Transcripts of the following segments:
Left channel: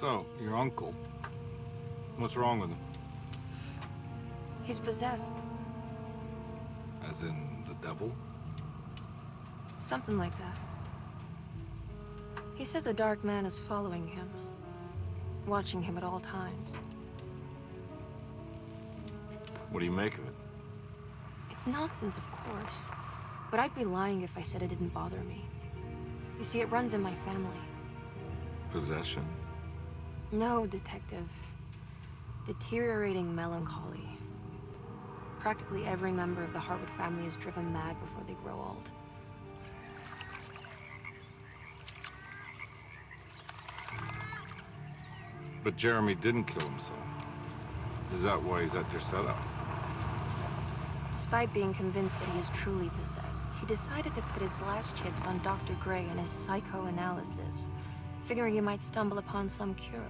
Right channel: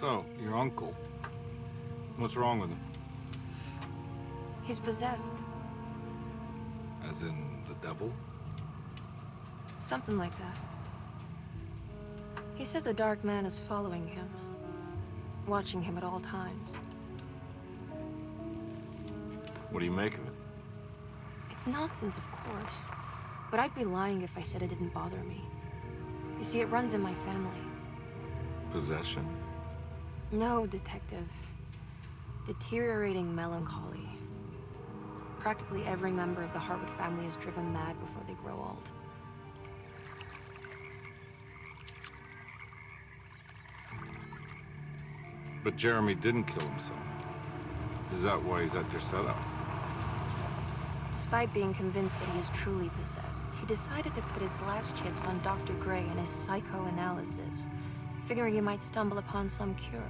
So, your uncle. What's wrong with him? He's possessed. As in the devil? Something like that. He says a dark man is following him, watching him at all times. What do you make of it? It's nonsense, of course, but I'd be lying if I said it didn't bother me. You see, it runs in my family. Possession? No, detective. Deteriorating melancholy. Practically every member of the Hartwood family is driven mad before they grow old. But Jeremy didn't kill himself. Is that why he's at your setup? Despite being convinced that he is truly possessed, he decided to put his last chips on Dr. Gray and his psychoanalysis, figuring he might stumble upon some cure.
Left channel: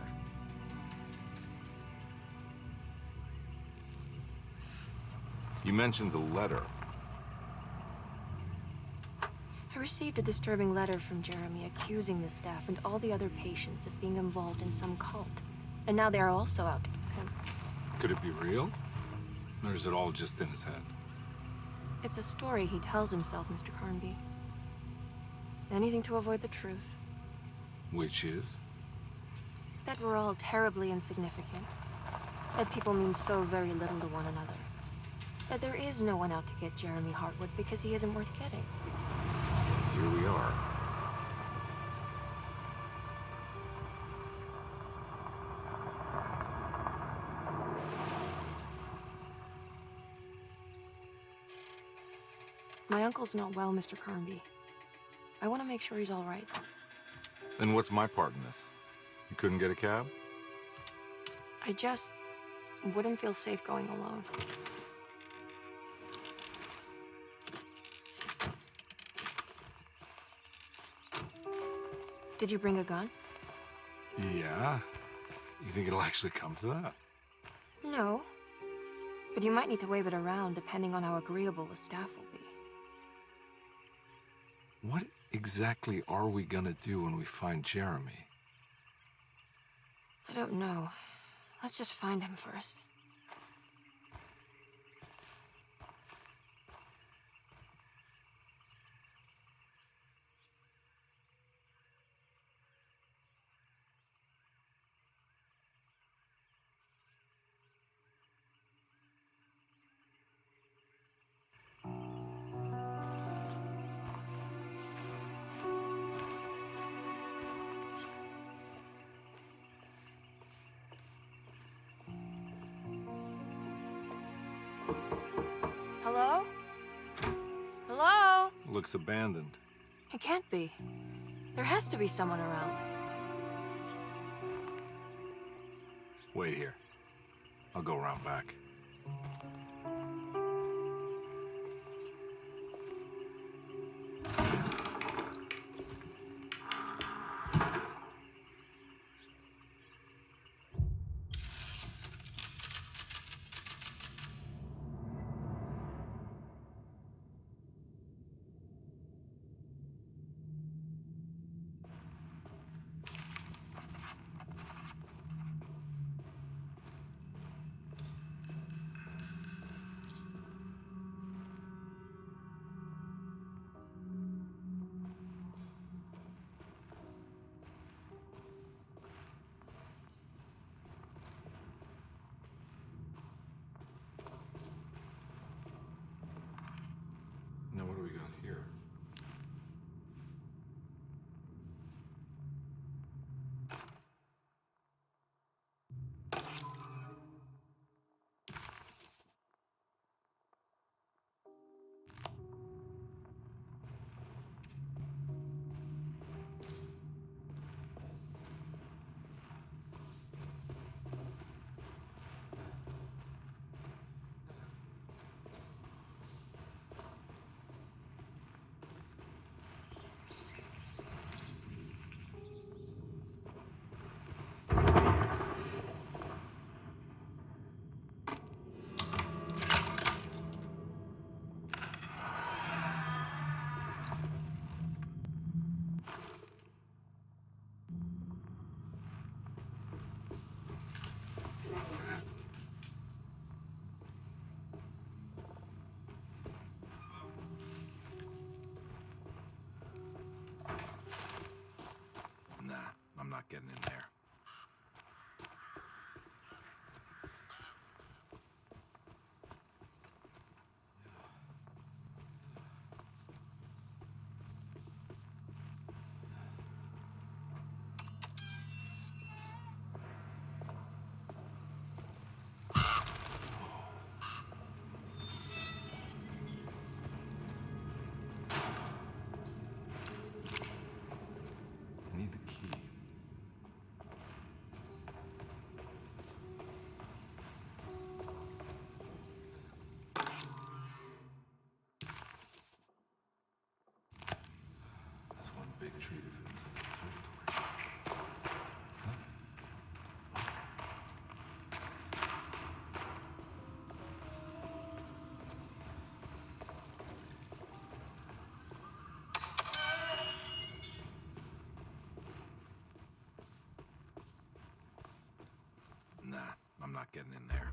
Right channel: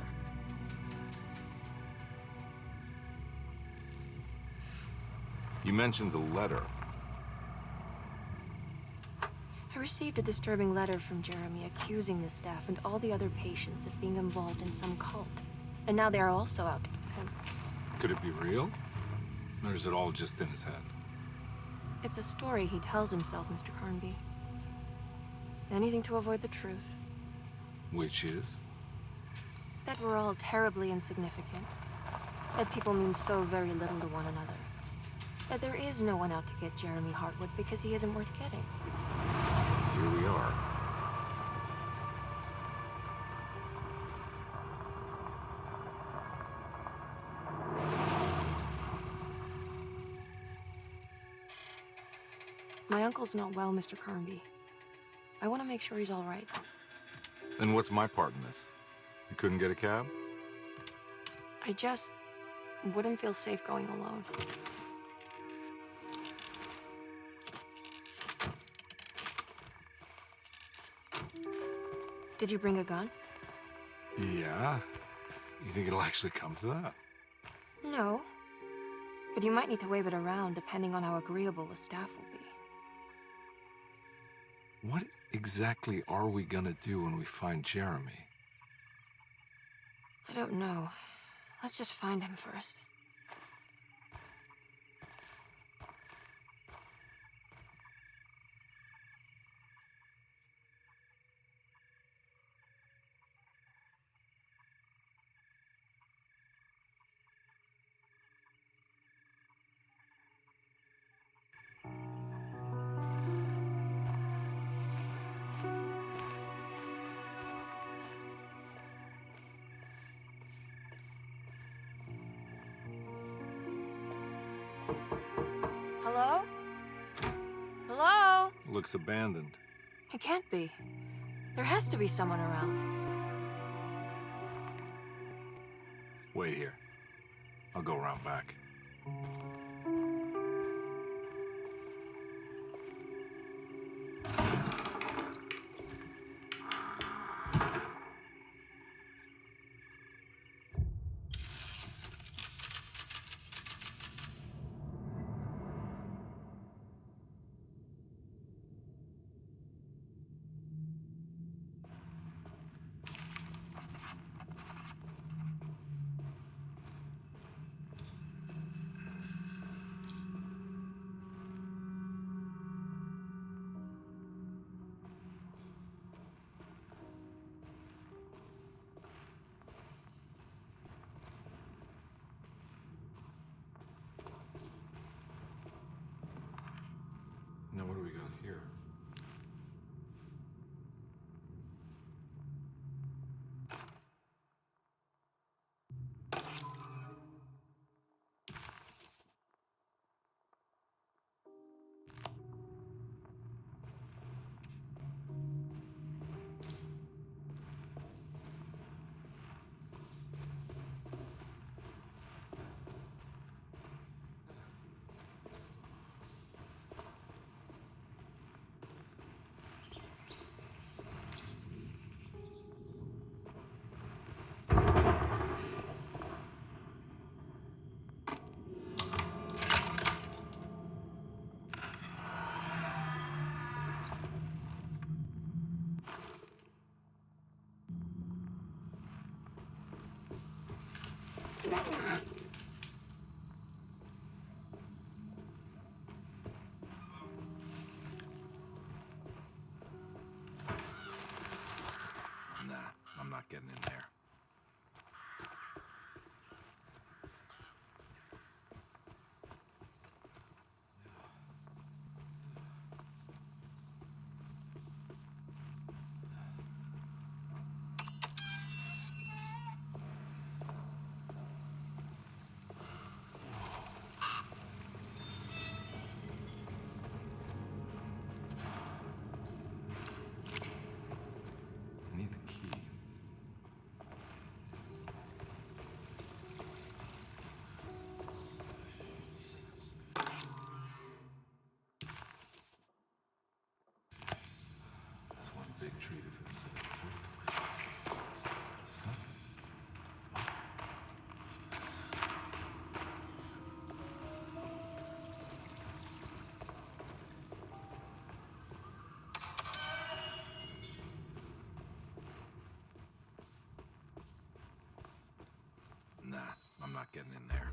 You mentioned the letter. I received a disturbing letter from Jeremy accusing the staff and all the other patients of being involved in some cult. And now they are also out to get him. Could it be real? Or is it all just in his head? It's a story he tells himself, Mr. Carnby. Anything to avoid the truth. Which is? That we're all terribly insignificant. That people mean so very little to one another. That there is no one out to get Jeremy Hartwood because he isn't worth getting. Here we are. My uncle's not well, Mr. Carnby. I want to make sure he's all right. Then what's my part in this? You couldn't get a cab? I just wouldn't feel safe going alone. Did you bring a gun? Yeah. You think it'll actually come to that? No. But you might need to wave it around depending on how agreeable the staff will be. What exactly are we gonna do when we find Jeremy? I don't know. Let's just find him first. Hello? Hello? Looks abandoned. It can't be. There has to be someone around. Wait here. I'll go around back. big treat if it was in a third. Nah, I'm not getting in there.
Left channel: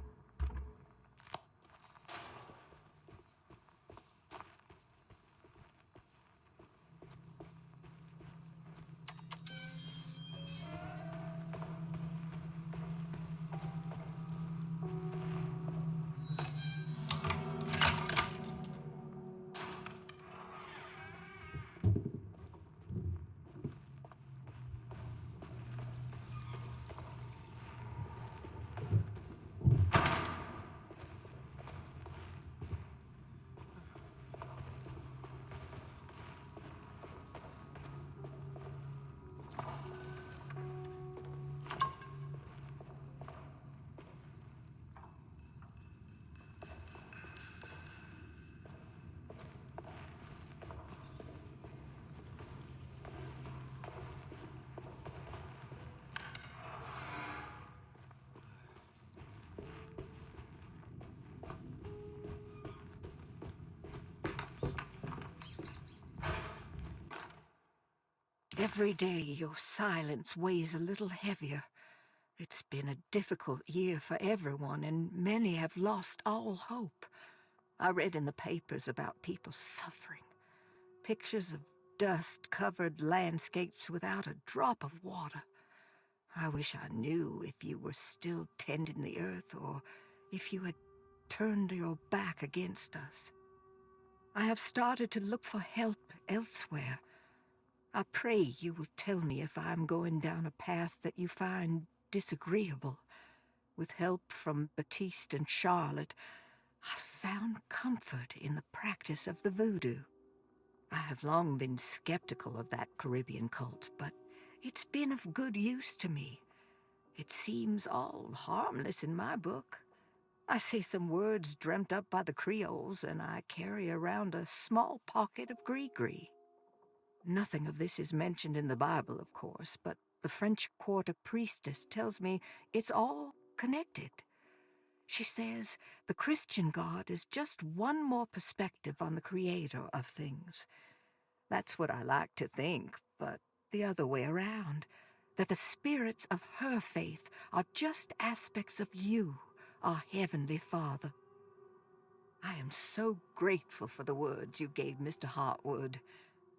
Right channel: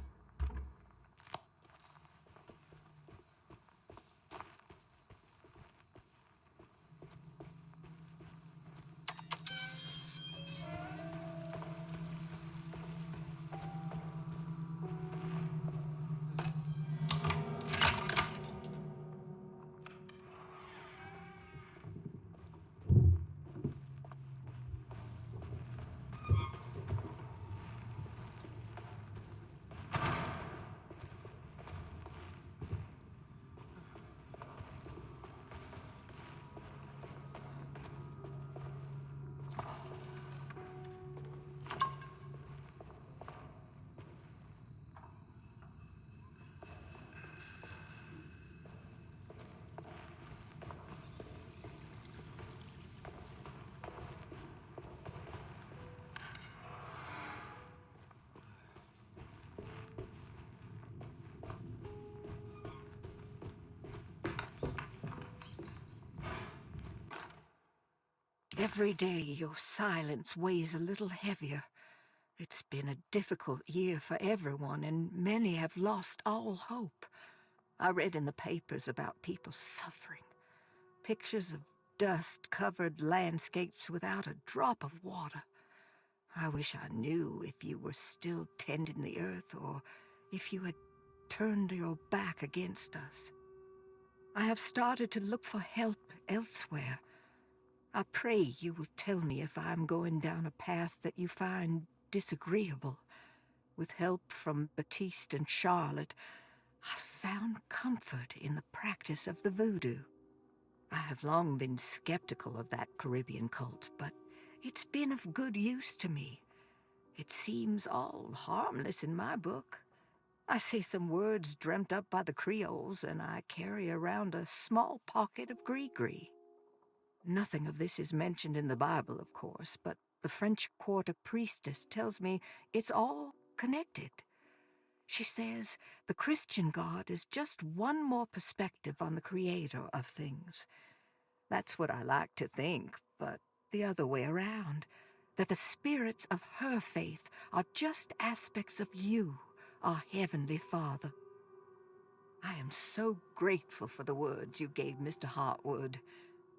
Every day your silence weighs a little heavier. It's been a difficult year for everyone, and many have lost all hope. I read in the papers about people suffering. Pictures of dust-covered landscapes without a drop of water. I wish I knew if you were still tending the earth or if you had turned your back against us. I have started to look for help elsewhere. I pray you will tell me if I am going down a path that you find disagreeable. With help from Baptiste and Charlotte, I found comfort in the practice of the voodoo. I have long been skeptical of that Caribbean cult, but it's been of good use to me. It seems all harmless in my book. I say some words dreamt up by the Creoles, and I carry around a small pocket of gris-gris. Nothing of this is mentioned in the Bible, of course, but the French Quarter priestess tells me it's all connected. She says the Christian God is just one more perspective on the creator of things. That's what I like to think, but the other way around, that the spirits of her faith are just aspects of you, our Heavenly Father. I am so grateful for the words you gave Mr. Hartwood.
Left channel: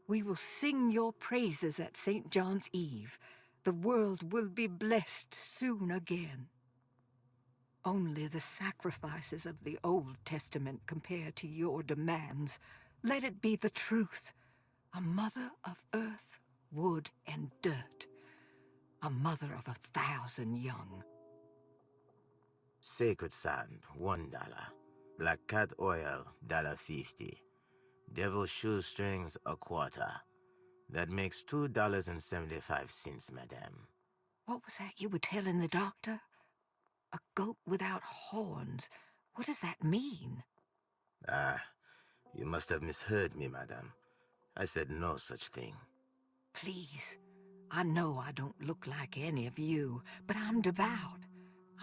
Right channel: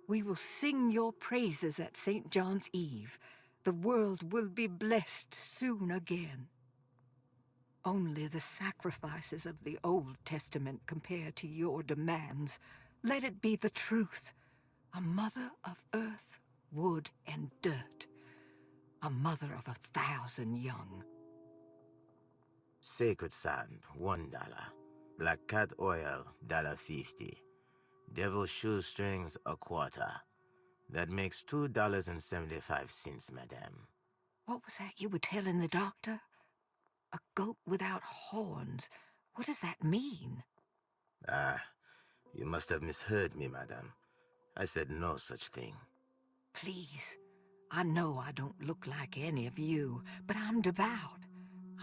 We will sing your praises at St. John's Eve. The world will be blessed soon again. Only the sacrifices of the Old Testament compare to your demands. Let it be the truth. A mother of earth, wood, and dirt. A mother of 1,000 young. Sacred sand, $1. Black cat oil, $1.50. Devil shoestrings, a quarter. That makes $2.75, madame. What was that you were telling the doctor? A goat without horns. What does that mean? You must have misheard me, madame. I said no such thing. Please, I know I don't look like any of you, but I'm devout.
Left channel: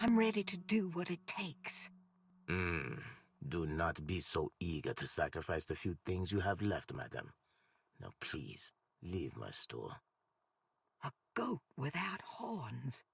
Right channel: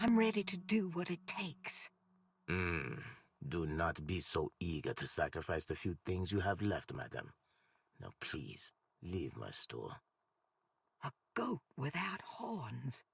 I'm ready to do what it takes. Do not be so eager to sacrifice the few things you have left, madame. Now please, leave my store. A goat without horns.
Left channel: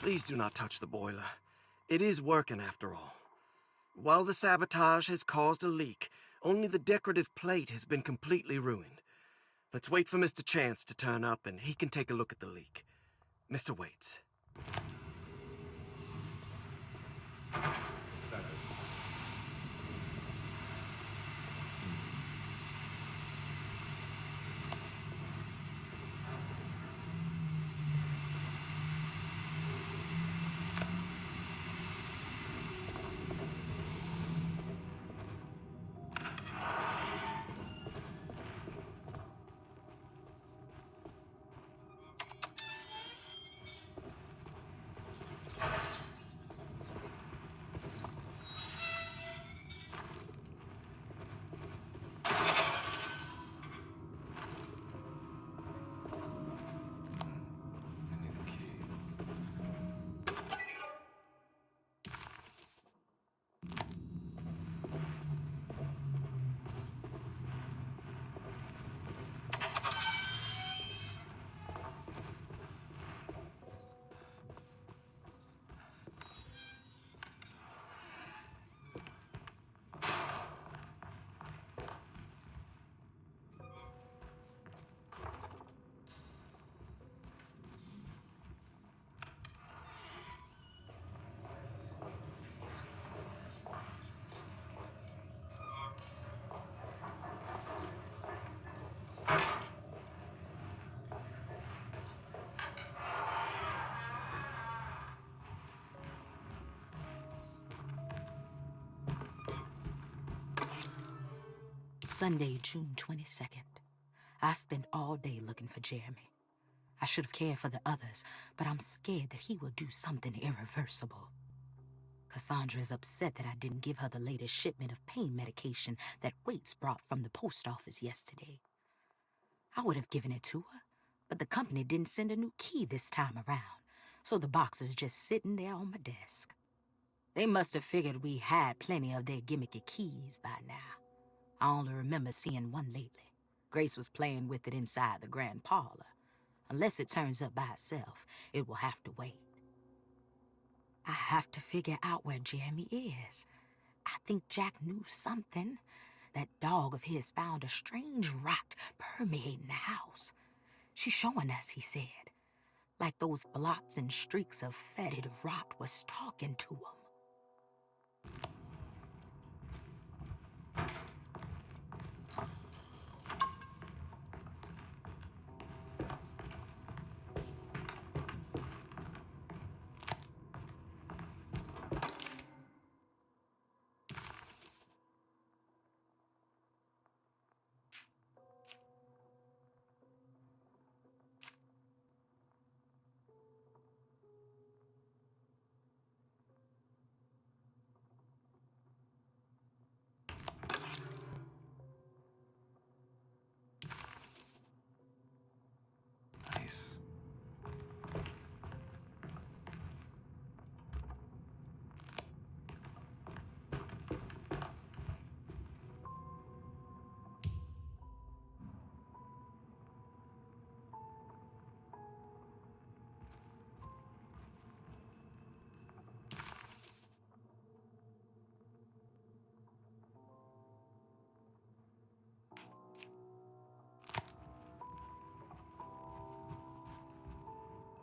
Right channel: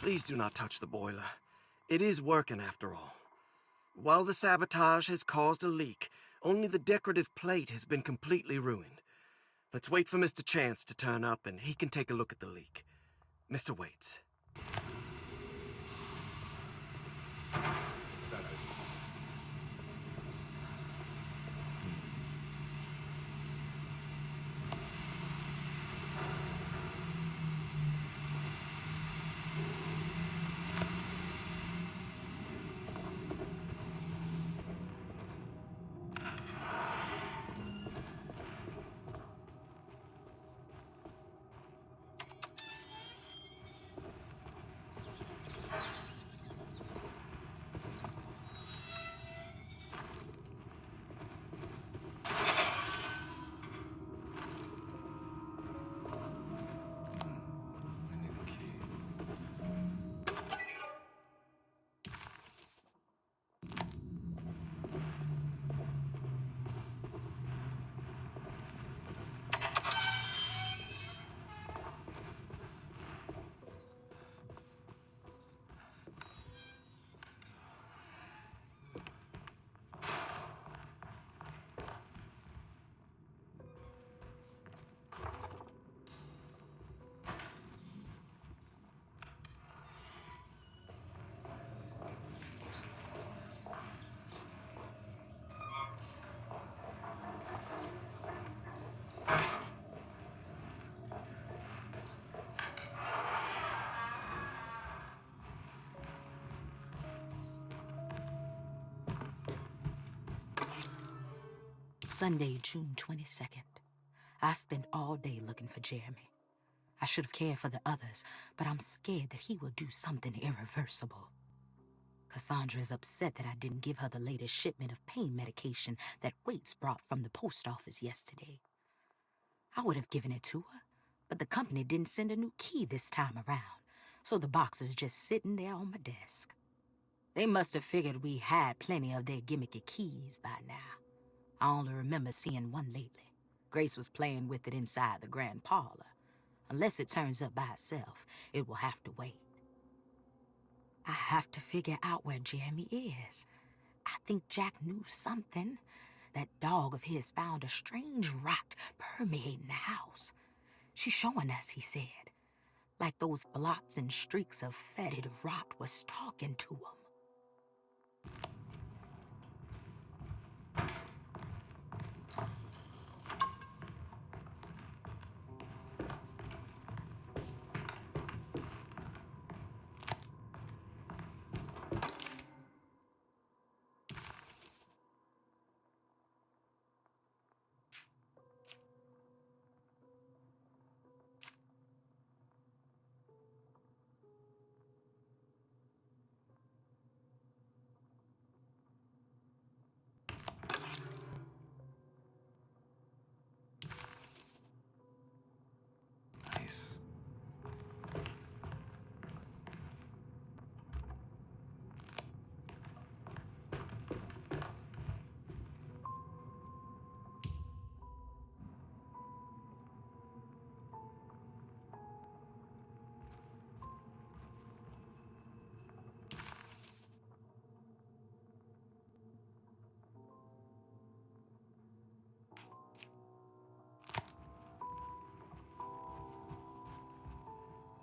Please do not touch the boiler. It is working after all. While the sabotage has caused a leak, only the decorative plate has been completely ruined. Let's wait for Mr. Chance to turn up and he can take a look at the leak. Mr. Waits. I need the key. Sunday, June 22nd. I spent all day looking for Jeremy. I should have cared for the others, but I'm scared that he will do something irreversible. Cassandra is upset that I didn't give her the latest shipment of pain medication that Waits brought from the post office yesterday. I would have given it to her, but the company didn't send a new key this time around, so the box is just sitting there on my desk. They must have figured we had plenty of their gimmicky keys by now. I only remember seeing one lately. Grace was playing with it inside the grand parlor. Unless it turns up by itself, it will have to wait. I have to figure out where Jeremy is. I think Jack knew something. That dog of his found a strange rot permeating the house. She's showing us, he said. Like those blots and streaks of fetid rot was talking to him. Nice.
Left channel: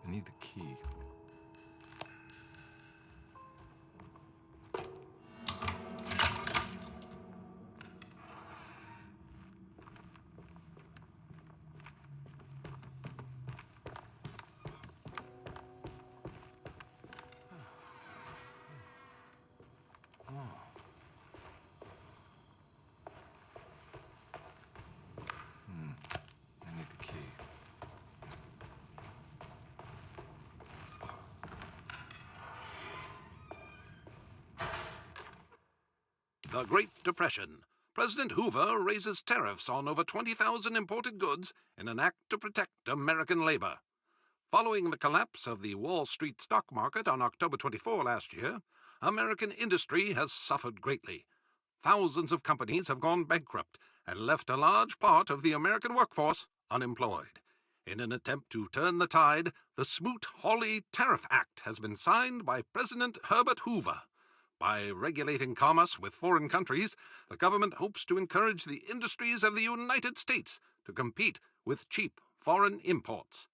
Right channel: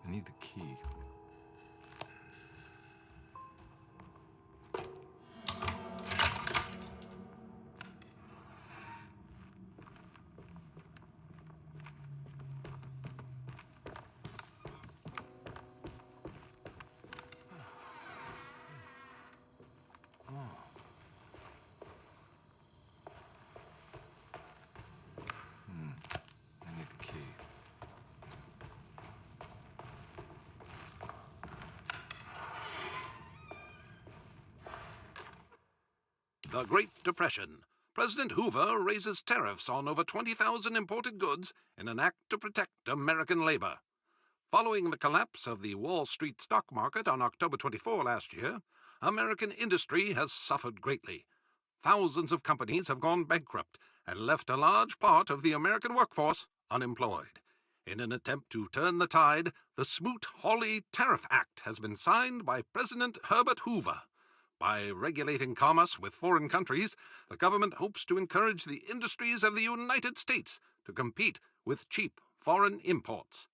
I need the key. I need the key. The Great Depression. President Hoover raises tariffs on over 20,000 imported goods in an act to protect American labor. Following the collapse of the Wall Street stock market on October 24 last year, American industry has suffered greatly. Thousands of companies have gone bankrupt and left a large part of the American workforce unemployed. In an attempt to turn the tide, the Smoot-Hawley Tariff Act has been signed by President Herbert Hoover. By regulating commerce with foreign countries, the government hopes to encourage the industries of the United States to compete with cheap foreign imports.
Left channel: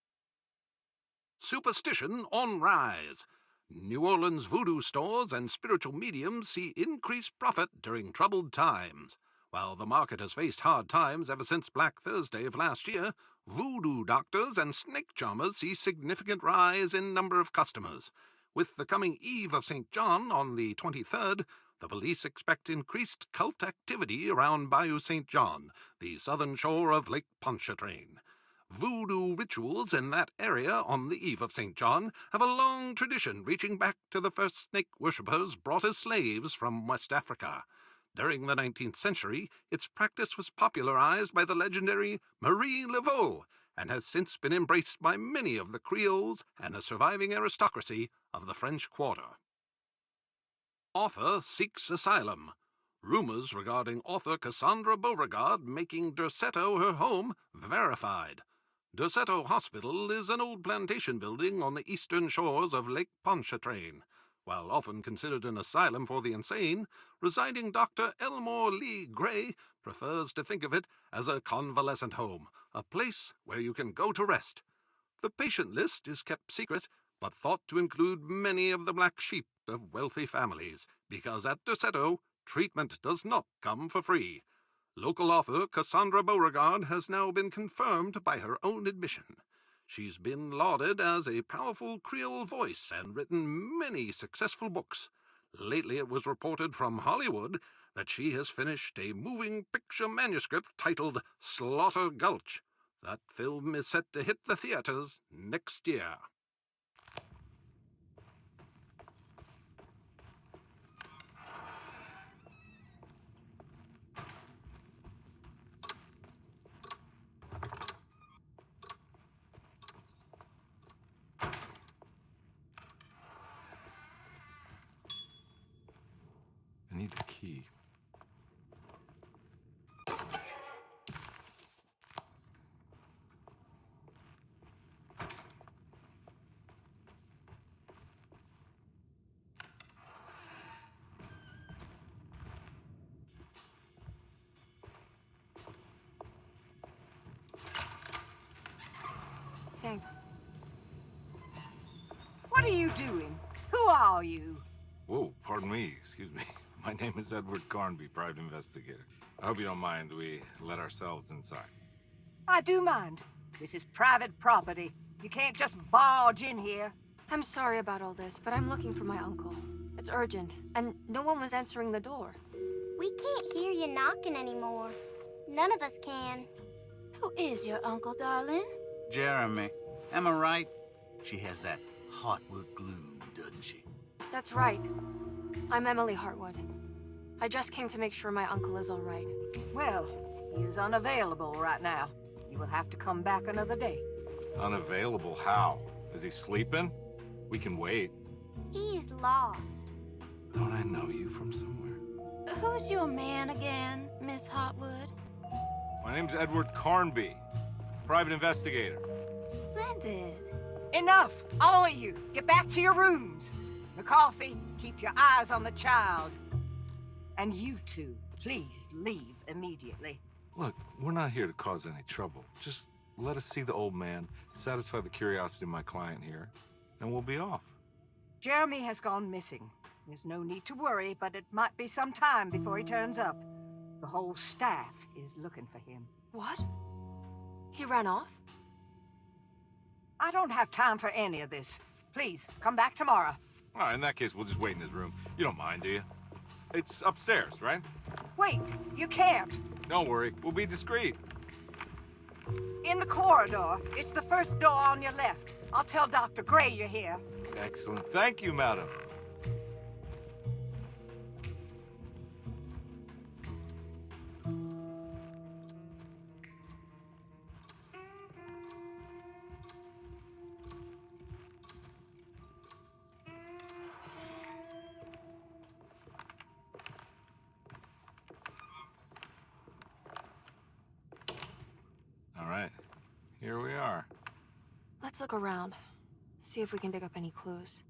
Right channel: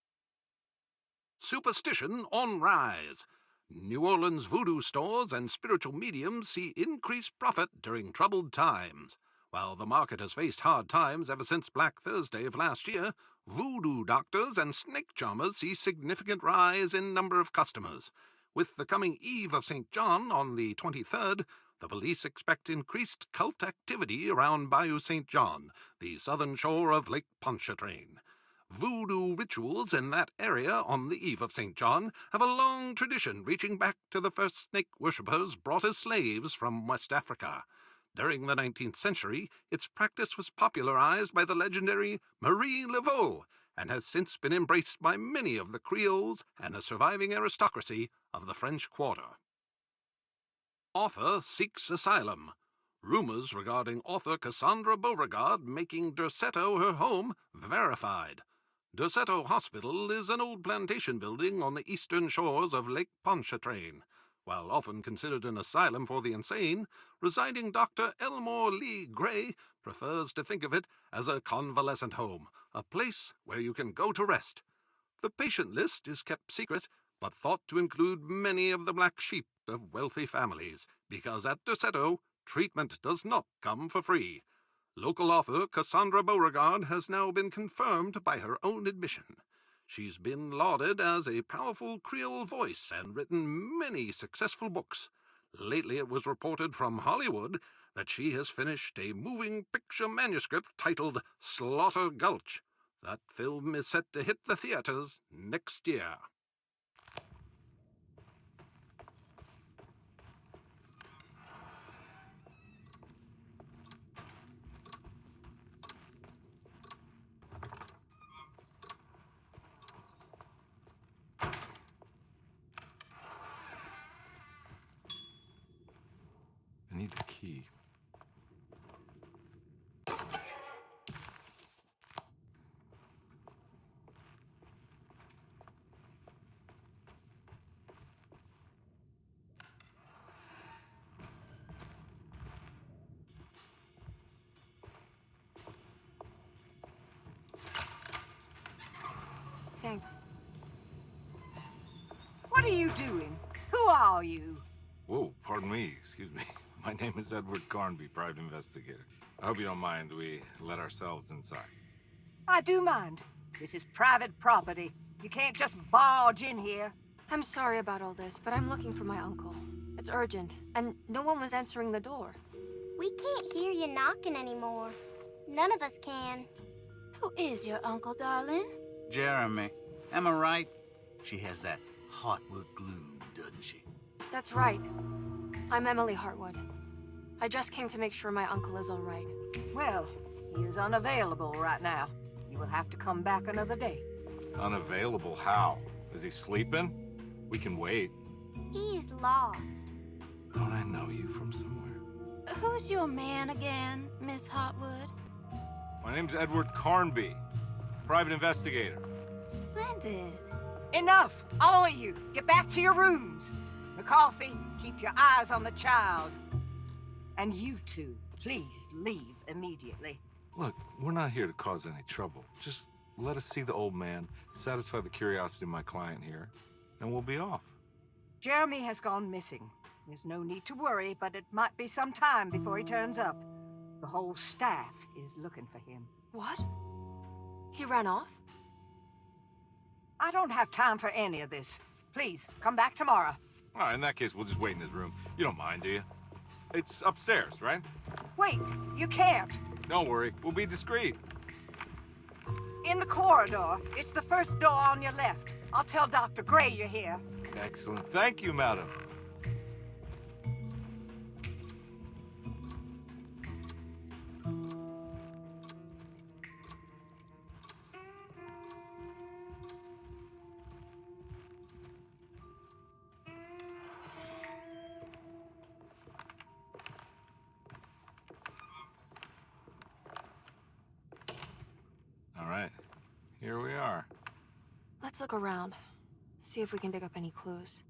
Superstition on rise. New Orleans voodoo stores and spiritual mediums see increased profit during troubled times. While the market has faced hard times ever since Black Thursday of last year, voodoo doctors and snake charmers see significant rise in number of customers. With the coming Eve of St. John on the 23rd, the police expect increased cult activity around Bayou St. John, the southern shore of Lake Pontchartrain. Voodoo rituals in that area on the Eve of St. John have a long tradition reaching back to the first snake worshippers brought as slaves from West Africa. During the 19th century, its practice was popularized by the legendary Marie Laveau and has since been embraced by many of the Creoles and the surviving aristocracy of the French Quarter. Author seeks asylum. Rumors regarding author Cassandra Beauregard making Derceto her home verified. Derceto Hospital is an old plantation building on the eastern shores of Lake Pontchartrain. While often considered an asylum for the insane, residing Dr. Elmore Lee Gray prefers to think of it as a convalescent home, a place where you can go to rest. The patient list is kept secret, but thought to include many of the black sheep of wealthy families, because at Derceto, treatment does not come for free. Local author Cassandra Beauregard has now been confirmed by her own admission. She's been lauded as a powerful Creole voice and written many successful books. Lately it was reported from Hollywood that she has finished a moving picture manuscript titled Slaughter Gulch. That film is set to hit the theaters next year. I need the key. Thanks. What are you doing? Who are you? Whoa, pardon me, excuse me. My name is Edward Carnby, private investigator. I hope you don't mind we let ourselves inside. I do mind. This is private property. You can't just barge in here. I'm sorry about all this, but I'm looking for my uncle. It's urgent, and no one was answering the door. We can't hear you knocking anymore. None of us can. Who is your uncle, darling? Jeremy. Am I right? She has that Heartwood glue, doesn't she? That's right. I'm Emily Hartwood. I just came to make sure my uncle is all right. Well, he is unavailable right now. You will have to come back another day. Unavailable how? Is he sleeping? We can wait. He's lost. Don't I know you from somewhere? Who's your man again, Miss Hartwood? My name's Edward Carnby, private investigator. Splendid. Enough! All of you, get back to your rooms. McCarthy, keep your eyes on the child. And you two, please leave immediately. Look, we're not here to cause any trouble. Just let us see the old man, satisfy the curiosity of my client here, and we'll be off. Jeremy has gone missing. There's no need to worry, but it might be some time before he turns up. The whole staff is looking for him. What? He ran off? I don't have time for any of this. Please, come back tomorrow. All right, in that case, we'll just wait in his room. You don't mind, do you? It's upstairs, right? Wait, you can't. Don't worry, we'll be discreet. In the corridor. It's the first door on your left. I'll tell Dr. Gray you're here. Excellent. Thank you, madam. All right, here we are. Let's look around. See if we can dig up any clues.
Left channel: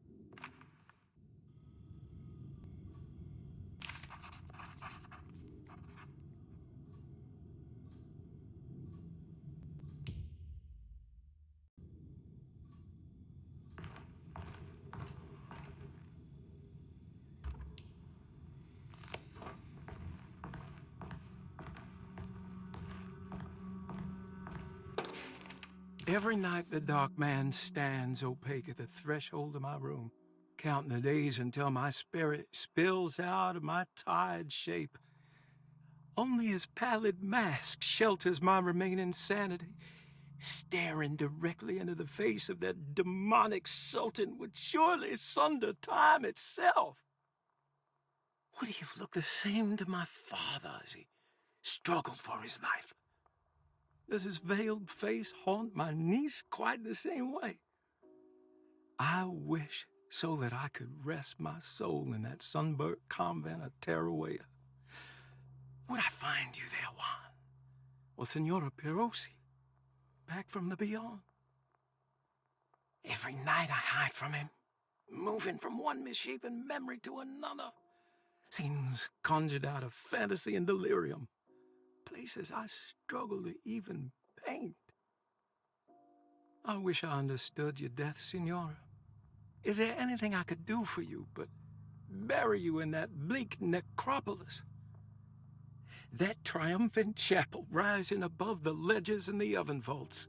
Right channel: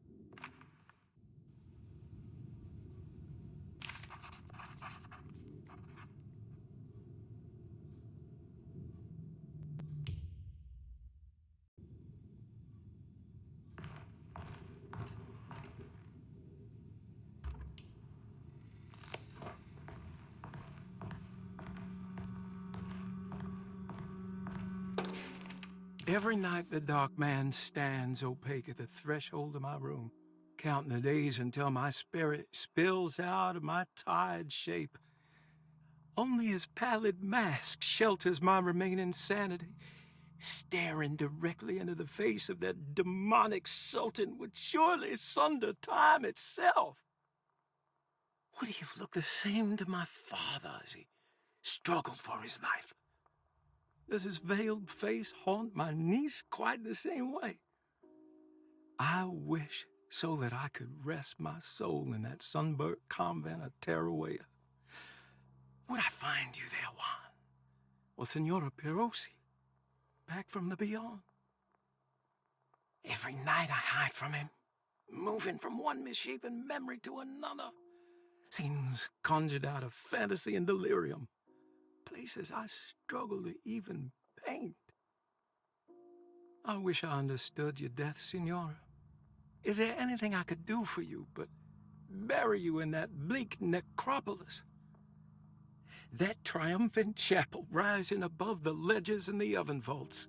Every night the dark man stands opaque at the threshold of my room, counting the days until my spirit spills out of my tired shape. Only his pallid mask shelters my remaining sanity. Staring directly into the face of that demonic sultan would surely sunder time itself. Would he have looked the same to my father as he struggled for his life? Does his veiled face haunt my niece quite the same way? I wish so that I could rest my soul in that sunburnt convent of Tarawea. Would I find you there, Juan? Or Senora Perosi, back from the beyond? Every night I hide from him, moving from one misshapen memory to another. Scenes conjured out of fantasy and delirium. Places I struggle to even paint. I wish I understood your death, Senora. Is there anything I could do for you but bury you in that bleak necropolis? That triumphant chapel rising above the ledges and the oven vaults.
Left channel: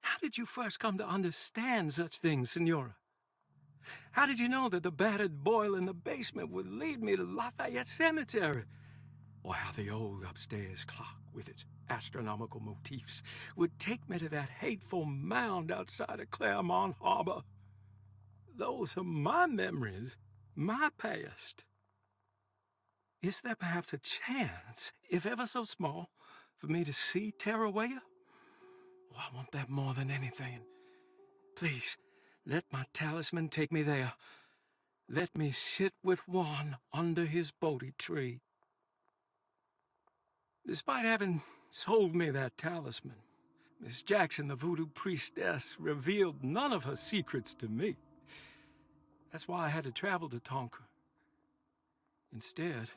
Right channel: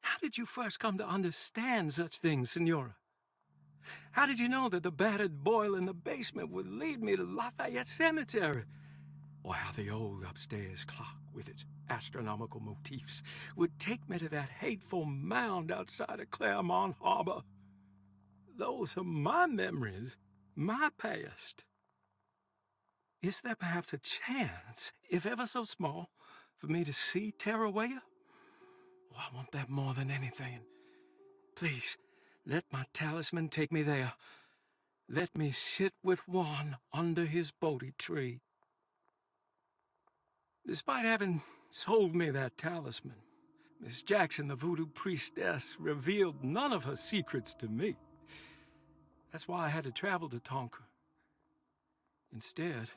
How did you first come to understand such things, Senora? How did you know that the battered boil in the basement would lead me to Lafayette Cemetery? Or how the old upstairs clock, with its astronomical motifs, would take me to that hateful mound outside of Claremont Harbor? Those are my memories, my past. Is there perhaps a chance, if ever so small, for me to see Tarawea? Oh, I want that more than anything. Please, let my talisman take me there. Let me sit with Juan under his Bodhi tree. Despite having sold me that talisman, Miss Jackson, the voodoo priestess, revealed none of her secrets to me. That's why I had to travel to Tonka. Instead,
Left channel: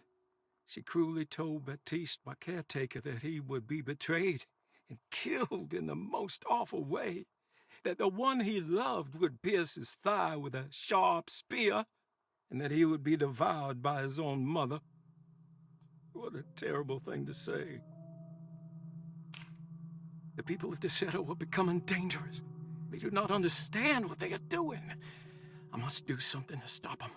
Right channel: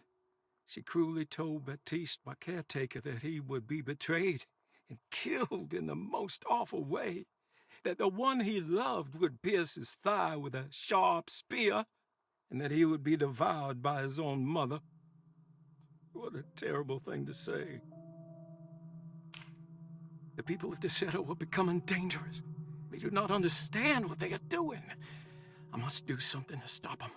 she cruelly told Baptiste, my caretaker, that he would be betrayed and killed in the most awful way, that the one he loved would pierce his thigh with a sharp spear, and that he would be devoured by his own mother. What a terrible thing to say. The people of Desolate were becoming dangerous. They do not understand what they are doing. I must do something to stop them.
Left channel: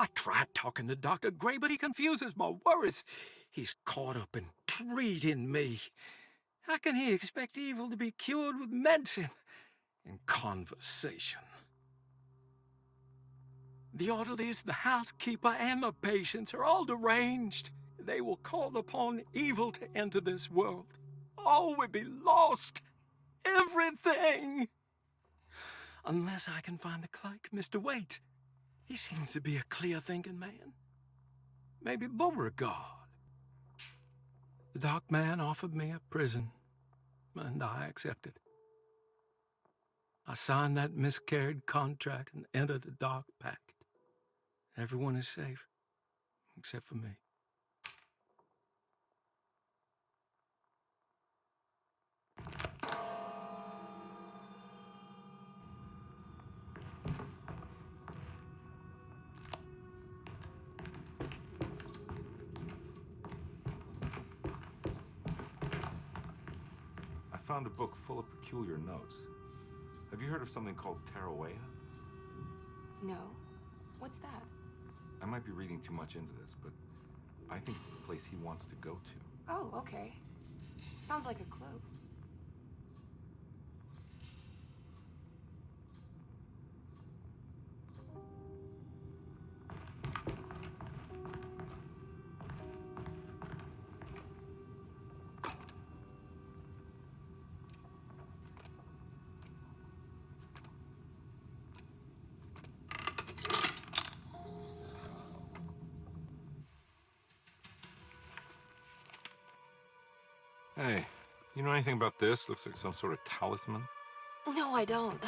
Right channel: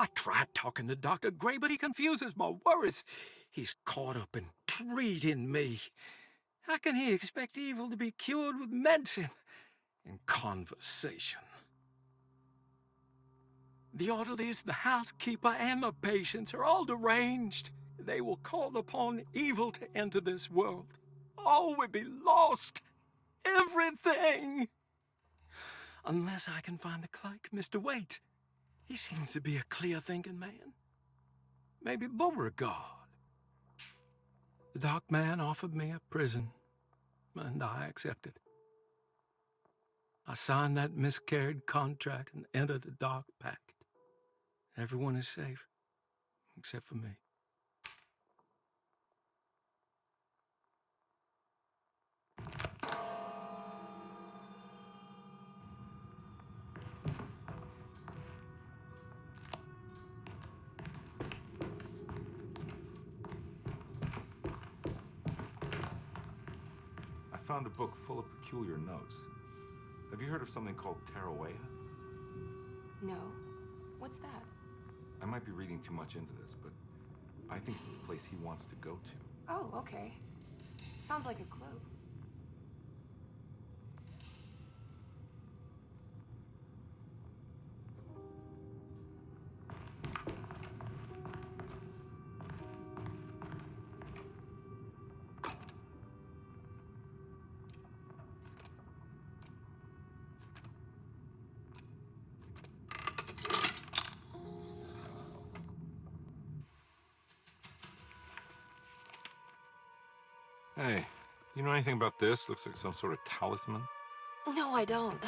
I tried talking to Dr. Gray, but he confuses my worries. He's caught up in treating me. How can he expect evil to be cured with medicine and conversation? The orderlies, the housekeeper, and the patients are all deranged. They will call upon evil to enter this world. All will be lost. Everything. Unless I can find the clerk, Mr. Waite. He seems to be a clear-thinking man. Maybe Beauregard. The dark man offered me a prison, and I accepted. I signed that miscarried contract and entered the dark pact. Everyone is safe, except for me. I found a book full of peculiar notes. Have you heard of something called Tarawea? No. What's that? I might be reading too much into this, but I think it's the place he wants to go to. Oh, okay. Sounds like a clue. Hey, you know anything about this? Looks like some sort of talisman. No, I don't.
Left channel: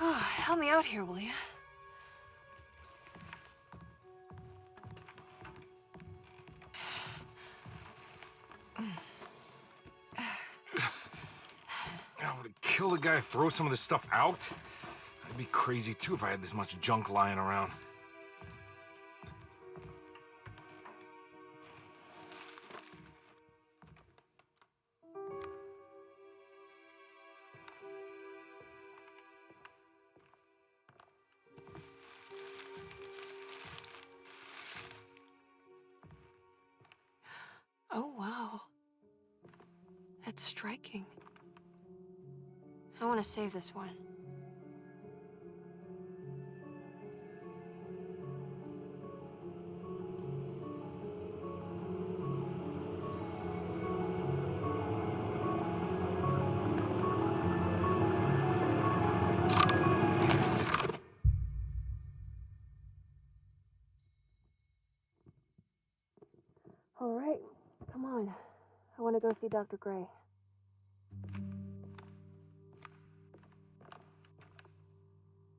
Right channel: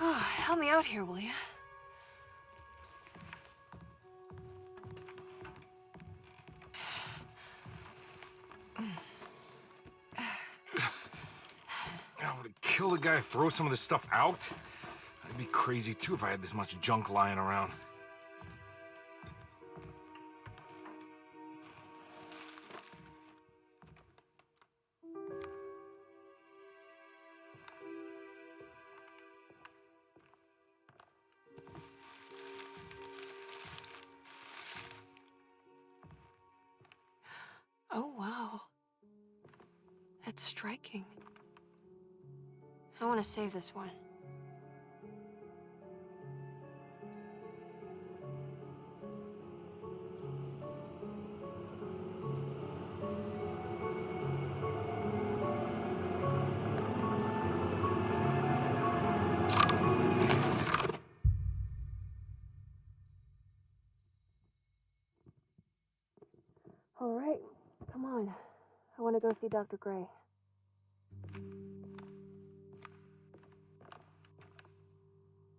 Oh, help me out here, will you? Would it kill the guy to throw some of this stuff out? I'd be crazy too if I had this much junk lying around. Oh, wow. That's striking. I want to save this one. All right, come on. I want to go see Dr. Gray.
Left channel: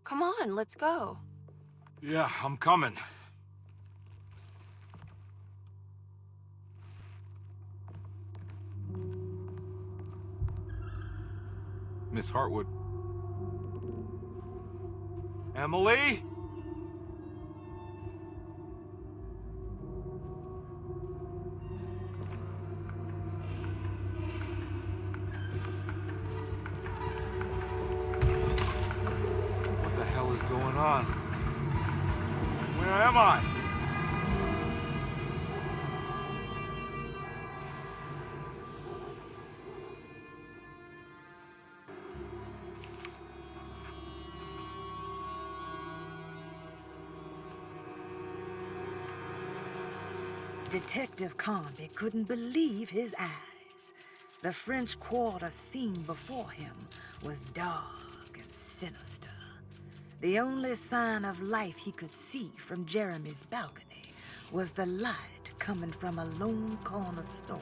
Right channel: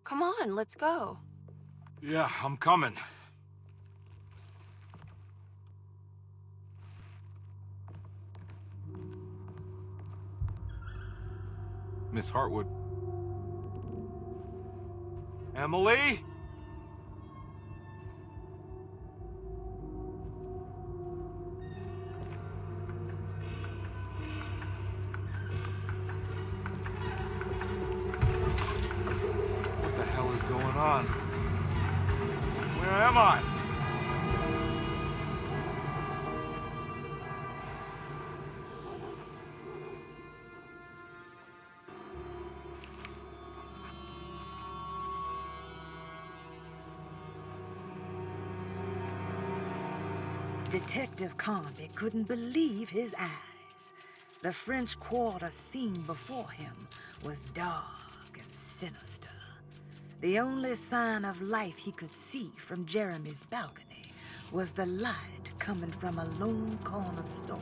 Come on, let's go. Yeah, I'm coming. Miss Hartwood. Emily? What the hell is going on? Where am I? Detective Conby couldn't believe his eyes. The French Quarter scene before him was dark and sinister. The only sign of life he could see from Jeremy's balcony was the light coming from a lone corner store.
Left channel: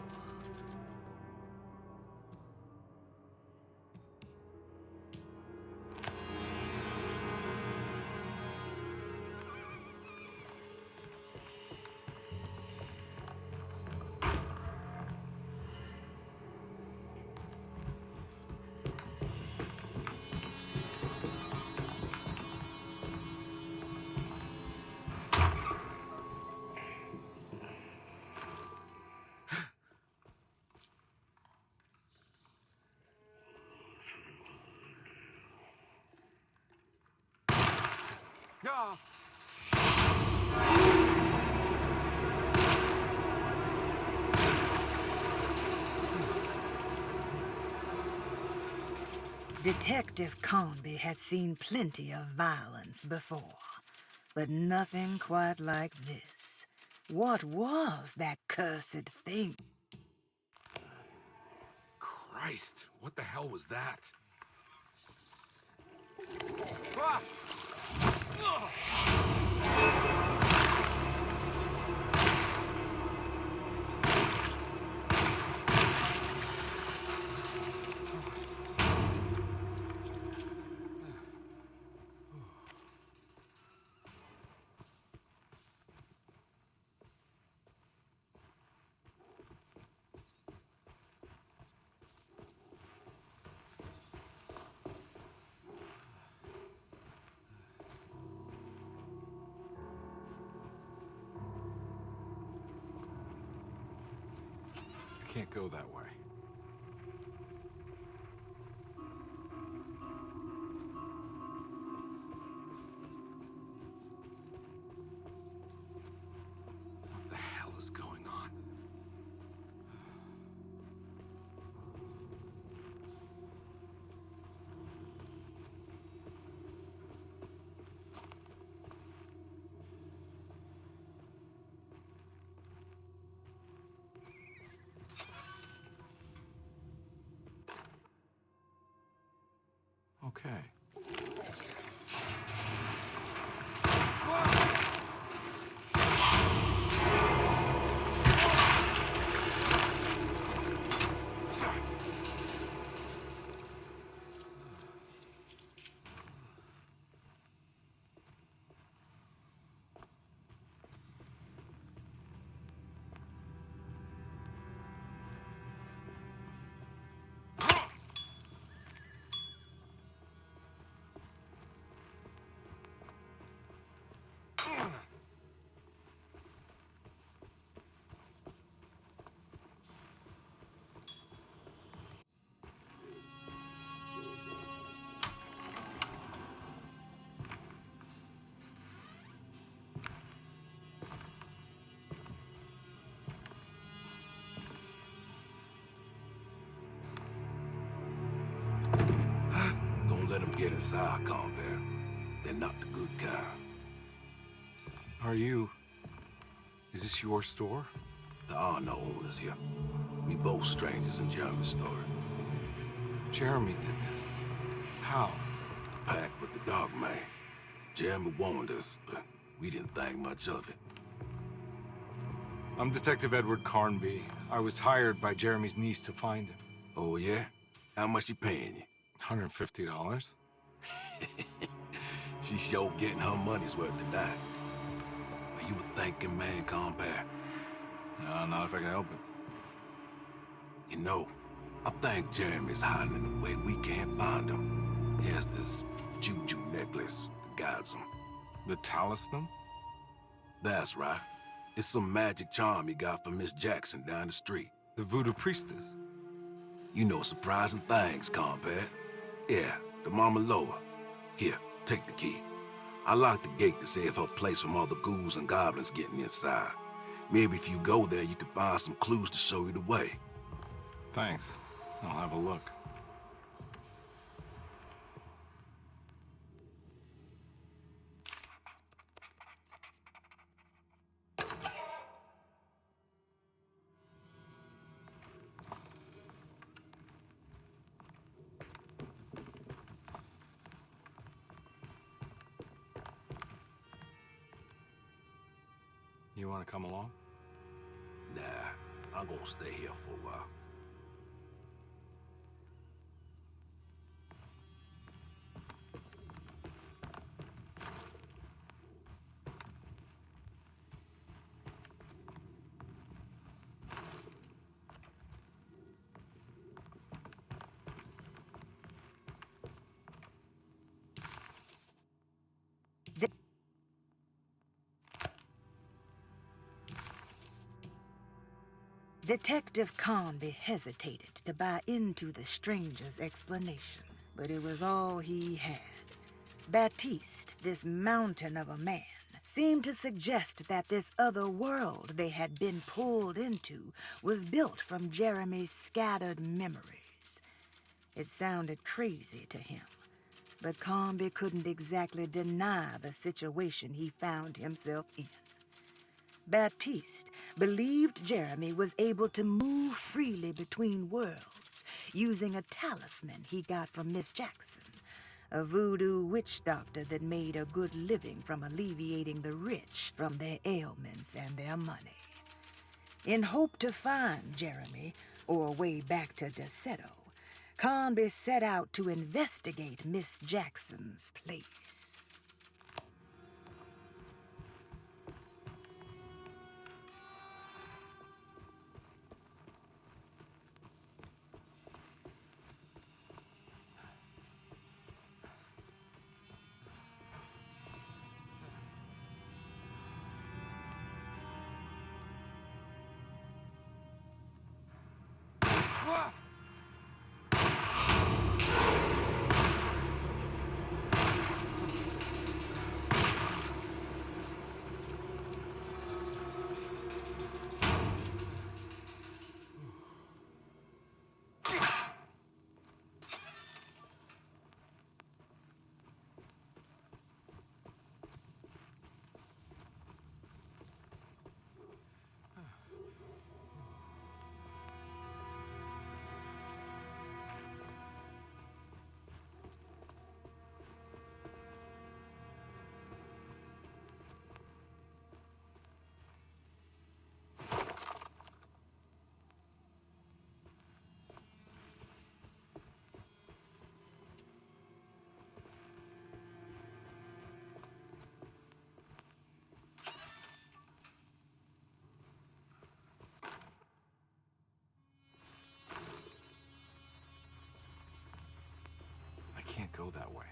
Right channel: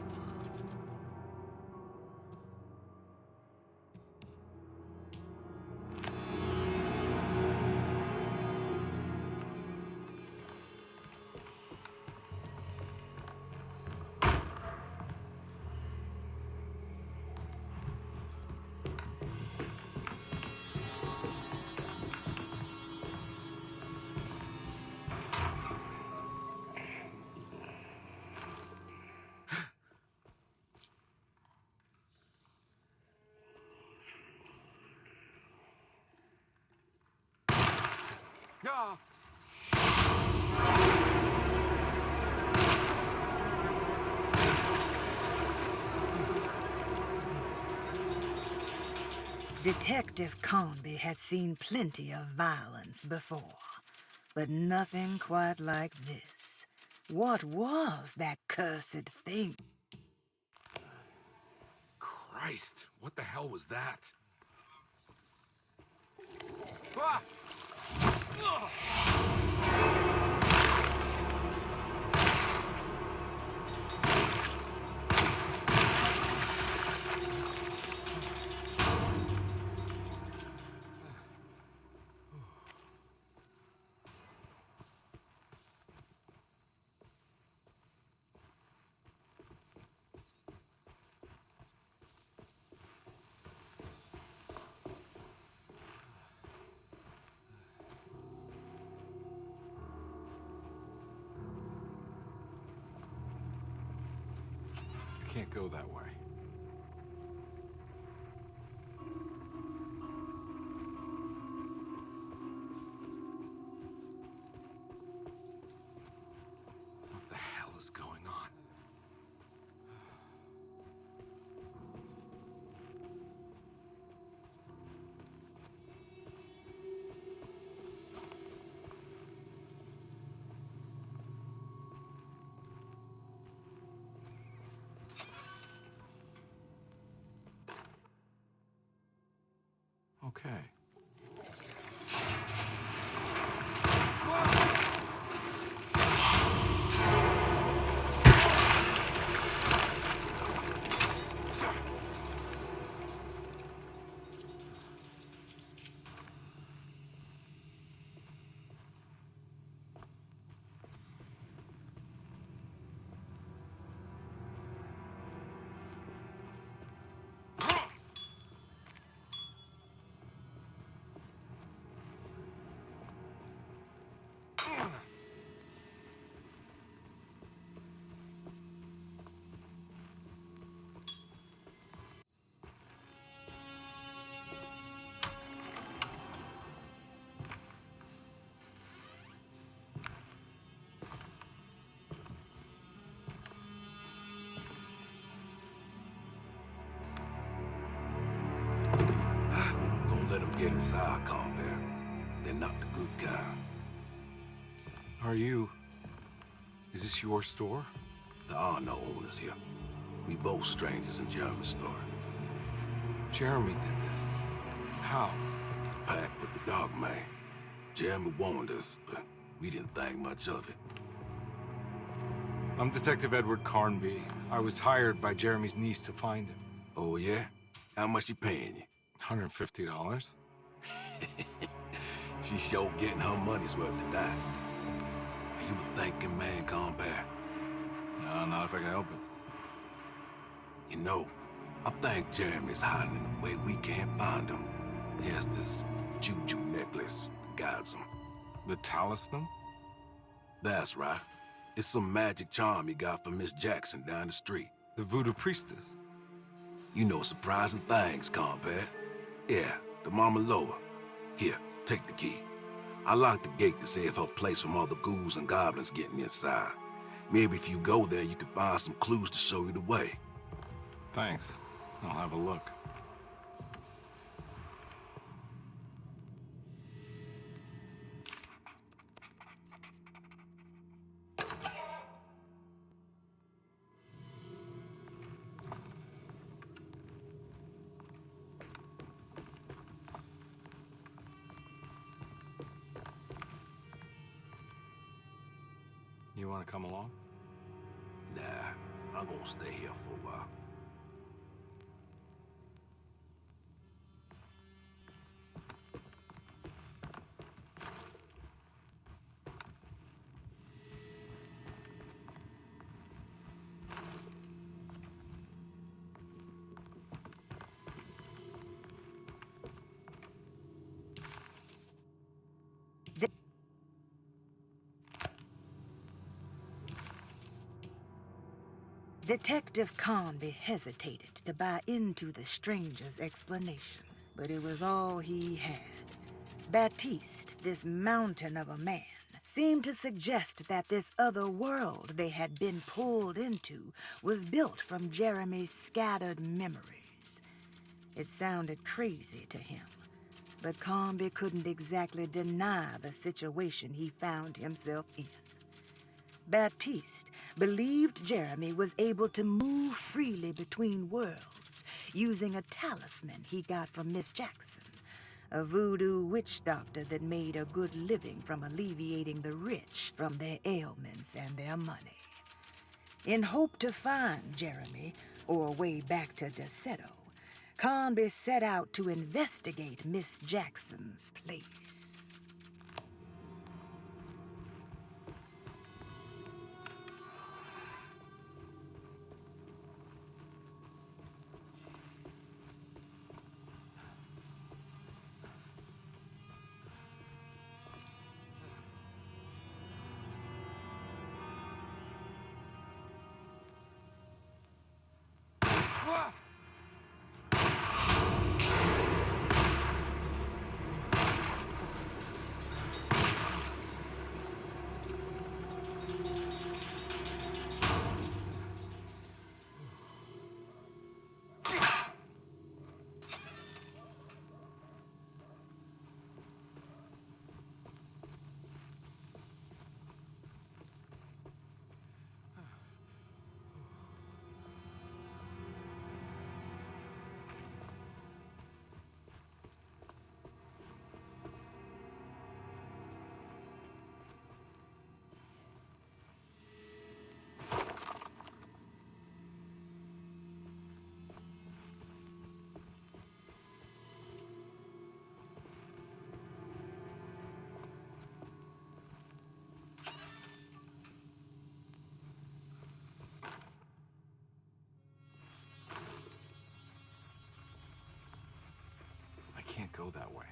Ah! Detective Conby had seen plenty of violence before, but nothing quite like this. What was that cursed thing? Christ, what the hell was that? Ah! Ugh! Can't go that way. What the hell is going on? Okay. Don't let them get inside, compare. They're not the good kind. Is this your store? There are no owners here. We both strangers in Jeremy's store. Jeremy did this. How? The pact with the dog man. Jeremy warned us, but we didn't think much of it. I'm Detective Edward Carnby. I was hired by Jeremy's niece to find him. Oh, yeah? How much she paying you? $150. She's sure getting her money's worth tonight. Are you a thinking man, compare? No, not if I can help it. You know, I think Jeremy's hiding in a way we can't find him. He has this juju necklace that guides him. The talisman? That's right. It's some magic charm he got from Miss Jackson down the street. The voodoo priestess? You know surprising things, compare. Yeah, the Mama Loa. Here, take the key. I locked the gate to save her place from all the ghouls and goblins getting inside. Maybe if you go there, you can find some clues to show you the way. Thanks. I'll have a look. You want to come along? Nah, I'm gonna stay here for a while. Detective Carnby hesitated to buy into the stranger's explanation, but it was all he had. Baptiste, this mountain of a man, seemed to suggest that this other world they had been pulled into was built from Jeremy's scattered memories. It sounded crazy to him, but Carnby couldn't exactly deny the situation he found himself in. Baptiste believed Jeremy was able to move freely between worlds using a talisman he got from Miss Jackson, a voodoo witch doctor that made a good living from alleviating the rich from their ailments and their money. In hope to find Jeremy, or a way back to desolate, Carnby set out to investigate Miss Jackson's place. Can't go that way.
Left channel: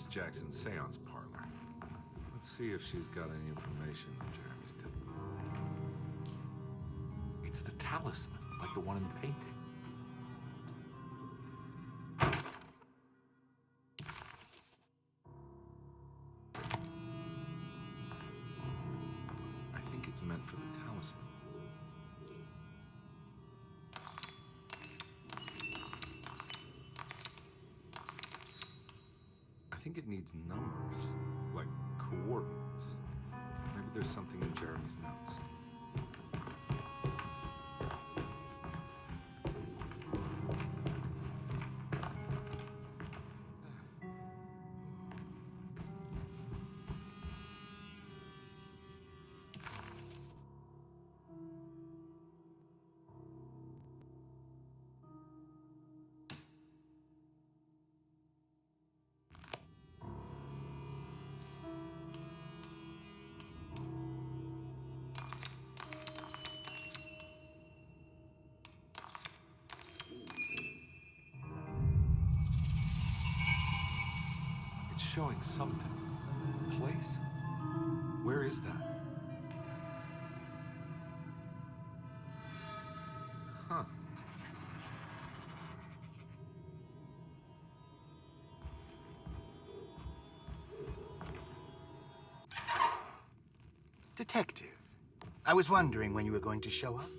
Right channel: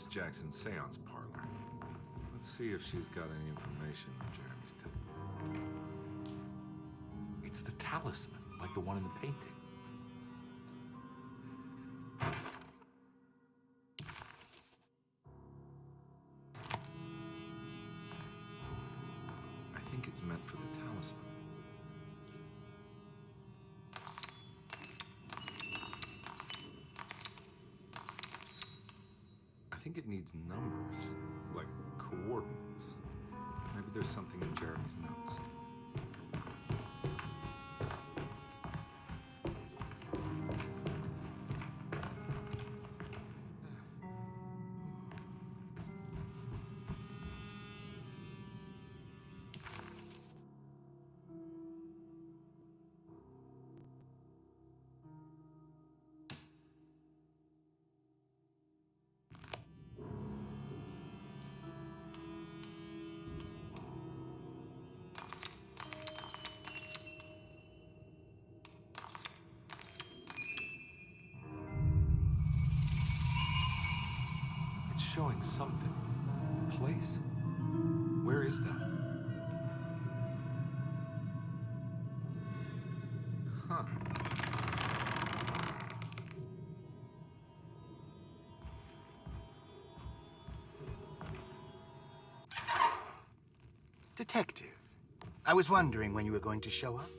Miss Jackson's seance parlor. Let's see if she's got any information on Jeremy's tip. It's the talisman, like the one in the painting. I think it's meant for the talisman. I think it needs numbers, like coordinates. Maybe there's something in Jeremy's notes. Showing something. Place? Where is that? Huh. Detective, I was wondering when you were going to show up.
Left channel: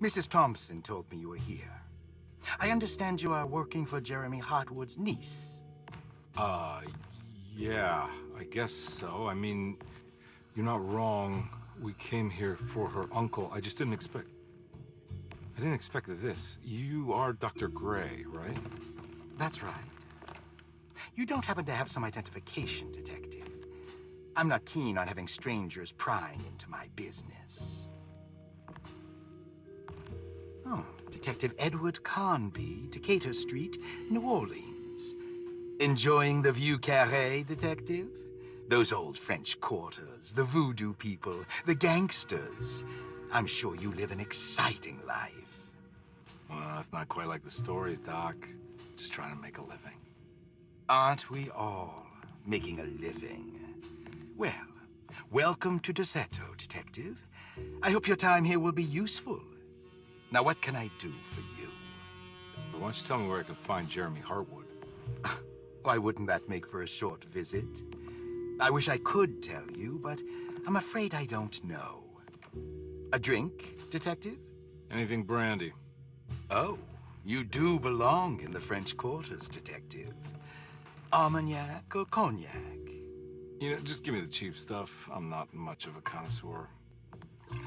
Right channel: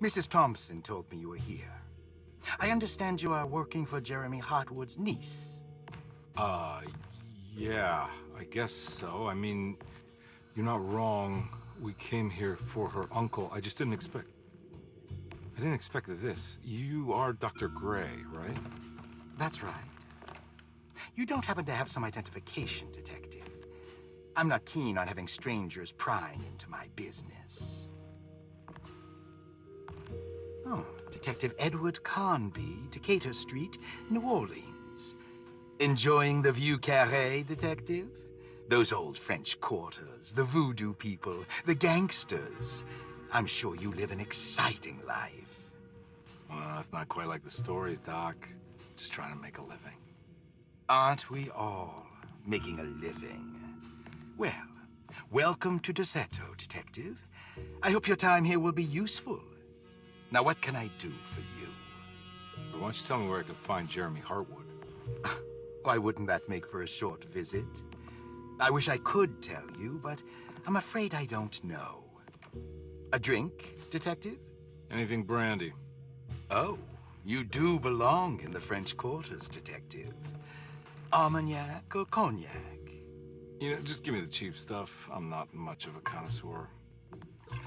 Mrs. Thompson told me you were here. I understand you are working for Jeremy Hartwood's niece. Yeah, I guess so. I mean, you're not wrong. We came here for her uncle. I just didn't expect... I didn't expect this. You are Dr. Gray, right? That's right. You don't happen to have some identification, Detective. I'm not keen on having strangers prying into my business. Oh, Detective Edward Carnby, Decatur Street, New Orleans. Enjoying the Vieux Carré, Detective? Those old French quarters, the voodoo people, the gangsters. I'm sure you live an exciting life. Well, it's not quite like the stories, Doc. Just trying to make a living. Aren't we all making a living? Well, welcome to Desetto, Detective. I hope your time here will be useful. Now, what can I do for you? Why don't you tell me where I can find Jeremy Hartwood? Why wouldn't that make for a short visit? I wish I could tell you, but I'm afraid I don't know. A drink, Detective? Anything brandy. Oh, you do belong in the French quarters, Detective. Armagnac or cognac? You know, just give me the cheap stuff. I'm not much of a connoisseur.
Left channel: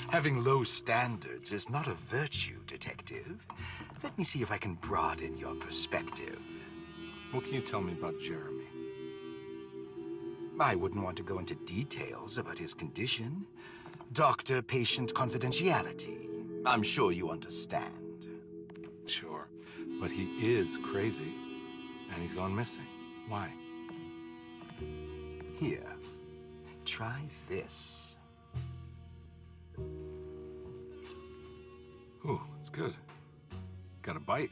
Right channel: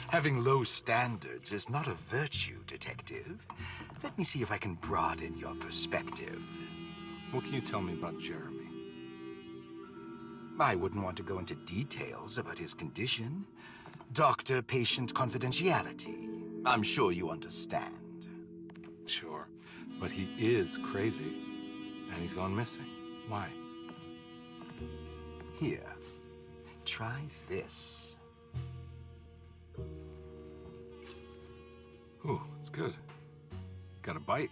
Having low standards is not a virtue, Detective. Let me see if I can broaden your perspective. What can you tell me about Jeremy? I wouldn't want to go into details about his condition. Doctor-patient confidentiality. I'm sure you understand. Sure, but he is crazy, and he's gone missing. Why? Here, try this. Ooh, it's good. Got a bite?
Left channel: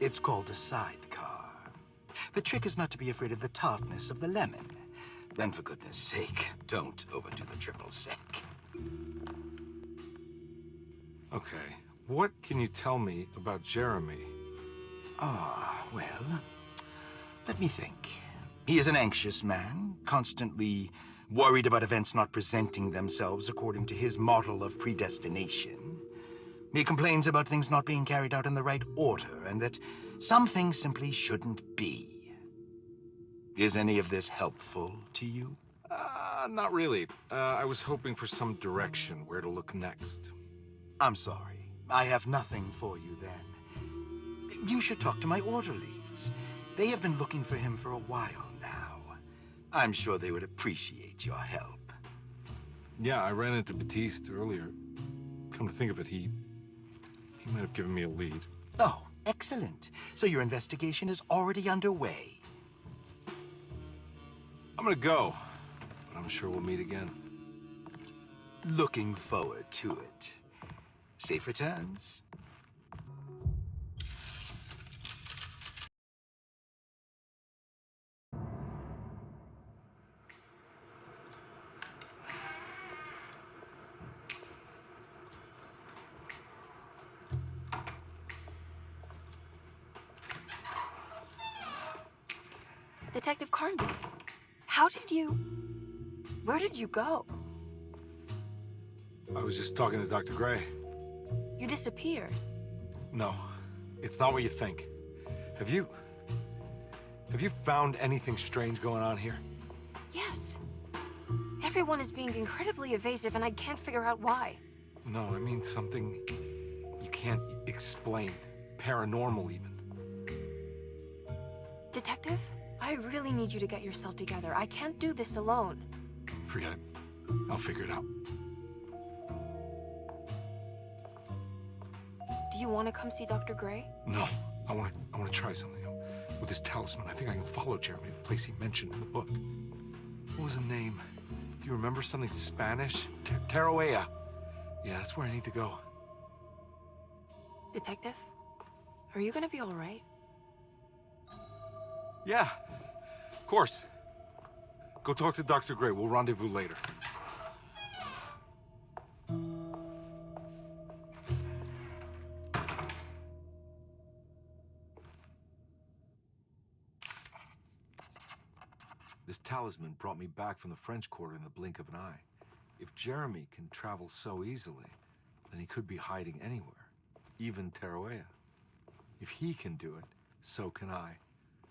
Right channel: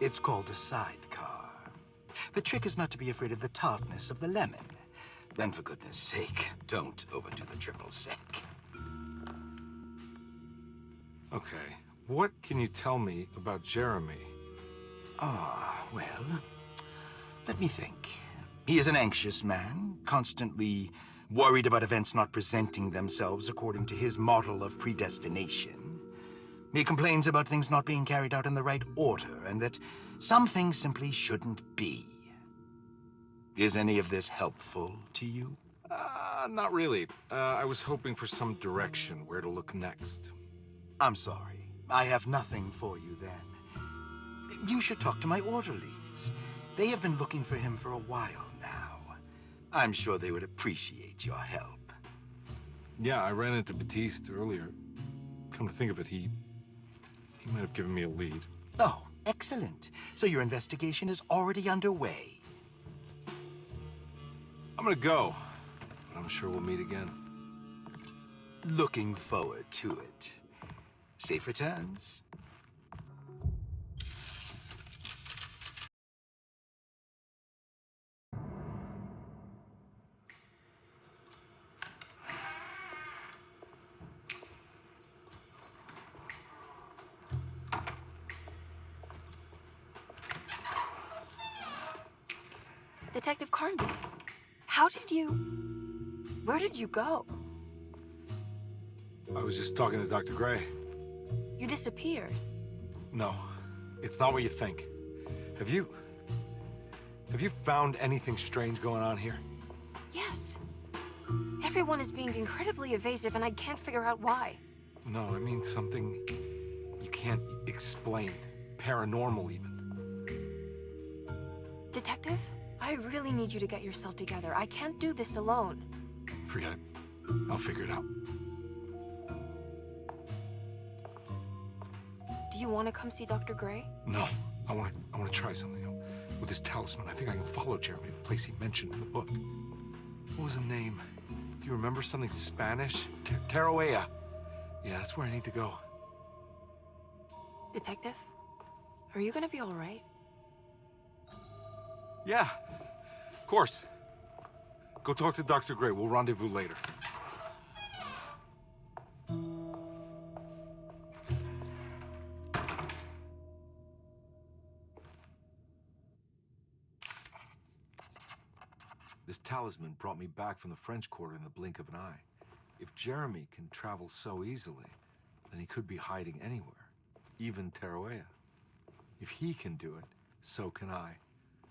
It's called a sidecar. The trick is not to be afraid of the tartness of the lemon. Then, for goodness sake, don't overdo the triple sec. Okay, what can you tell me about Jeremy? Well, let me think. He is an anxious man, constantly worried about events not presenting themselves according to his model of predestination. He complains about things not being carried out in the right order, and that some things simply shouldn't be. Is any of this helpful to you? Not really. I was hoping for some direction where to look next. I'm sorry. I have nothing for you then. You should talk to my orderlies. They have been looking for him for a while now. I'm sure they would appreciate your help. Yeah, I ran into Batiste earlier. Come to think of it, he might have given me a lead. Oh, excellent. So your investigation is already underway. I'm gonna go, but I'm sure we'll meet again. Looking forward to it. Safe returns. Detective Carnby, how did you... Where did you go? I was just talking to Dr. Gray. You disappeared. No, it's not what you think. Have you found anything strange going on here? Yes. Everyone is being incredibly evasive, and I can't figure out why. No, I mean something you can't explain. Paranormal, even. Detective, I really need you to get yourself together. I can't do this alone. Forget it. I'll figure it out. Do you want to come see Dr. Gray? No, I want to try something. With this talisman, I think I can follow Jeremy to the place he mentioned in the book. What was the name? Do you remember something Spanish? Tarawea. Yeah, that's where I need to go. Detective, are you gonna be all right? Yeah, of course. Go talk to Dr. Gray. We'll rendezvous later. This talisman brought me back from the French Quarter in the blink of an eye. If Jeremy can travel so easily, then he could be hiding anywhere, even Tarawea. If he can do it, so can I.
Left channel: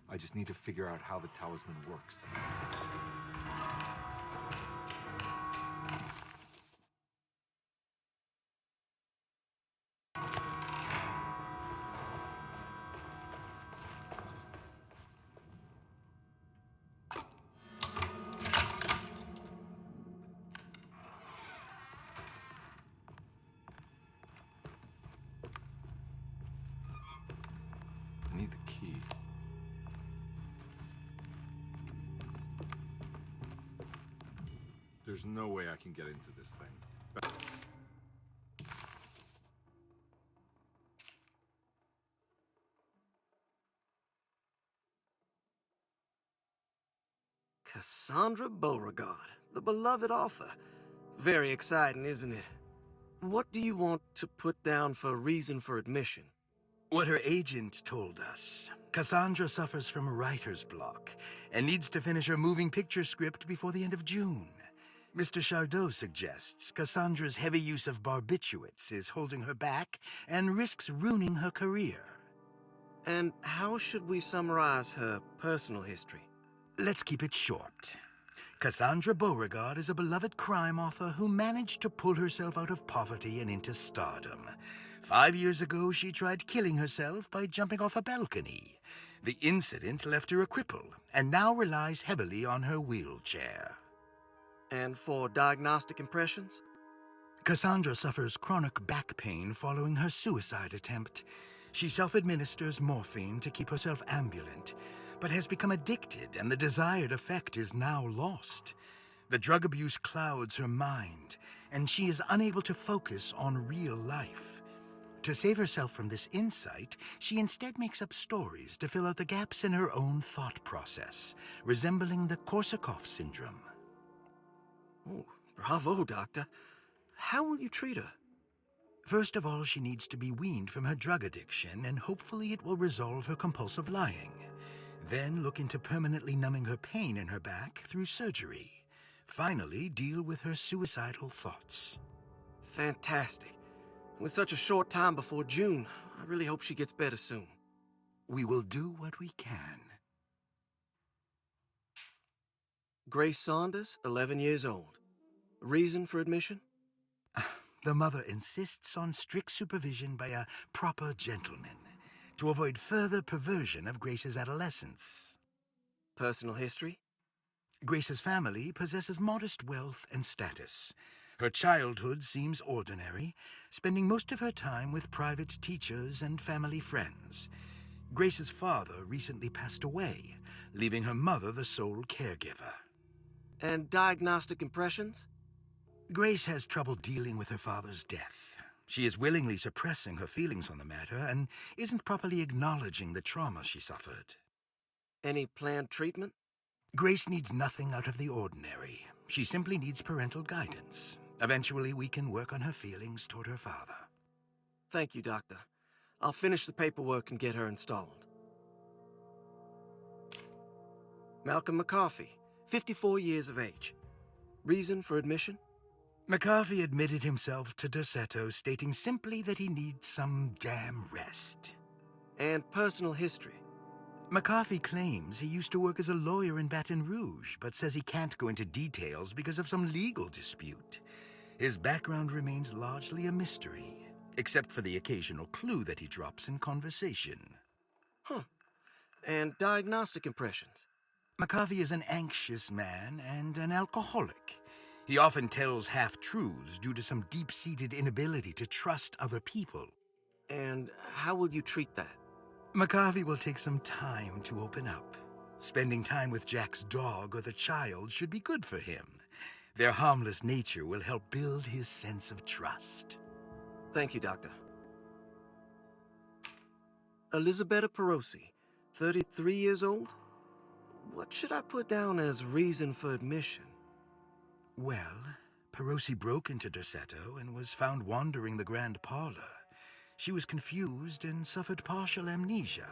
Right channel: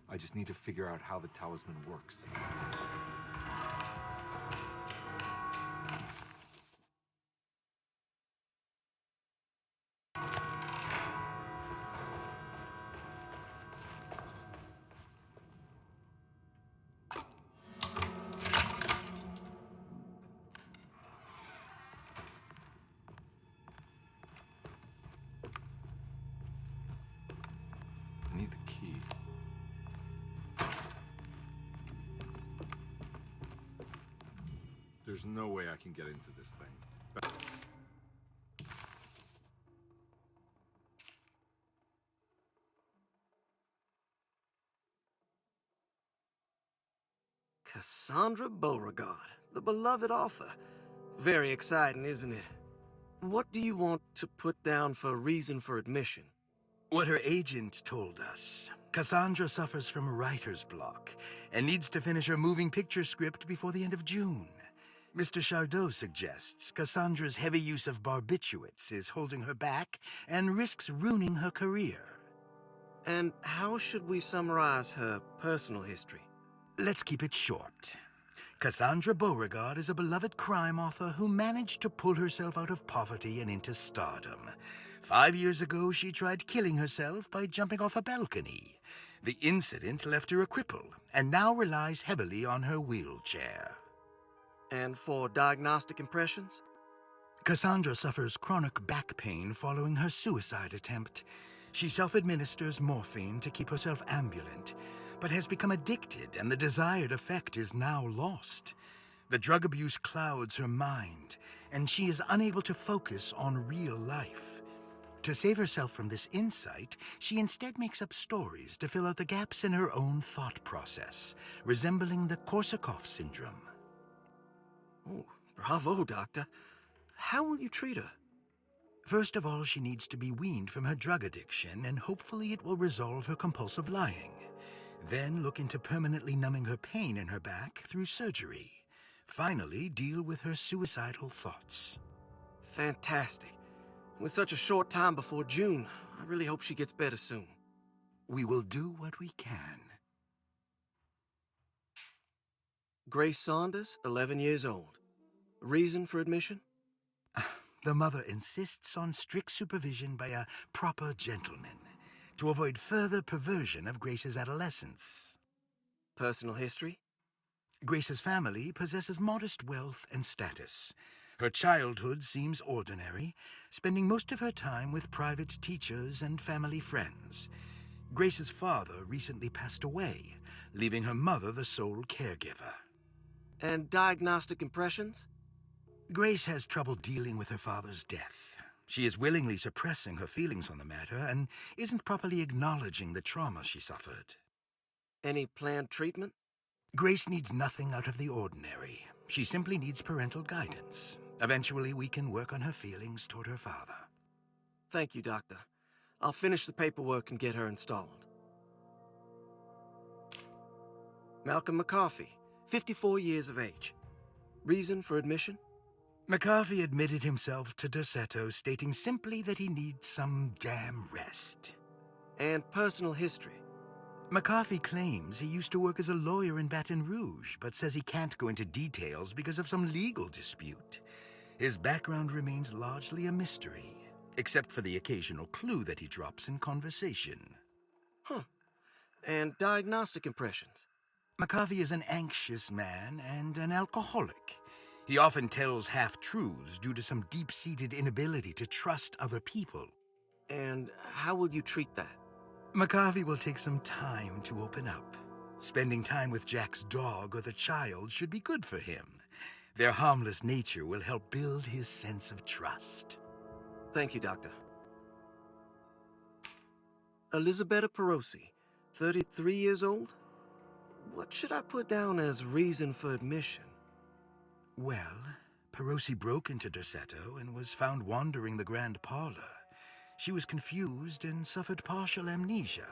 I just need to figure out how the talisman works. I need the key. There's no way I can get into this thing. Cassandra Beauregard, the beloved author. Very exciting, isn't it? What do you want to put down for reason for admission? What her agent told us. Cassandra suffers from writer's block and needs to finish her moving picture script before the end of June. Mr. Chardot suggests Cassandra's heavy use of barbiturates is holding her back and risks ruining her career. And how should we summarize her personal history? Let's keep it short. Cassandra Beauregard is a beloved crime author who managed to pull herself out of poverty and into stardom. 5 years ago, she tried killing herself by jumping off a balcony. The incident left her a cripple and now relies heavily on her wheelchair. And for diagnostic impressions? Cassandra suffers chronic back pain following her suicide attempt. She self-administers morphine to keep herself ambulant, but has become addicted and the desired effect is now lost. The drug abuse clouds her mind, and she is unable to focus on real life. To save herself from this insight, she instead makes up stories to fill out the gaps in her own thought process, resembling the Korsakoff syndrome. Oh, bravo, Doctor. How will you treat her? First of all, she needs to be weaned from her drug addiction, and hopefully it will resolve her compulsive lying. Then look into permanently numbing her pain in her back through surgery. Finally, deal with her suicidal thoughts. Fantastic. With such a short time before June, I really hope she gets better soon. We will do what we can. Grace Saunders, 11 years old. Reason for admission? The mother insists on strict supervision by a proper gentleman to avoid further perversion of Grace's adolescence. Personal history? Grace's family possesses modest wealth and status. Her childhood seems ordinary, spending most of her time with private teachers and family friends. Grace's father recently passed away, leaving her mother the sole caregiver. And diagnostic impressions? Grace has trouble dealing with her father's death. She is willingly suppressing her feelings on the matter and isn't properly acknowledging the trauma she suffered. Any planned treatment? Grace needs nothing out of the ordinary. She simply needs parental guidance. Eventually, we can work on her feelings toward her father. Thank you, Doctor. I'll finish the paperwork and get her installed. Malcolm McCarthy, 54 years of age. Reason for admission? McCarthy admitted himself to Dorsetto, stating simply that he needs some damn rest. And personal history? McCarthy claims he used to work as a lawyer in Baton Rouge, but says he can't go into details because of some legal dispute. His background remains largely a mystery, except for the occasional clue that he drops in conversation. Huh. And diagnostic impressions? McCarthy is an anxious man and an alcoholic. He often tells half-truths due to some deep-seated inability to trust other people. And how will you treat that? McCarthy will take some time to open up. Spending time with Jack's dog or the child should be good for him. Their harmless nature will help build his sense of trust. Thank you, Doctor. Elisabetta Perosi, 33 years old? What should I put down as reason for admission? Well, Perosi broke into Dorsetto and was found wandering the grand parlor. She was confused and suffered partial amnesia.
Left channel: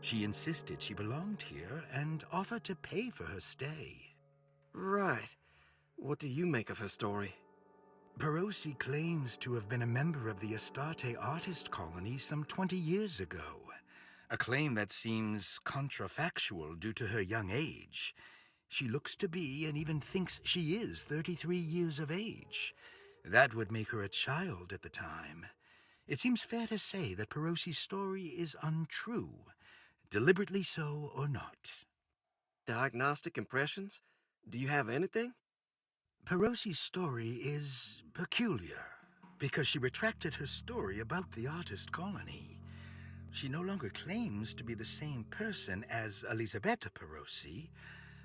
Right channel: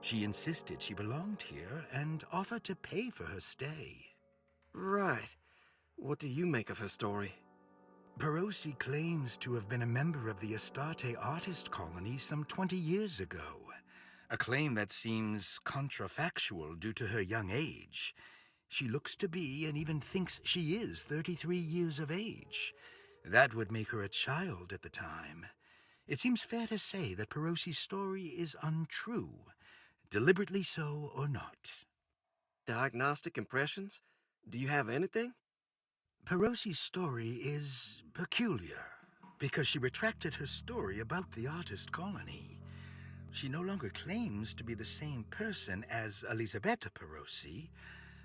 She insisted she belonged here and offered to pay for her stay. Right. What do you make of her story? Perosi claims to have been a member of the Astarte artist colony some 20 years ago. A claim that seems contrafactual due to her young age. She looks to be and even thinks she is 33 years of age. That would make her a child at the time. It seems fair to say that Perosi's story is untrue, deliberately so or not. Diagnostic impressions? Do you have anything? Perosi's story is peculiar because she retracted her story about the artist colony. She no longer claims to be the same person as Elisabetta Perosi.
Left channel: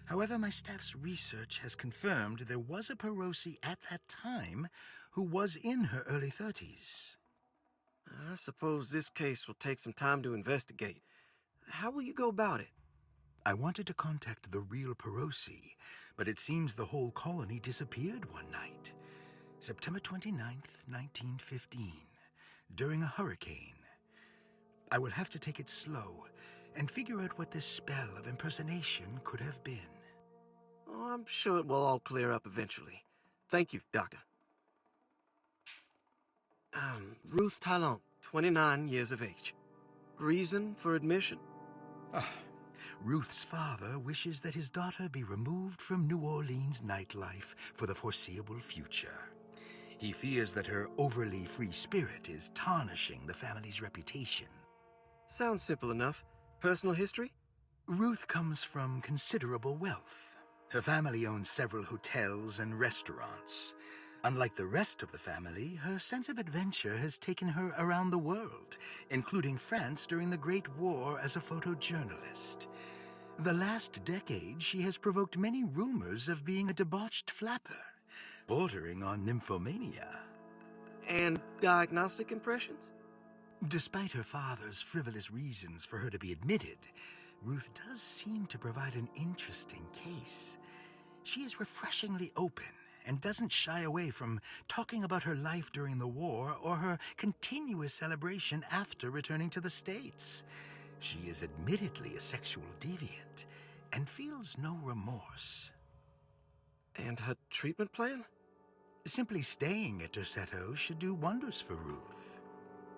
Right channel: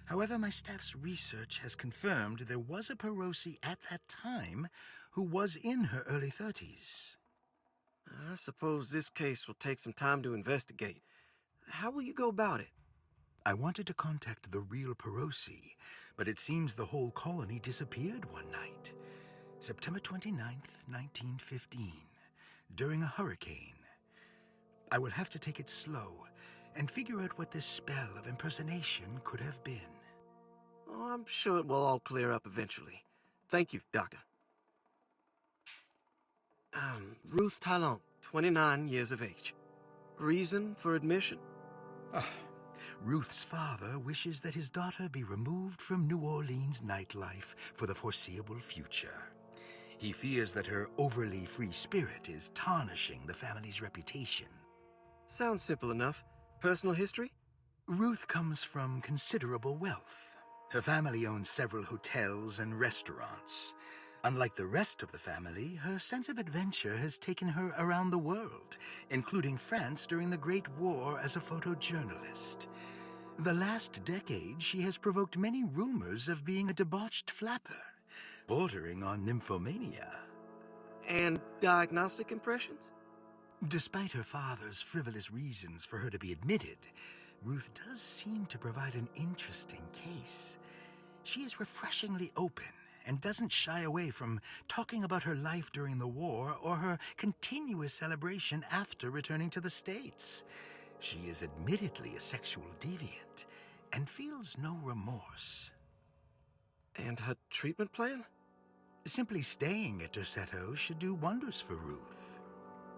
However, my staff's research has confirmed there was a Perosi at that time who was in her early 30s. I suppose this case will take some time to investigate. How will you go about it? I wanted to contact the real Perosi, but it seems the whole colony disappeared one night. September 29th, 1915, during a hurricane. I will have to take it slow and figure out what this spell of impersonation could have been. Oh, I'm sure it will all clear up eventually. Thank you, Doctor. Ruth Talon, 29 years of age. Reason for admission? Ruth's father wishes that his daughter be removed from New Orleans nightlife for the foreseeable future. He fears that her overly free spirit is tarnishing the family's reputation. Sounds simple enough. Personal history? Ruth comes from considerable wealth. Her family owns several hotels and restaurants. Unlike the rest of the family, her sense of adventure has taken her around the world, including France during the Great War as a photojournalist. The last decade, she has provoked many rumors of being a debauched flapper, bordering on nymphomania. And diagnostic impressions? Despite her father's frivolous reasons for her to be admitted, Ruth does seem to provide an interesting case. She is refreshingly open and doesn't shy away from talking about her life during the war or her continuous celebration after returning to the States. She is admittedly a sexual deviant and feels no remorse. And her treatment plan? Simply staying at Dorsetto should do wonders for Ruth.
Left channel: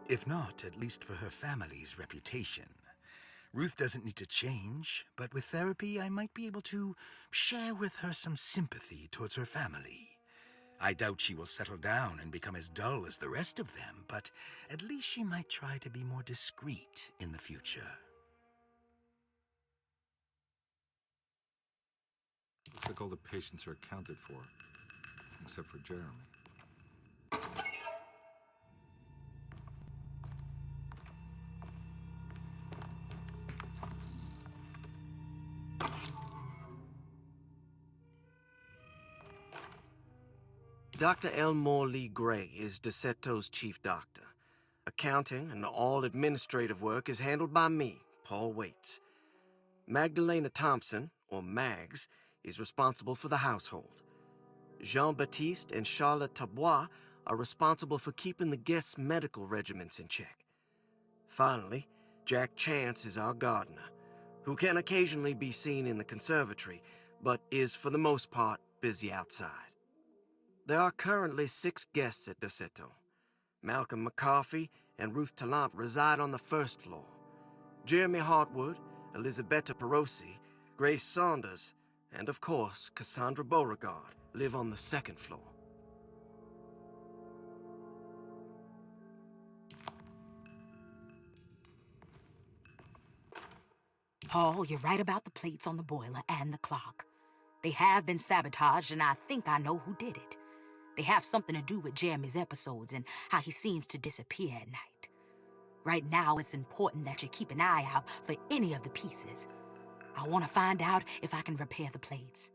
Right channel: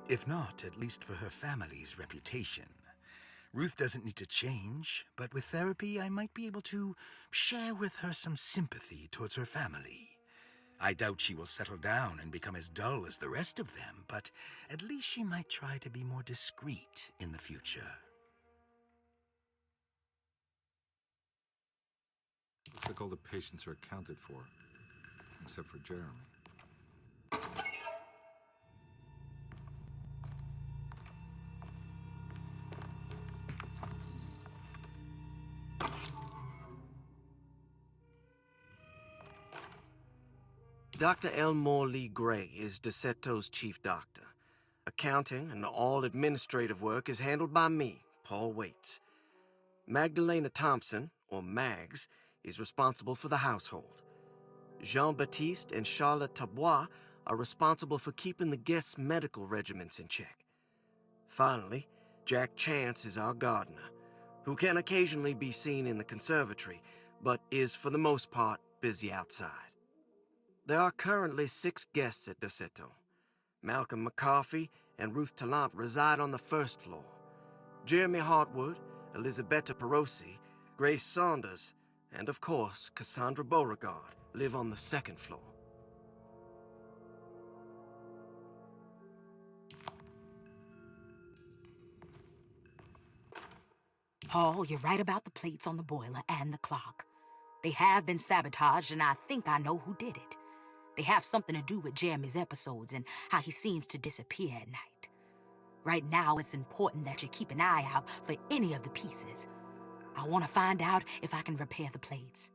If not, at least for her family's reputation. Ruth doesn't need to change, but with therapy, I might be able to share with her some sympathy towards her family. I doubt she will settle down and become as dull as the rest of them, but at least she might try to be more discreet in the future. Looks like all the patients are accounted for, except for Jeremy. Dr. Elmore Lee Gray is Dorsetto's chief doctor. Accounting and all administrative work is handled by me, Paul Waits. Magdalena Thompson, or Mags, is responsible for the household. Jean-Baptiste and Charlotte Tabois are responsible for keeping the guests' medical regimens in check. Finally, Jack Chance is our gardener. who can occasionally be seen in the conservatory, but is for the most part busy outside. There are currently 6 guests at Desolate. Malcolm McCarthy and Ruth Tallant reside on the first floor. Jeremy Hartwood, Elisabetta Perosi, Grace Saunders, and of course Cassandra Beauregard live on the second floor. Paul, you're right about the plates on the boiler and the clock. They have been sabotaged, and I think I know who did it. They have something to do with Jeremy's episodes and how he seems to disappear at night. Right now, it's important that you keep an eye out for any of the pieces. I want to find out if I can repair the plates.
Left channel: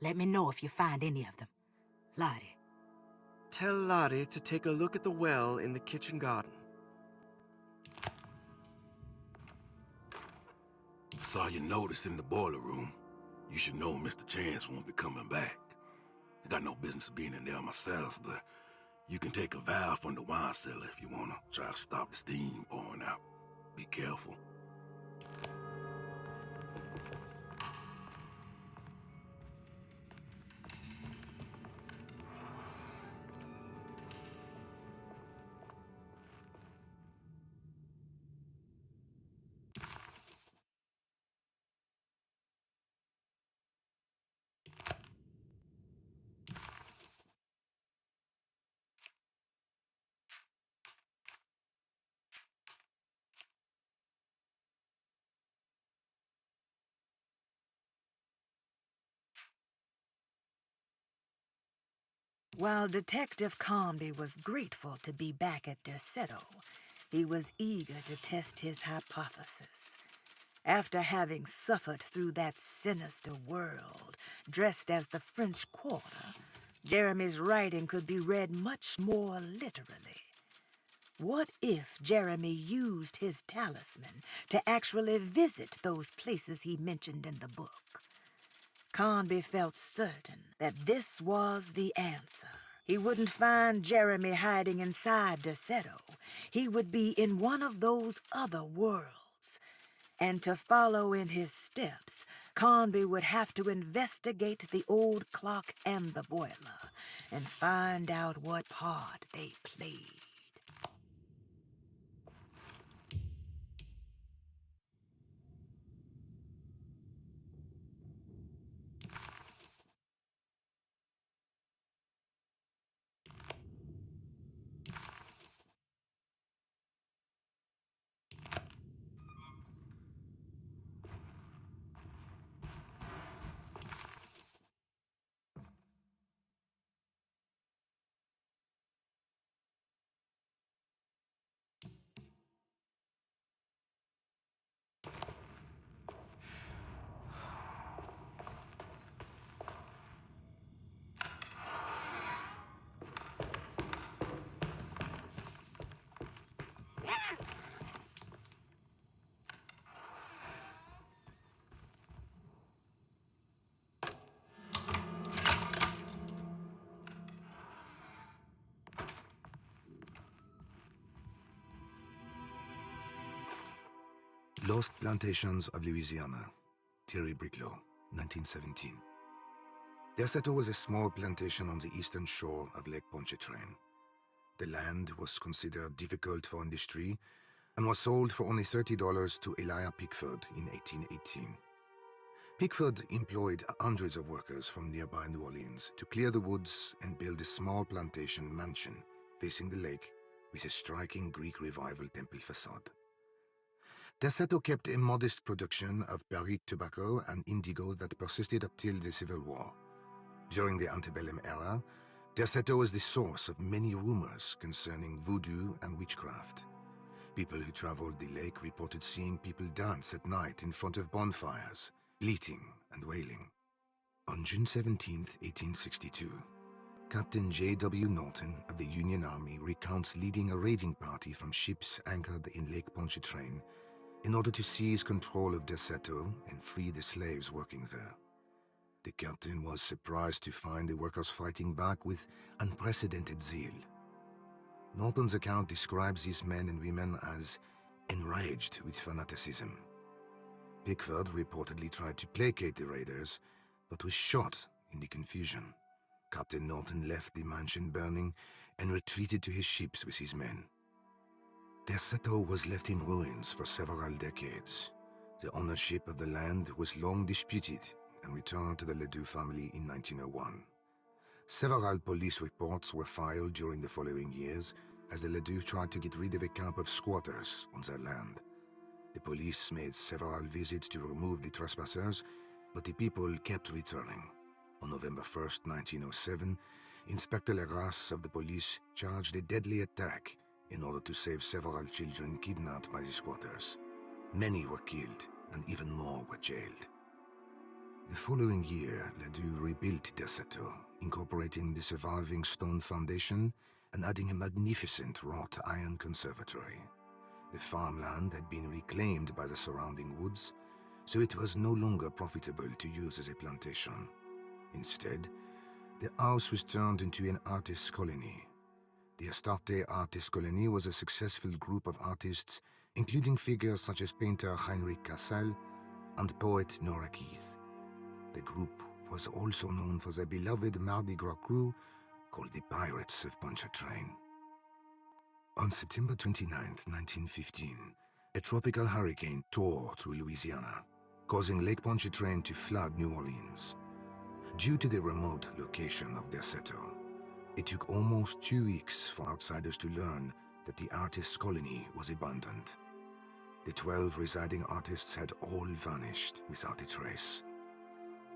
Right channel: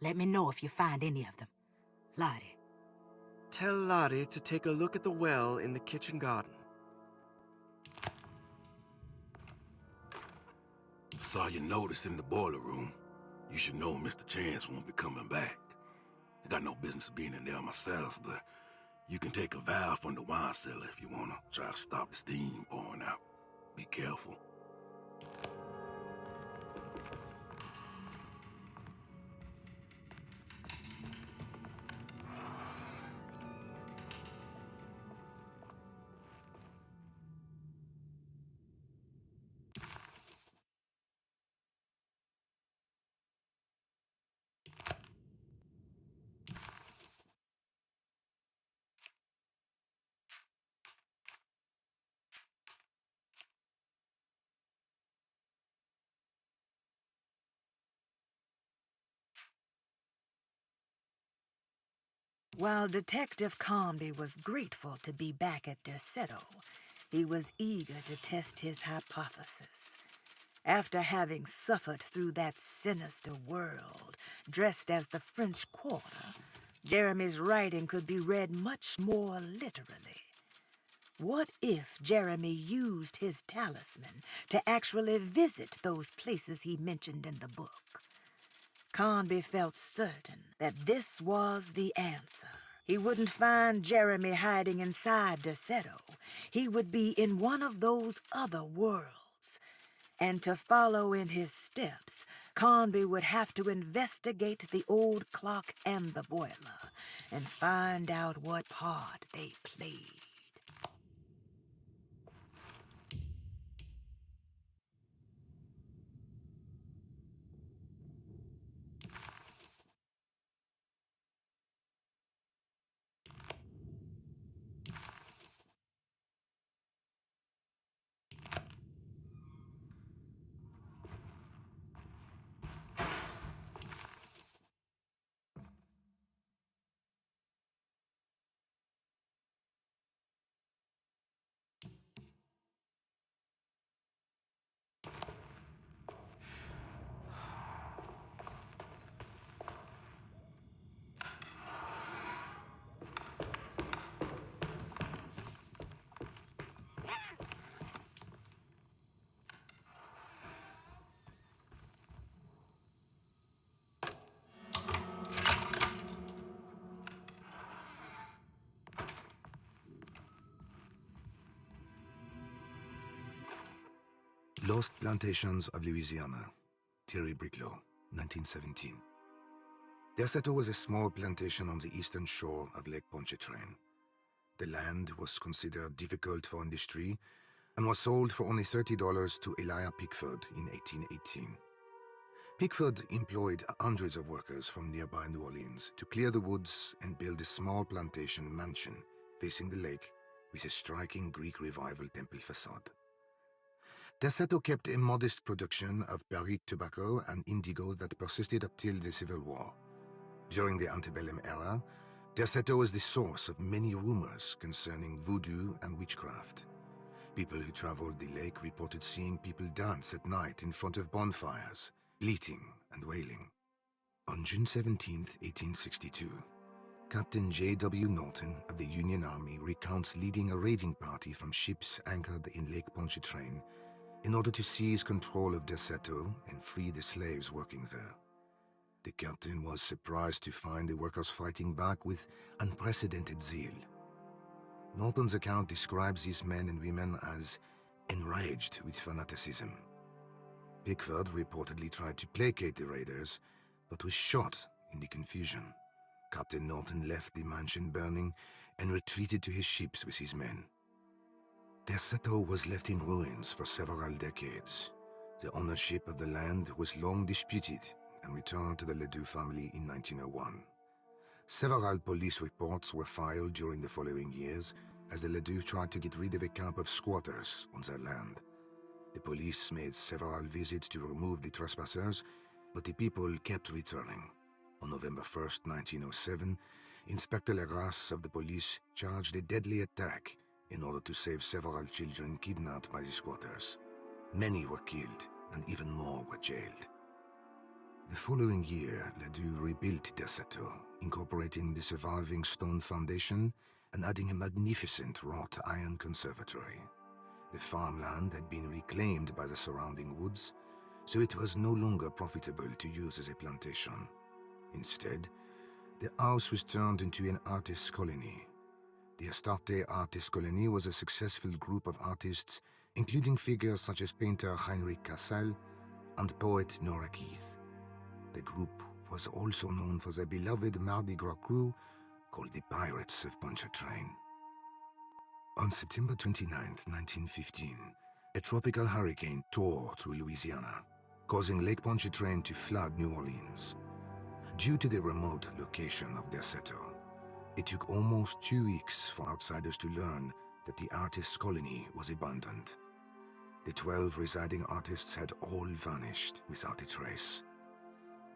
Let me know if you find any of them. Lottie. Tell Lottie to take a look at the well in the kitchen garden. Saw your notice in the boiler room. You should know Mr. Chance won't be coming back. I got no business being in there myself, but you can take a valve from the wine cellar if you want to try to stop the steam pouring out. Be careful. While Detective Comby was grateful to be back at Desolate, he was eager to test his hypothesis. After having suffered through that sinister world, dressed as the French Quarter, Jeremy's writing could be read much more literally. What if Jeremy used his talisman to actually visit those places he mentioned in the book? Conby felt certain that this was the answer. He wouldn't find Jeremy hiding inside Desolate. He would be in one of those other worlds. And to follow in his steps, Conby would have to investigate the old clock and the boiler and find out what part they played. Lost Plantations of Louisiana, Thierry Bricklow, 1917. Desolate was a small plantation on the eastern shore of Lake Pontchartrain. The land was considered difficult for industry and was sold for only $30 to Elijah Pickford in 1818. Pickford employed hundreds of workers from nearby New Orleans to clear the woods and build a small plantation mansion facing the lake with a striking Greek Revival temple facade. Desolate kept a modest production of Perrique tobacco and indigo that persisted up till the Civil War. During the antebellum era, Desolate was the source of many rumors concerning voodoo and witchcraft. People who traveled the lake reported seeing people dance at night in front of bonfires, bleating and wailing. On June 17, 1862, Captain J.W. Norton of the Union Army recounts leading a raiding party from ships anchored in Lake Pontchartrain in order to seize control of Desolate and free the slaves working there. The captain was surprised to find the workers fighting back with unprecedented zeal. Norton's account describes these men and women as enraged with fanaticism. Pickford reportedly tried to placate the raiders, but was shot in the confusion. Captain Norton left the mansion burning and retreated to his ships with his men. Desolate was left in ruins for several decades. The ownership of the land was long disputed and returned to the Ledoux family in 1901. Several police reports were filed during the following years as the Ledoux tried to get rid of a camp of squatters on their land. The police made several visits to remove the trespassers, but the people kept returning. On November 1st, 1907, Inspector Legras of the police charged a deadly attack in order to save several children kidnapped by the squatters. Many were killed, and even more were jailed. The following year, Ledoux rebuilt Desolate, incorporating the surviving stone foundation and adding a magnificent wrought iron conservatory. The farmland had been reclaimed by the surrounding woods, so it was no longer profitable to use as a plantation. Instead, the house was turned into an artist's colony. The Astarte Artist Colony was a successful group of artists, including figures such as painter Heinrich Cassel and poet Nora Keith. The group was also known for their beloved Mardi Gras crew called the Pirates of Pontchartrain. On September 29, 1915, a tropical hurricane tore through Louisiana, causing Lake Pontchartrain to flood New Orleans. Due to the remote location of Desolate, it took almost 2 weeks for outsiders to learn that the artists' colony was abandoned. The 12 residing artists had all vanished without a trace.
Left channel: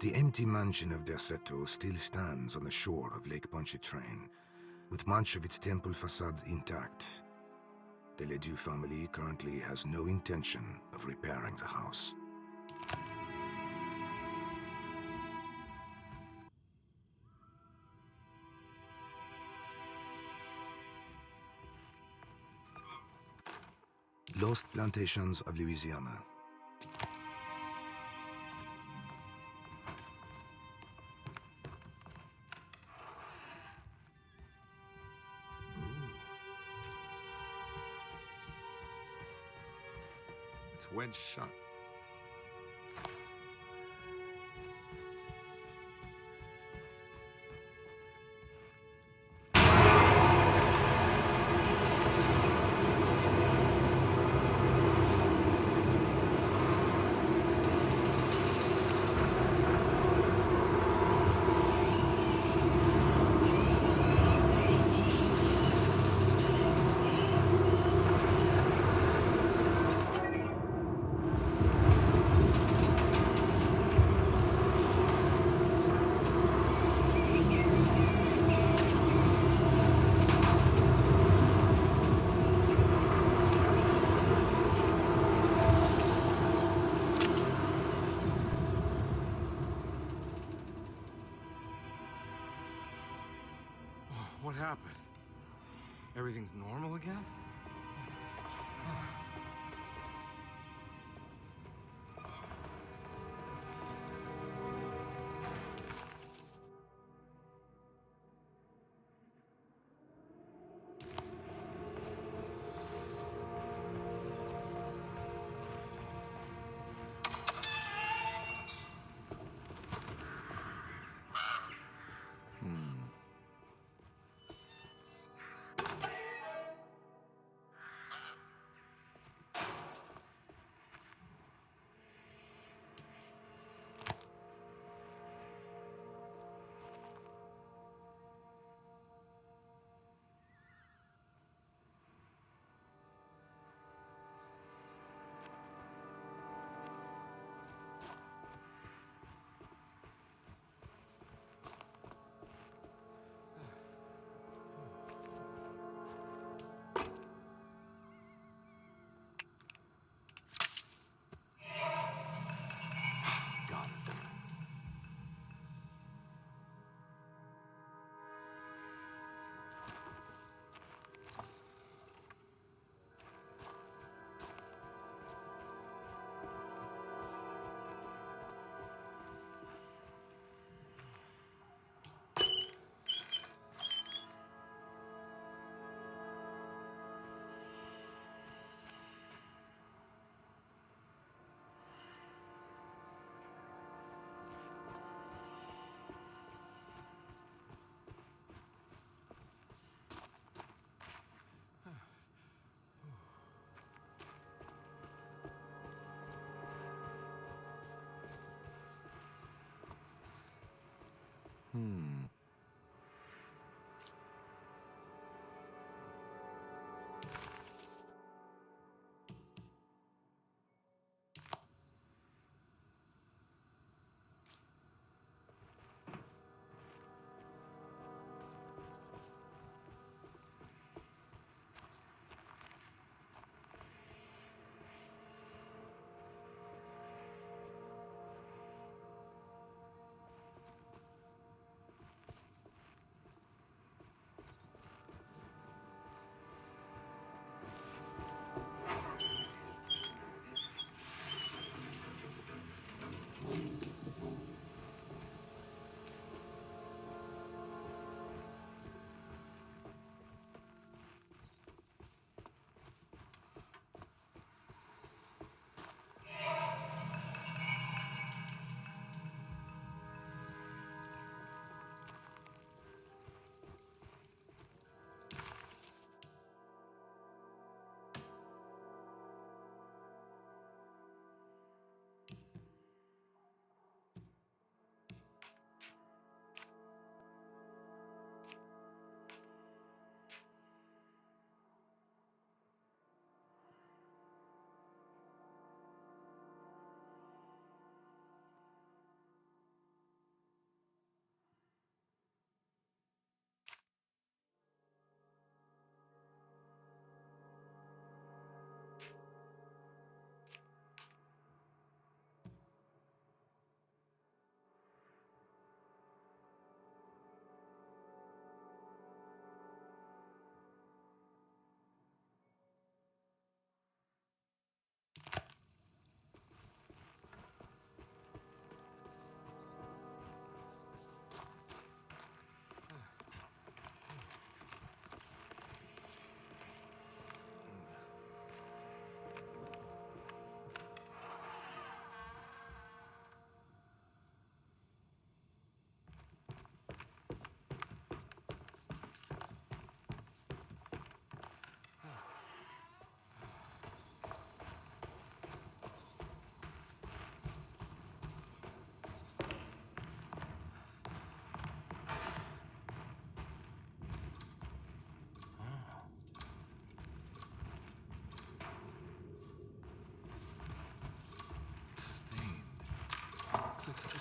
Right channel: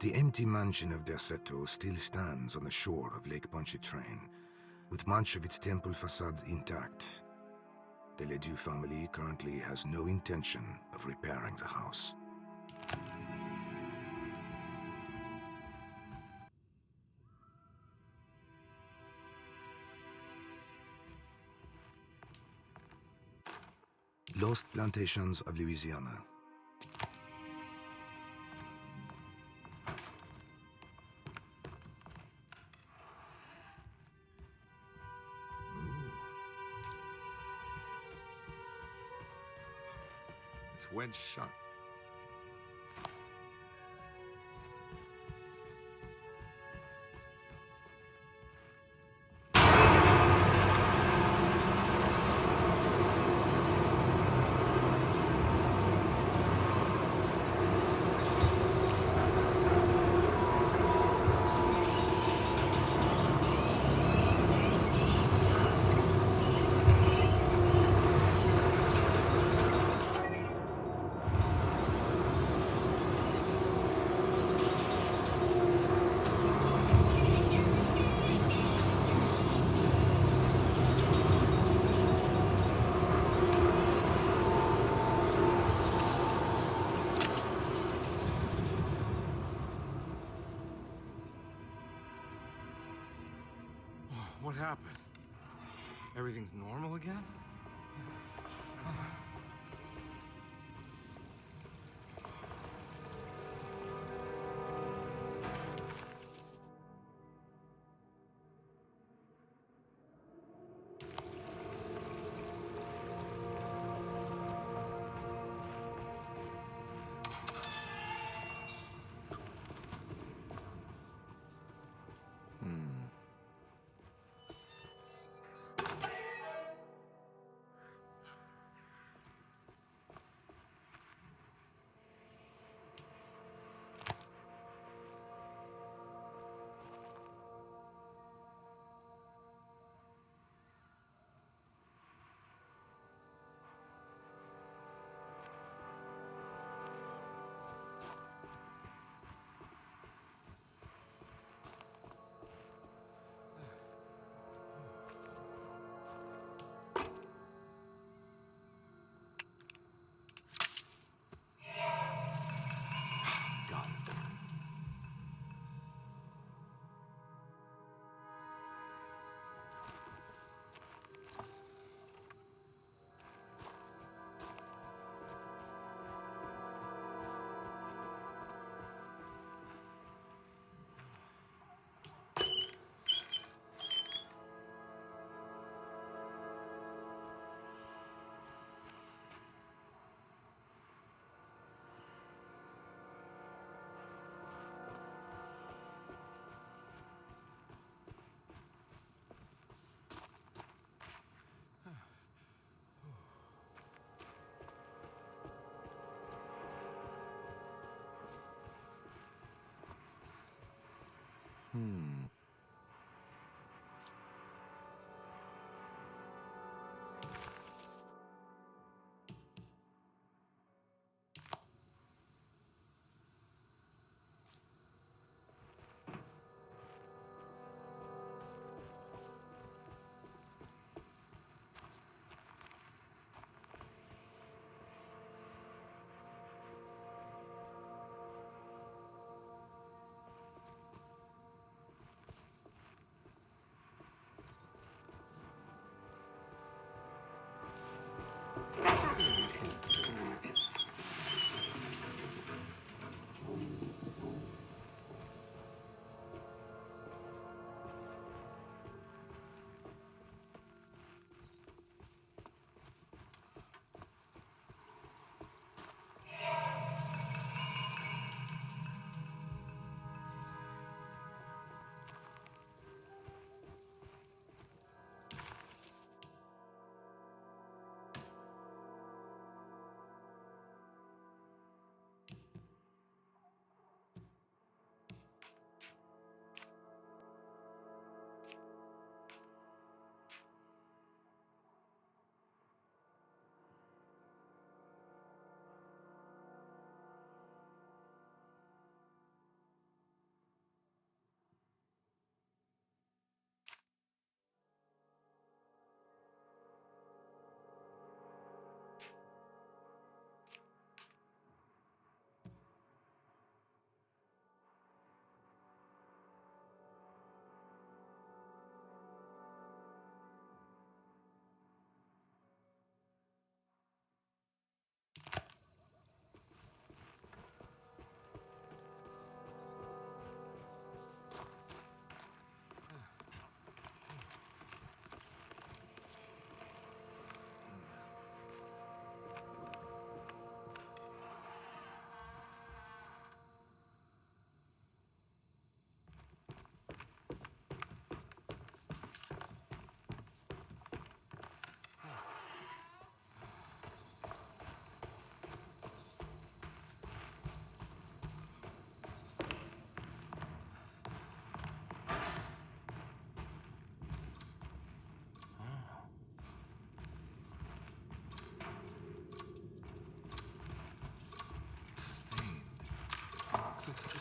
The empty mansion of Desolate still stands on the shore of Lake Pontchartrain, with much of its temple facade intact. The Ledoux family currently has no intention of repairing the house. Lost Plantations of Louisiana. It's wedged shut. What happened? Everything's normal again?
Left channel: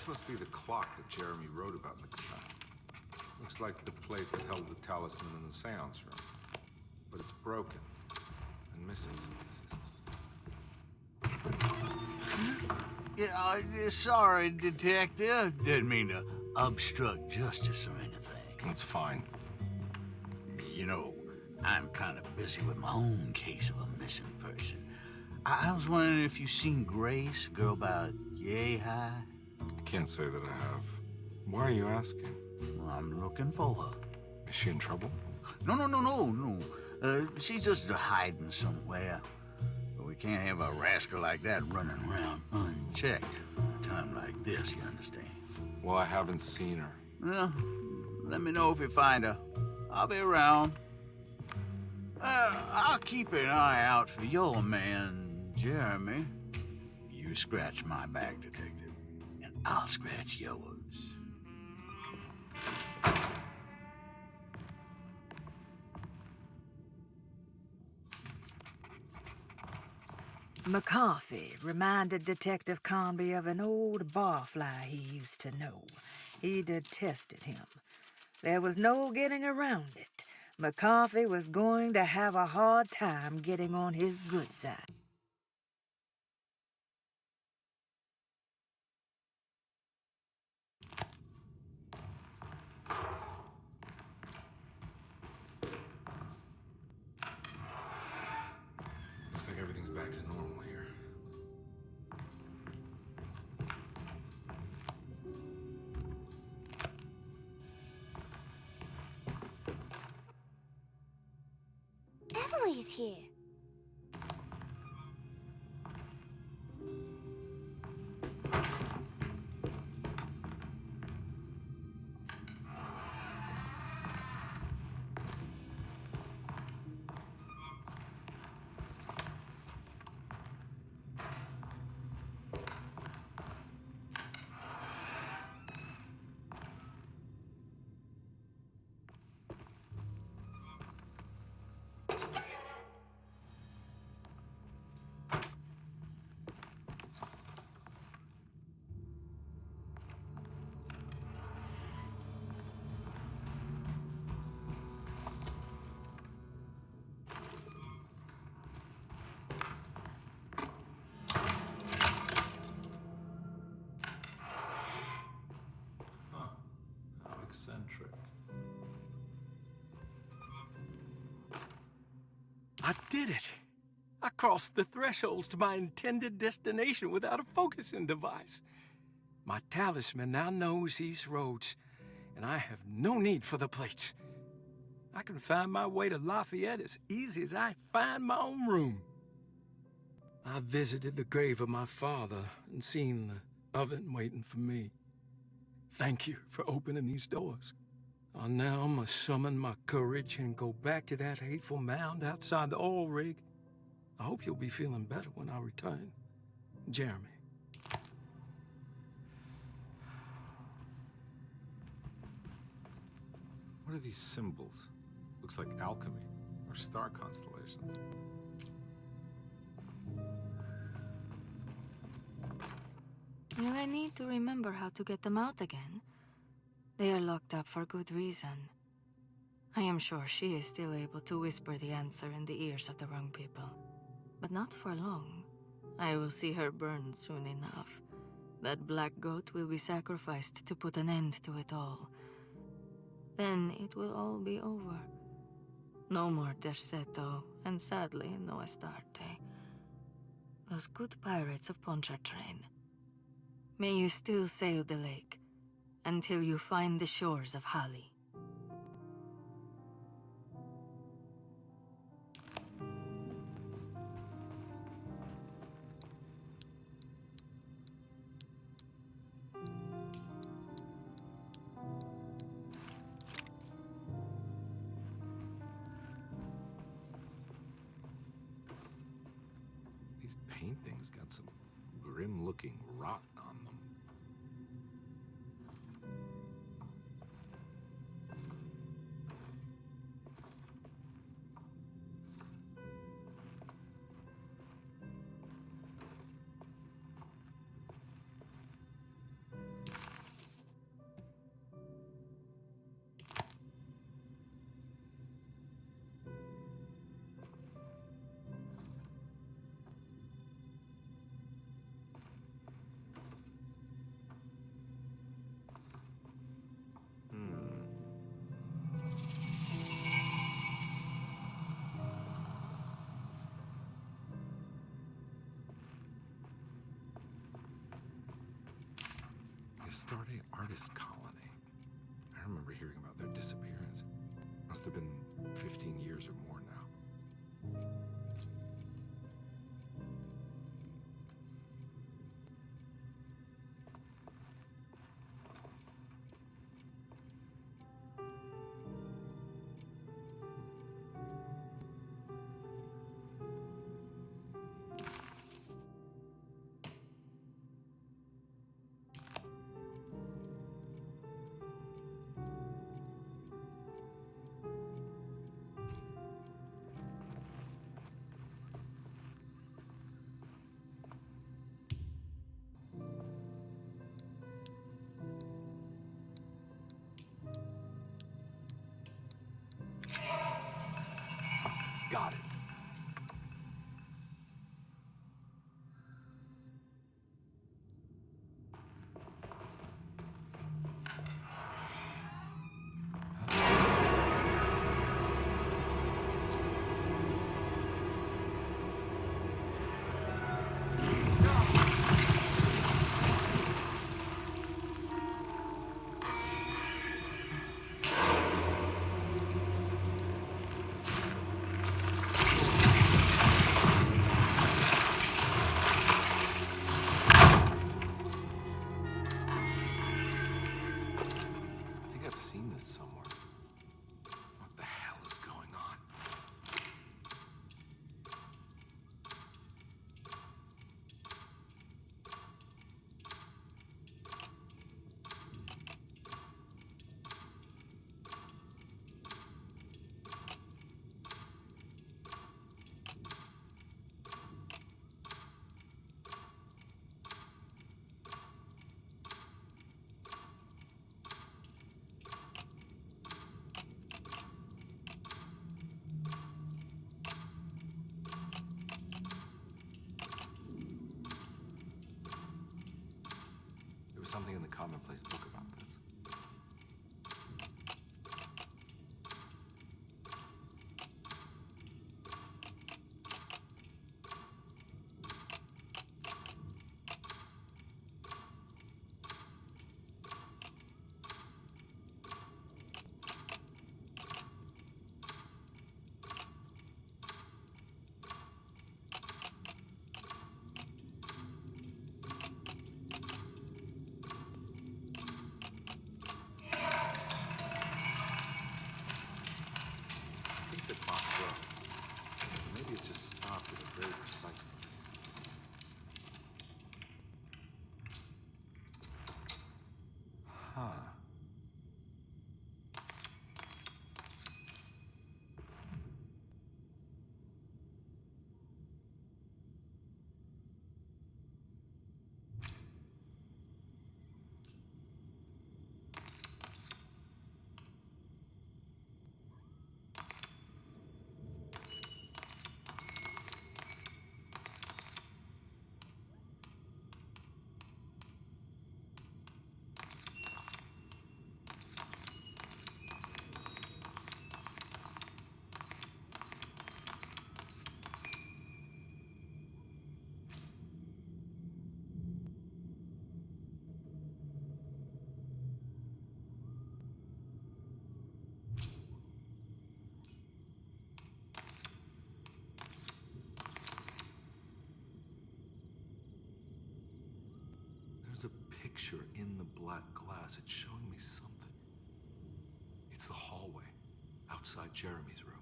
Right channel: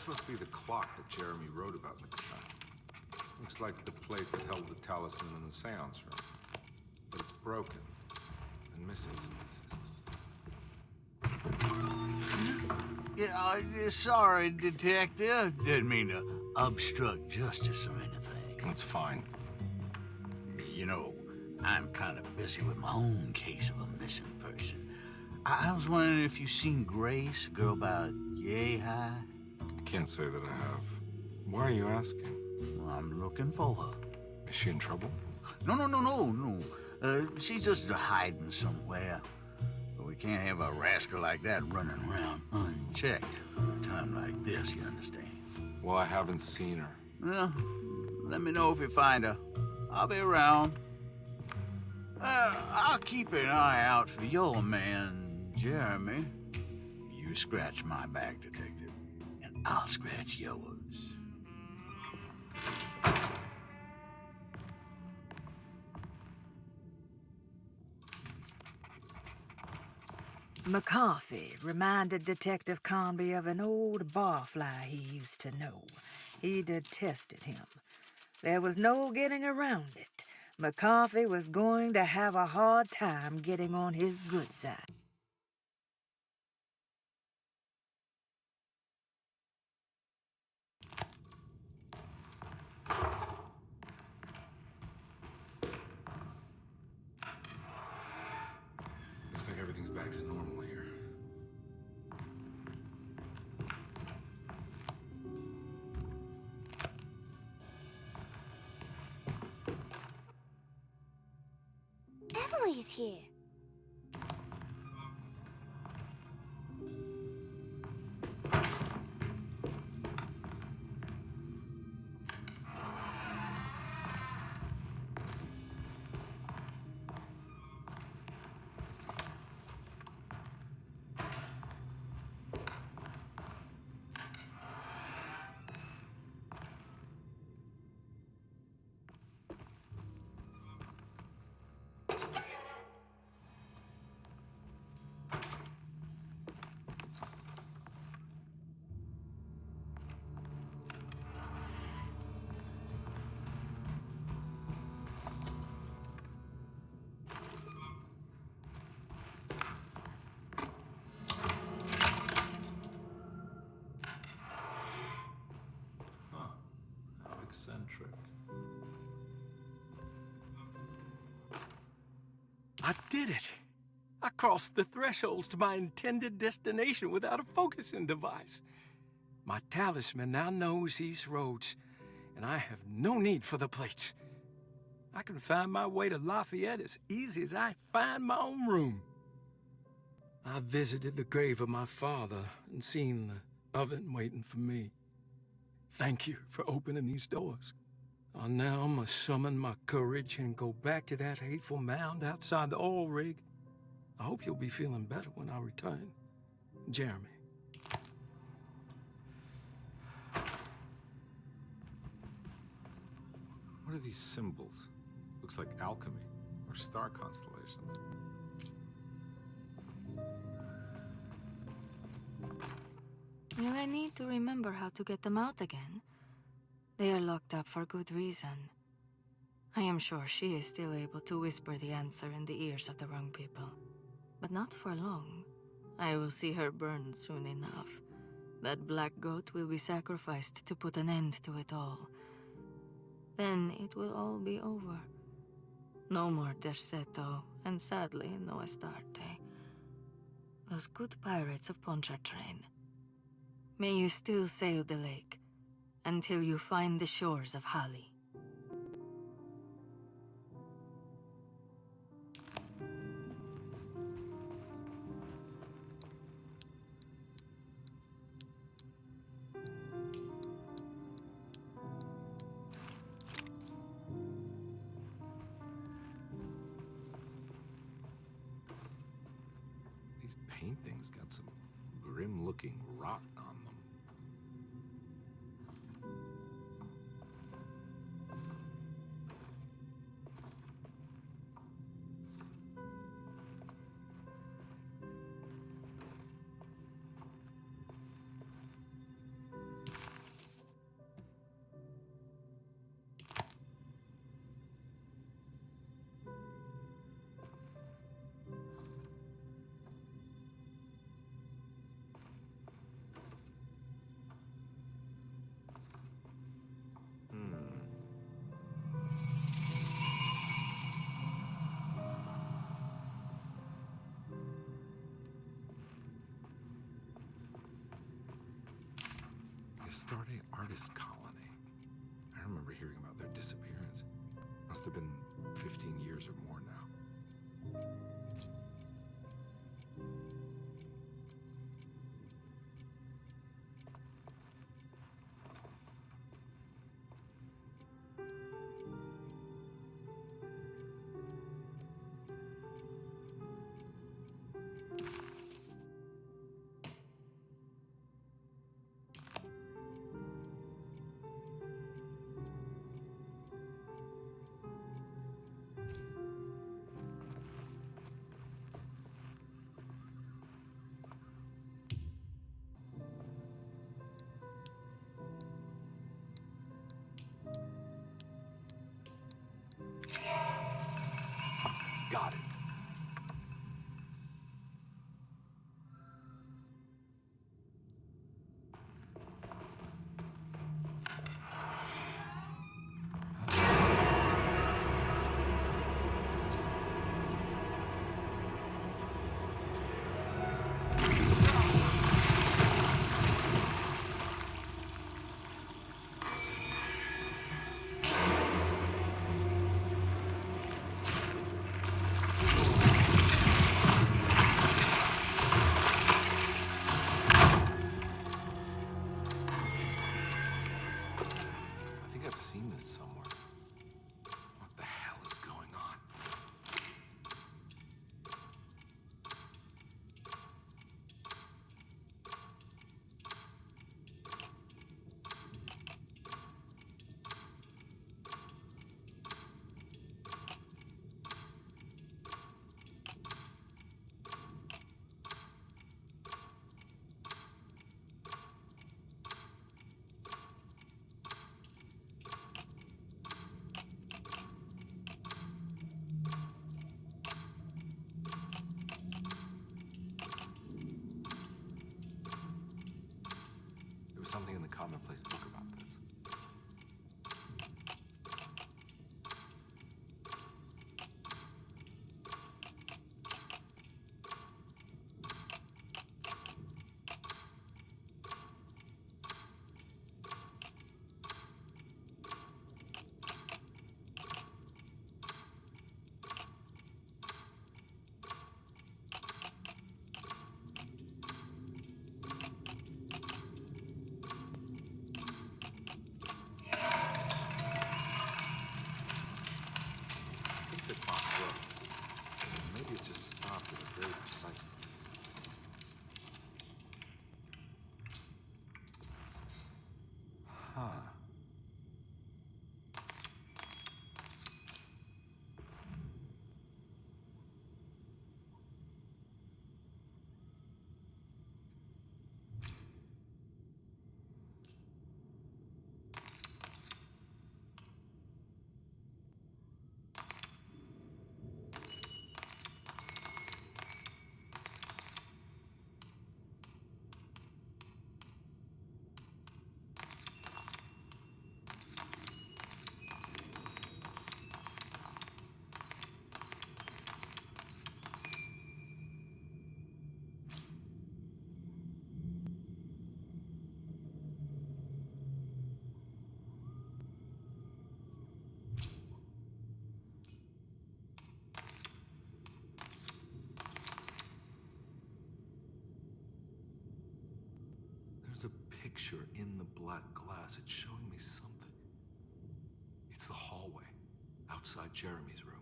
This must be the clock that Jeremy wrote about in the command. Looks like the plate that held the talisman in the seance room. But it's broken and missing some pieces. Yeah, sorry, Detective. Didn't mean to obstruct justice or anything. That's fine. You know, I'm kind of busy with my own case of a missing person. I was wondering if you've seen Grace, a girl about yay high? I can't say that I have. Why are you asking? Well, I'm looking for her. Is she in trouble? No. She's just hiding somewhere. But we can't have a rascal like that running around unchecked at a time like this, you understand? Well, I haven't seen her. Well, let me know if you find her. I'll be around. I'll keep an eye out for your man, Jeremy. You scratch my back, Detective, and I'll scratch yours. McCarthy reminded Detective Conby of an old barfly he used to know. He detested him. There was no getting around it. McCarthy was going to have a hard time getting on his good side. Looks like everything's back to normal here. Emily's here. Eccentric. I did it! I crossed the thresholds to my intended destination without a focusing device. My talisman now knows these roads, and I have no need for the plates. I can find my way to Lafayette as easy as I find my own room. I visited the grave of my father and seen the oven waiting for me. Thank you for opening these doors. I now must summon my courage and go back to that hateful mound outside the oil rig. I hope you'll be feeling better when I return. Jeremy. What are these symbols? Looks like alchemy or star constellations. You may need to remember how to get them out again. They are locked up for good reason. I am sure she is still able to whisper the answer in the ears of the wrong people. But not for long. I will see her burned soon enough. That black goat will be sacrificed to put an end to it all. Then it will all be over. No more Derceto, and sadly, no Astarte. Those good pirates of Pontchartrain. May you still sail the lake, until you find the shores of Hali. These paintings got some grim-looking rot on them. Astarte artist colony. I remember hearing about their disappearance. Must have been 15 years or more now. Got it. I've seen this somewhere. What the hell is going on? There was something in the commonplace book about this. Maybe it just stopped at a very precise place. Huh. There's a picture in the black glass. It's showing me something. It's the hallway outside Jeremy's room.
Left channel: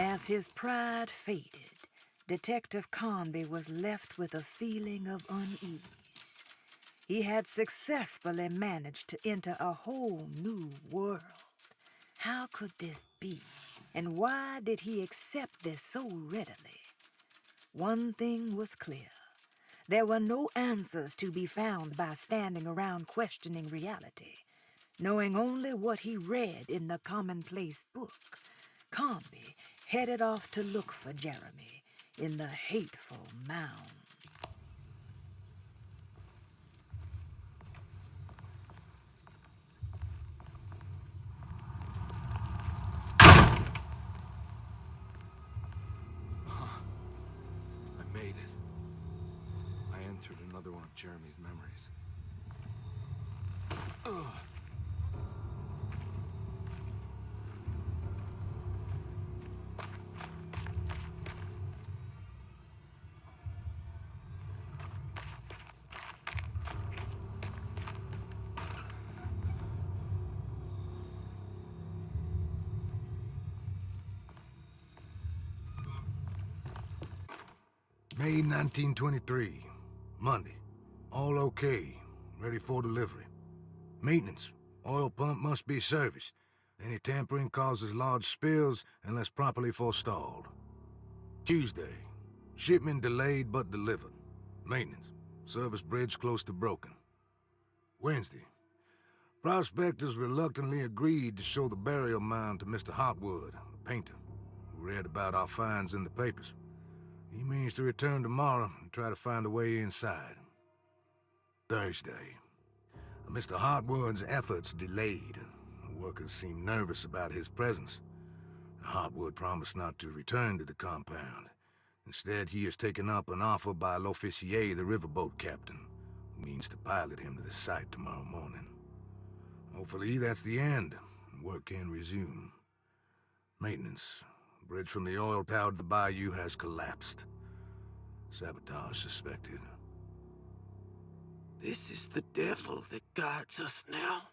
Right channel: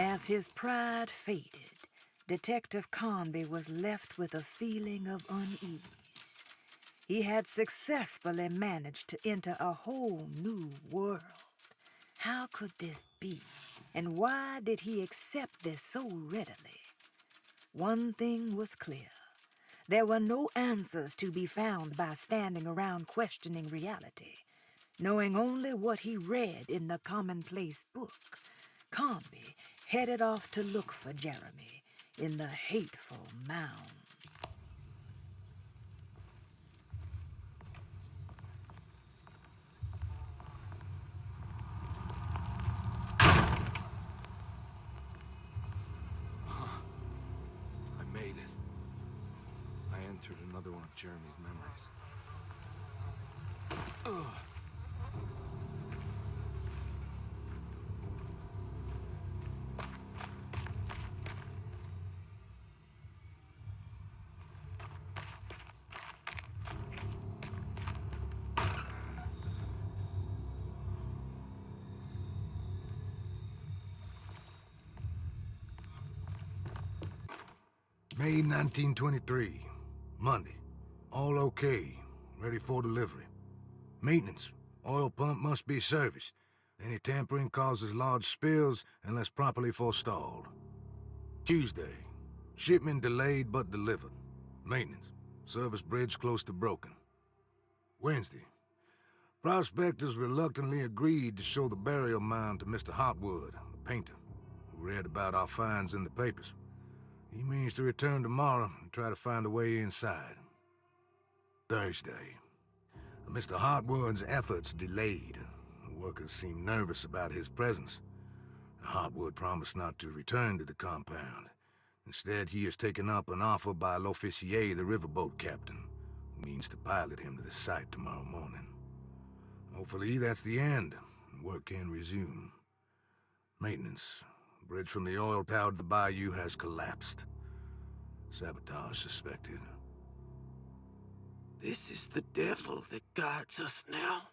As his pride faded, Detective Conby was left with a feeling of unease. He had successfully managed to enter a whole new world. How could this be? And why did he accept this so readily? One thing was clear. There were no answers to be found by standing around questioning reality. Knowing only what he read in the commonplace book, Conby headed off to look for Jeremy in the hateful mound. I made it. I entered another one of Jeremy's memories. Ugh. May 1923, Monday. All okay, ready for delivery. Maintenance. Oil pump must be serviced. Any tampering causes large spills unless properly forestalled. Tuesday. Shipment delayed but delivered. Maintenance. Service bridge close to broken. Wednesday. Prospectors reluctantly agreed to show the burial mound to Mr. Hotwood, a painter, who read about our finds in the papers. He means to return tomorrow and try to find a way inside. Thursday. Mr. Hotwood's efforts delayed. The workers seemed nervous about his presence. Hotwood promised not to return to the compound. Instead, he has taken up an offer by L'Officier, the riverboat captain, who means to pilot him to the site tomorrow morning. Hopefully, that's the end, and work can resume. Maintenance. Bridge from the oil tower to the bayou has collapsed. Sabotage suspected. This is the devil that guides us now.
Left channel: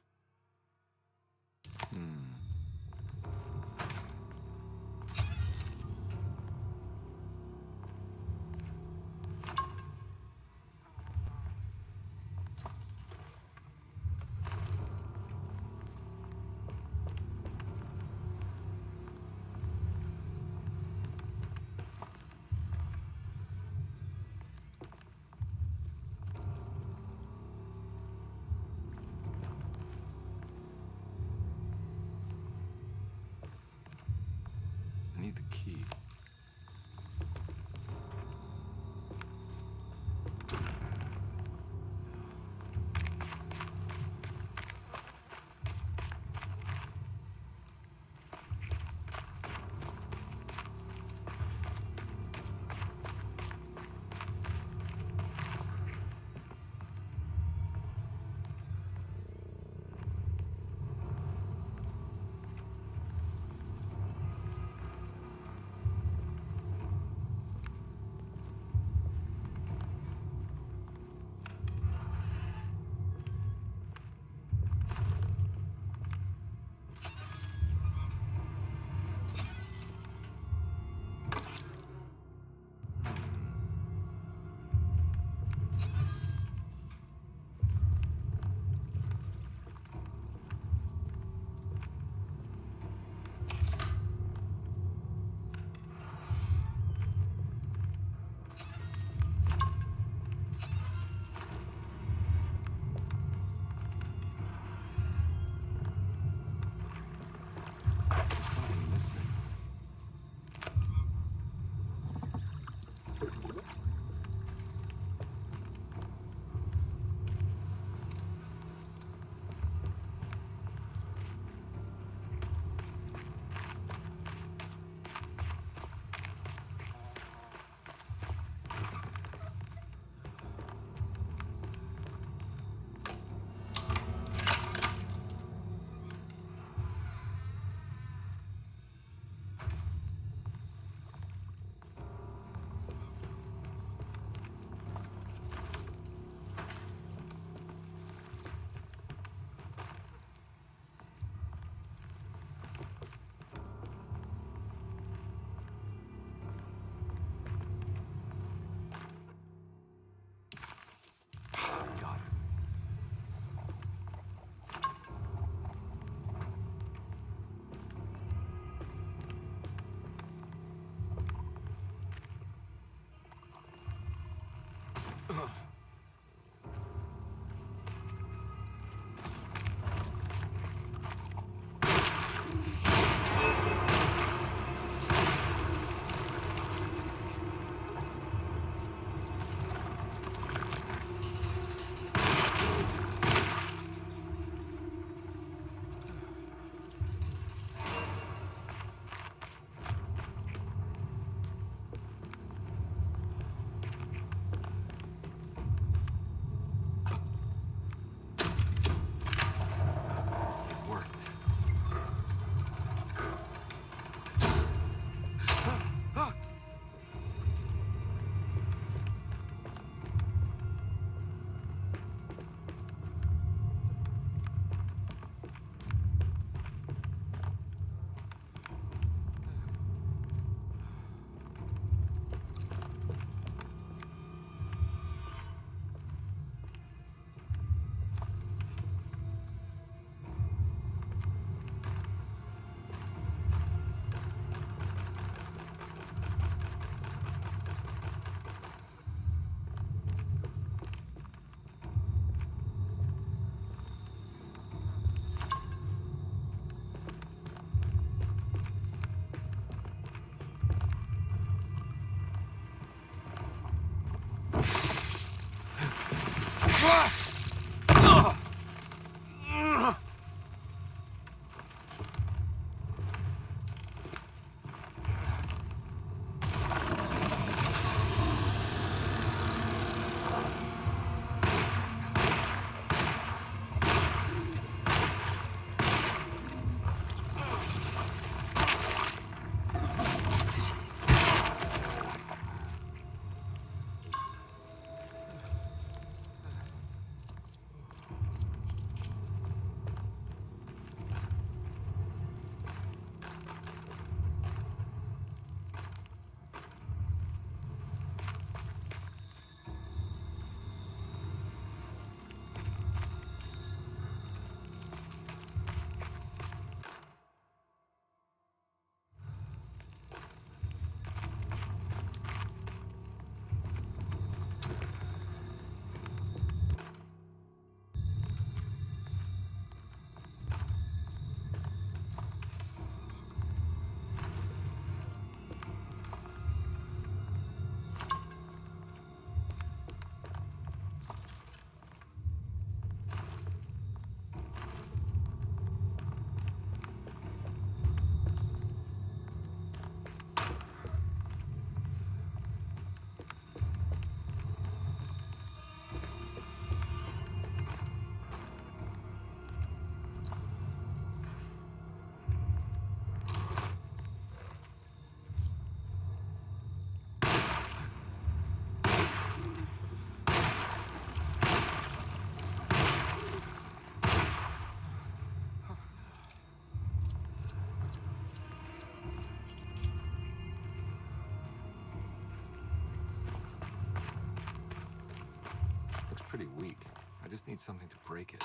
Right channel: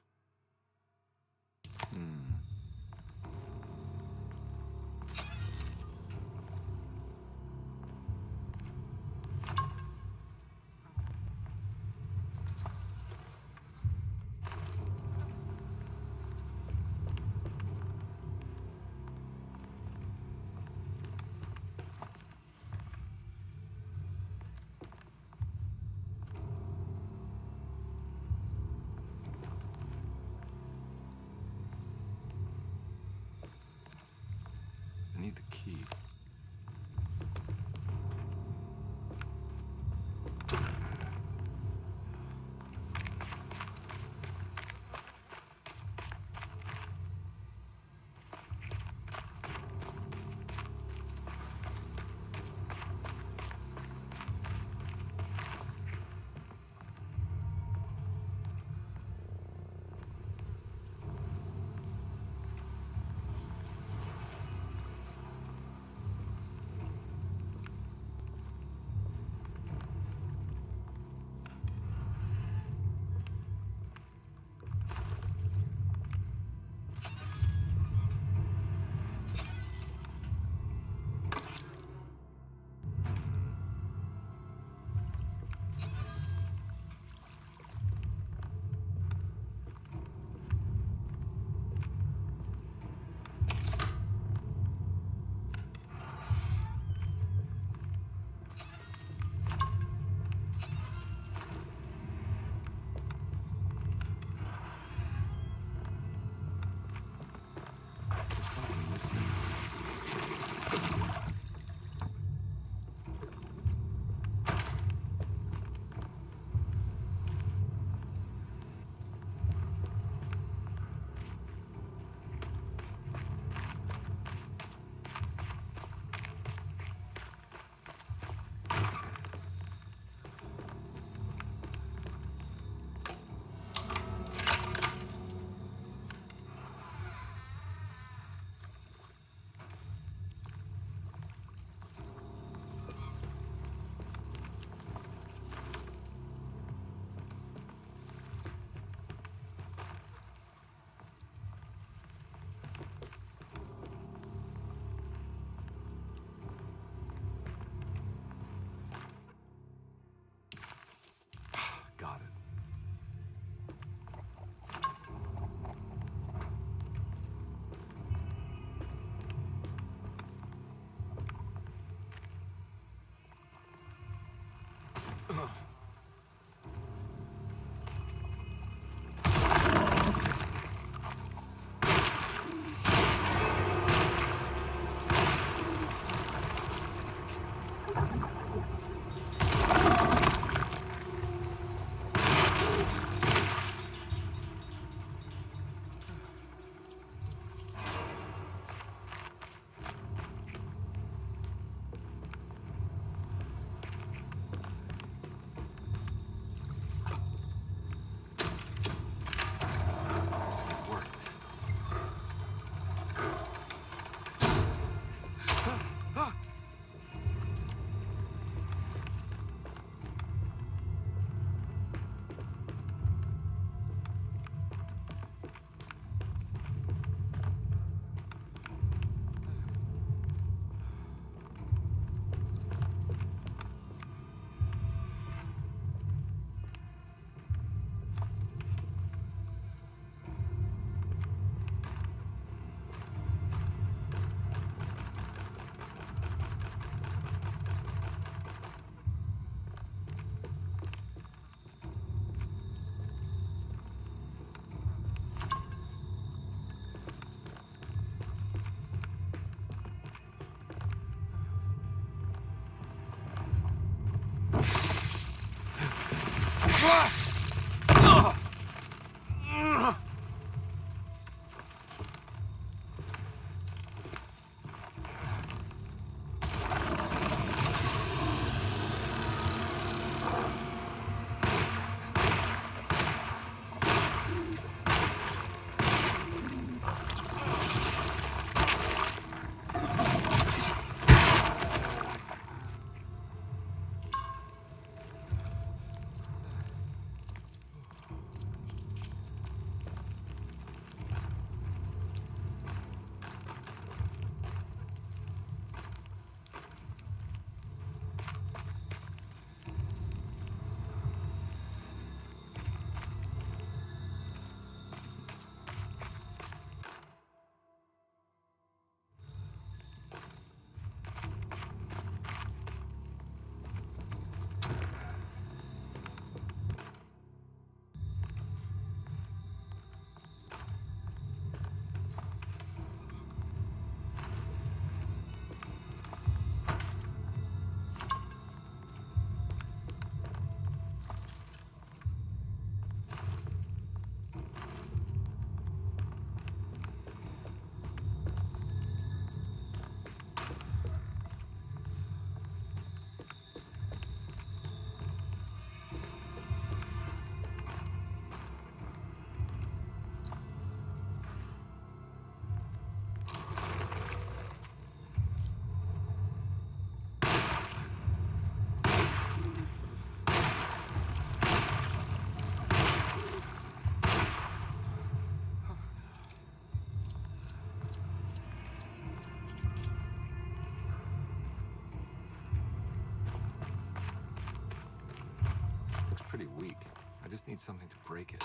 pretty weak. I just need something to break it.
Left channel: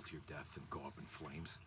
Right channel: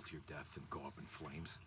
fall to your death and go up in flames.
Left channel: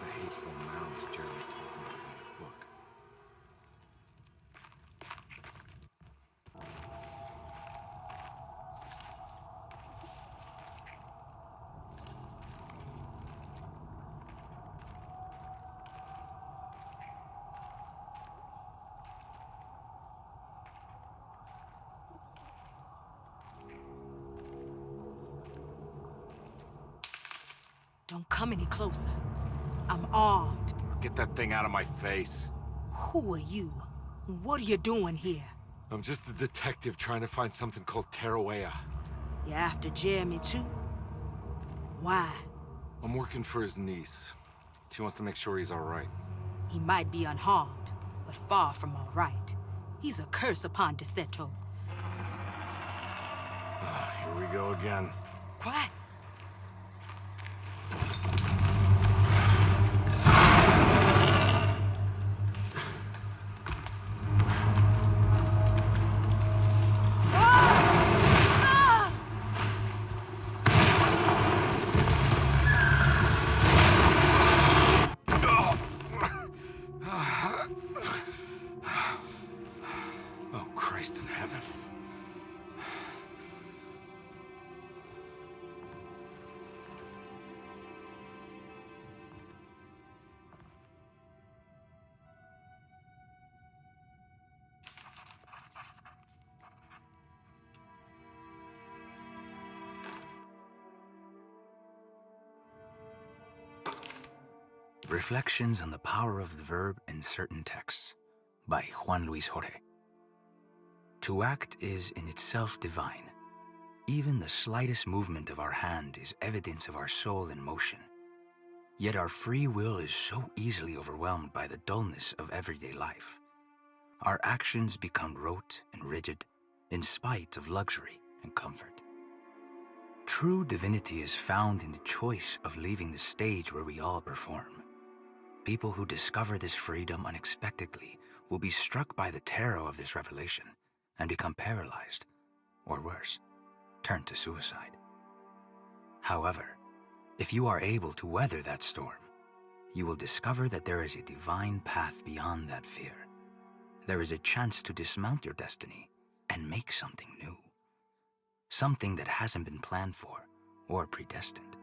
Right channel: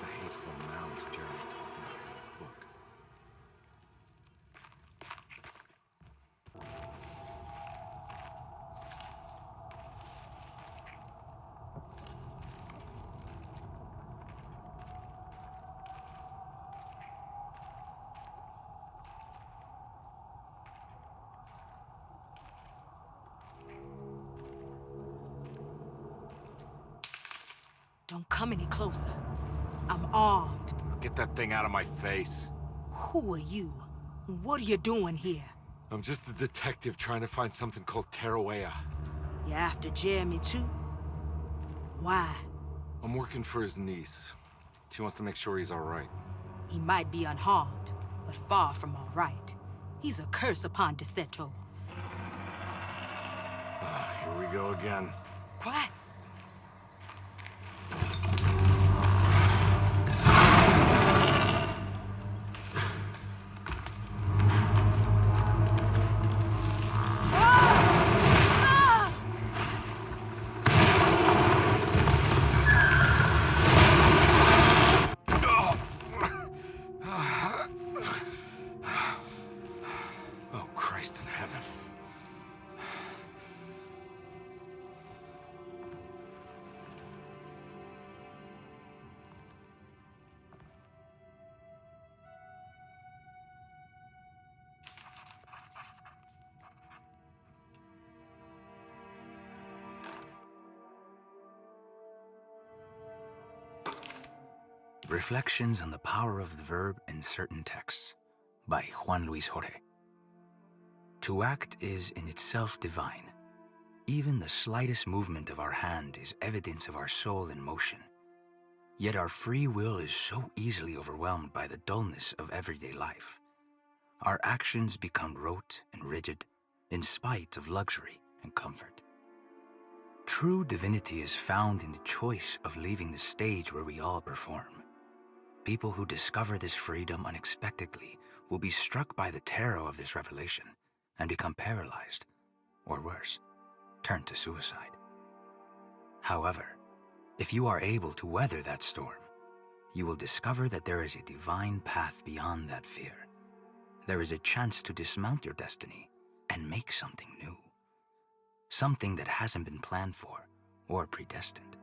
The hateful mounds Jeremy talked about in his book. Don't come any closer. I'm armed. Get that thing out of my face. Who are you? What are you doing here? I'm just a detective trying to find something called Teruea. You after Jeremy too? Why? I'm working for his niece. She wants to make sure he's all right. He might be unharmed, but far from all right. He's a curse upon Deseto. Here we go again. Quiet. Oh, Christ in heaven. Reflections on the Power of the Verb in Certain Texts by Juan Luis Jorge. To act is in itself divine. Even the slightest movement of our hand is evidence of our soul in motion. Yet our free will is so easily overwhelmed by the dullness of everyday life. Our actions become rote and rigid in spite of luxury and comfort. True divinity is found in the choice of leaving the stage where we all perform. People who discover this freedom unexpectedly will be struck by the terror of this revelation and become paralyzed, or worse, turn to suicide. However, if you are able to weather that storm, you will discover that there is a divine path beyond that fear. There is a chance to dismount your destiny and make something new. Something that hasn't been planned for or predestined.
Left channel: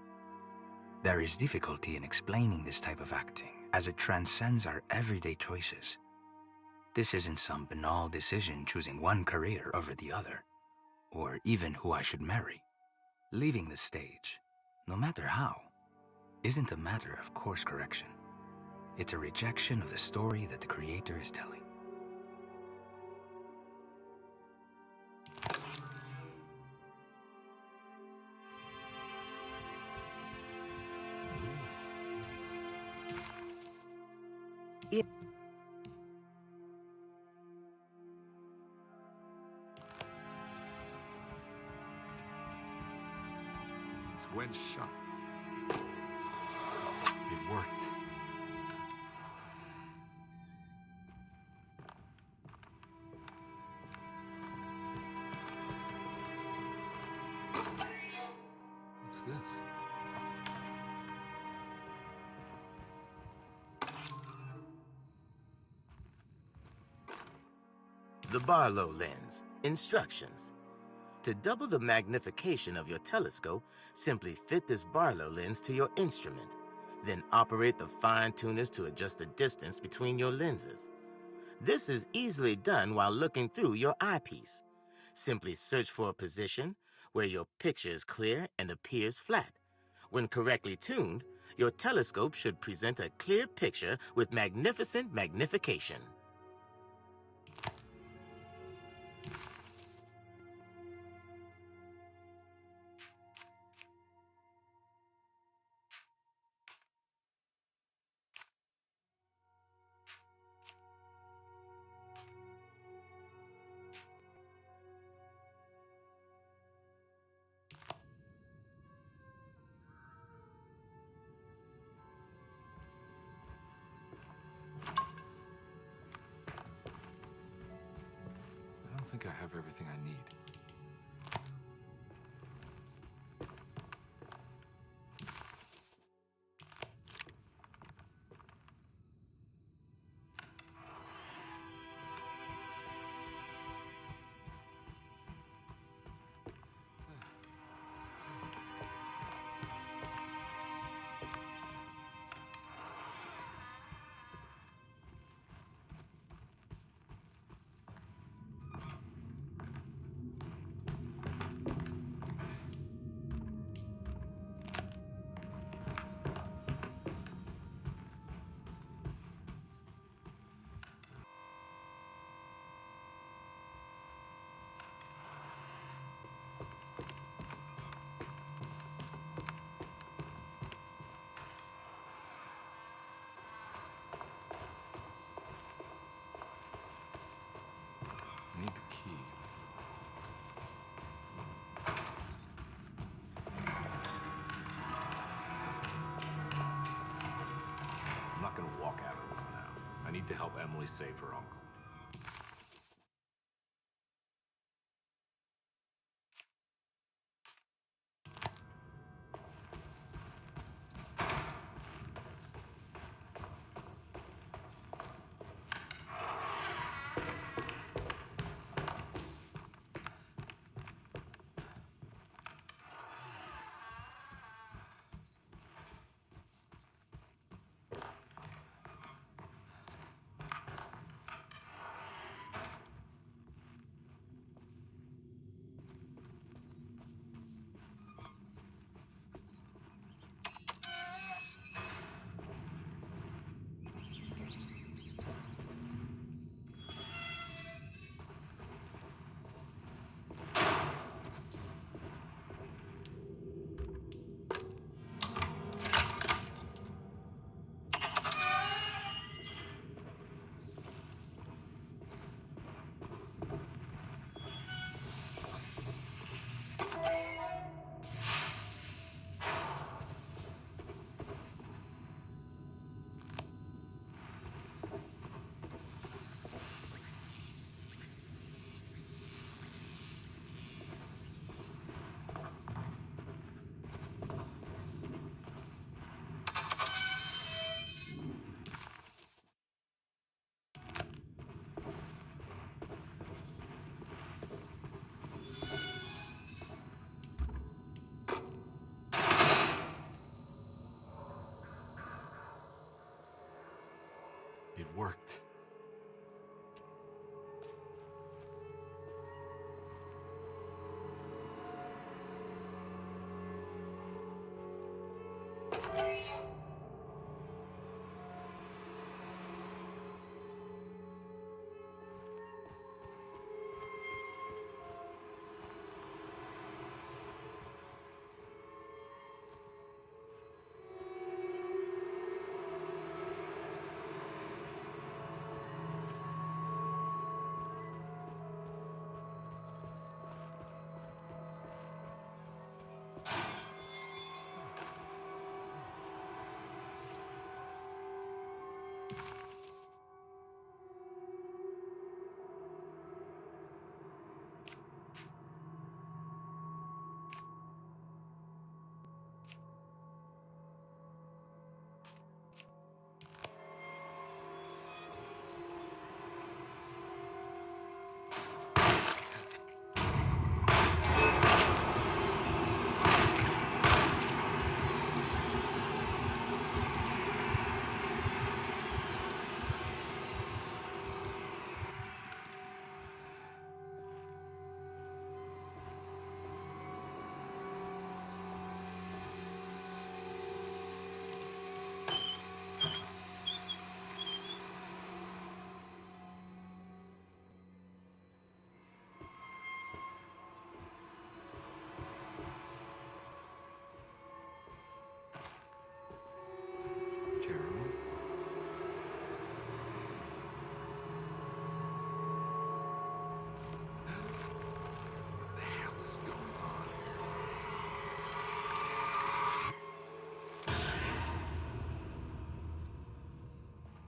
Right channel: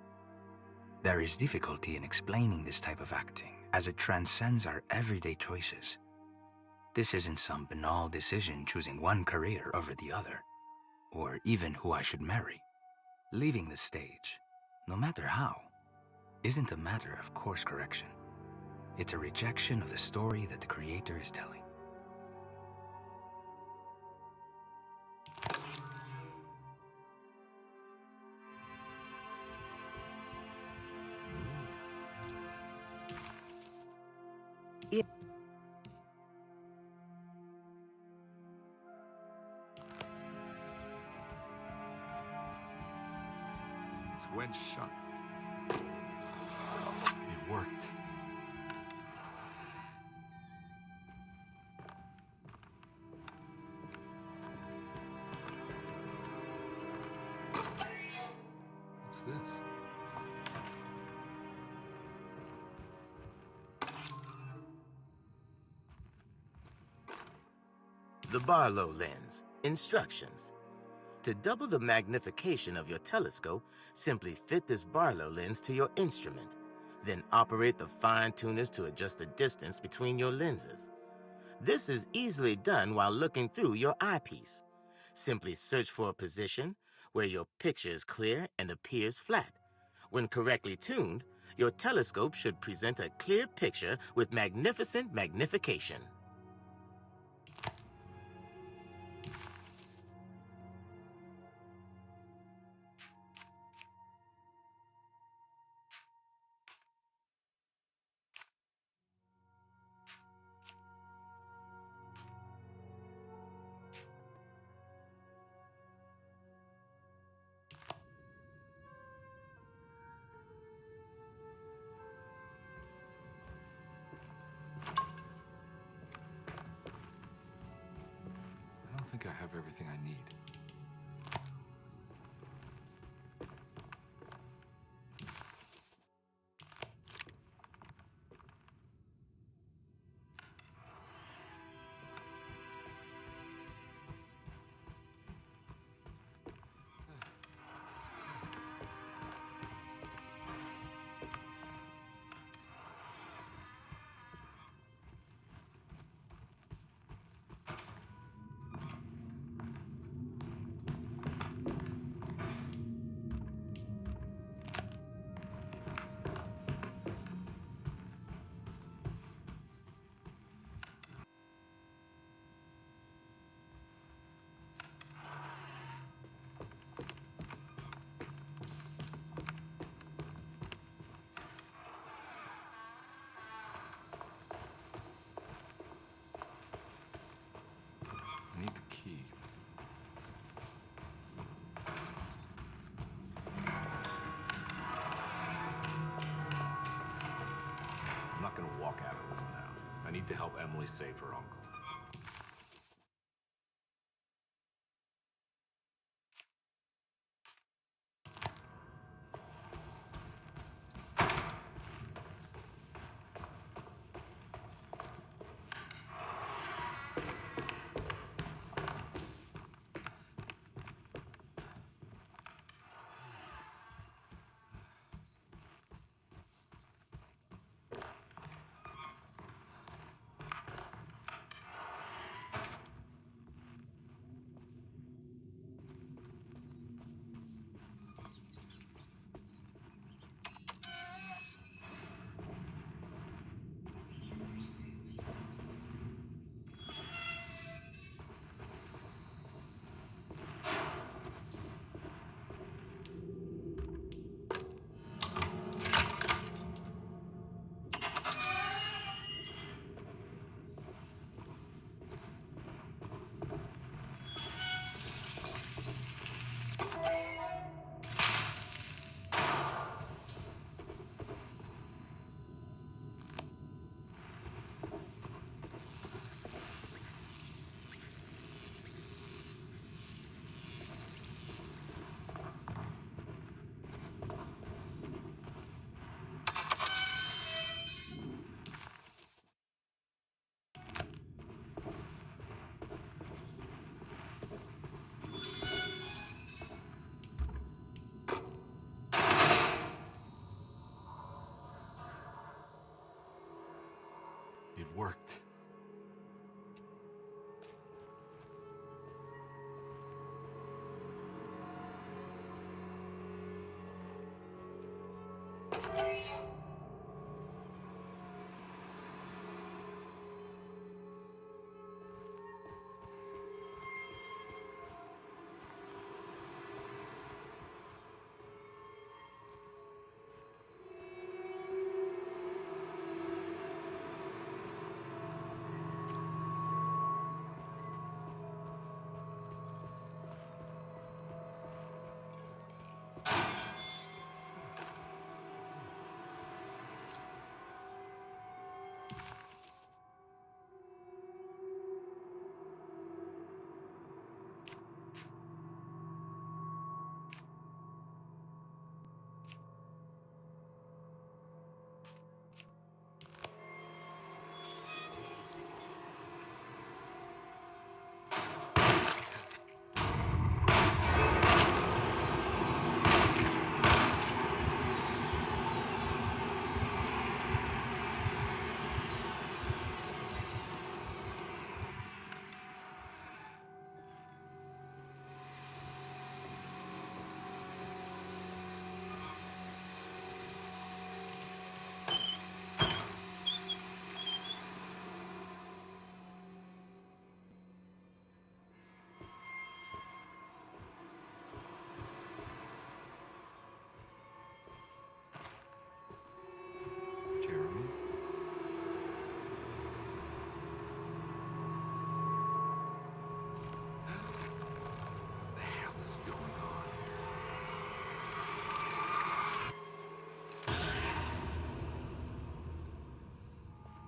There is difficulty in explaining this type of acting as it transcends our everyday choices. This isn't some banal decision choosing one career over the other, or even who I should marry. Leaving the stage, no matter how, isn't a matter of course correction. It's a rejection of the story that the Creator is telling. It's wedged shut. It worked. What's this? The Barlow lens. Instructions. To double the magnification of your telescope, simply fit this Barlow lens to your instrument. Then operate the fine tuners to adjust the distance between your lenses. This is easily done while looking through your eyepiece. Simply search for a position where your picture is clear and appears flat. When correctly tuned, your telescope should present a clear picture with magnificent magnification. I don't think I have everything I need. I need the key. I'm not gonna walk out of this now. I need to help Emily save her uncle. worked. Jeremy? What the hell is going on here?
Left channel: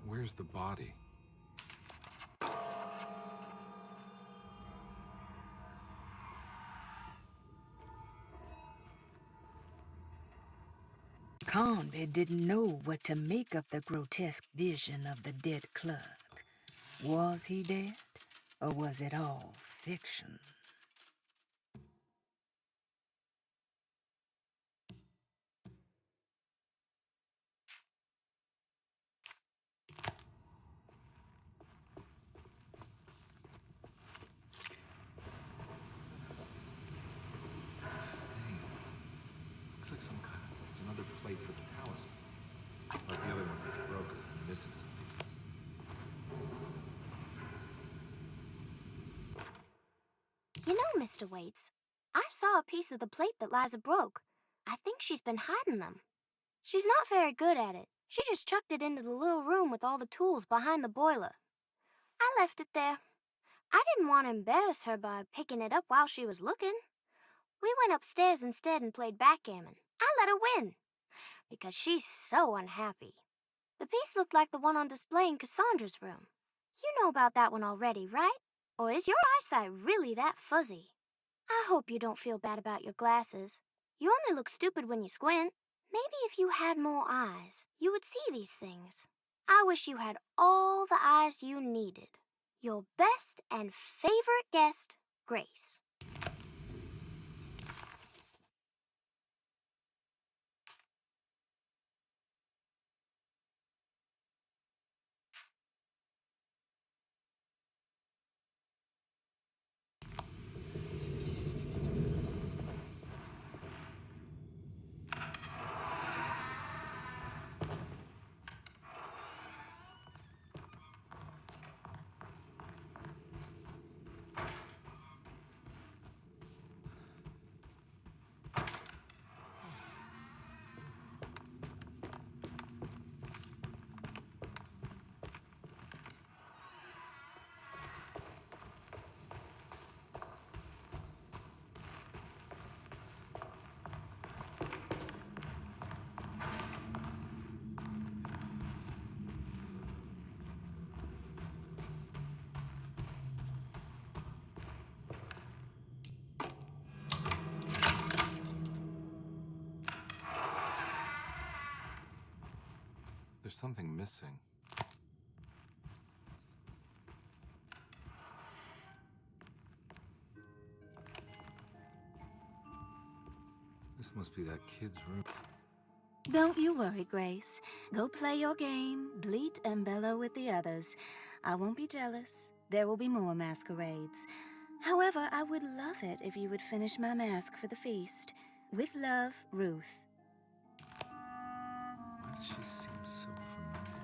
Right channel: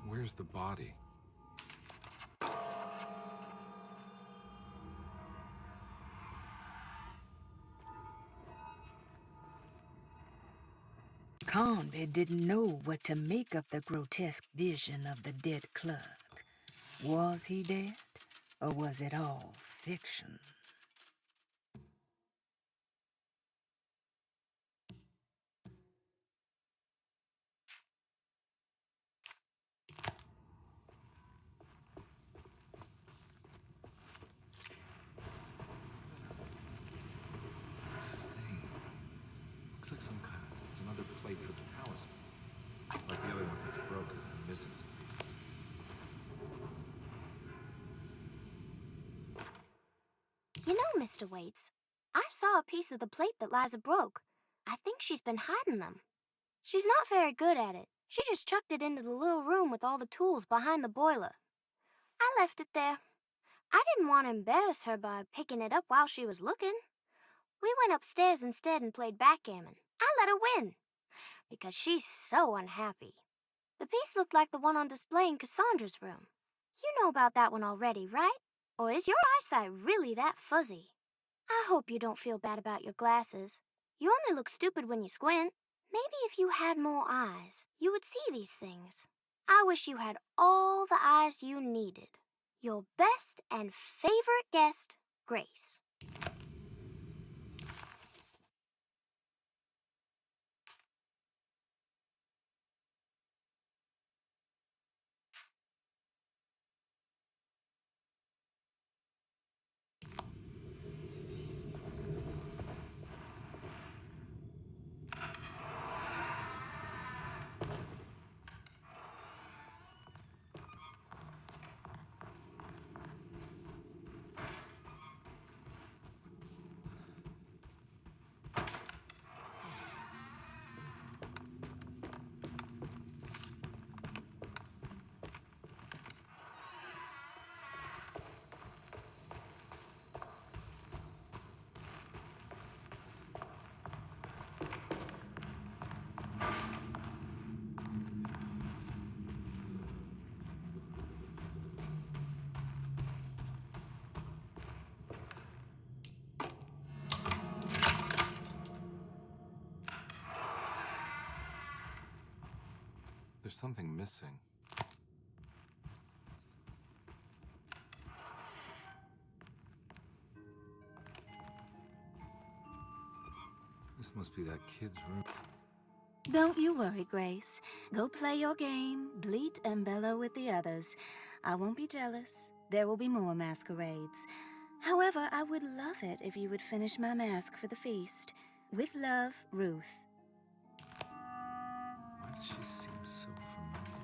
Where's the body? Conway didn't know what to make of the grotesque vision of the dead clerk. Was he dead, or was it all fiction? Stain. Looks like some kind of... It's another plate for the talisman. Like the other one that's broken and missing some pieces. You know, Mr. Waits, I saw a piece of the plate that Liza broke. I think she's been hiding them. She's not very good at it. She just chucked it into the little room with all the tools behind the boiler. I left it there. I didn't want to embarrass her by picking it up while she was looking. We went upstairs instead and played backgammon. I let her win, because she's so unhappy. The piece looked like the one on display in Cassandra's room. You know about that one already, right? Or is your eyesight really that fuzzy? I hope you don't feel bad about your glasses. You only look stupid when you squint. Maybe if you had more eyes, you would see these things. I wish you had all the eyes you needed. Your best and favorite guest, Grace. There's something missing. This must be that kid's room. Don't you worry, Grace. Go play your game, bleat and bellow with the others. I won't be jealous. There will be more masquerades. However, I would love it if you would finish my mask for the feast. With love, Ruth. Why does she seem so familiar?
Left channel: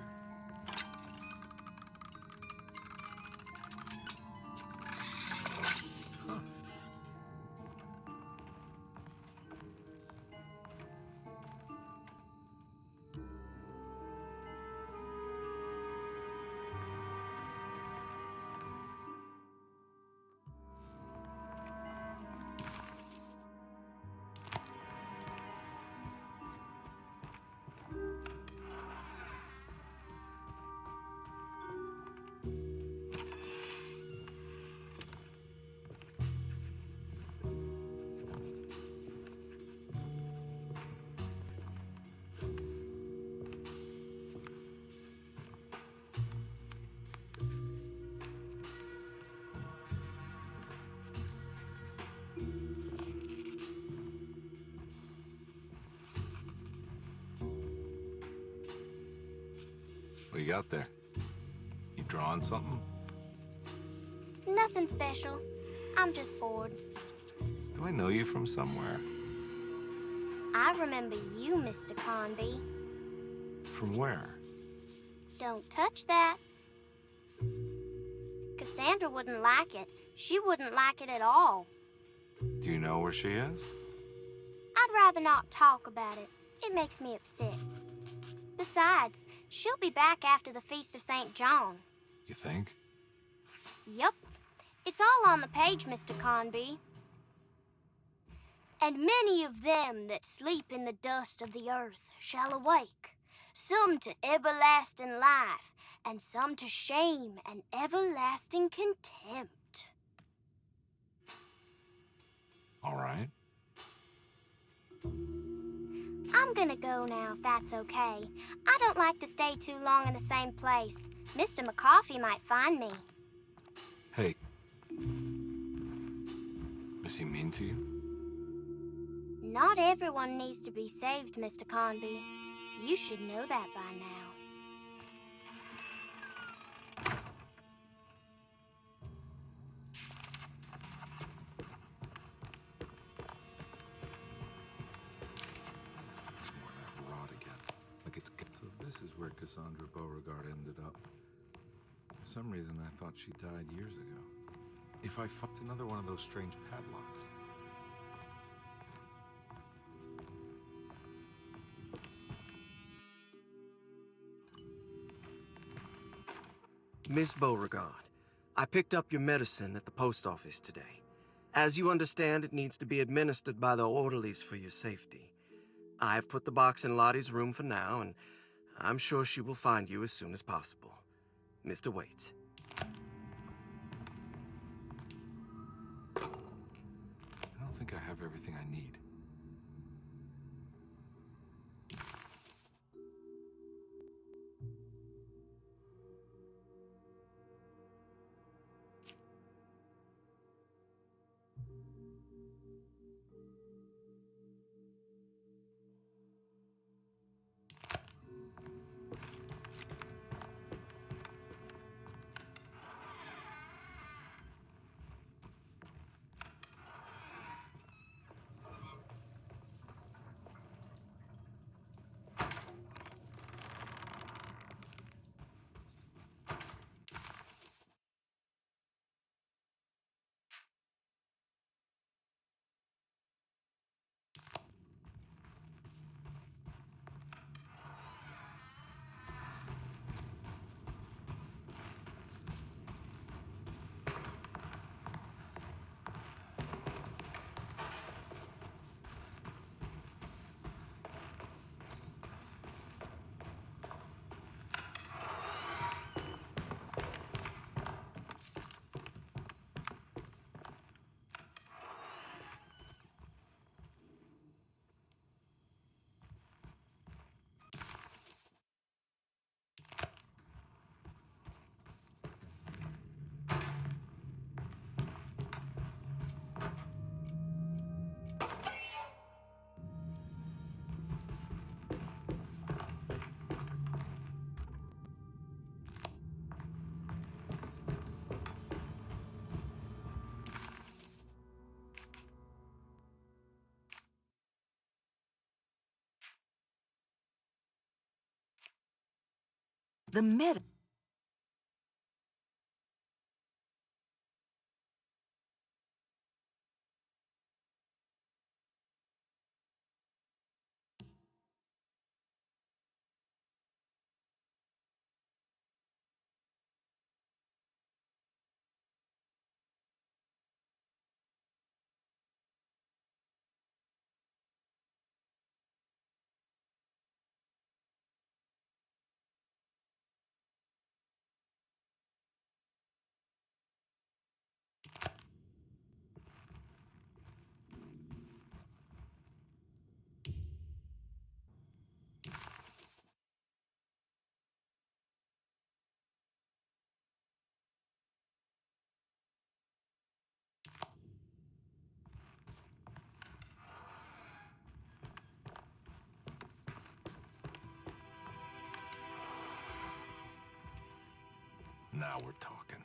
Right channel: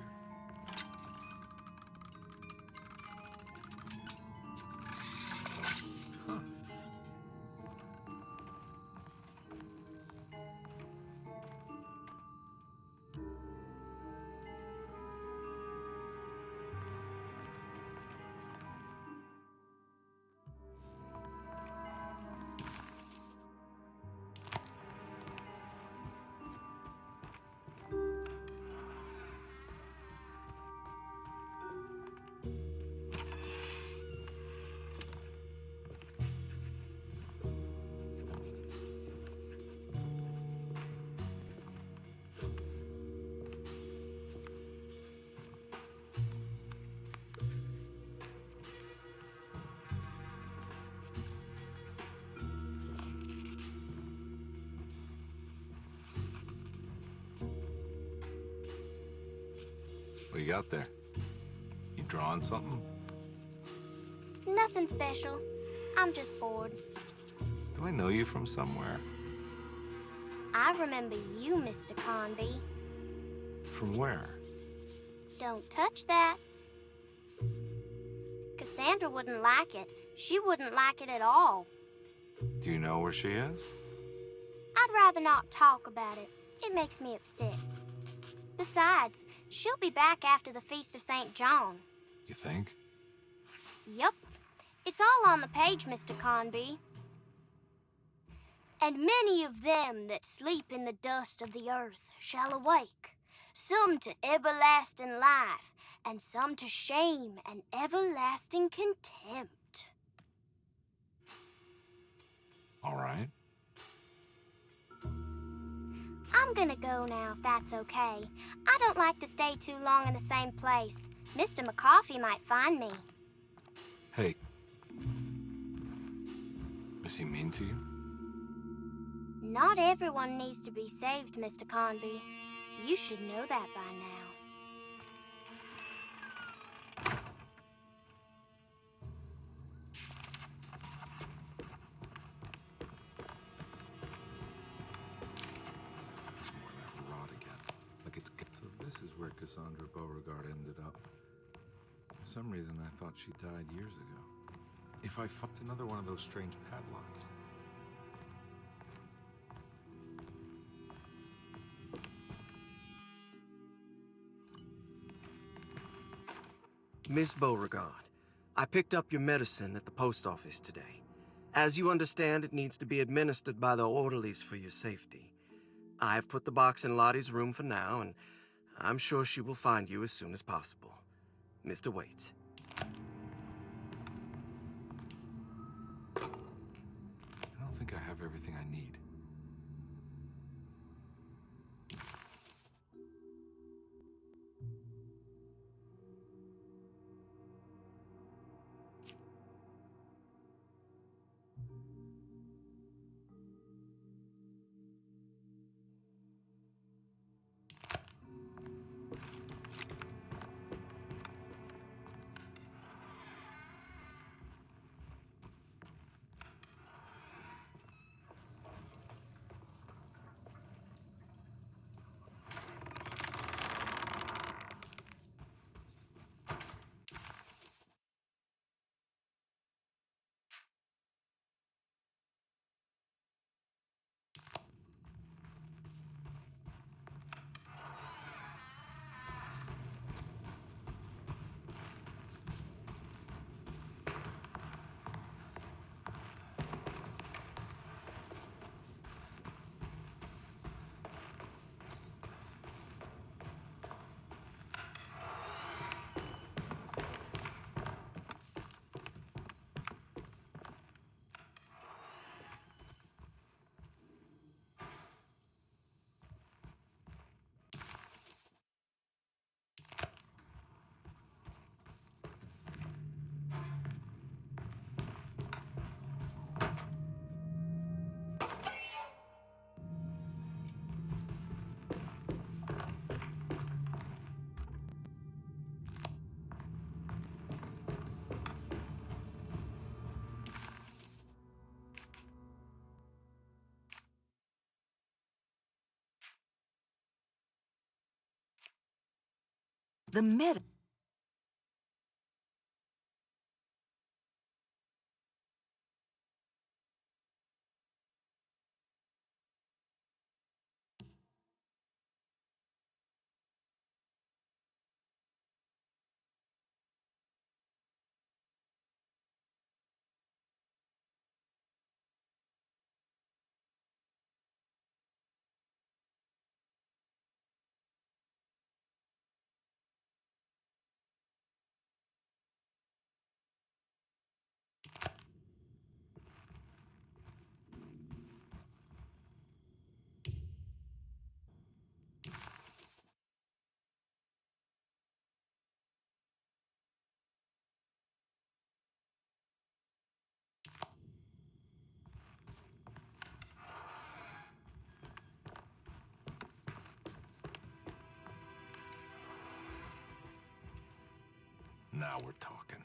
Huh. What you got there? You drawing something? Nothing special. I'm just bored. Do I know you from somewhere? I remember you, Mr. Conby. From where? Don't touch that. Cassandra wouldn't like it. She wouldn't like it at all. Do you know where she is? I'd rather not talk about it. It makes me upset. Besides, she'll be back after the Feast of St. John. You think? Yup. It's all on the page, Mr. Conby. And many of them that sleep in the dust of the earth shall awake, some to everlasting life, and some to shame and everlasting contempt. All right. I'm gonna go now, if that's okay. I don't like to stay too long in the same place. Mr. McCoffey might find me. Hey. Is he mean to you? Not everyone needs to be saved, Mr. Conby. You should know that by now. More of that rot again. Like it's... So this is where Cassandra Beauregard ended up. For some reason, I thought she died years ago. If I fucked another one of those strange padlocks. Miss Beauregard, I picked up your medicine at the post office today. As you understand, it needs to be administered by the orderlies for your safety. I've put the box in Lottie's room for now, and I'm sure she will find you as soon as possible. Mr. Waits. I don't think I have everything I need. The med... Now we're talking.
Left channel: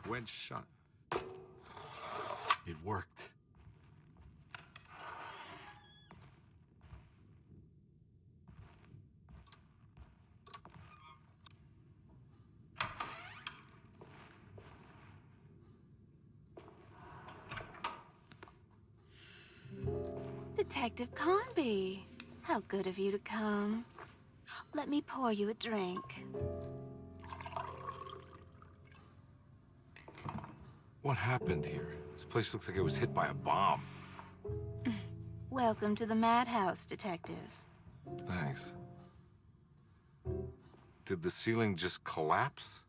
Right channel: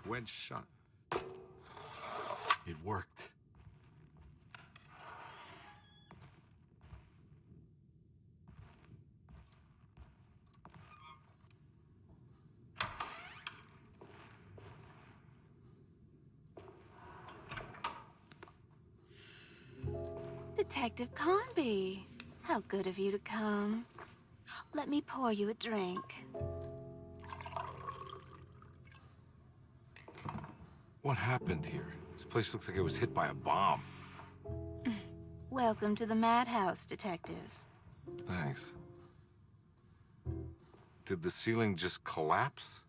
It's wedged shut. It worked. The Detective Carnby. How good of you to come. Let me pour you a drink. What happened here? This place looks like it was hit by a bomb. Welcome to the madhouse, Detective. Thanks. Did the ceiling just collapse?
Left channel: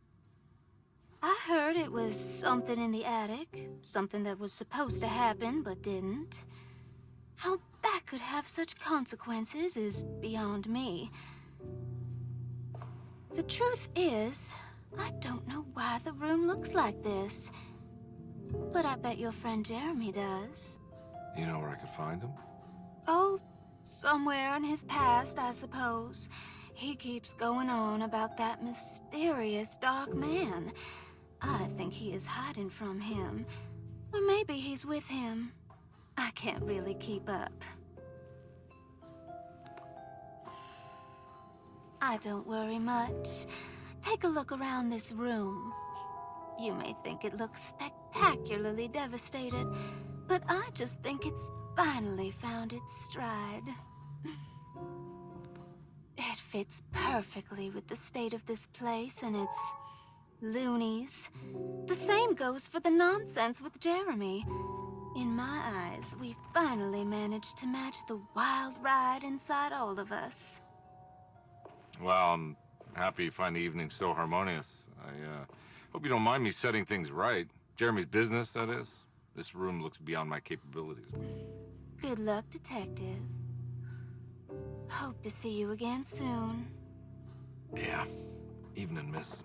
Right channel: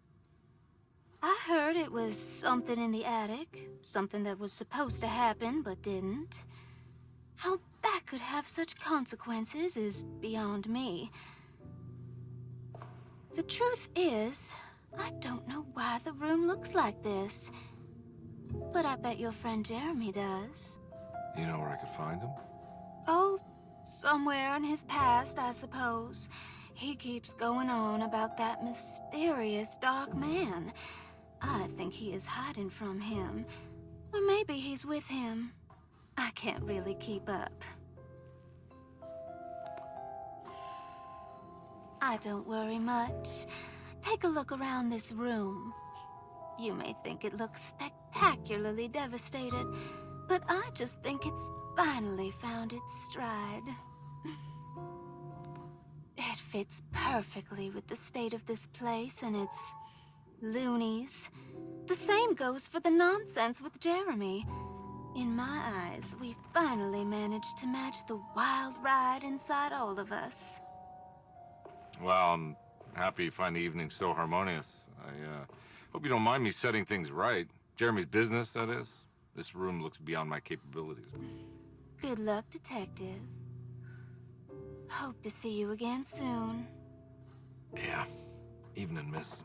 I heard it was something in the attic. Something that was supposed to happen, but didn't. How that could have such consequences is beyond me. The truth is, I don't know why the room looks like this. But I bet your friend Jeremy does. You know where I could find him? Oh, somewhere in his past, I suppose. He keeps going on about that mysterious dark man. I think he is hiding from him. Or maybe he's with him. I can't really keep up. I don't worry much. Take a look around this room. You may think it looks spectacularly devastated, but I just think it's finally found its stride. It fits perfectly with the state of this place and its loonies. The same goes for the nonsense with Jeremy. In my eyes, we finally managed to match the wild ride inside all of us. Well, I'm happy you find the evening so harmonious. I hope you don't mind me setting things right. Jeremy's business, that is. This room looks beyond my capabilities. Good luck, Detective. Hope to see you again soon. Yeah. Evening, miss.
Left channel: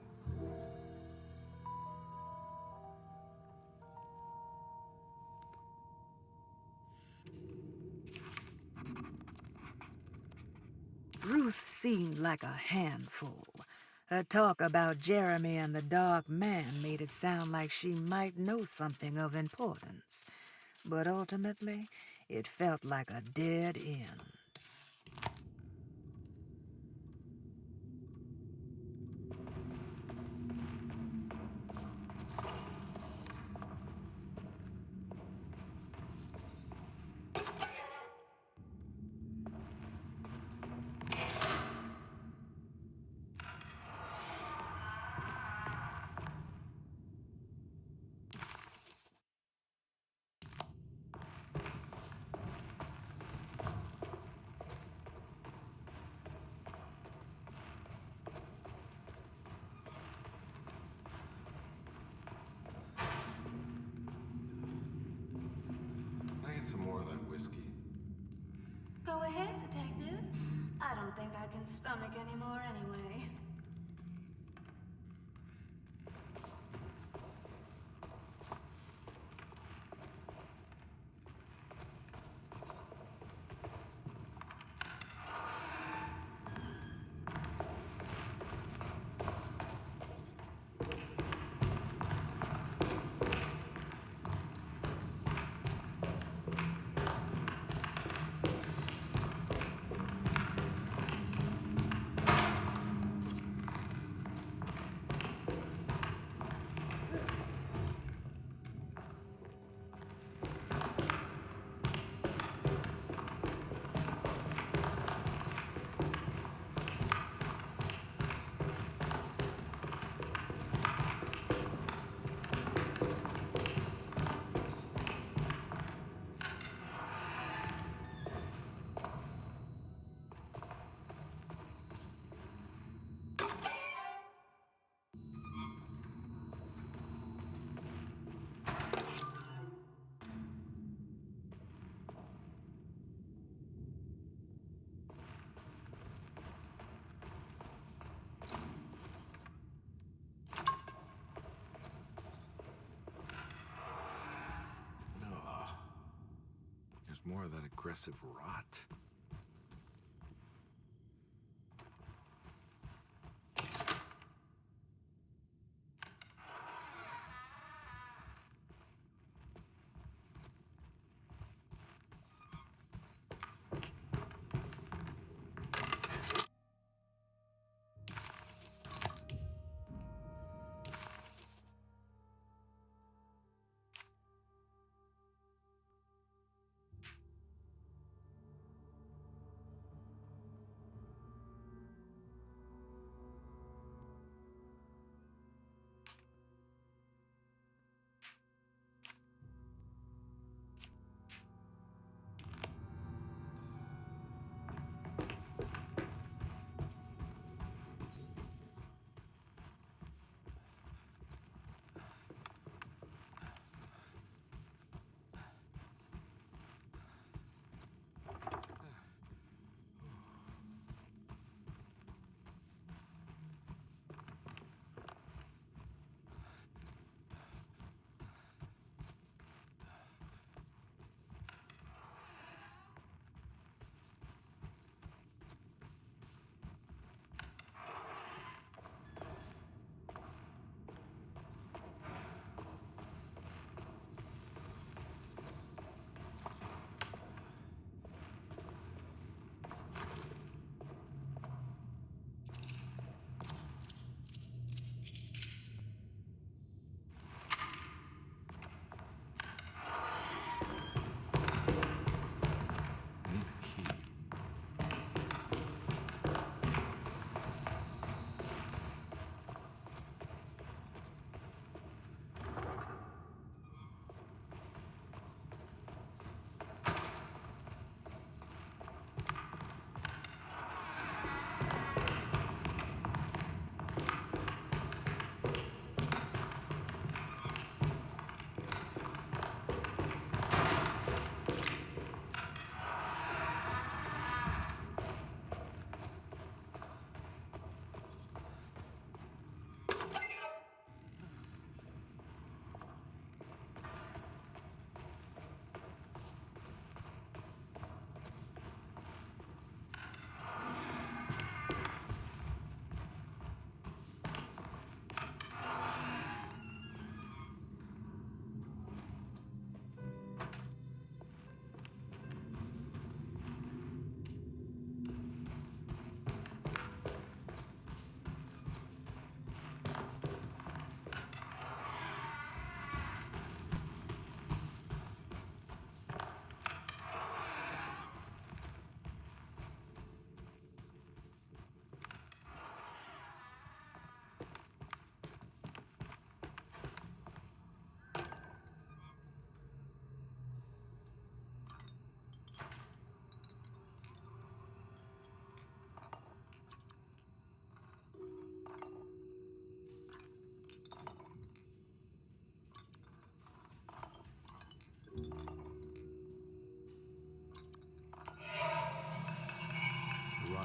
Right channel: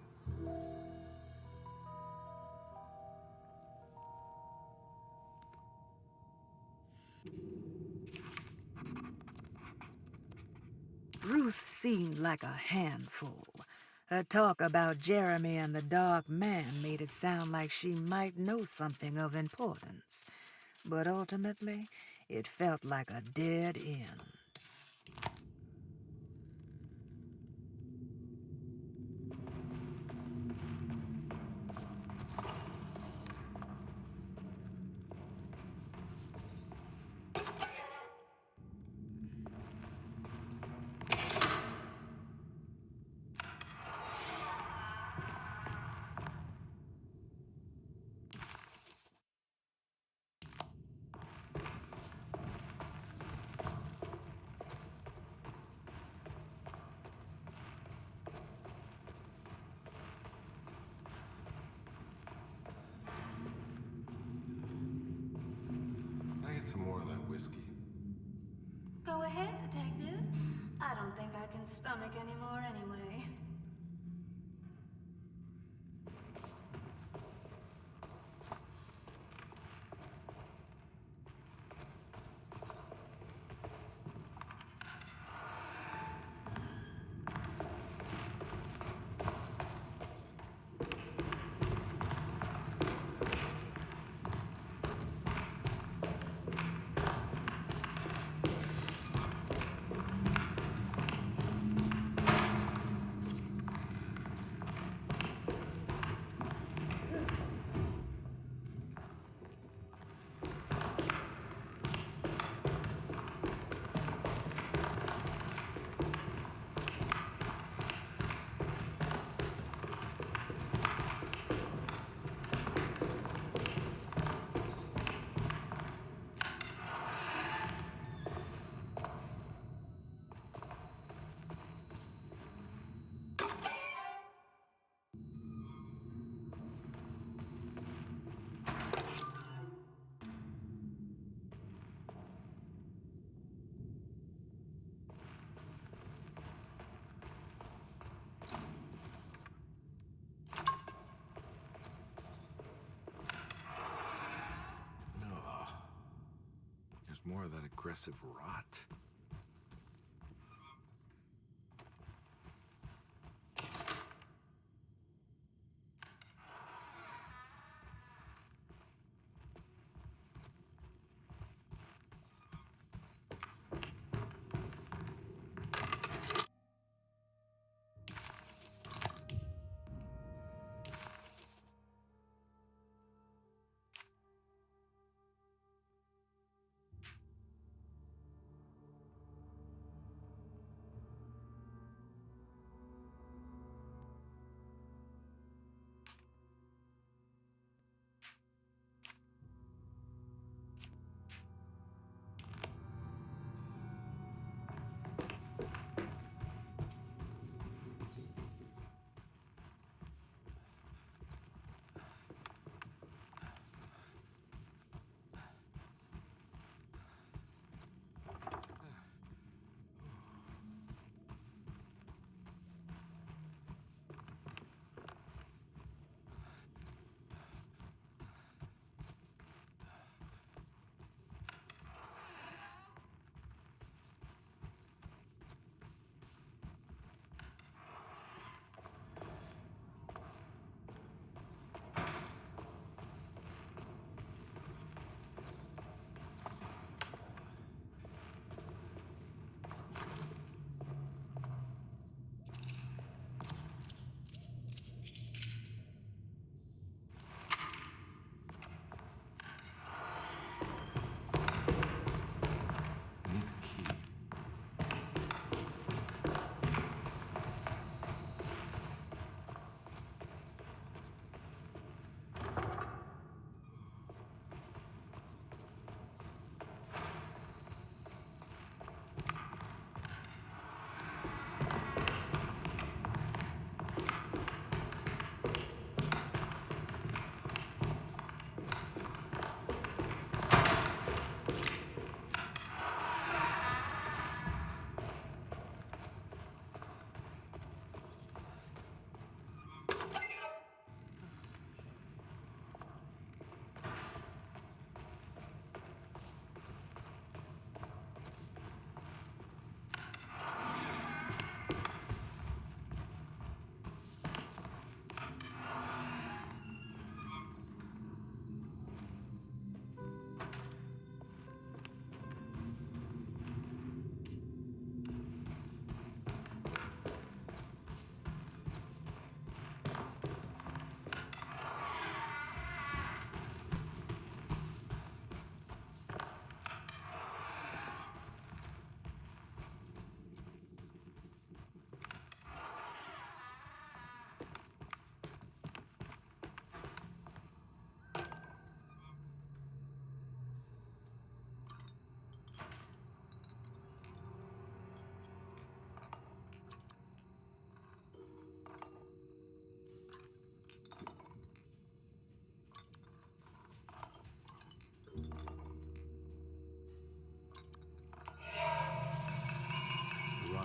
Ruth seemed like a handful. Her talk about Jeremy and the Dark Man made it sound like she might know something of importance. But ultimately, it felt like a dead end. Can I get some more of that whiskey? Go ahead, Detective. I don't think I can stomach anymore anyway. More of that aggressive rot.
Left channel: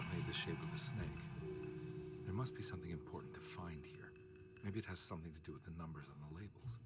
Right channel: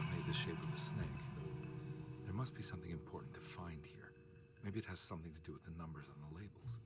saw made the shape of a snake. There must be something important to find here. Maybe it has something to do with the numbers on the labels.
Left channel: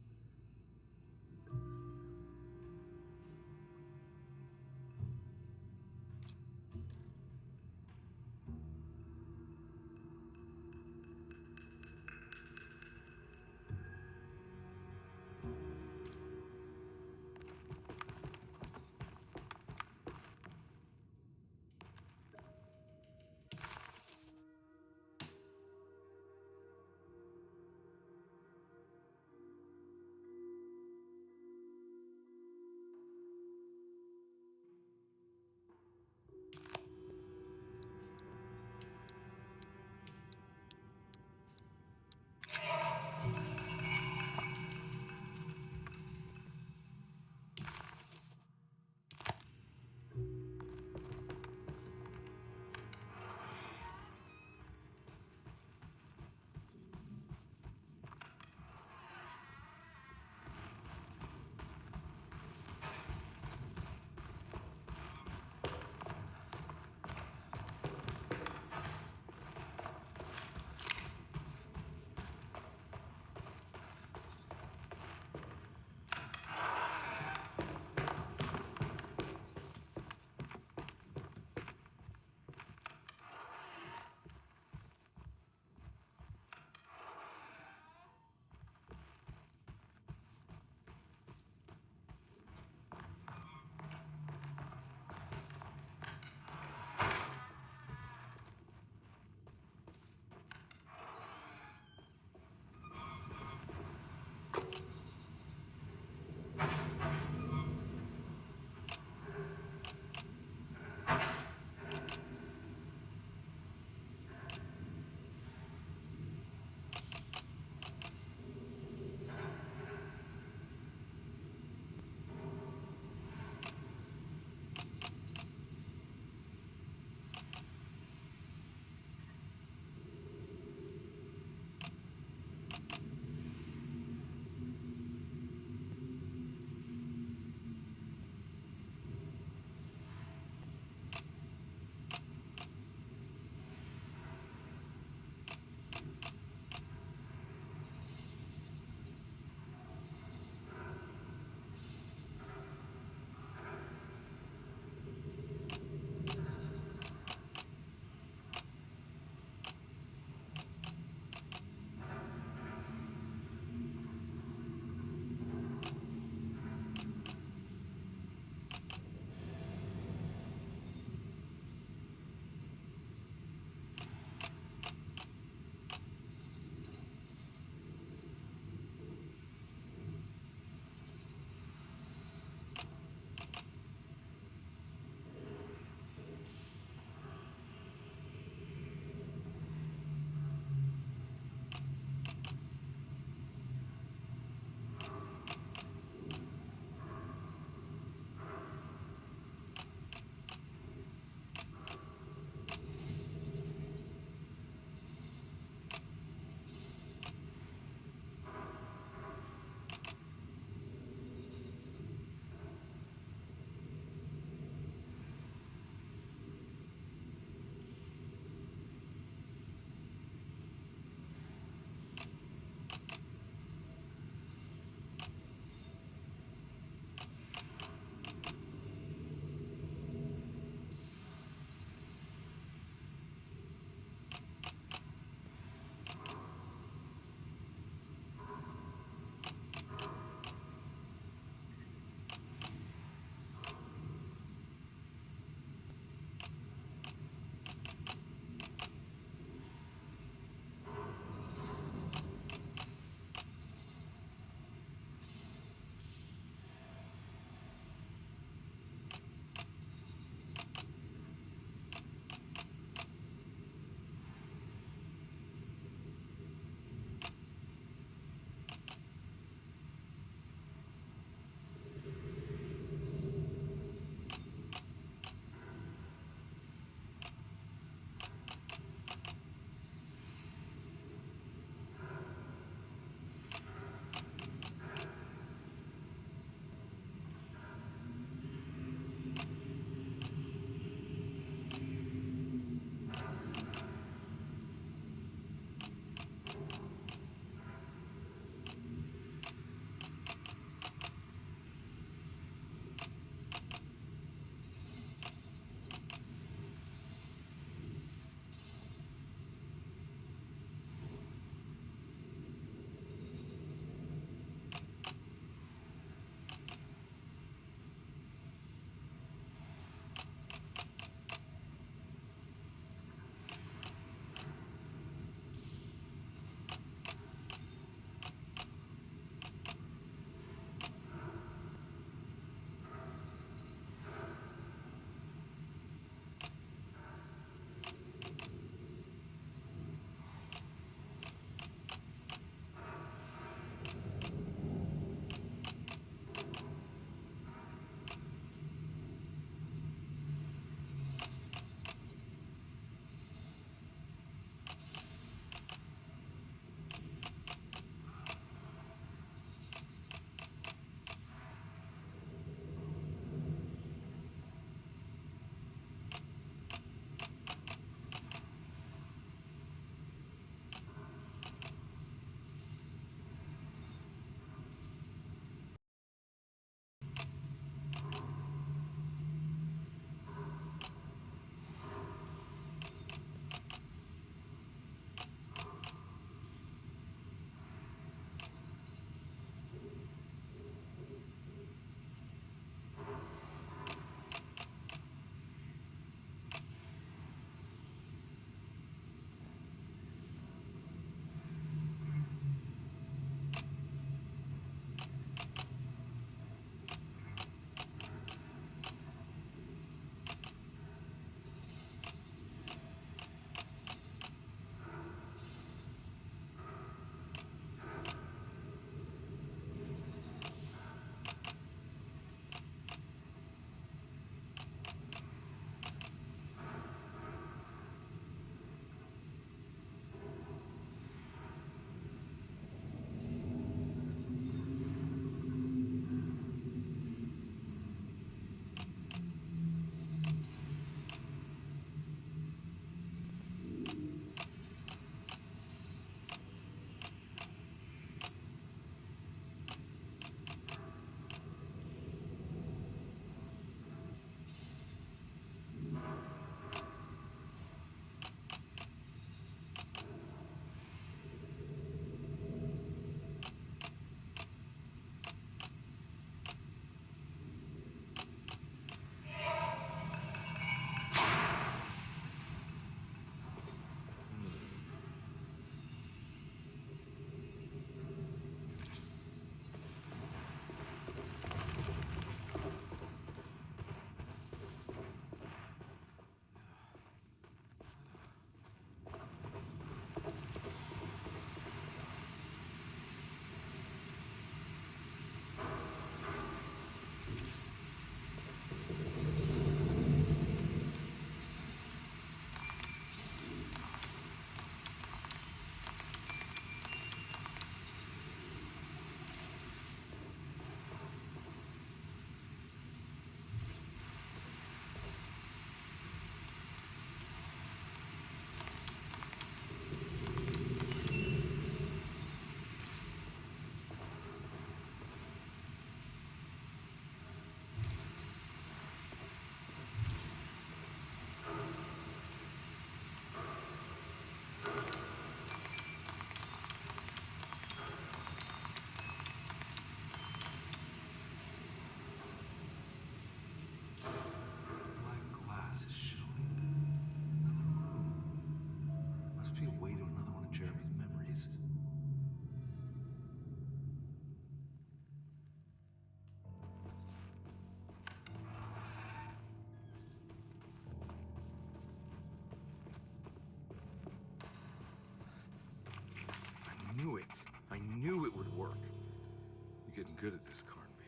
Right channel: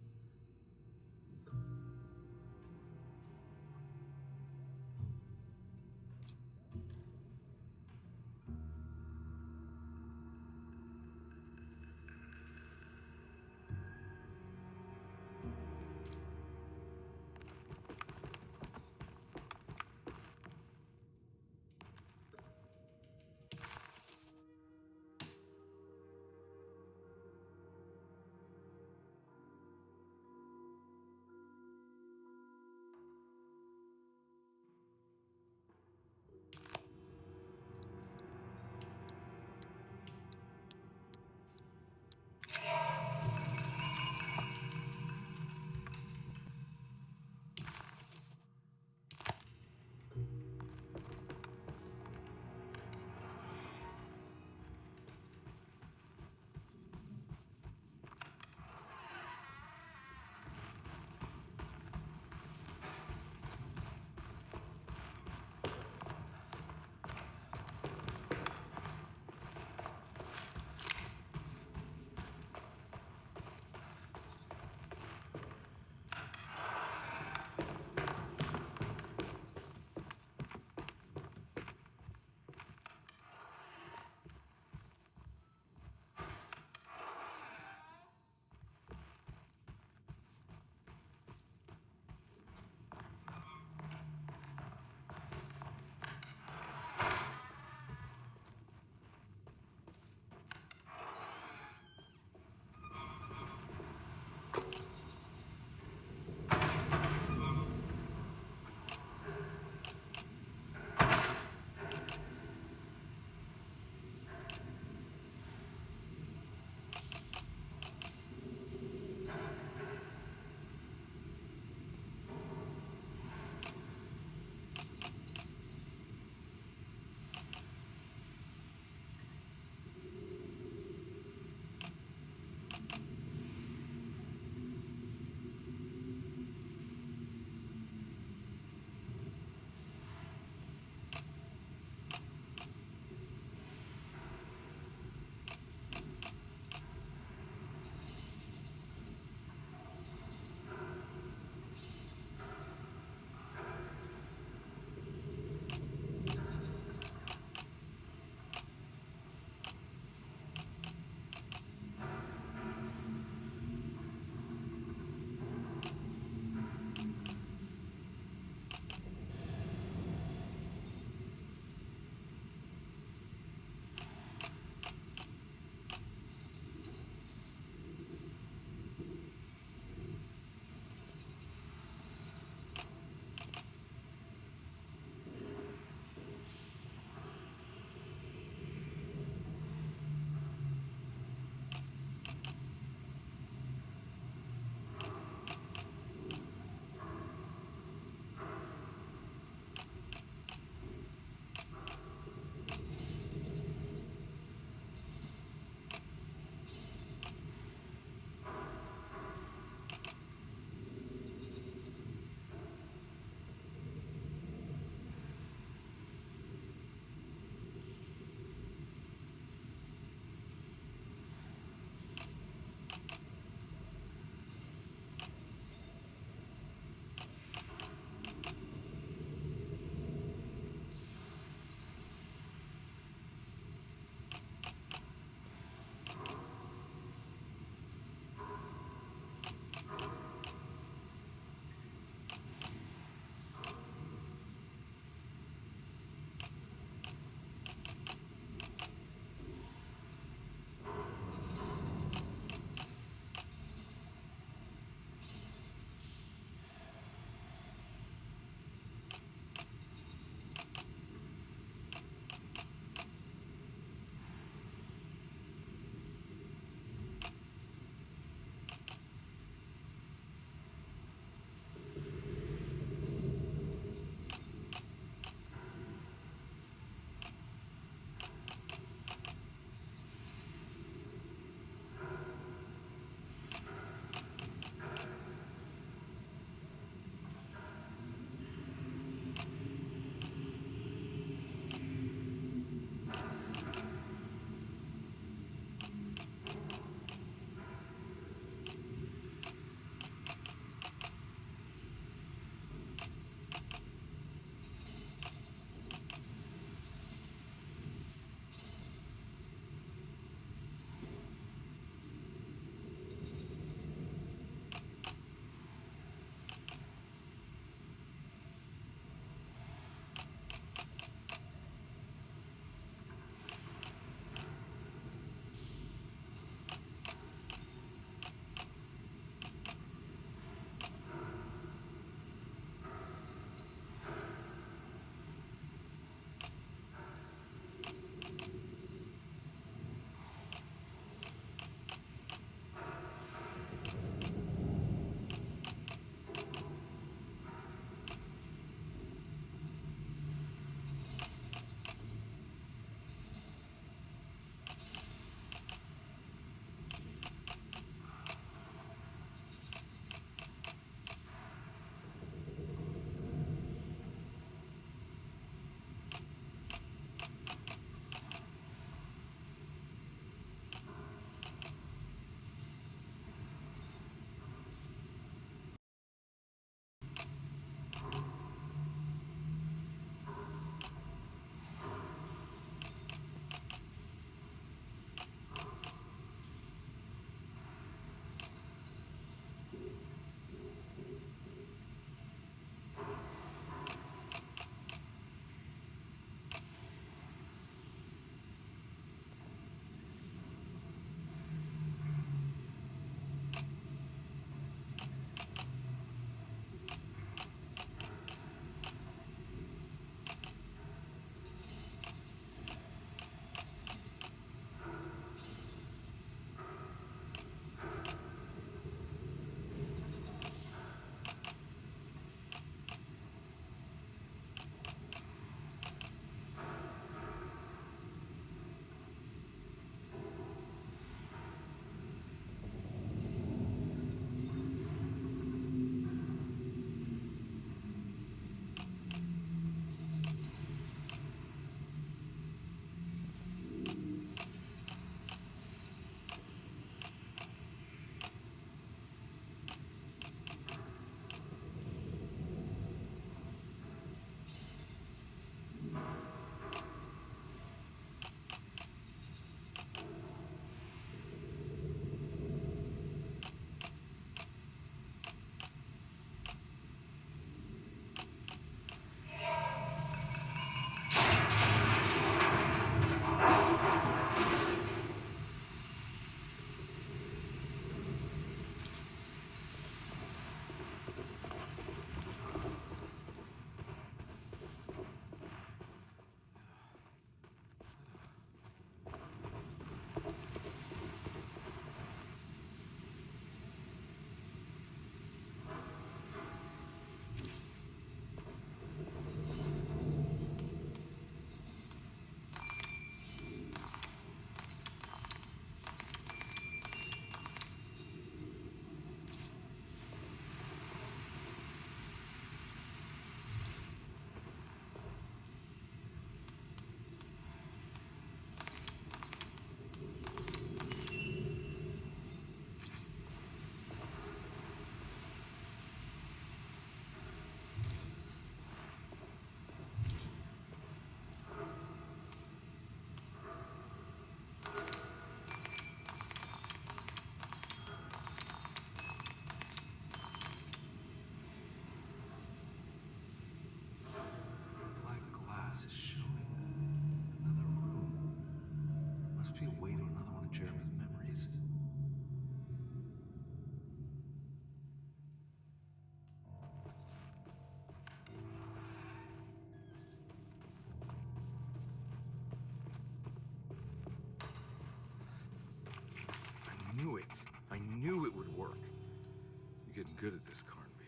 getting good at this, Carnby.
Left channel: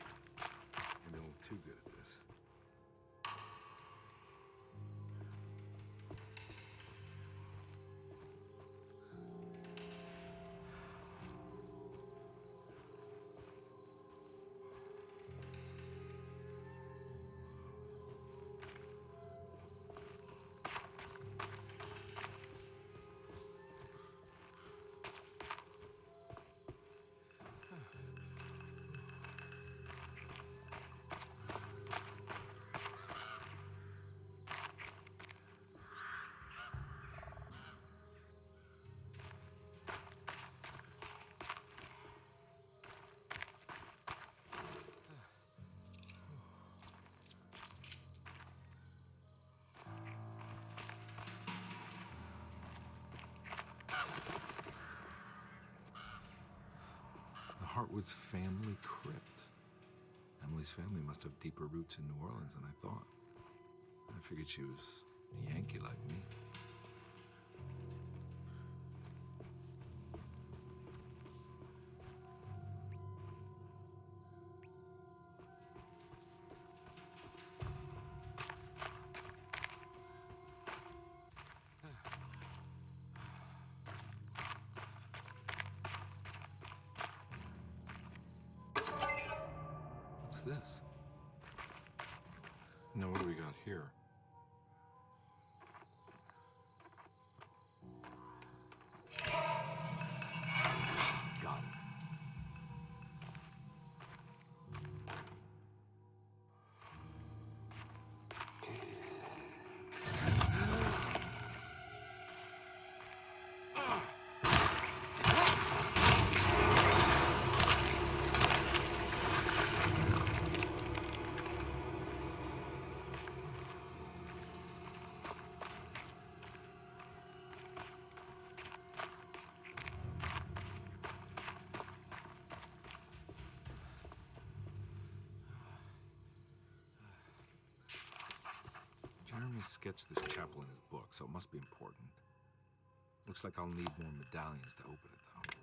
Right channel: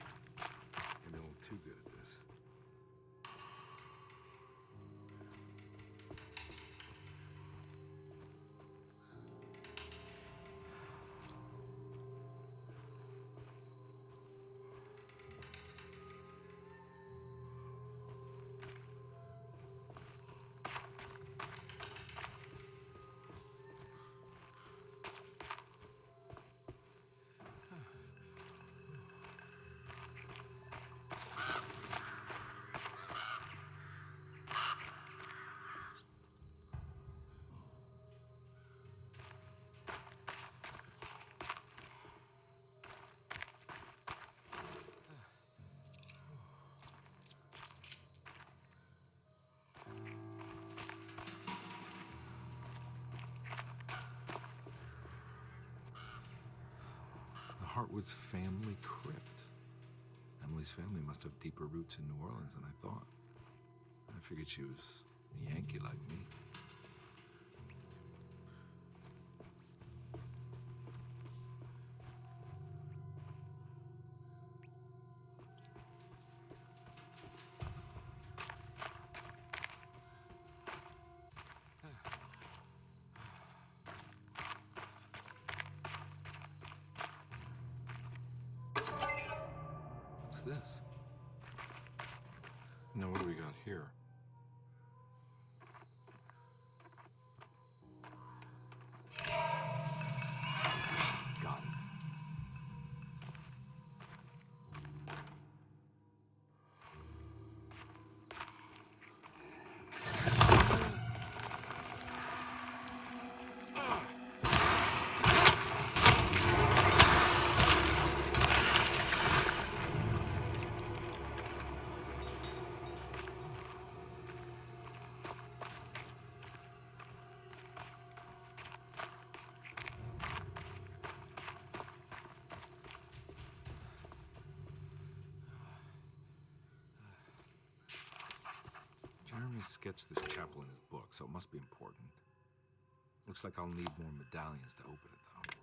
Maybe a little too good at this. Hartwood's family crypt. Emily's family must have deeper roots in New Orleans than I thought. I figured she was a Yankee like me. What's this? Now, what do we got here? Got it. Jeremy sketched this chapel in his book, so it must be important. Looks like I'll need more medallions to open it, though.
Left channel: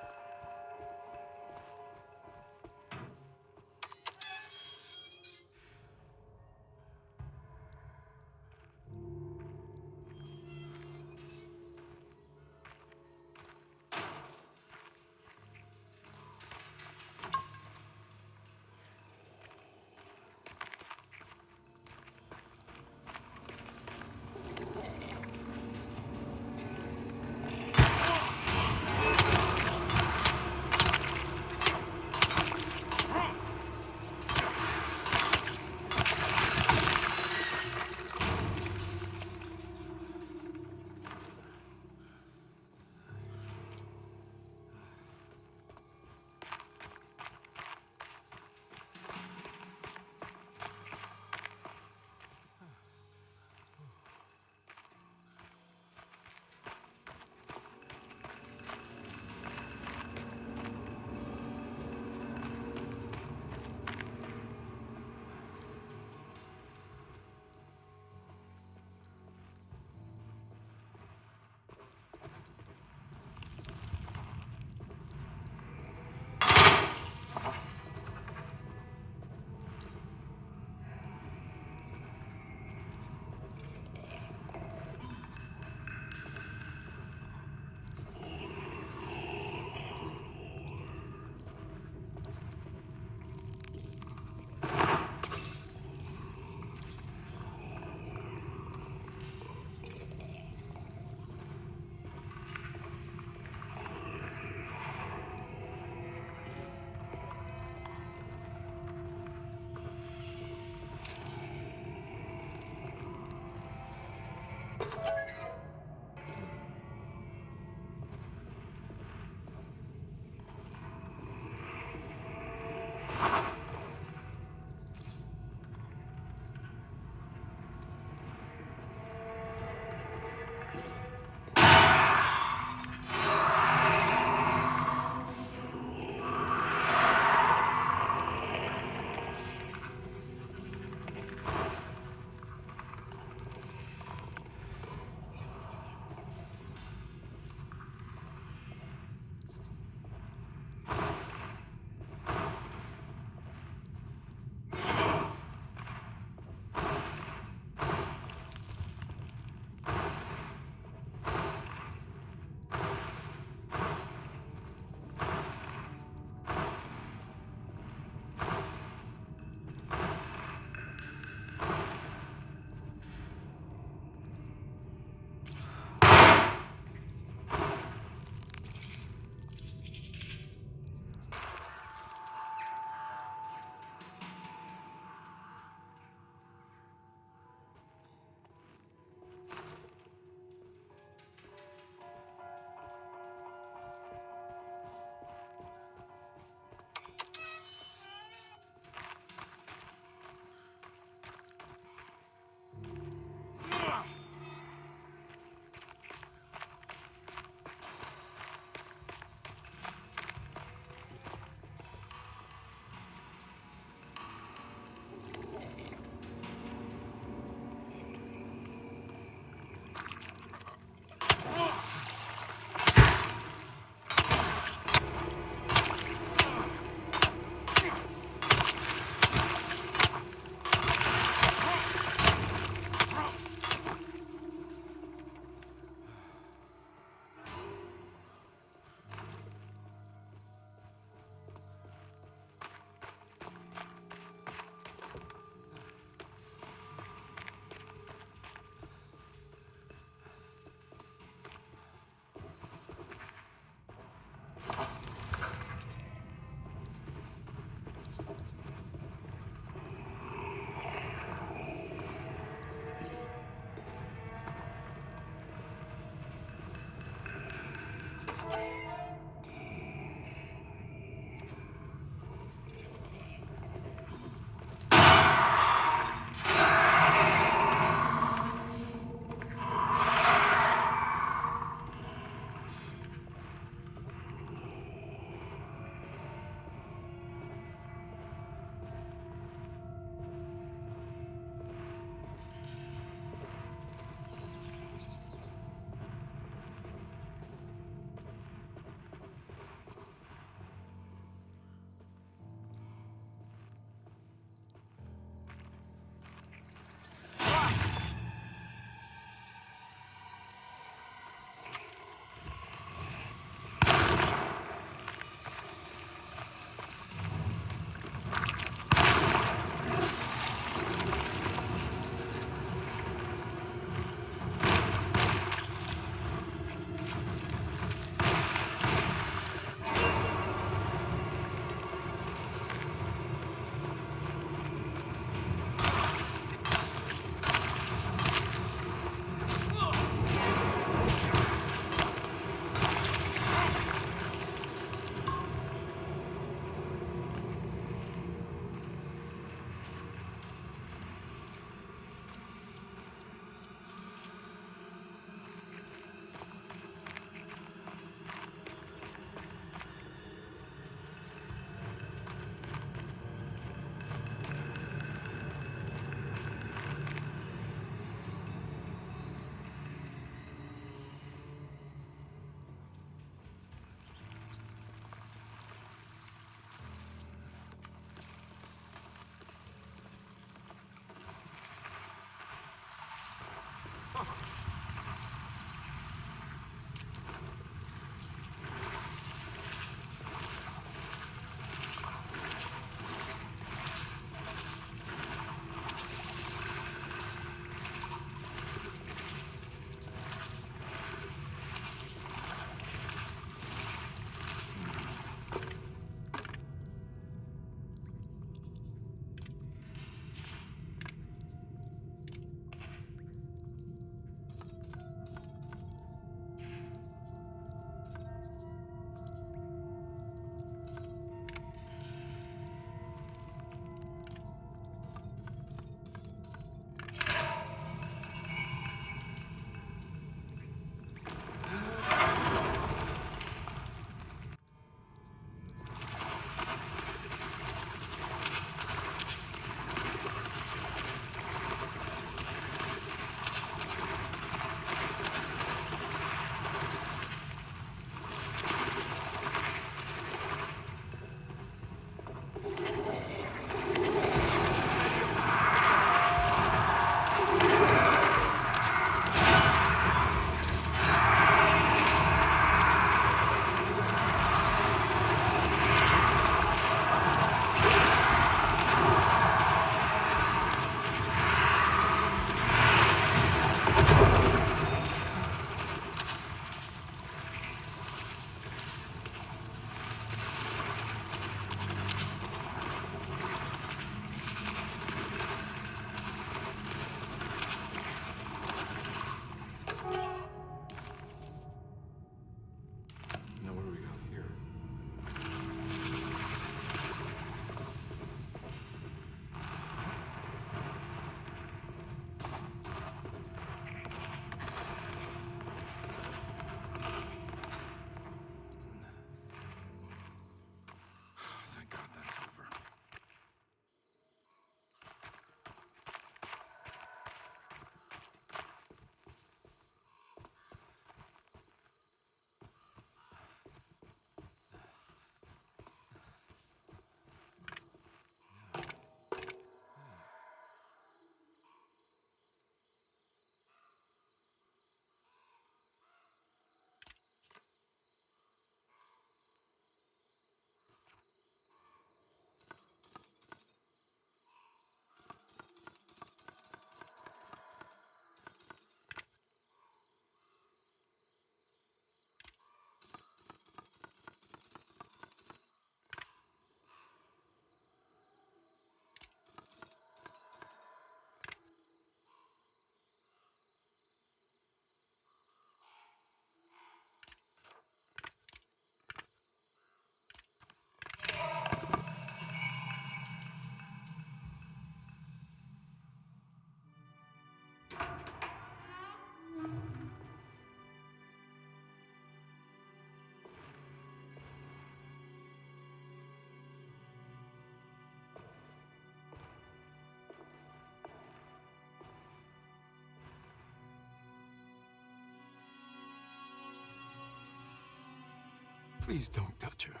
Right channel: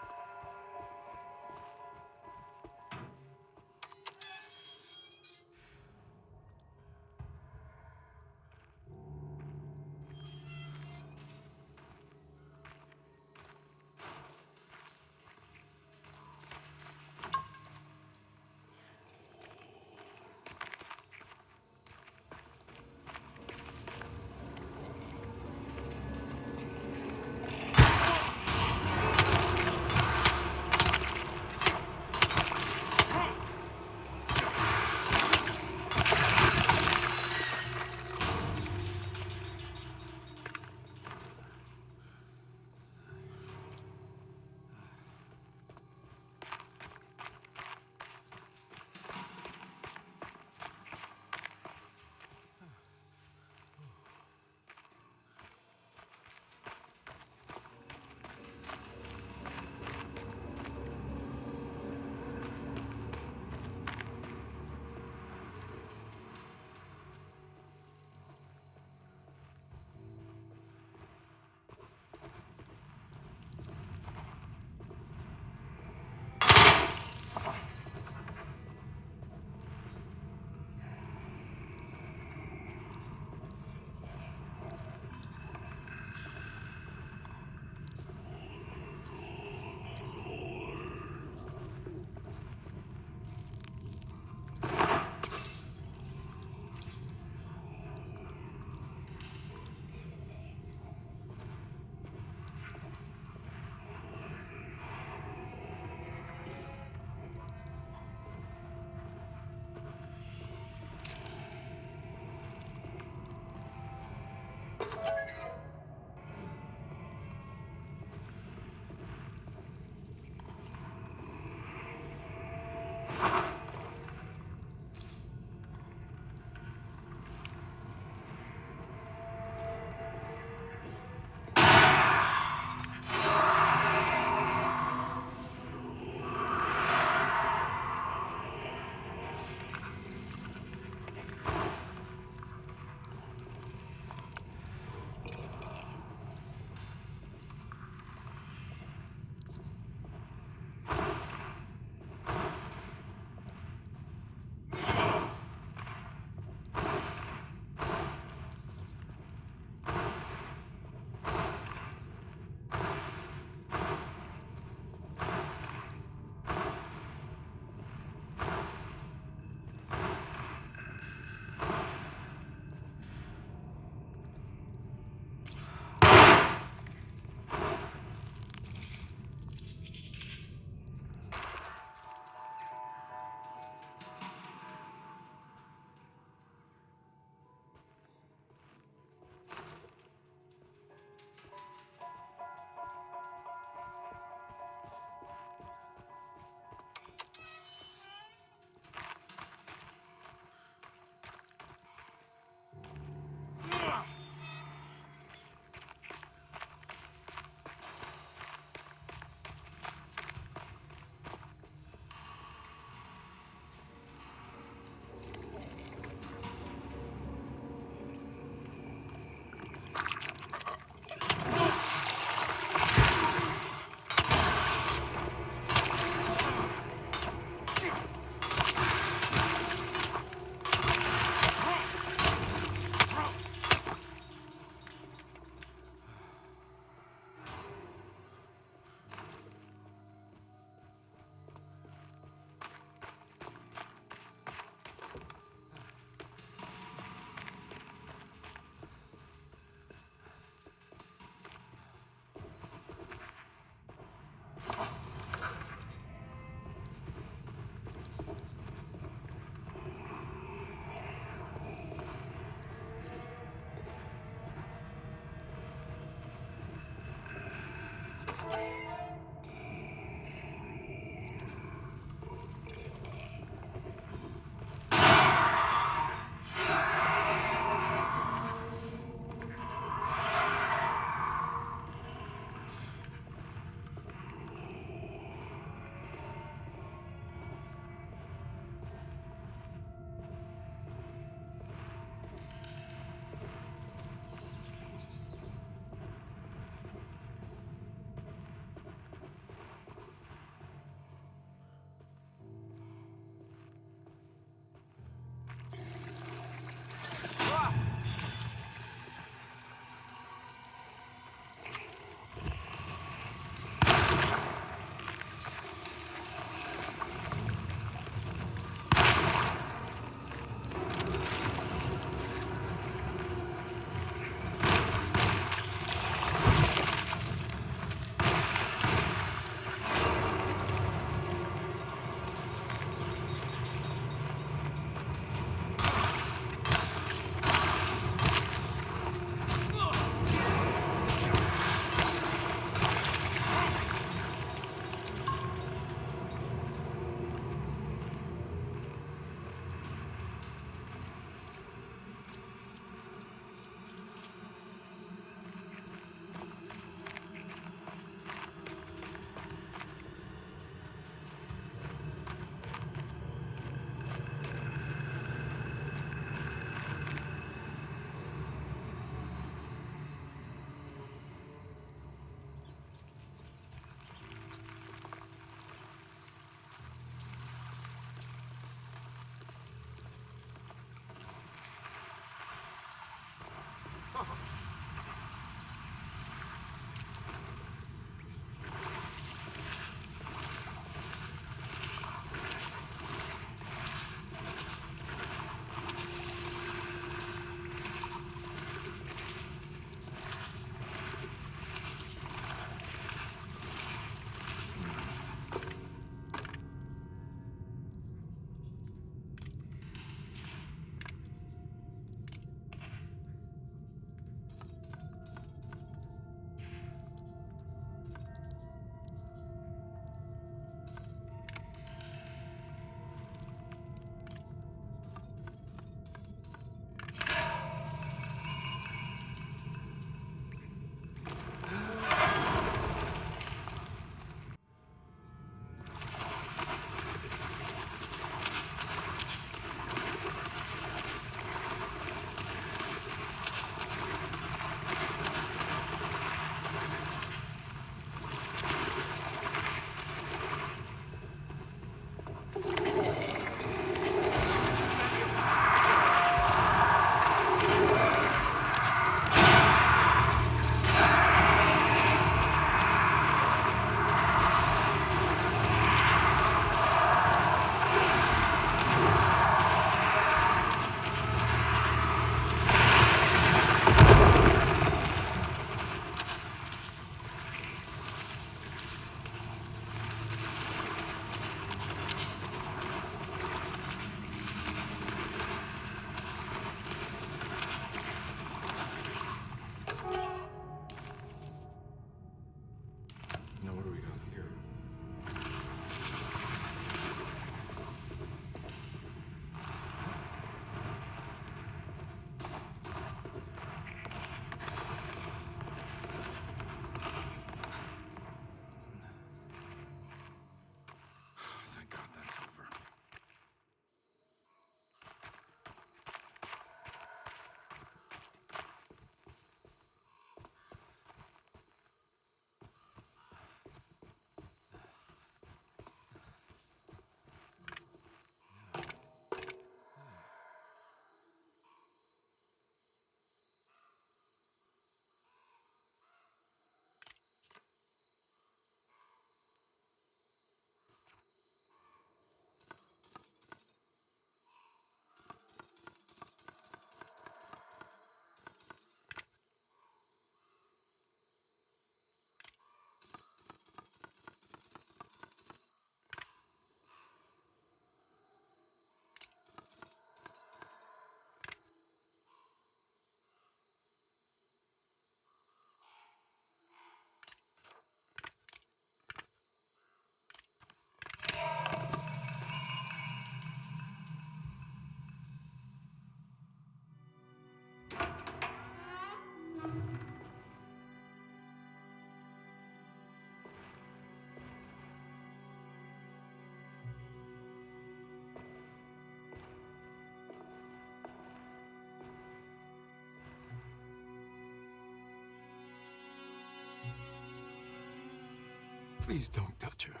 Please don't touch her.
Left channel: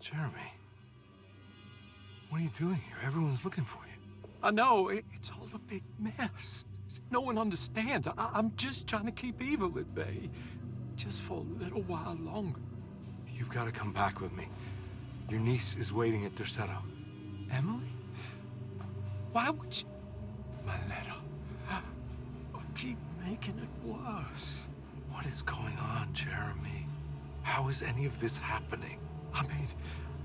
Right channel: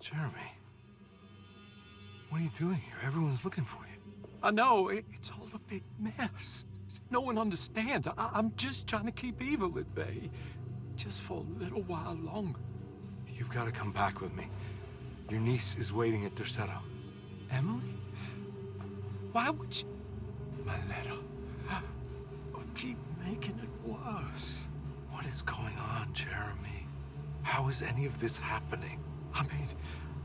Jeremy. What are you doing here? Everyone's looking for you. I know, it's all a big mess. No one understands. I'm just trying to keep evil at bay. Just for a little while longer. You've got to come back with me. Your niece is waiting at Desolate. Emily? Why would you... My letter. I keep making it worse. What is going on, Jeremy? How is any of this happening? I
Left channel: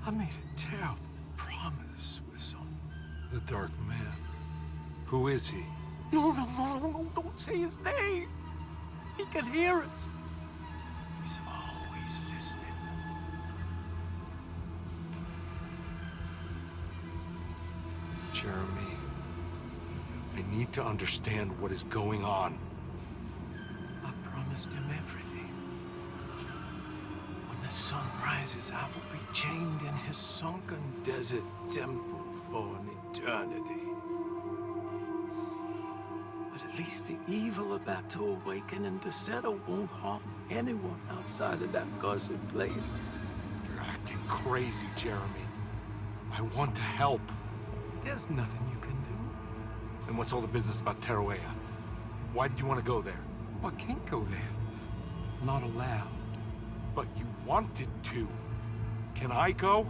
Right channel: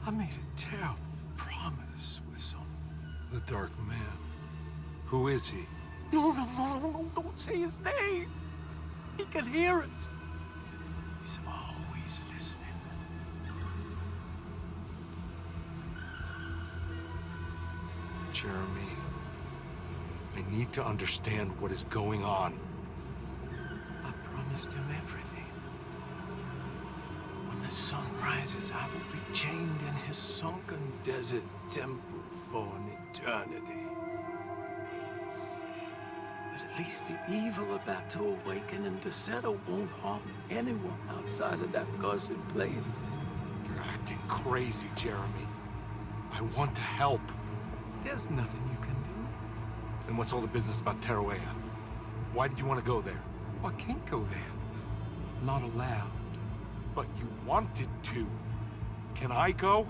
made a terrible promise with someone. The Dark Man. Who is he? No, don't say his name. He can hear us. He's always listening. Jeremy, I need to understand what is going on. I promised him everything. When the sun rises, I will be chained in his sunken desert temple for an eternity. But at least the evil about to awaken in Desolate won't harm anyone outside of that cursed place. You're acting crazy, Jeremy. I want to help. There's nothing you can do. Then what's all the business about Teruea? Why did you want to go there? I can't go there. I'm not allowed. But you wanted to. Can I go?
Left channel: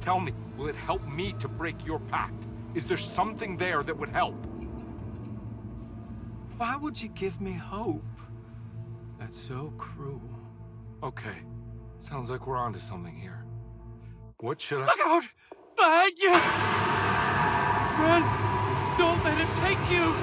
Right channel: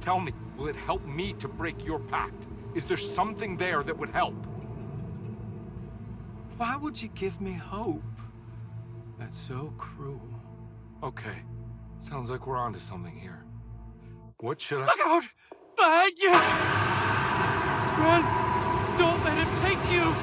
Tell me, will it help me to break your pact? Is there something there that would help? Why would you give me hope? That's so cruel. Okay. Sounds like we're onto something here. What should I... Look out! Behind you! Run! Don't let him take you!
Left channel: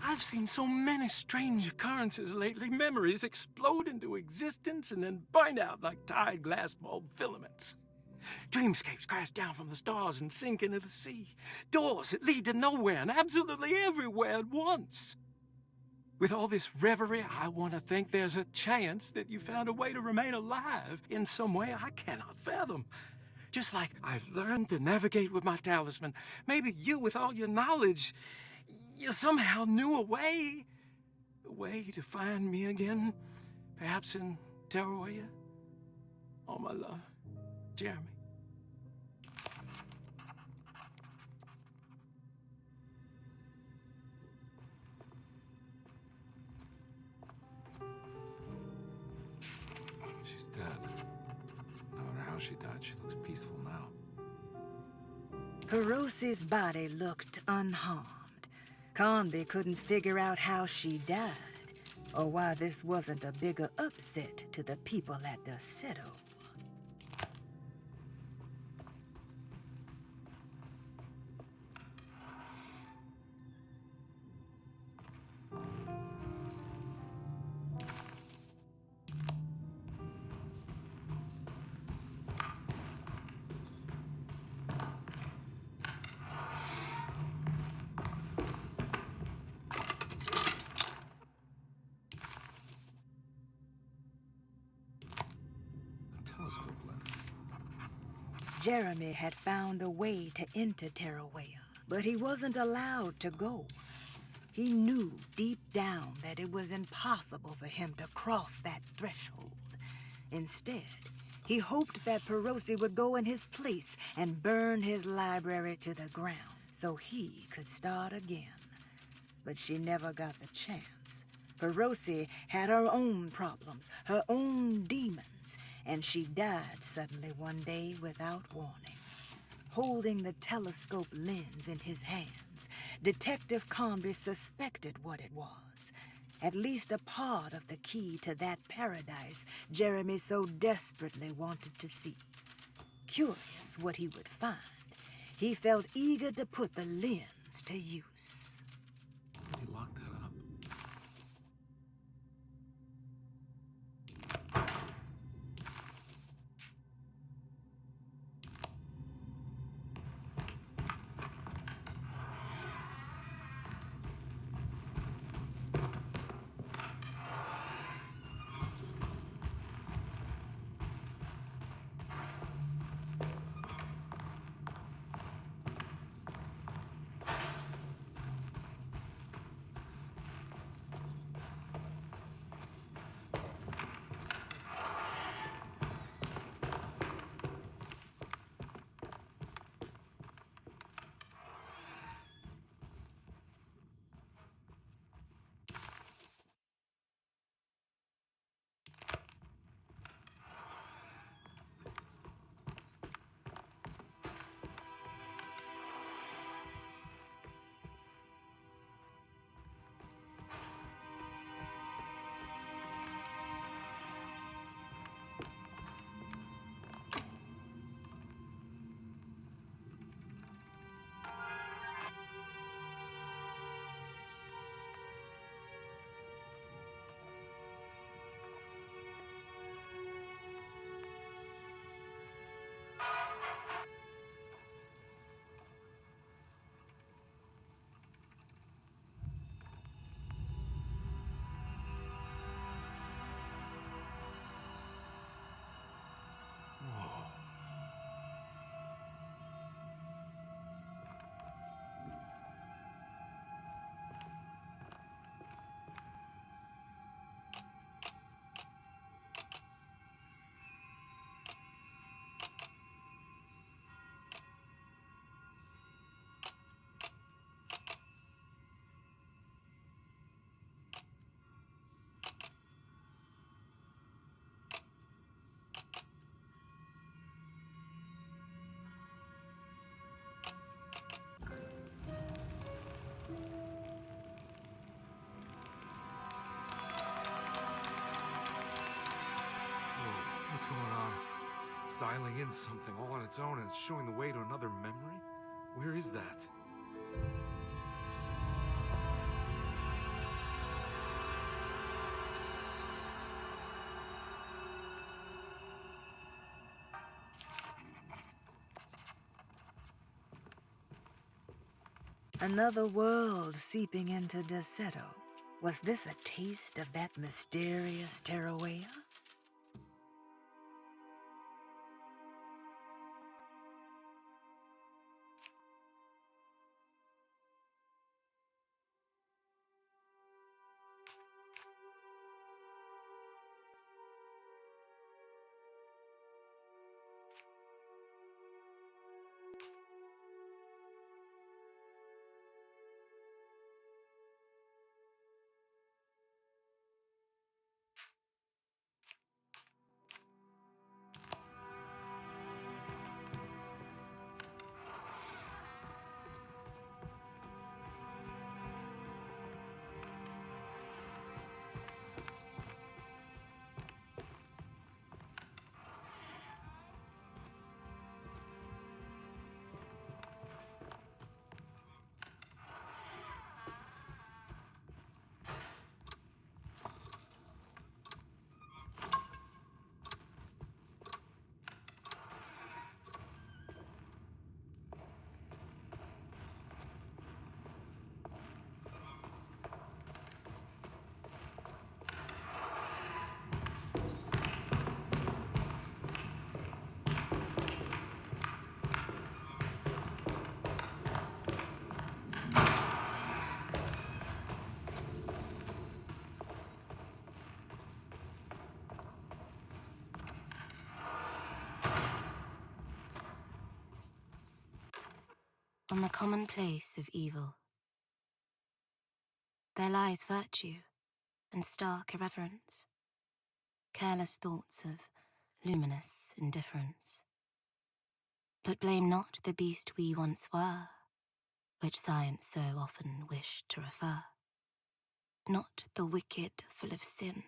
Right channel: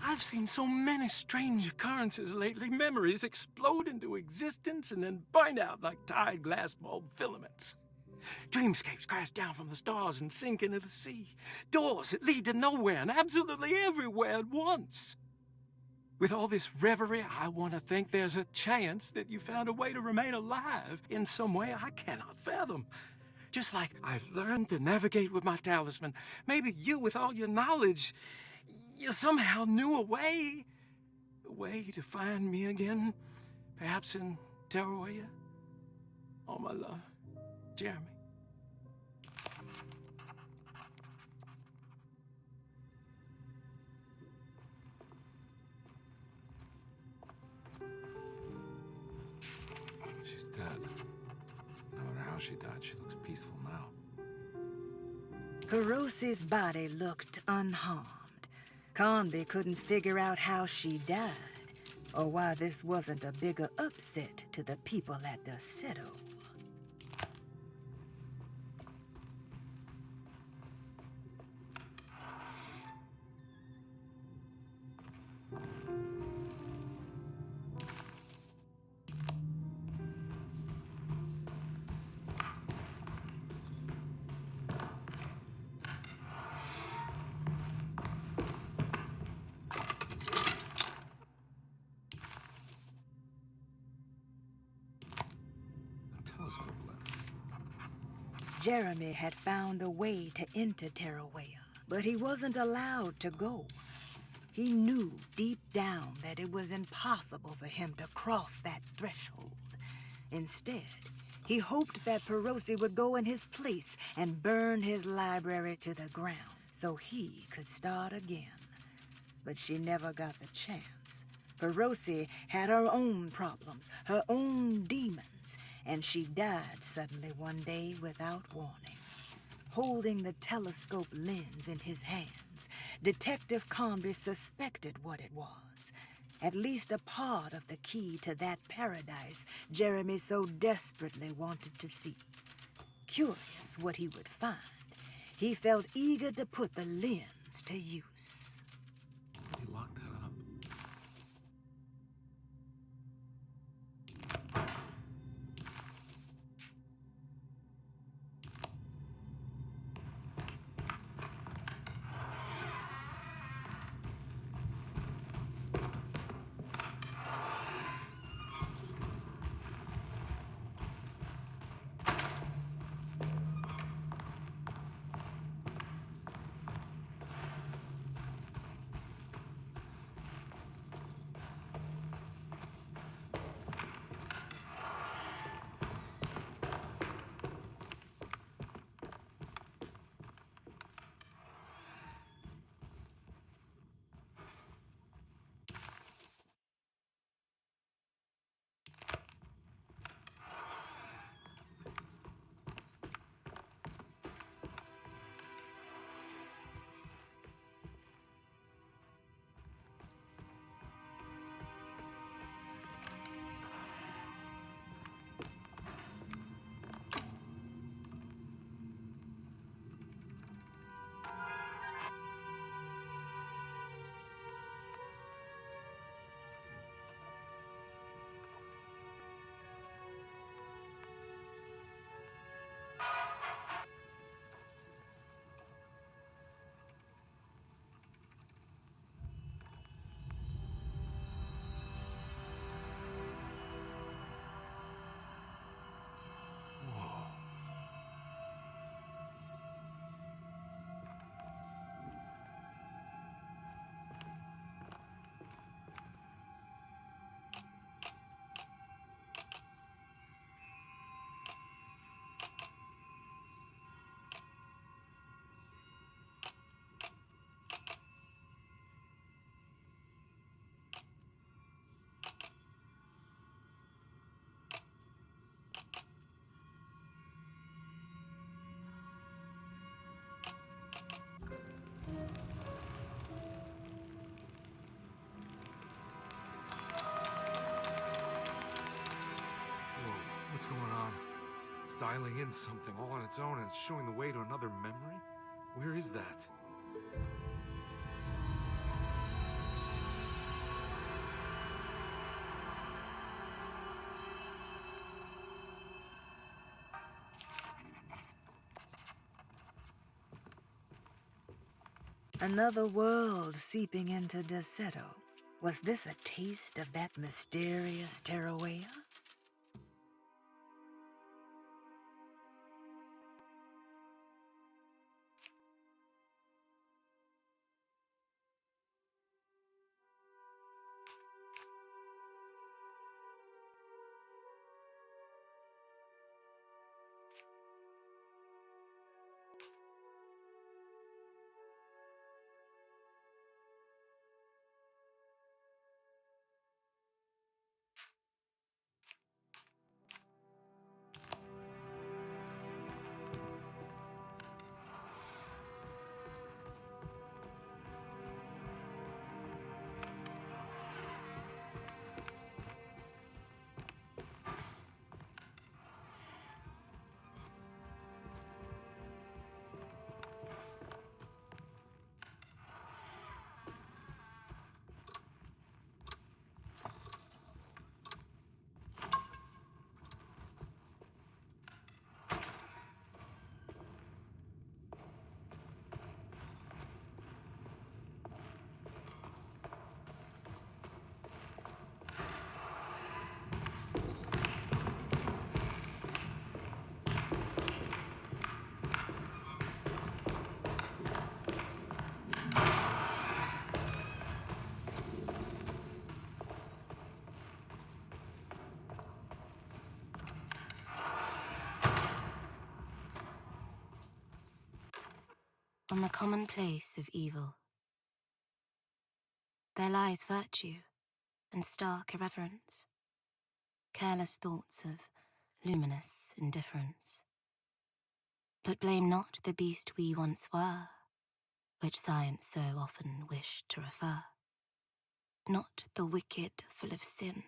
I've seen so many strange occurrences lately. Memories explode into existence and then burn out like tired glass bulb filaments. Dreamscapes crash down from the stars and sink into the sea. Doors that lead to nowhere and absolutely everywhere at once. With all this reverie, I want to think there's a chance that you found a way to remain alive in some way I cannot fathom. Just like I've learned to navigate with my talisman. Maybe you, with all your knowledge, you somehow knew a way to find me again. Perhaps in Teruea. All my love, Jeremy. She's dead. No matter how she died, she looks peaceful now. Hirosi's body looked unharmed. Conby couldn't figure out how she died, or why this wasn't a bigger upset to the people at Desolate. Jeremy had found a way to enter Teruea, but he wasn't allowed to go. He knew deep down that it was impossible for him to cross that threshold. Instead, he hoped that Perosi would go in his place and burn his library to the ground so he could start again. But she never got the chance. Perosi had her own problems, her own demons, and she died suddenly one day without warning. Holding the telescope lens in his hands, Detective Conby suspected what it was. At least a part of the key to that paradise Jeremy so desperately wanted to see. Curious what he would find, he felt eager to put the lens to use. You locked that up. dialing in something all on its own and it's showing the way to another memory? Where is that? Another world seeping into desolate. Was this a taste of that mysterious Terrawea? On the commonplace of evil, there lies virtue and stark irreverence, careless thoughts of luminous indifference. But blame not the beast we once were, which science so often wished to refer. Not the wicked full of sin,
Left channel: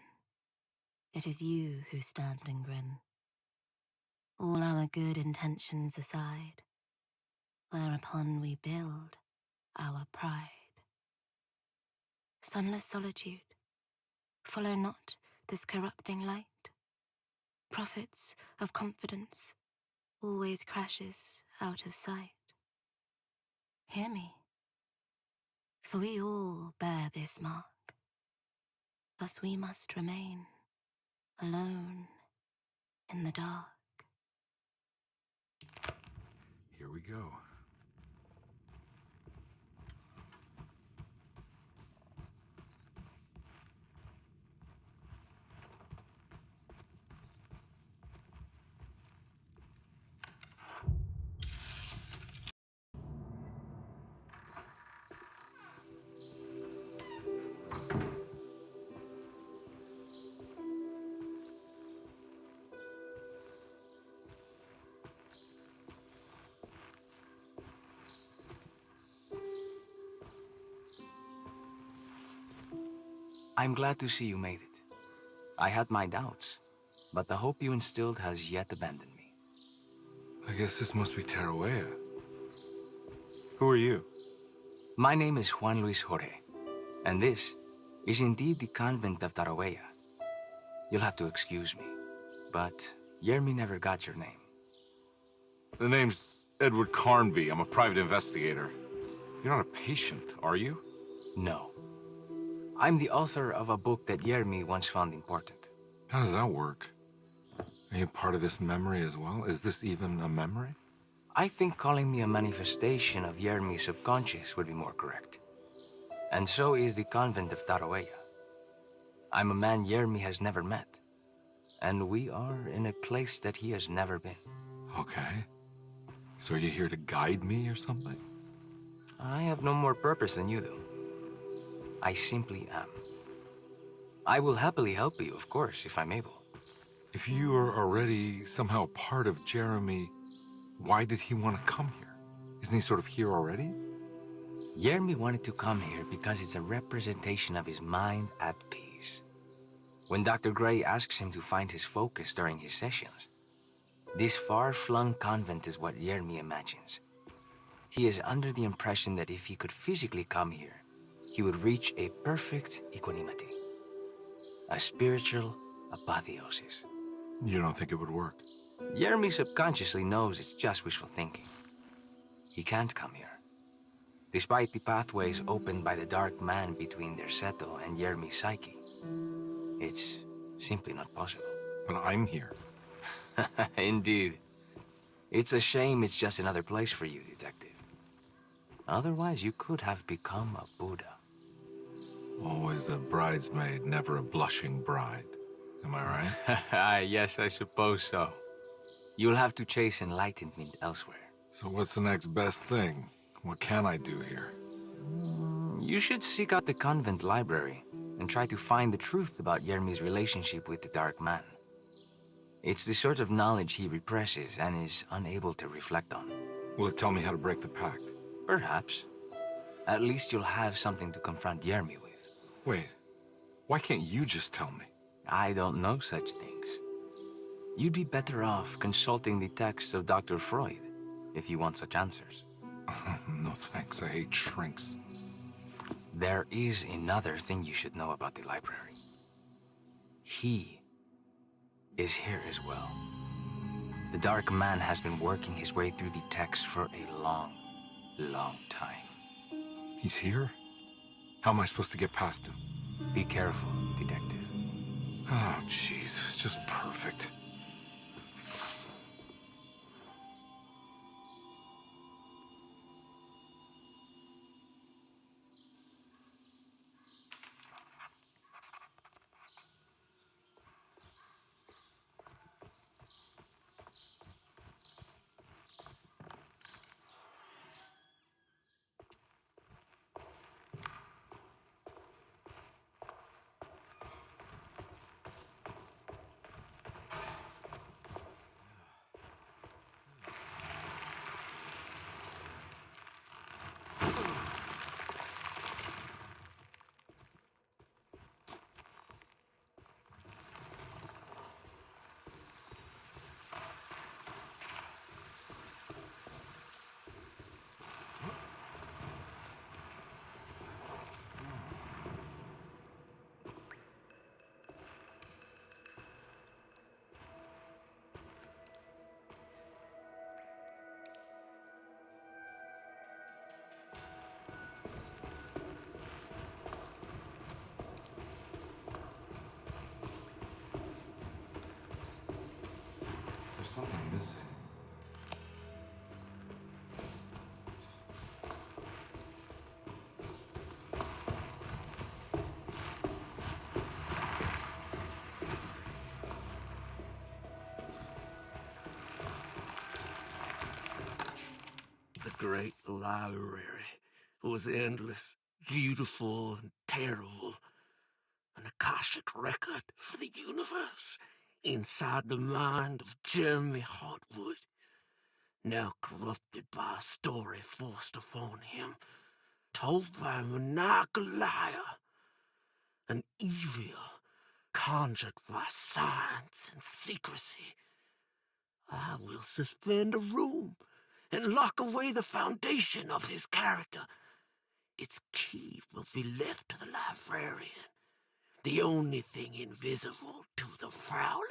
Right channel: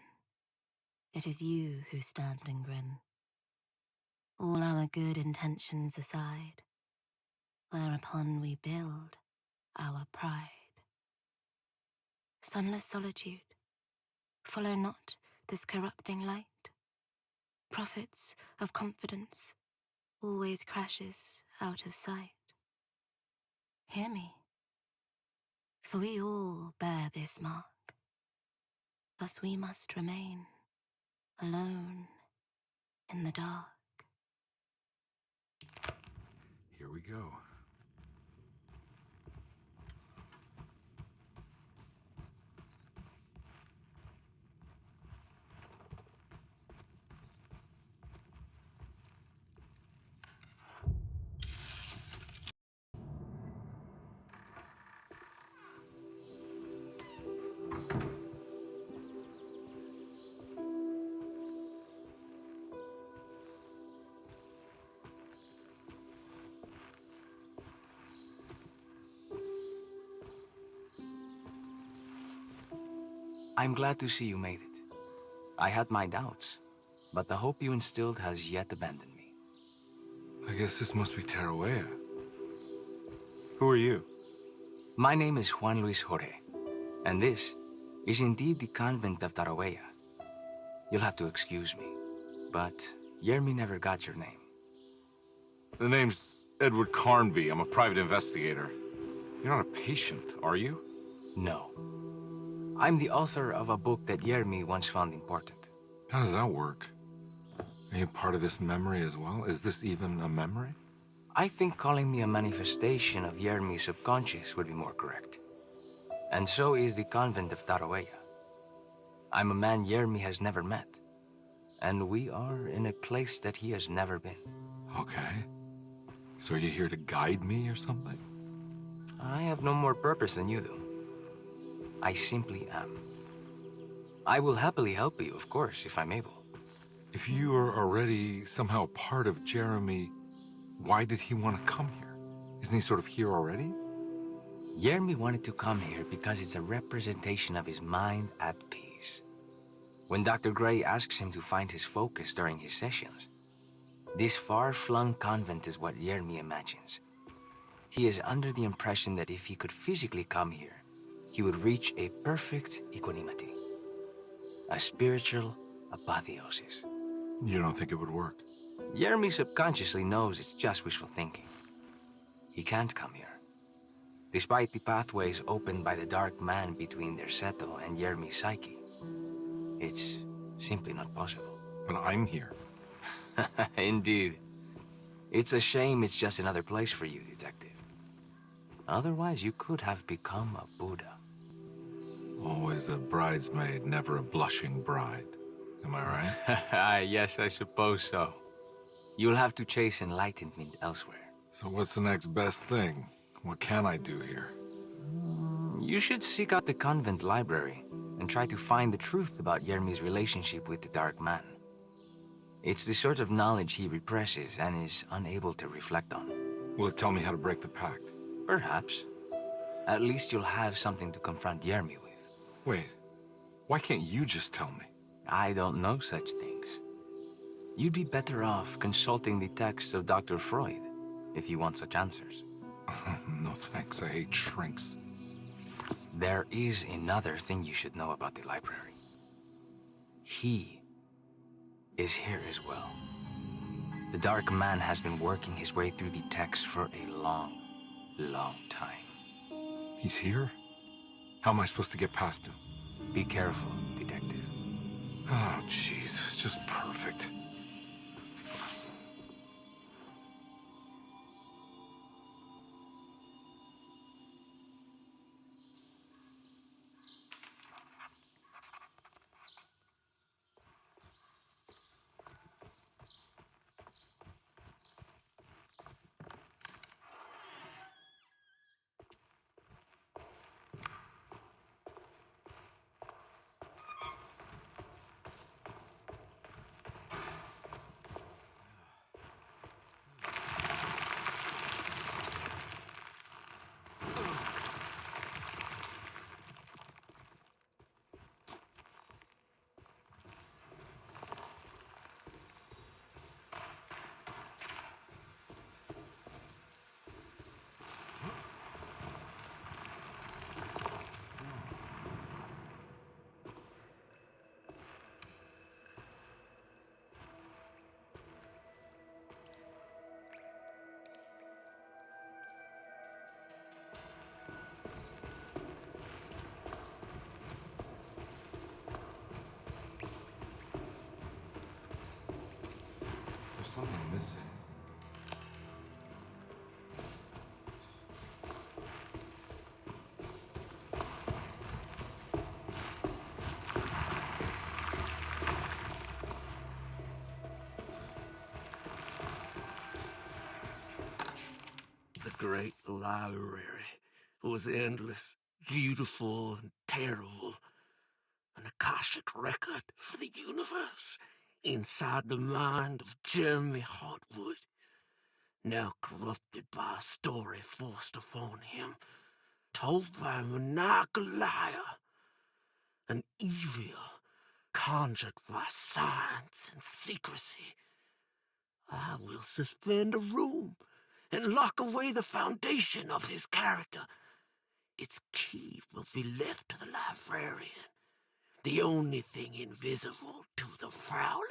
it is you who stand and grin. All our good intentions aside, whereupon we build our pride. Sunless solitude, follow not this corrupting light. Prophets of confidence always crashes out of sight. Hear me, for we all bear this mark. Thus we must remain alone in the dark. Here we go. I'm glad to see you made it. I had my doubts, but the hope you instilled has yet abandoned me. I guess this must be Terrawea. Who are you? My name is Juan Luis Jorge, and this is indeed the convent of Terrawea. You'll have to excuse me, but Yermi never got your name. The name's Edward Carnby. I'm a private investigator. You're not a patient, are you? No. I'm the author of a book that Yermi once found important. How does that work? Are you part of this memory as well? Is this even a memory? I think calling me a manifestation of Yermi's subconscious would be more correct. And so is the convent of Terrawea. I'm a man Yermi has never met, and we are in a place that he has never been. Okay. So are you here to guide me or something? I have no more purpose than you do. I simply am. I will happily help you, of course, if I'm able. If you are already somehow part of Jeremy, why did he want to come here? Isn't he sort of here already? Yermi wanted to come here because it's a representation of his mind at peace. When Dr. Gray asks him to find his focus during his sessions, This far-flung convent is what Yermi imagines. He is under the impression that if he could physically come here, he would reach a perfect equanimity. A spiritual apotheosis. You don't think it would work? Yermi subconsciously knows it's just wishful thinking. He can't come here. Despite the pathways opened by the dark man between their Seto and Yermi's psyche, it's simply not possible. But I'm here. Indeed. It's a shame it's just another place for you, Detective. Otherwise, you could have become a Buddha. Always a bridesmaid, never a blushing bride. Am I right? Yes, I suppose so. You'll have to chase enlightenment elsewhere. So what's the next best thing? What can I do here? You should seek out the convent library and try to find the truth about Yermi's relationship with the Dark Man. It's the sort of knowledge he represses and is unable to reflect on. Will it tell me how to break the pact? Perhaps. At least you'll have something to confront Yermi with. Wait, why can't you just tell me? I don't know such things. You'd be better off consulting the text of Dr. Freud if you want such answers. No thanks, I hate shrinks. There is another thing you should know about the library. He is here as well. The Dark Man has been working his way through the text for a long, long time. He's here? How am I supposed to get past him? Be careful, Detective. Oh, jeez, just perfect. There's something missing. The great library was endless, beautiful, and terrible. An Akashic record for the universe inside the mind of Jeremy Hartwood, now corrupted by a story forced upon him, told by a maniacal liar, an evil conjured by science and secrecy. I will suspend a room and lock away the foundation of his character. Its key will be left to the librarian, the only thing invisible to the prowler.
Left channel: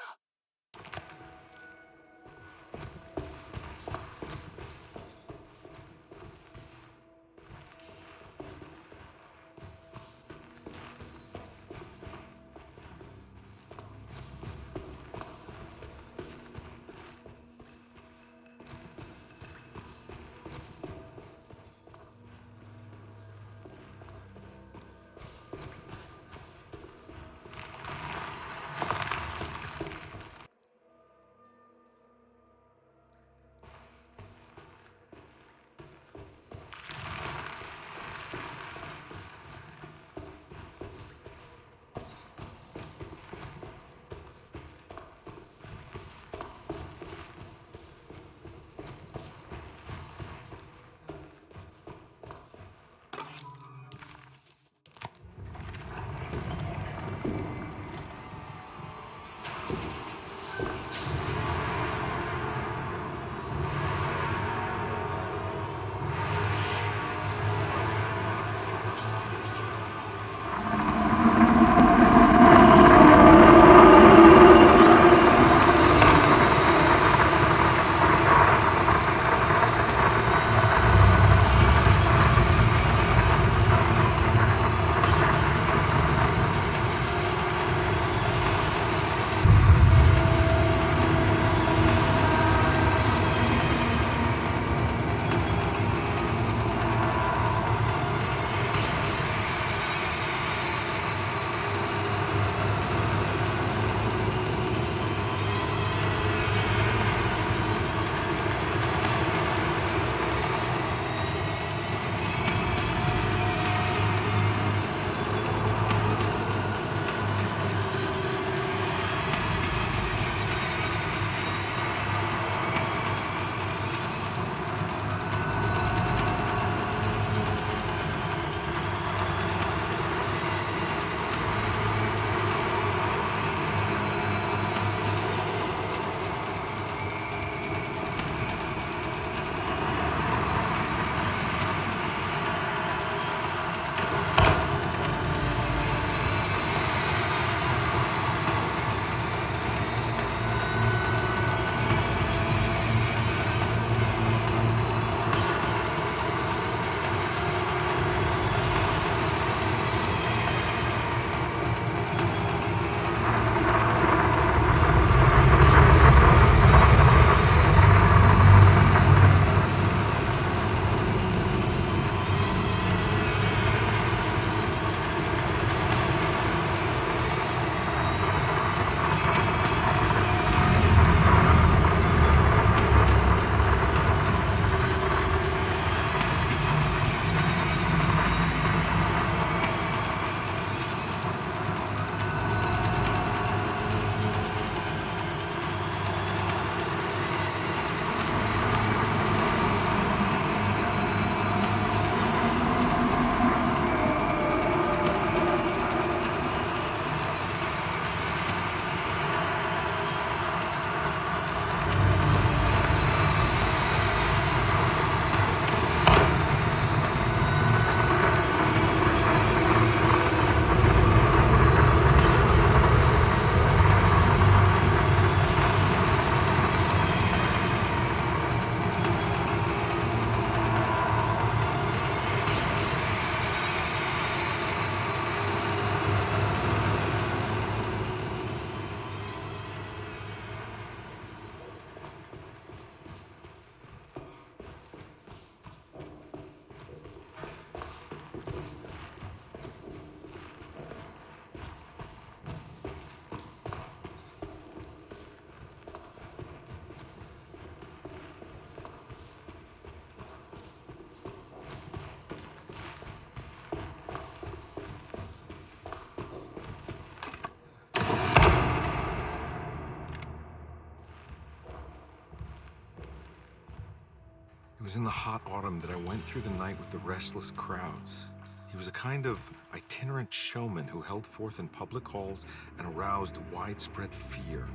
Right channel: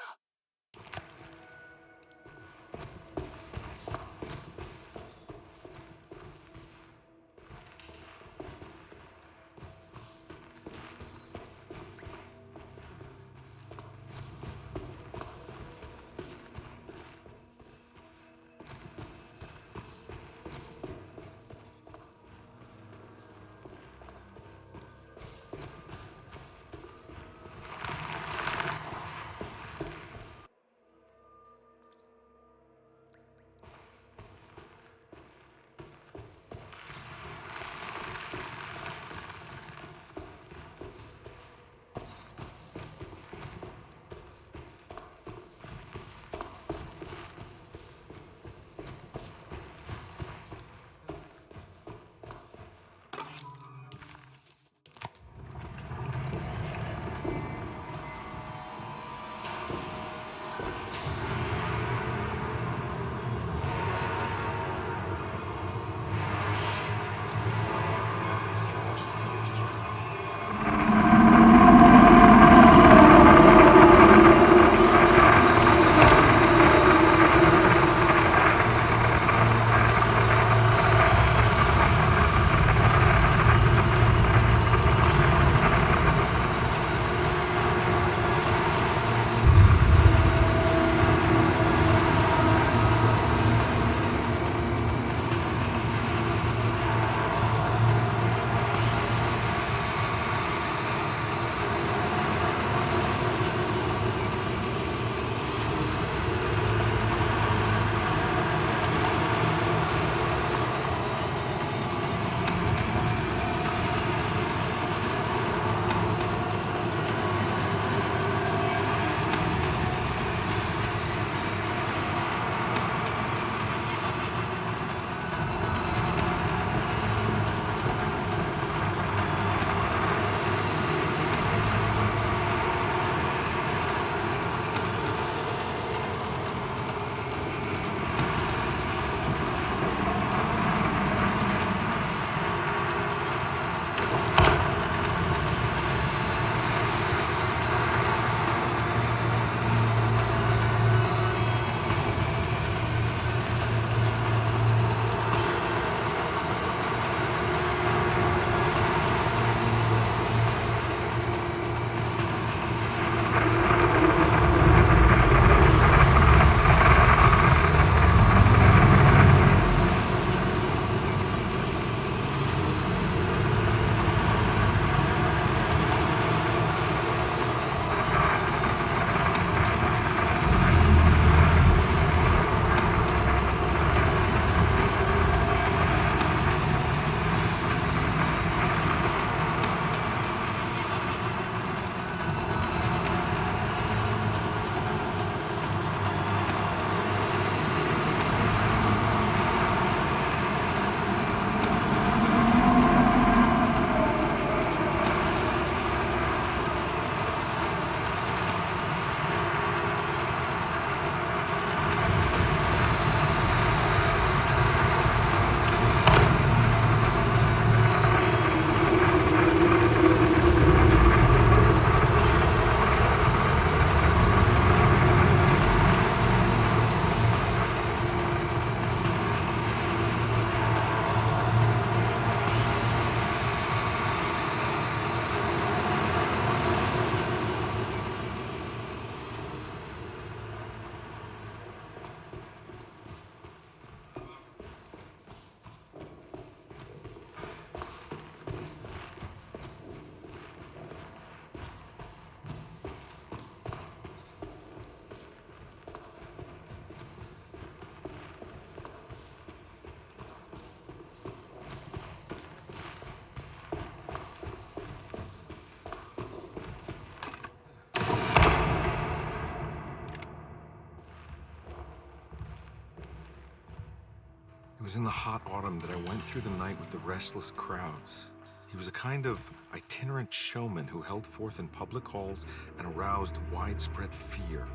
It was in the hot autumn that I went through the night with the restless crowds. He was a kind of itinerant showman who held forth in public halls and aroused widespread fear.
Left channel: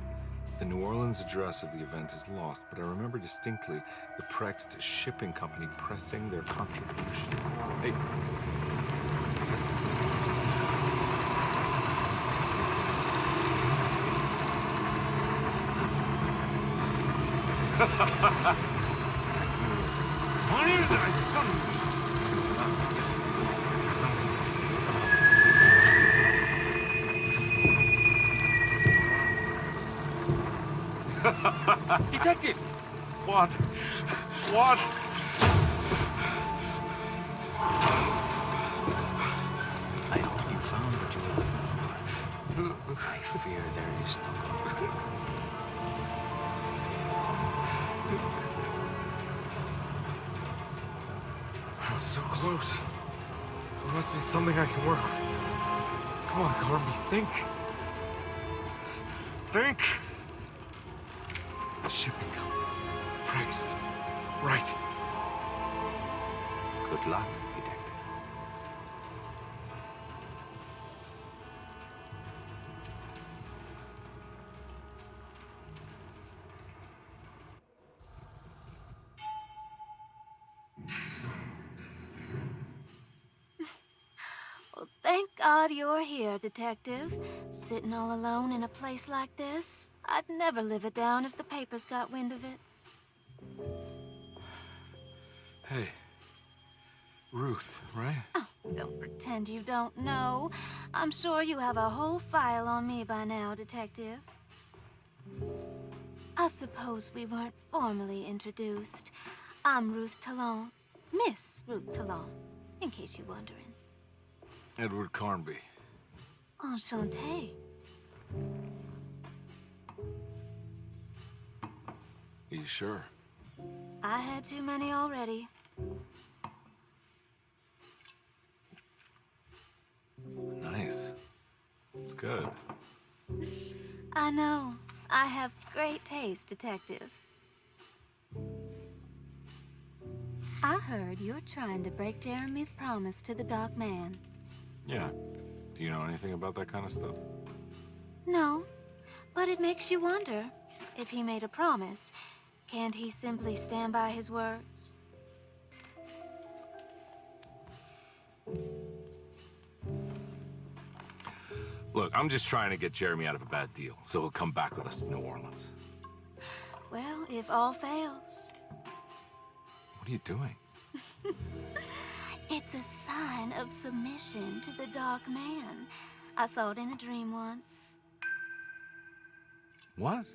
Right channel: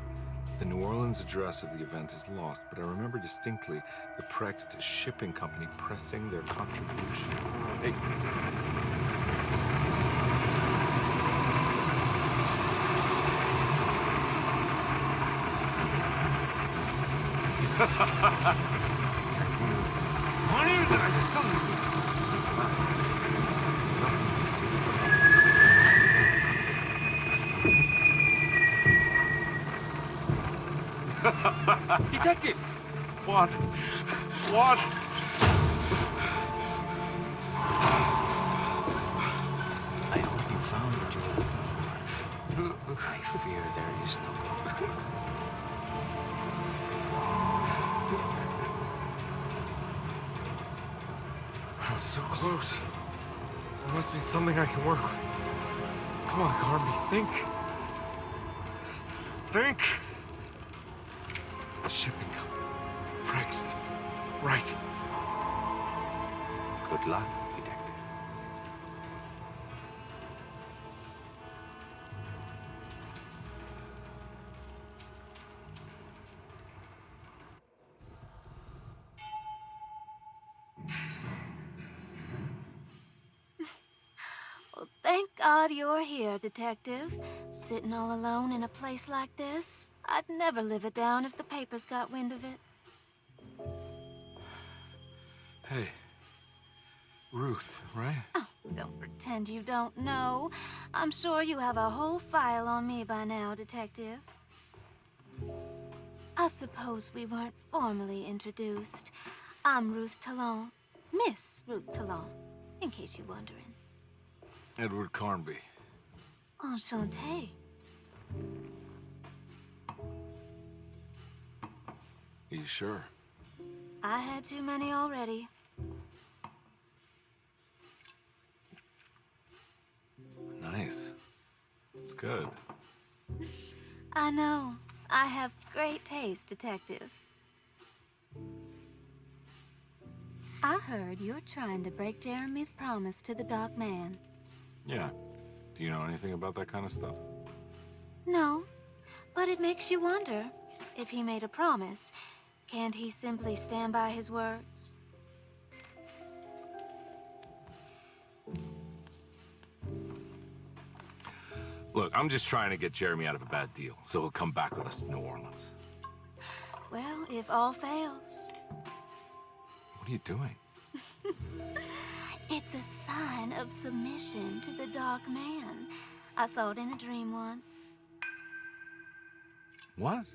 The New Orleans address of the event is lost, but I remember distinctly the Prext Shipping Company pressing their contribution. Hey. Detective! What? What? I hope you found what you were looking for. I fear there is no going back. I was so close. There must be something I can work with. Come on, Carby, think. Think. The shipping company. Prext. Right. Good luck, detective. Well, thank God you're here, Detective. Sitting all alone in a place like this, I'd never live it down if the papers got wind of it. Hey. Ruth, right? Oh, don't pretend you don't know. I'm sure you have a whole file on me by now, Detective. I suppose we weren't formally introduced. I'm Ruth Talon. Miss Ruth Talon, in case you're wondering. Edward Carnby. Enchanté. Are you sure? I had too many already. Nice. It's good. I know. I have great taste, Detective. I heard you're trying to break Jeremy's promise to the Dark Man. Yeah. Do you know anything about that kind of stuff? No, but it makes you wonder. If he made a promise, can't he simply stand by his words? Look, I'm just trying to get Jeremy out of a bad deal, so he'll come back with us to New Orleans. Well, if all fails. What are you doing? It's a sign of submission to the Dark Man. I saw it in a dream once. What?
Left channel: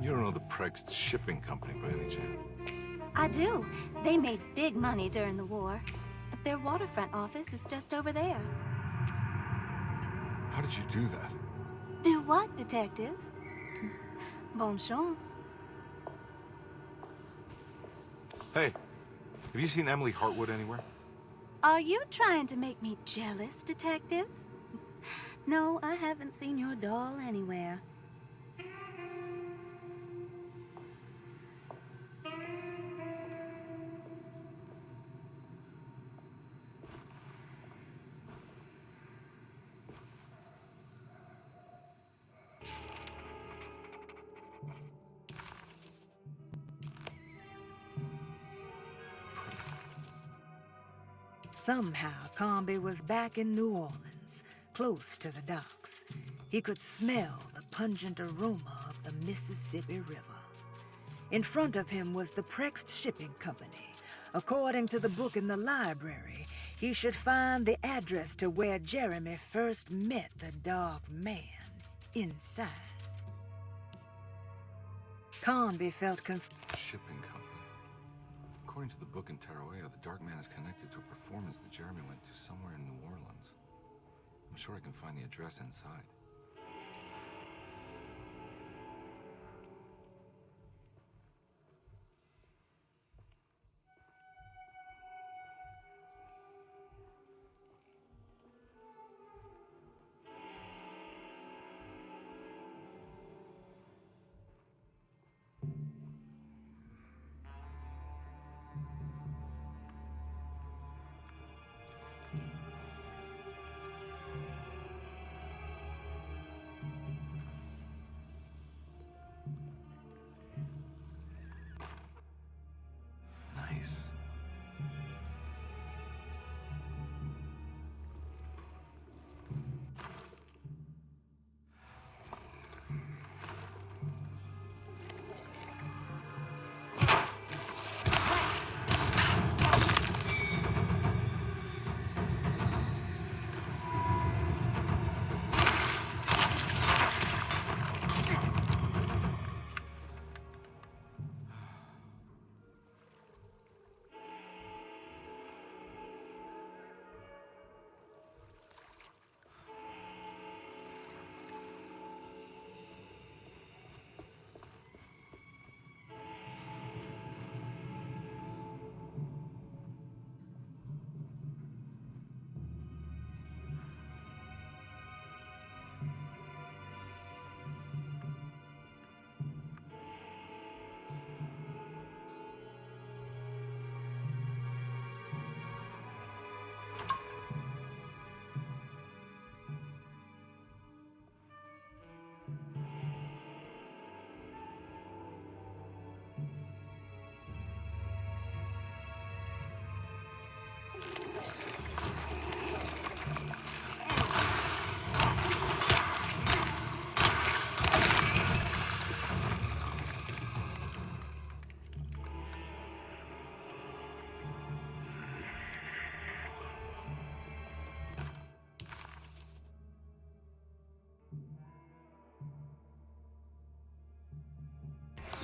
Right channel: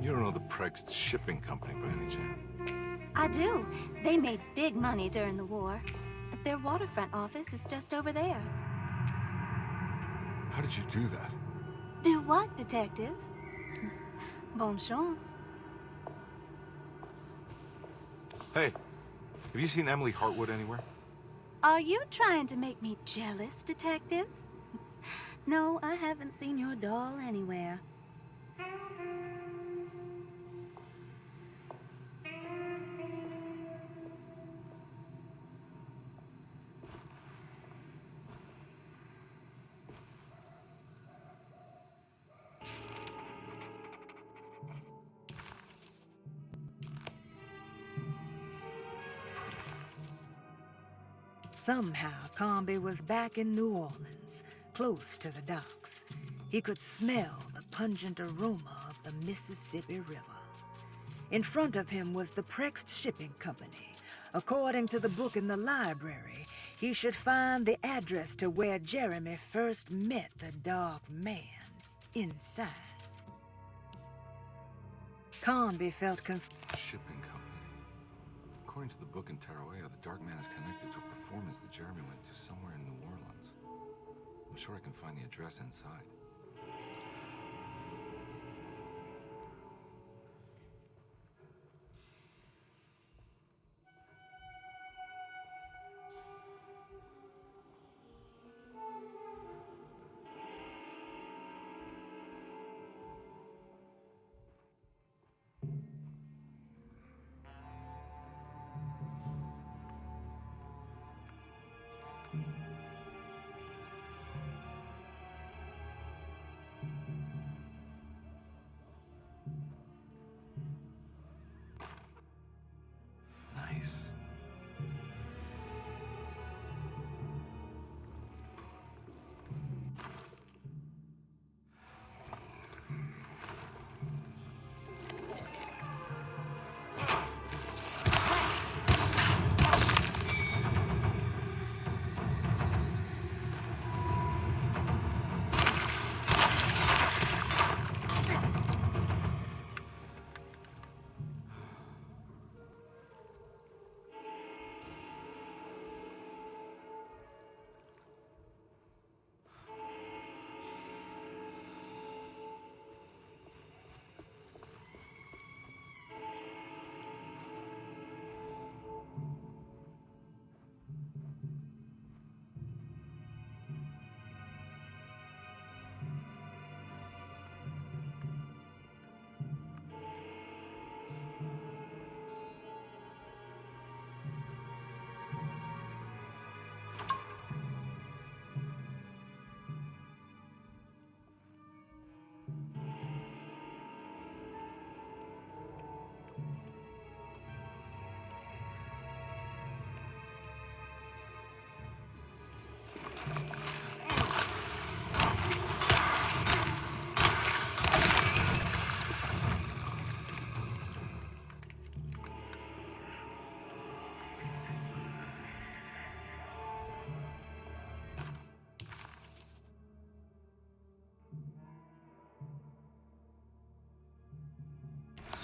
You don't know the Prext Shipping Company by any chance? I do. They made big money during the war. Their waterfront office is just over there. How did you do that? Do what, Detective? Bonne chance. Hey, have you seen Emily Hartwood anywhere? Are you trying to make me jealous, Detective? No, I haven't seen your doll anywhere. Somehow, Carnby was back in New Orleans, close to the docks. He could smell the pungent aroma of the Mississippi River. In front of him was the Prext Shipping Company. According to the book in the library, he should find the address to where Jeremy first met the Dark Man, inside. Carnby felt Shipping Company. According to the book in Tarawea, the Dark Man is connected to a performance that Jeremy went to somewhere in New Orleans. I'm sure I can find the address inside.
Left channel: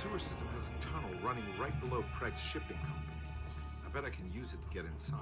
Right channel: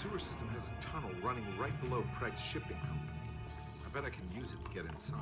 sewer system has a tunnel running right below Craig's shipping company. I bet I can use it to get inside.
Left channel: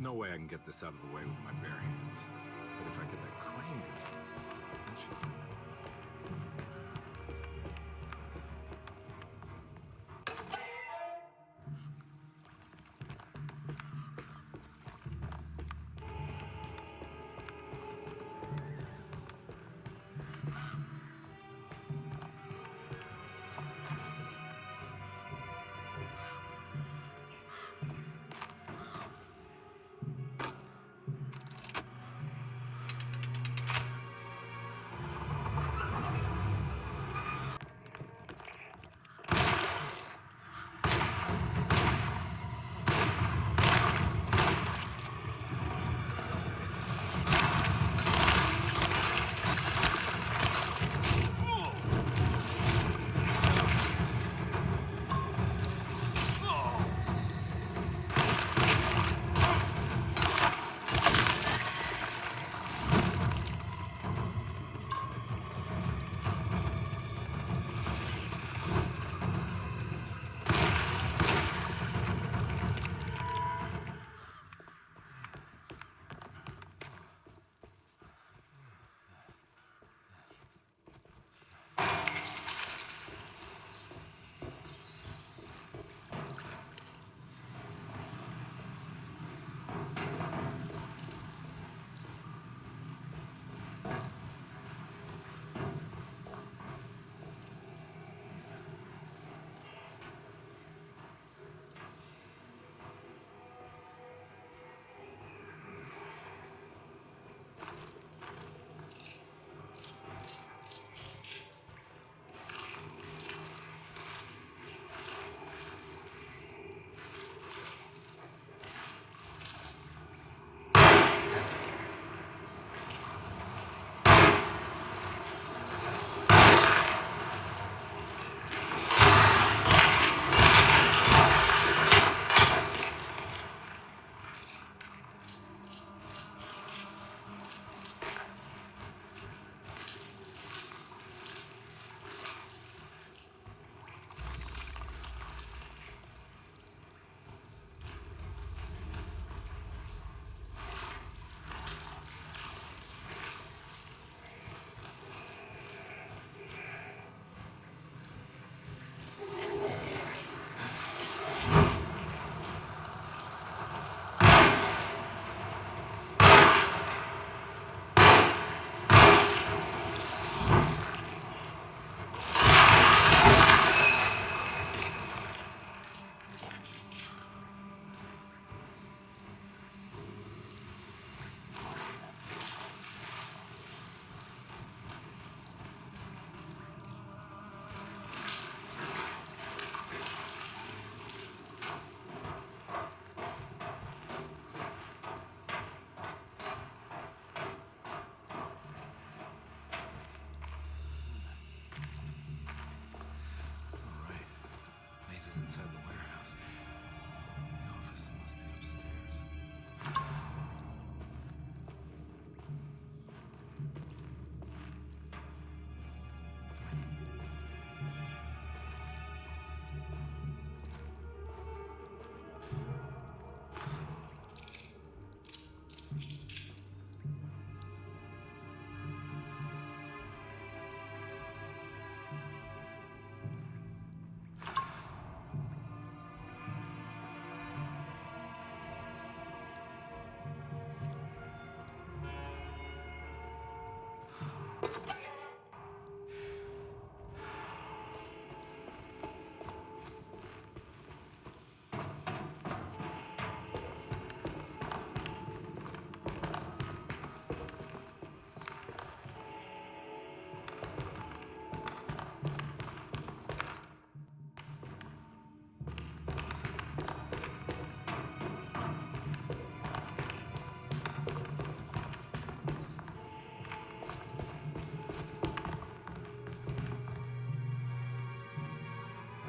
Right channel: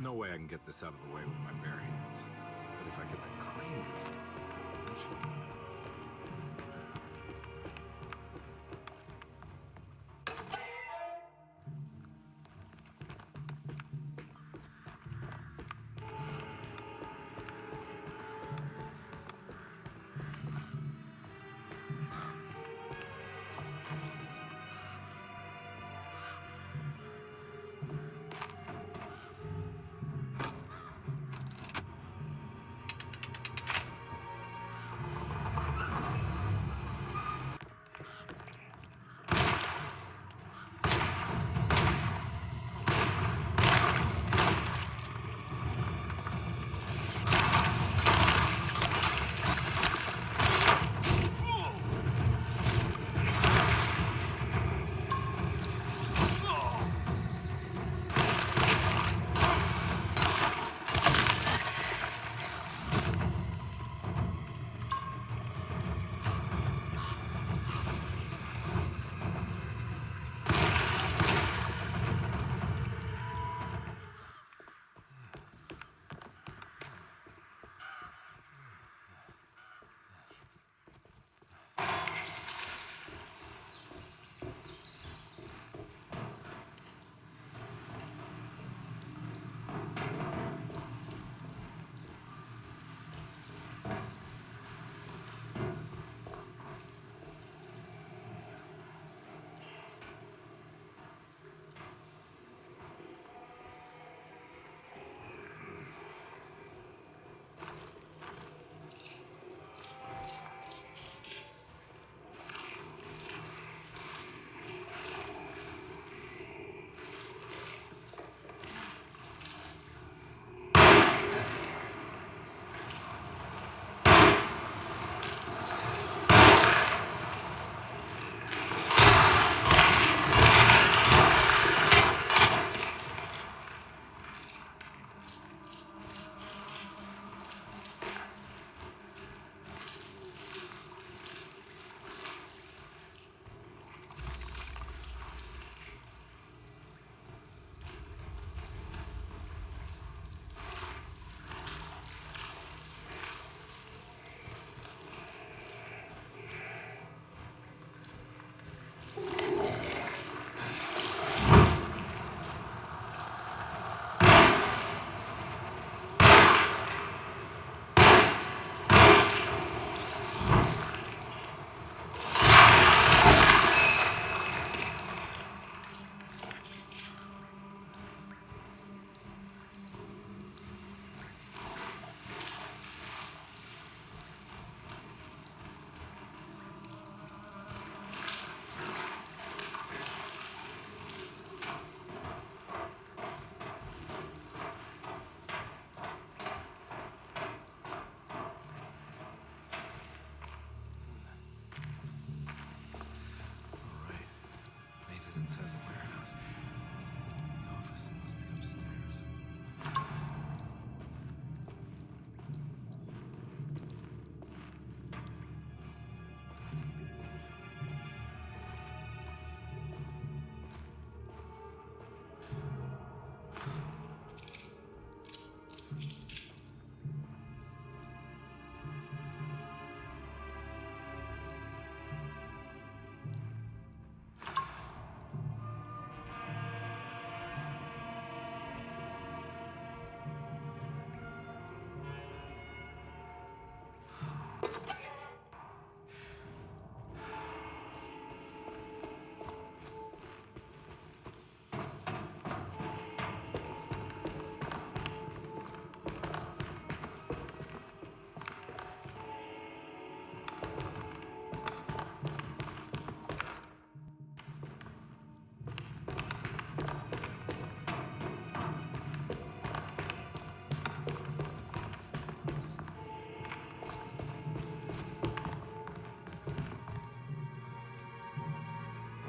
No way I can get this out of the way with my bare hands. But if I get that crane going, that should... inside the warehouse. The office must be upstairs.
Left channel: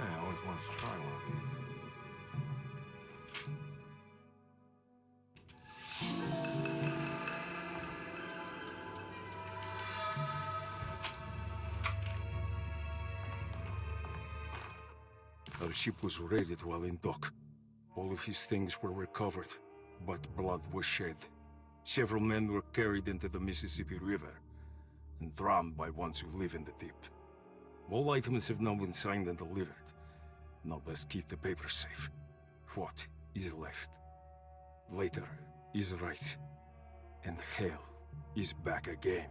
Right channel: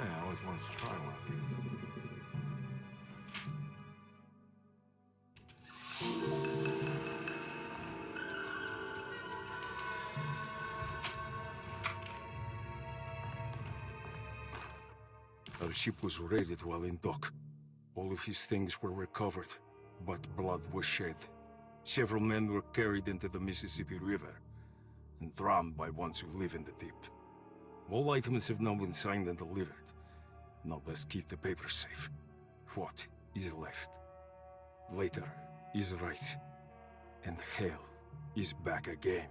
I always wanted to try one of these. Our ship was raided while in dock. All of his things were recovered, but blood was shed. Several men were carried into the Mississippi River and drowned by ones who live in the deep. All items have now been signed and delivered. Now best keep the papers safe. What is left? Later is right, and hell is back again.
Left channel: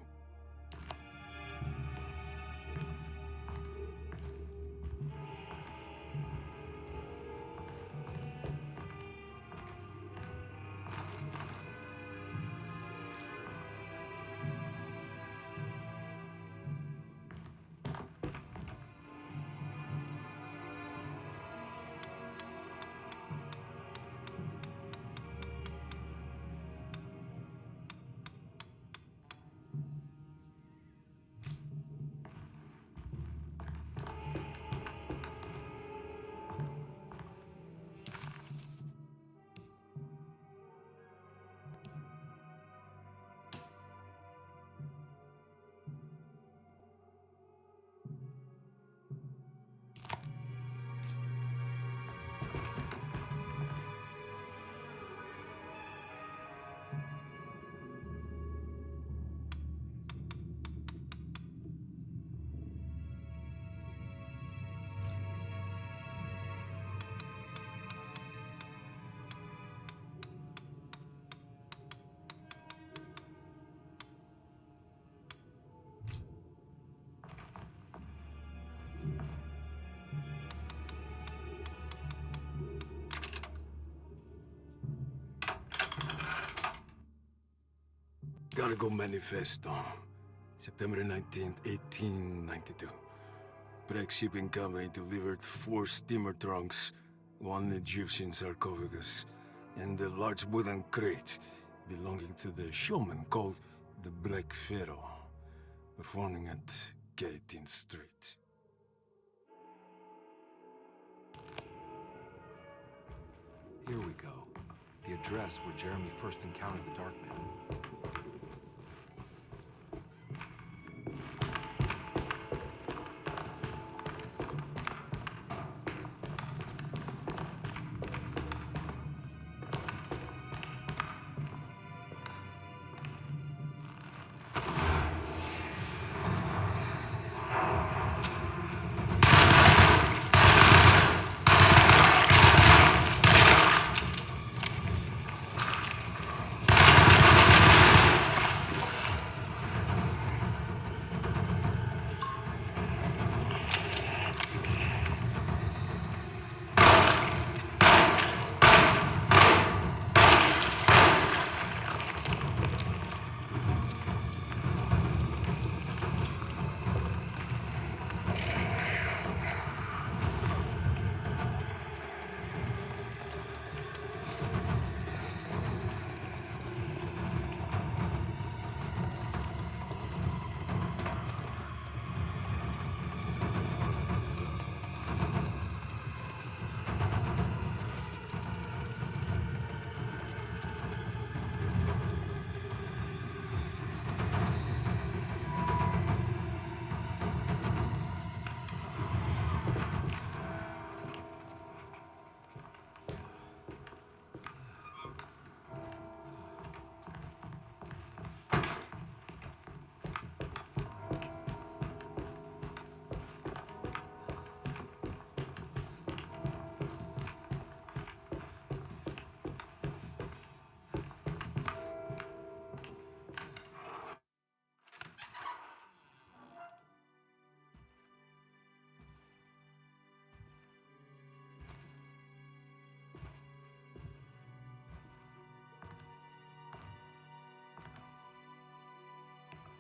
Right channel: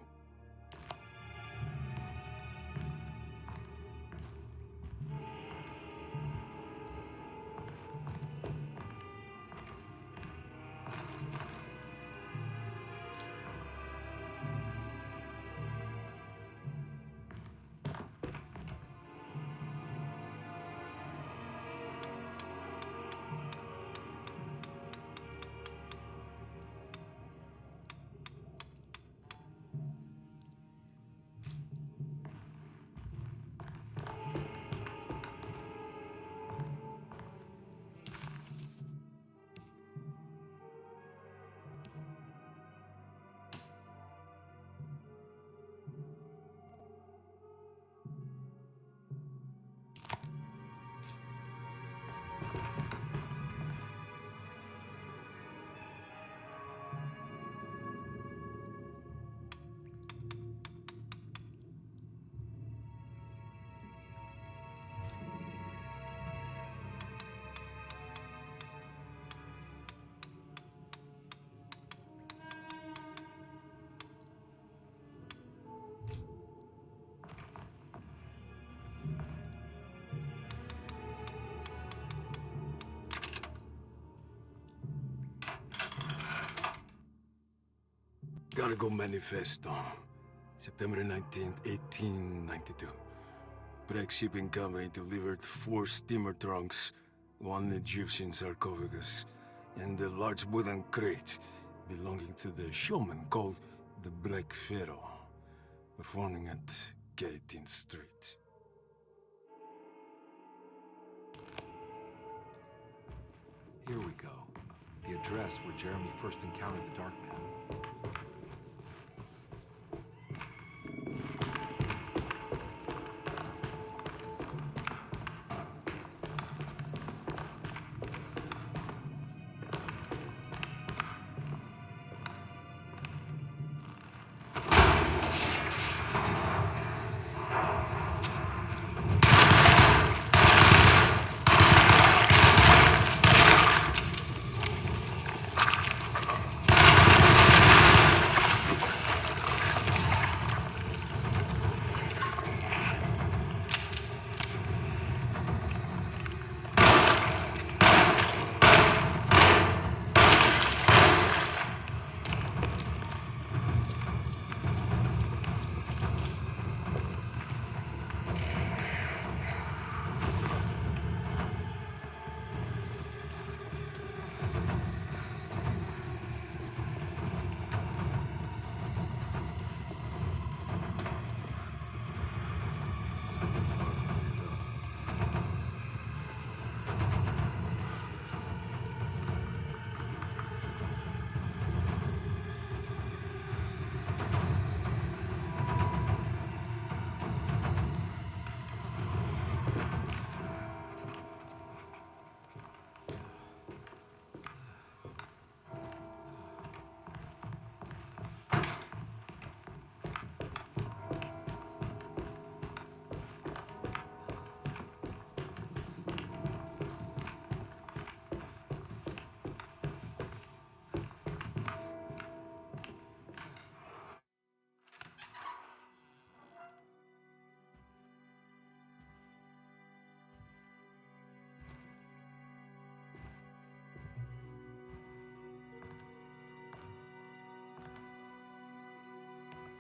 Gotta go manifesto. September 19th, 1892. Break shipping company delivered 4 steamer trunks, 1 Egyptian sarcophagus, and a large wooden crate belonging to the showman called the Black Pharaoh, performing at 18th Street. Here we go. The address where Jeremy first encountered the Dark Man.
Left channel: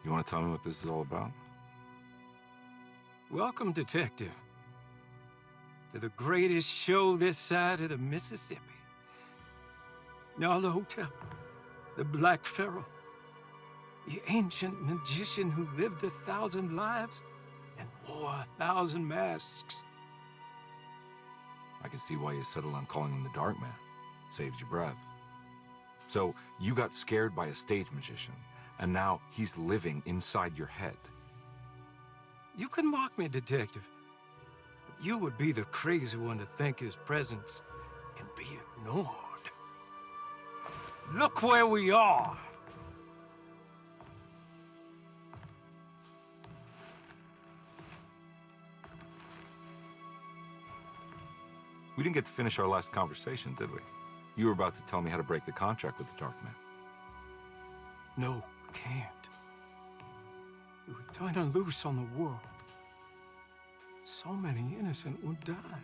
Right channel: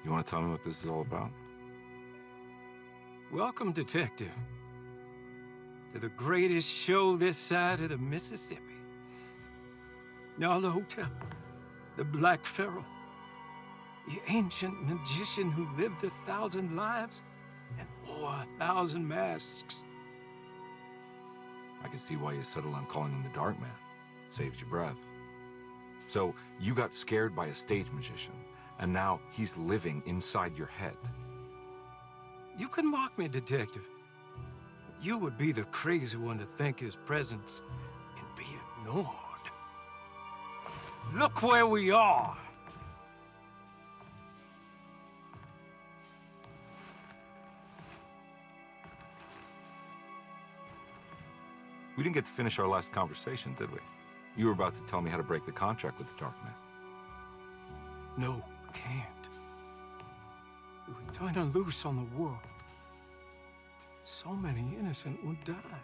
You want to tell me what this is all about? Welcome, Detective, to the greatest show this side of the Mississippi. Hotel, the Black Pharaoh, the ancient magician who lived 1,000 lives and wore 1,000 masks. I can see why you settled on calling him the Dark Man. Saves your breath. So, you got scared by a stage magician, and now he's living inside your head. You can mock me, Detective, but you would be the crazy one to think his presence can be ignored. Look where we are! We didn't get to finish our last conversation, did we? You were about to tell me how to break the contract with the Dark Man. No, we can't. We would turn her loose on the world. So many innocent would die.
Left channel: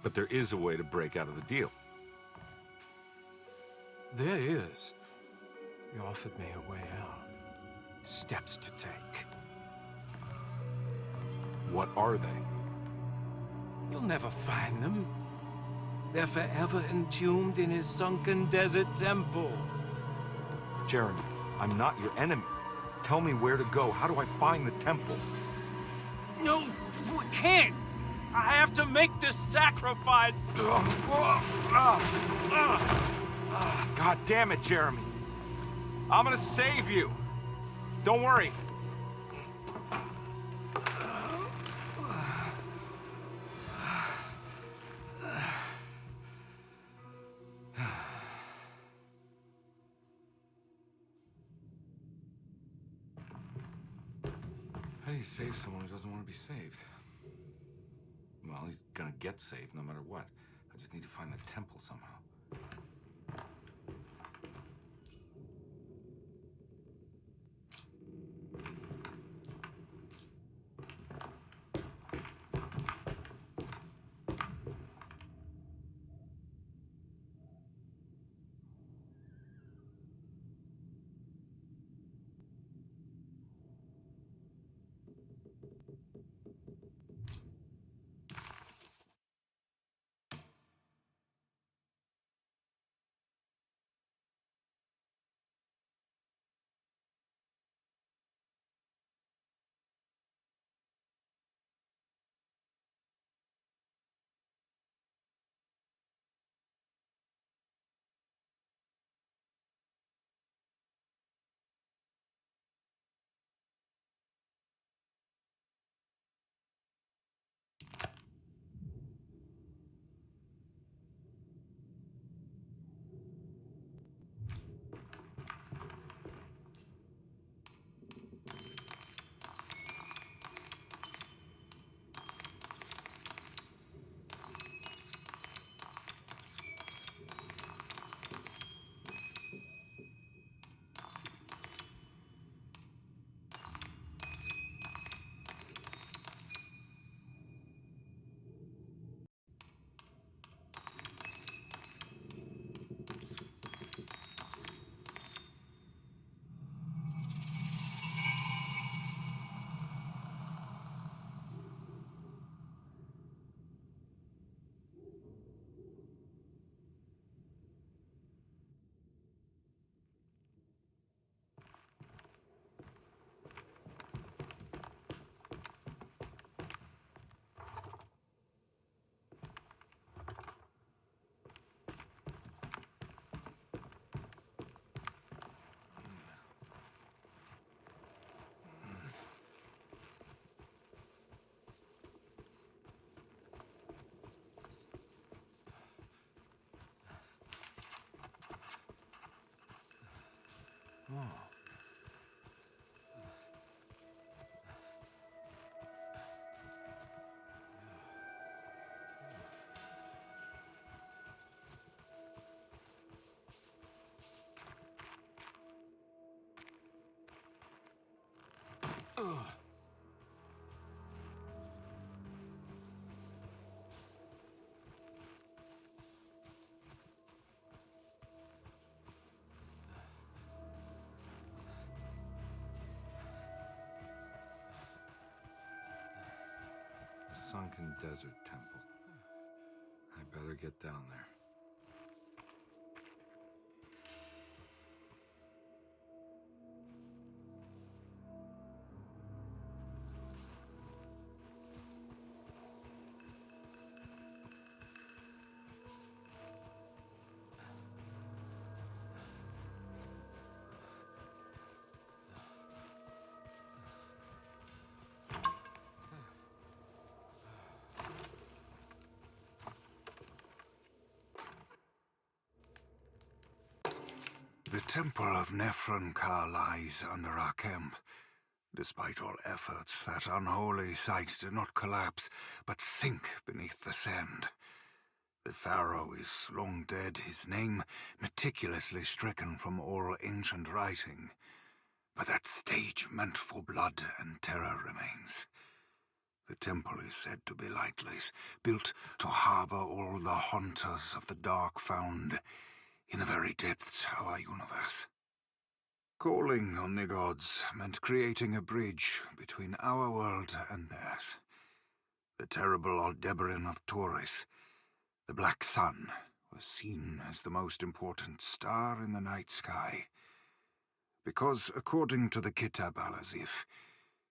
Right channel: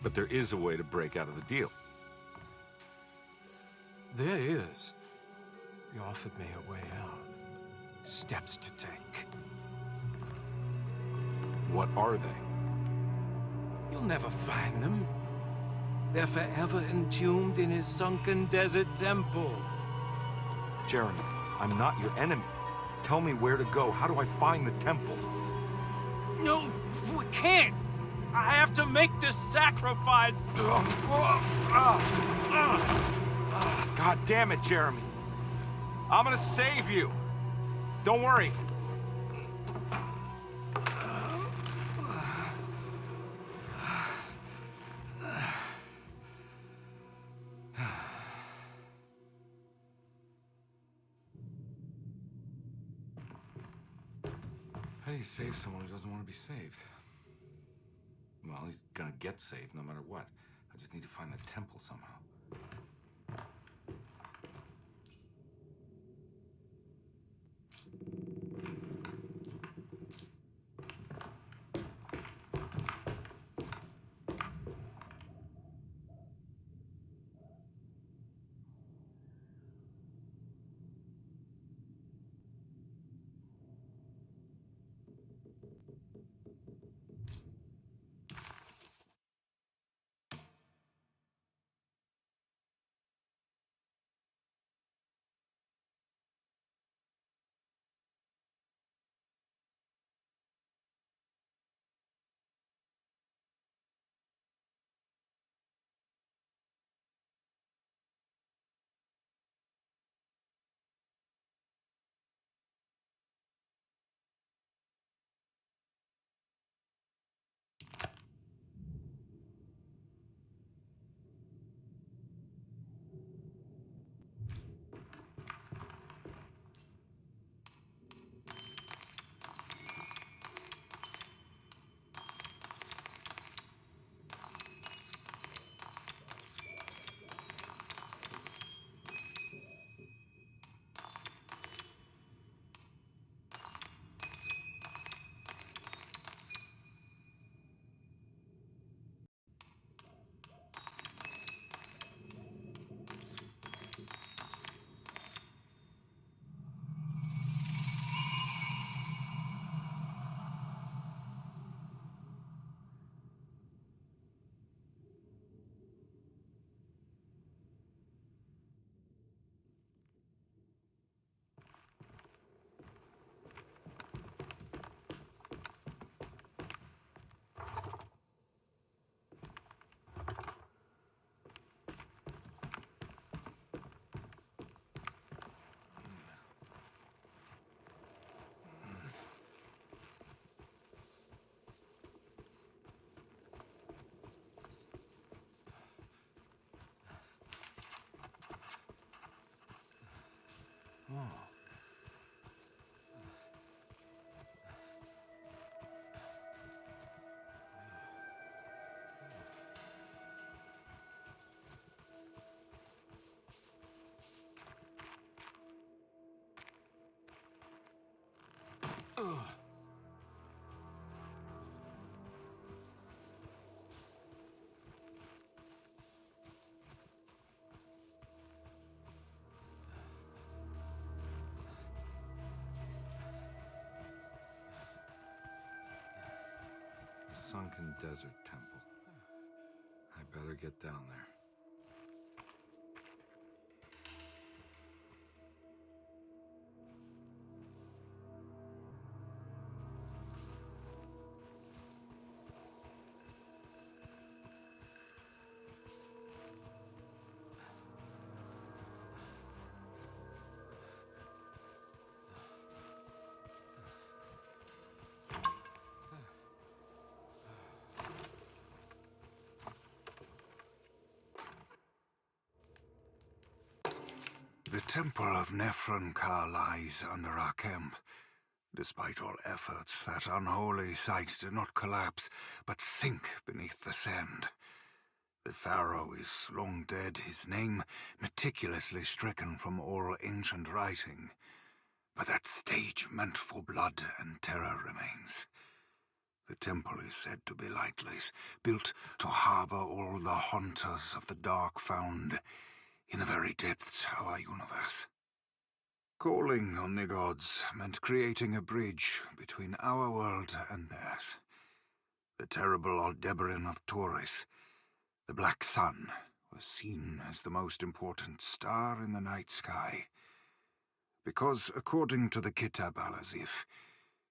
But there is a way to break out of the deal. There is. You offered me a way out. Steps to take. What are they? You'll never find them. They're forever entombed in his sunken desert temple. Jeremy, I'm not your enemy. Tell me where to go. How do I find the temple? No, we can't. I have to make this sacrifice. God damn it, Jeremy. I'm gonna save you. Don't worry. How do you save someone who doesn't want to be saved? Well, he's gonna get saved no matter what. I just need to find the temple somehow. sunken desert temple. I better get down there. The Temple of Nephron-Ka lies under our camp. Despite all efforts, that unholy site did not collapse, but sink beneath the sand. The pharaoh is long dead, his name meticulously stricken from all ancient writing. But that stage meant for blood and terror remains. The temple is said to be lightless, built to harbor all the haunters of the dark found in the very depths of our universe. Calling on the gods meant creating a bridge between our world and theirs. The terrible Aldebaran of Taurus, the Black Sun, was seen as the most important star in the night sky, because, according to the Kitab al-Azif,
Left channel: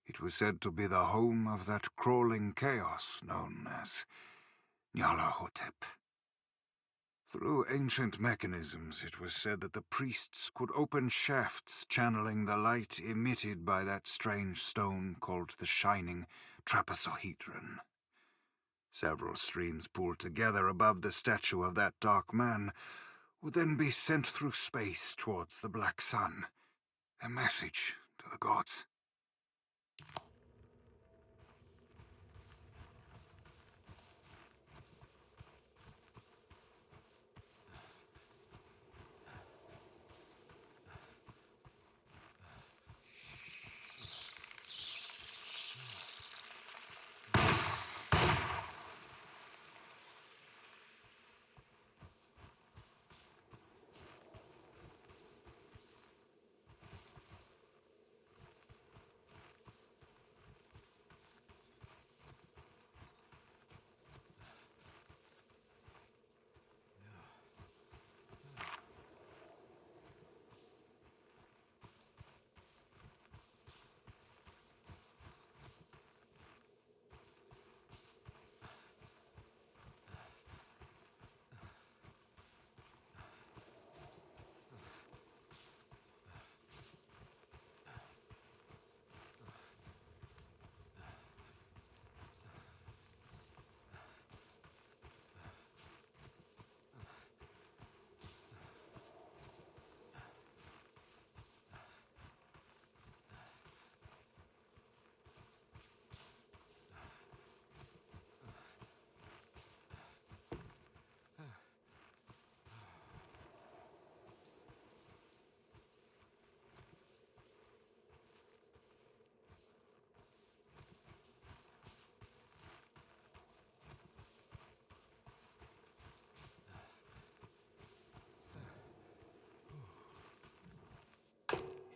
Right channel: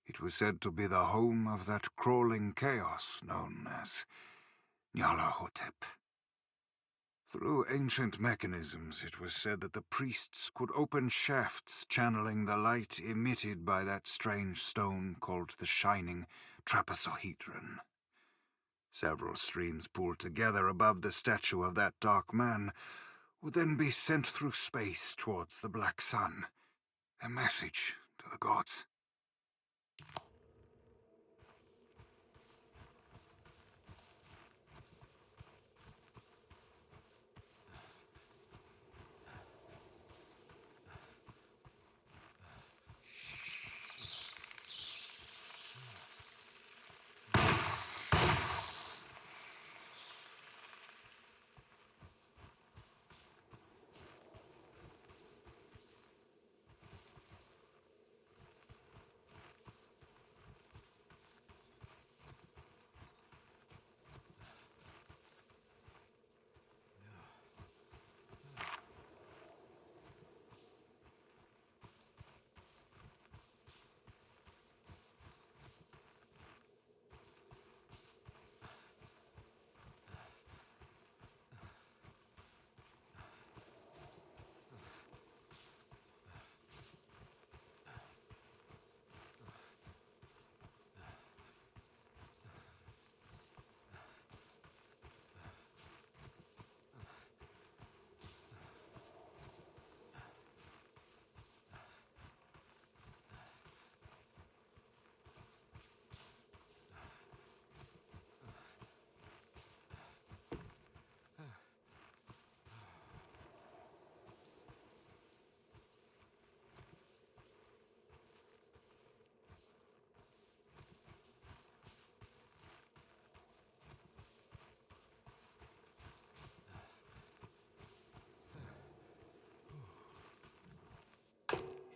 it was said to be the home of that crawling chaos known as Nyarlathotep. Through ancient mechanisms, it was said that the priests could open shafts channeling the light emitted by that strange stone called the Shining Trapezohedron. Several streams pooled together above the statue of that dark man would then be sent through space towards the Black Sun, a message to the gods.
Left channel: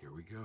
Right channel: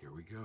Here we go.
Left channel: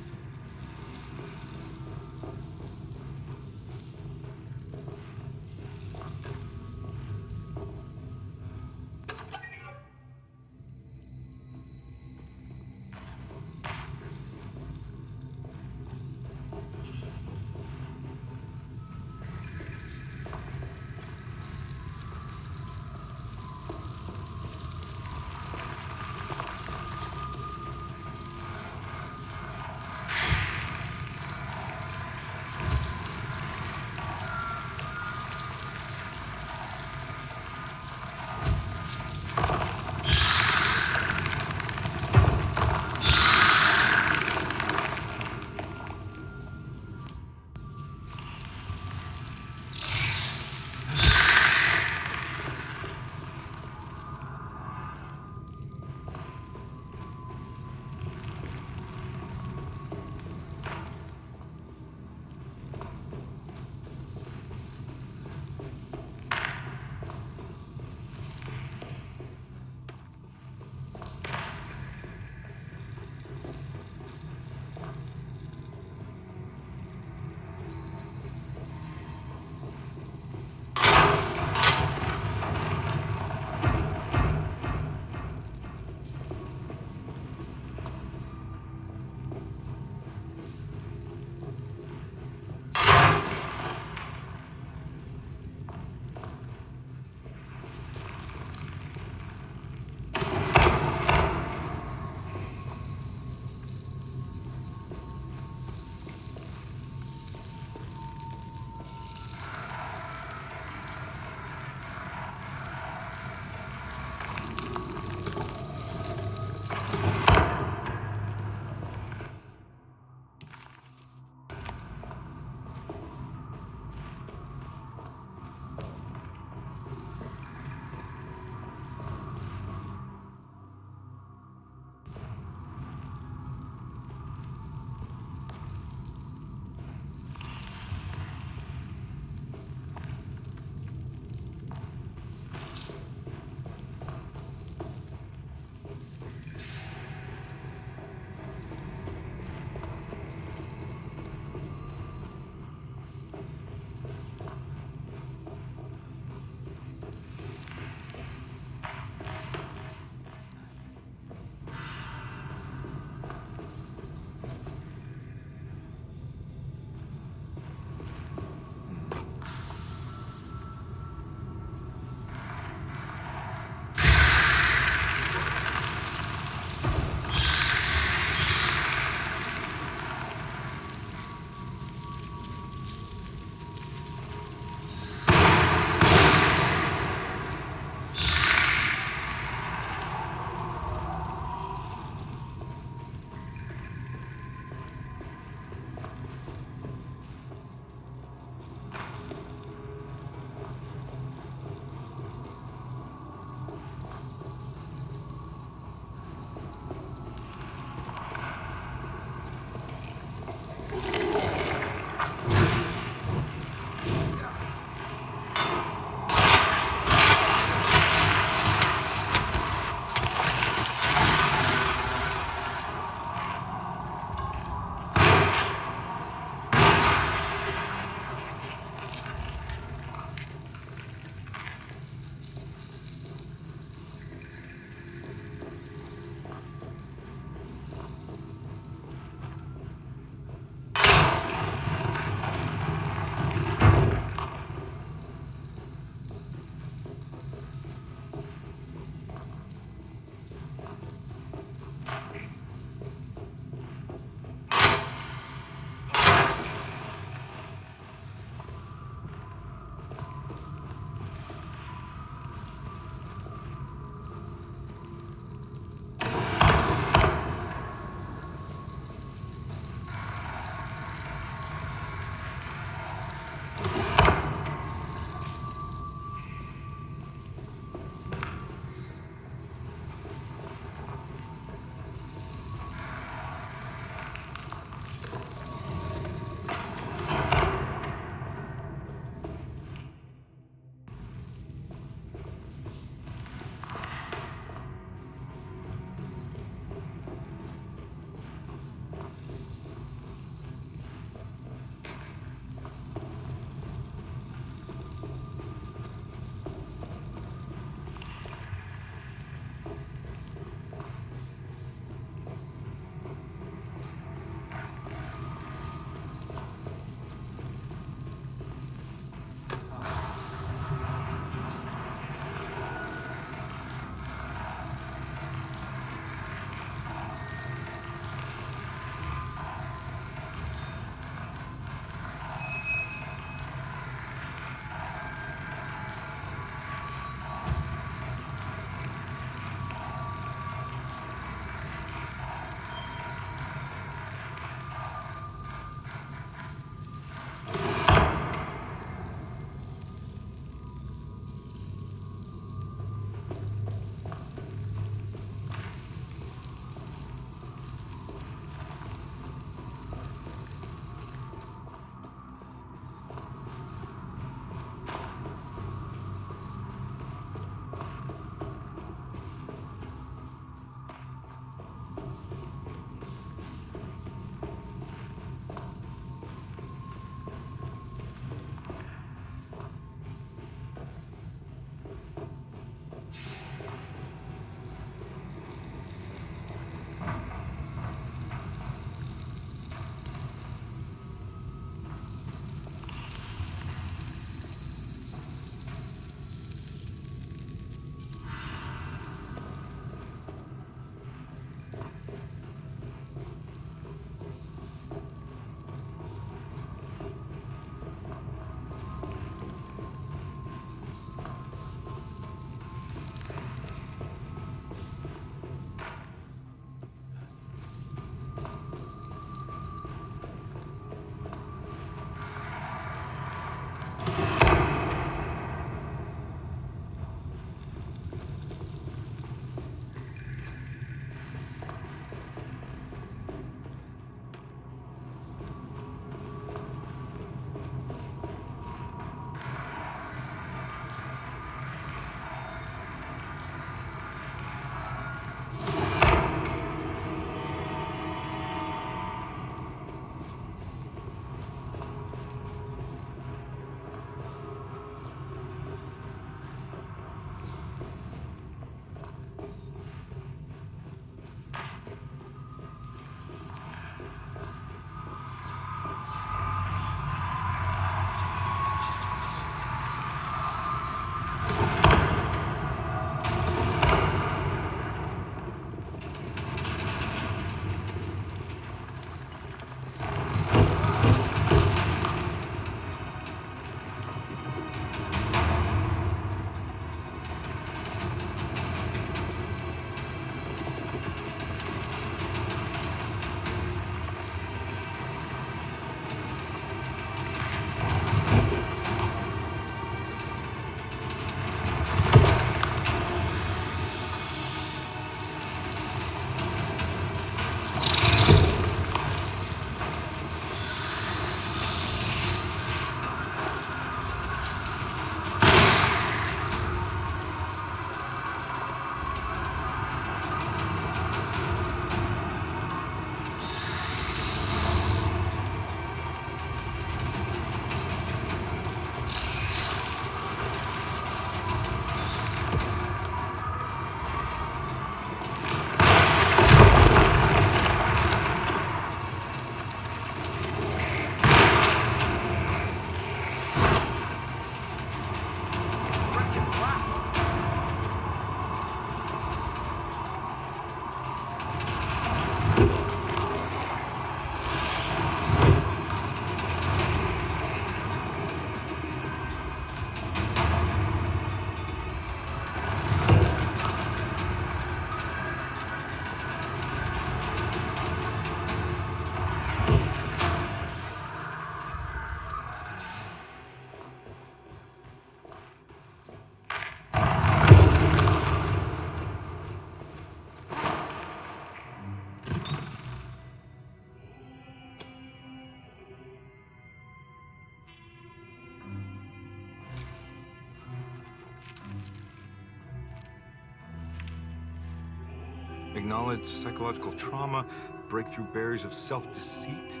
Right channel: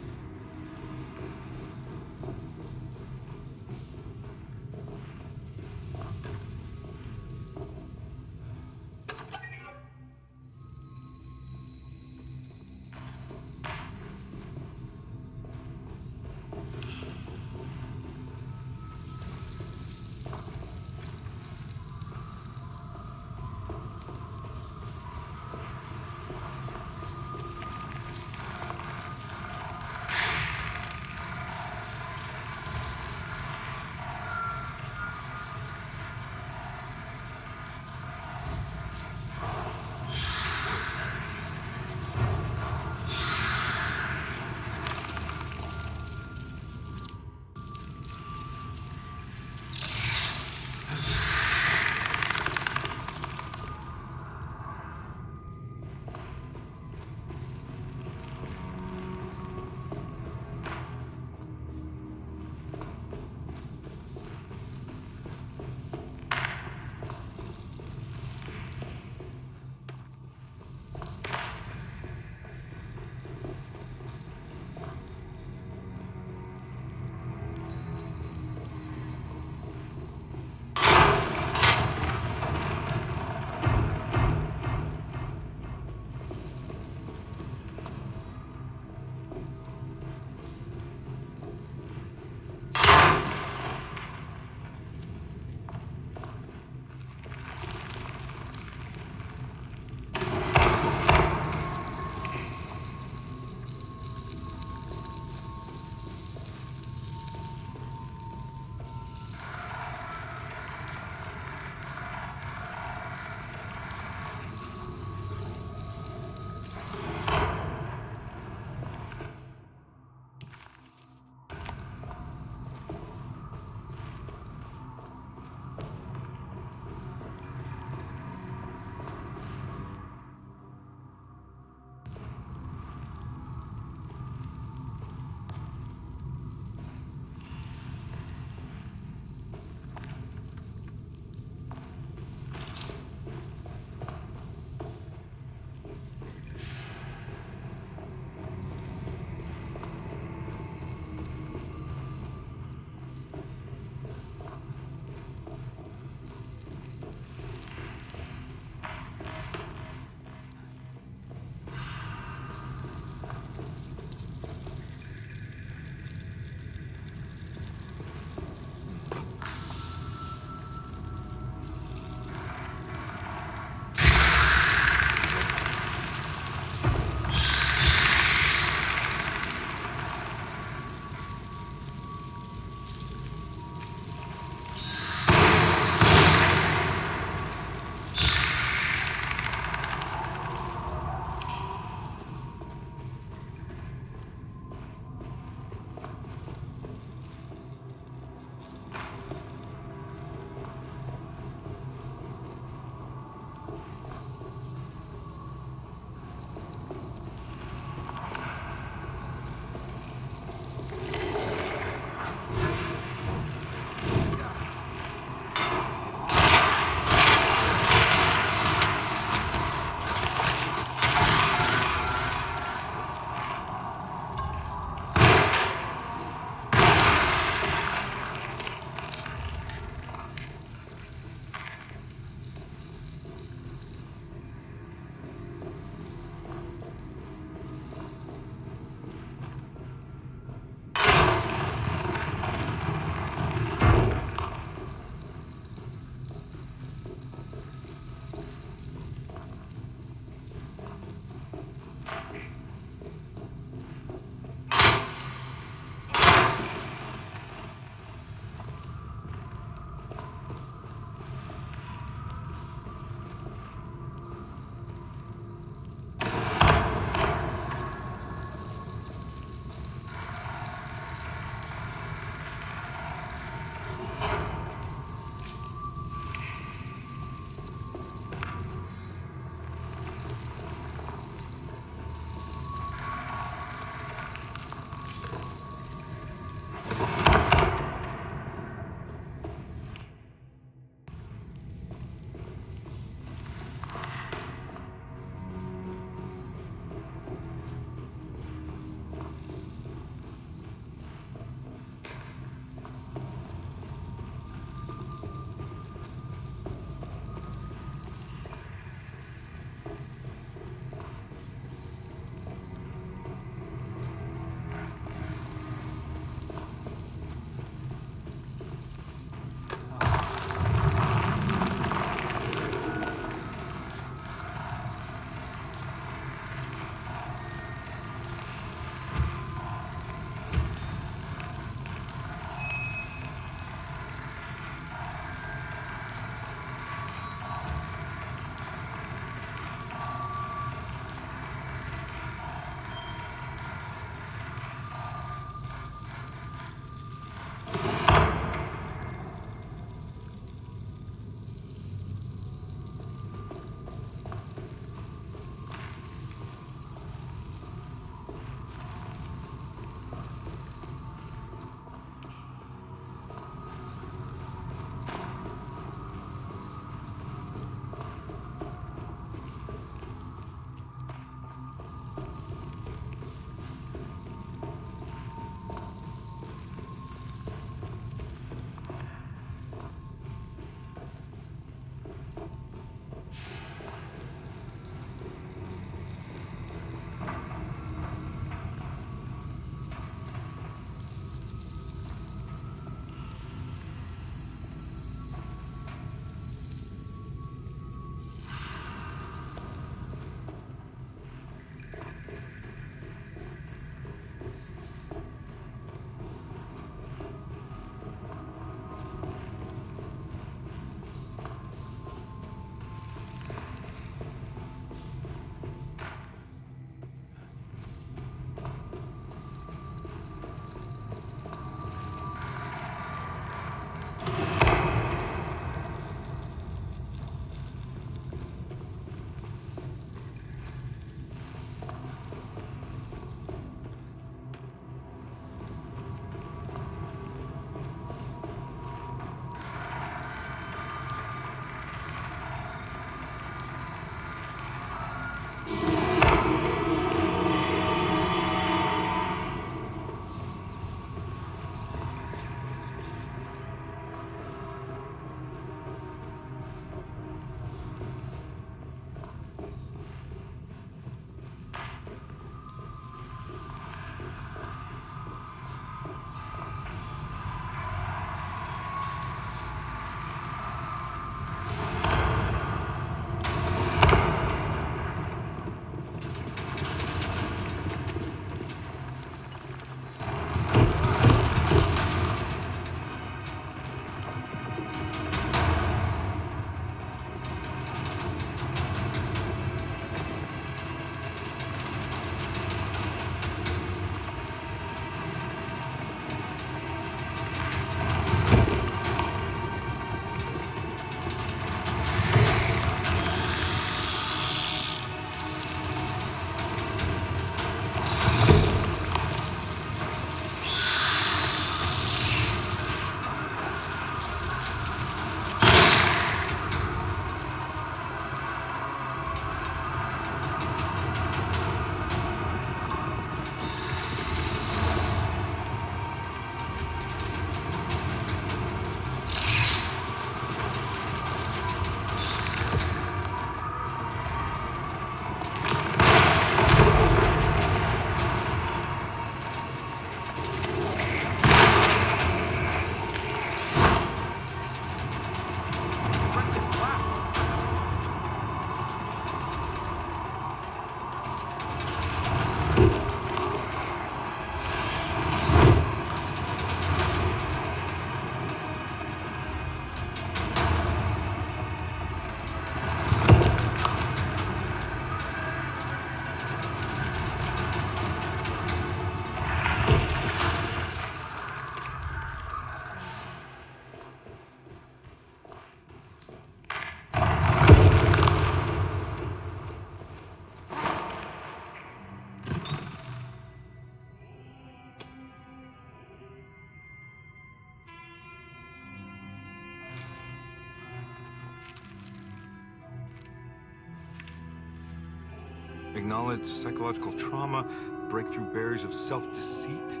Acknowledge psychological trauma, break through barriers of self-deceit,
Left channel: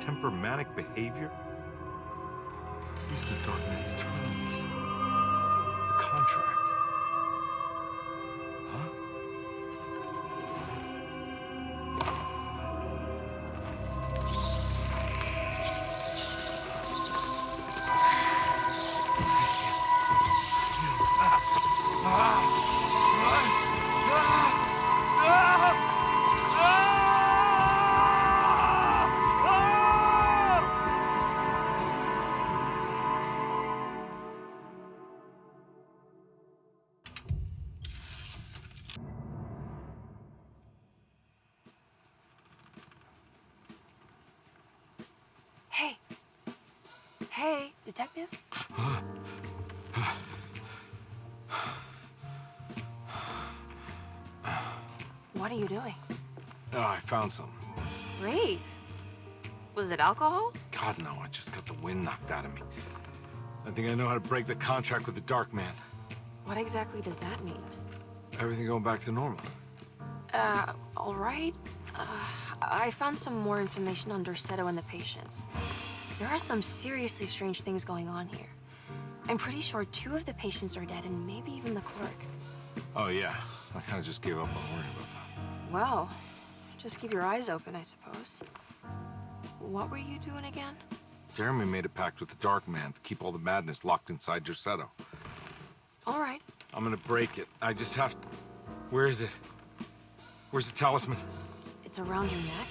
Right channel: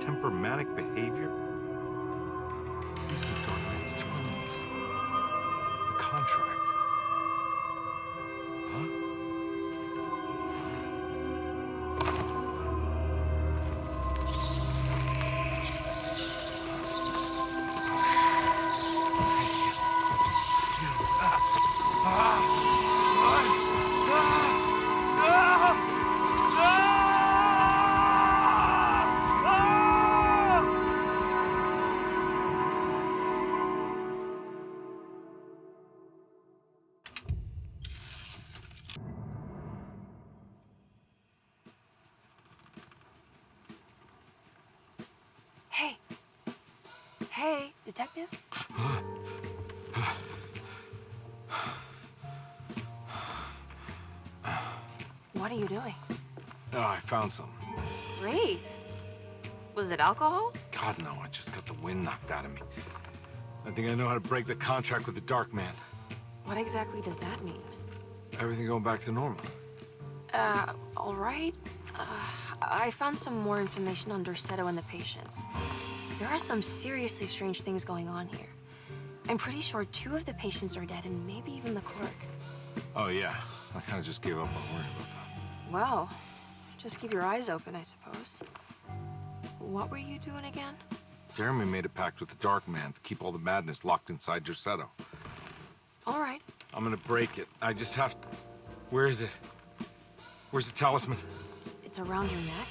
temper manic behavior. These are the Dark Man's terms. The contract. Huh? Hey. Hey, detective? What are you doing? Oh, I found some. Great. Was it alcohol? God, no, I just got the wind knocked out of me. I think I know how to break the contract with the Dark Man. What exactly does that mean? Everything going back to normal. All right. I found some more information on Dorsetto and the patients. There are some seriously strange things going on here. I'm pretty sure 2 of the patients are dead, and maybe even the clerk. Oh, yeah. I kind of just gave up on worrying about that. Well, just keep your eyes open, I suppose. What were you doing again? Jeremy made a pact with the Dark Man to keep all the madness locked inside Dorsetto. All right. I'm gonna break it. I just have to... Where is it? Where's the talisman? It's around your neck?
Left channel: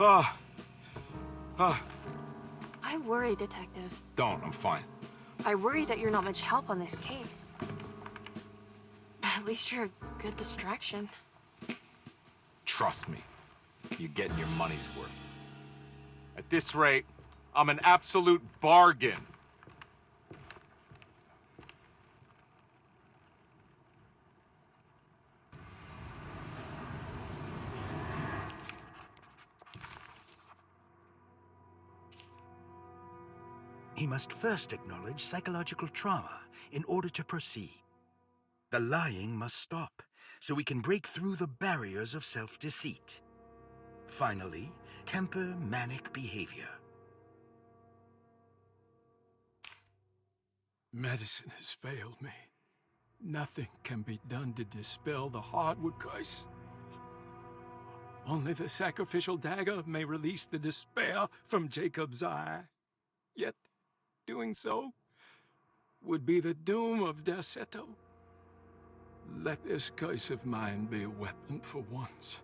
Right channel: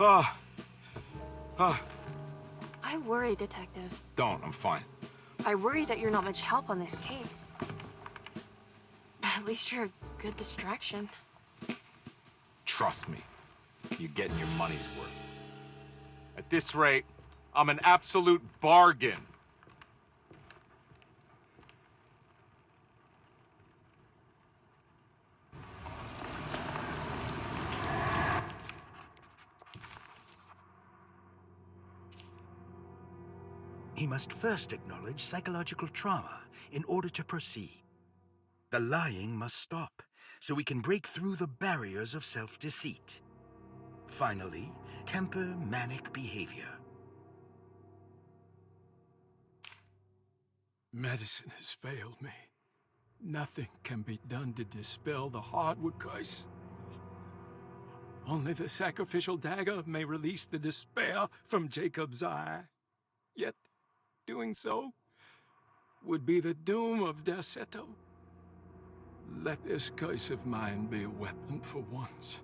Ah! I worry, Detective. Don't, I'm fine. I worry that you're not much help on this case. At least you're a good distraction. Trust me. You're getting your money's worth. At this rate, I'm an absolute bargain. He must first acknowledge psychological trauma in order to proceed. The lying must stop, so we can break through the barriers of self-deceit. Finally, temper manic behavior. Medicine has failed me. Nothing can be done to dispel the hardwood curse. Only the sacrificial dagger may release the despair from Jacob's eye. Yet, doing so would be the doom of Dorsetto. Let this curse of mine be a weapon for once.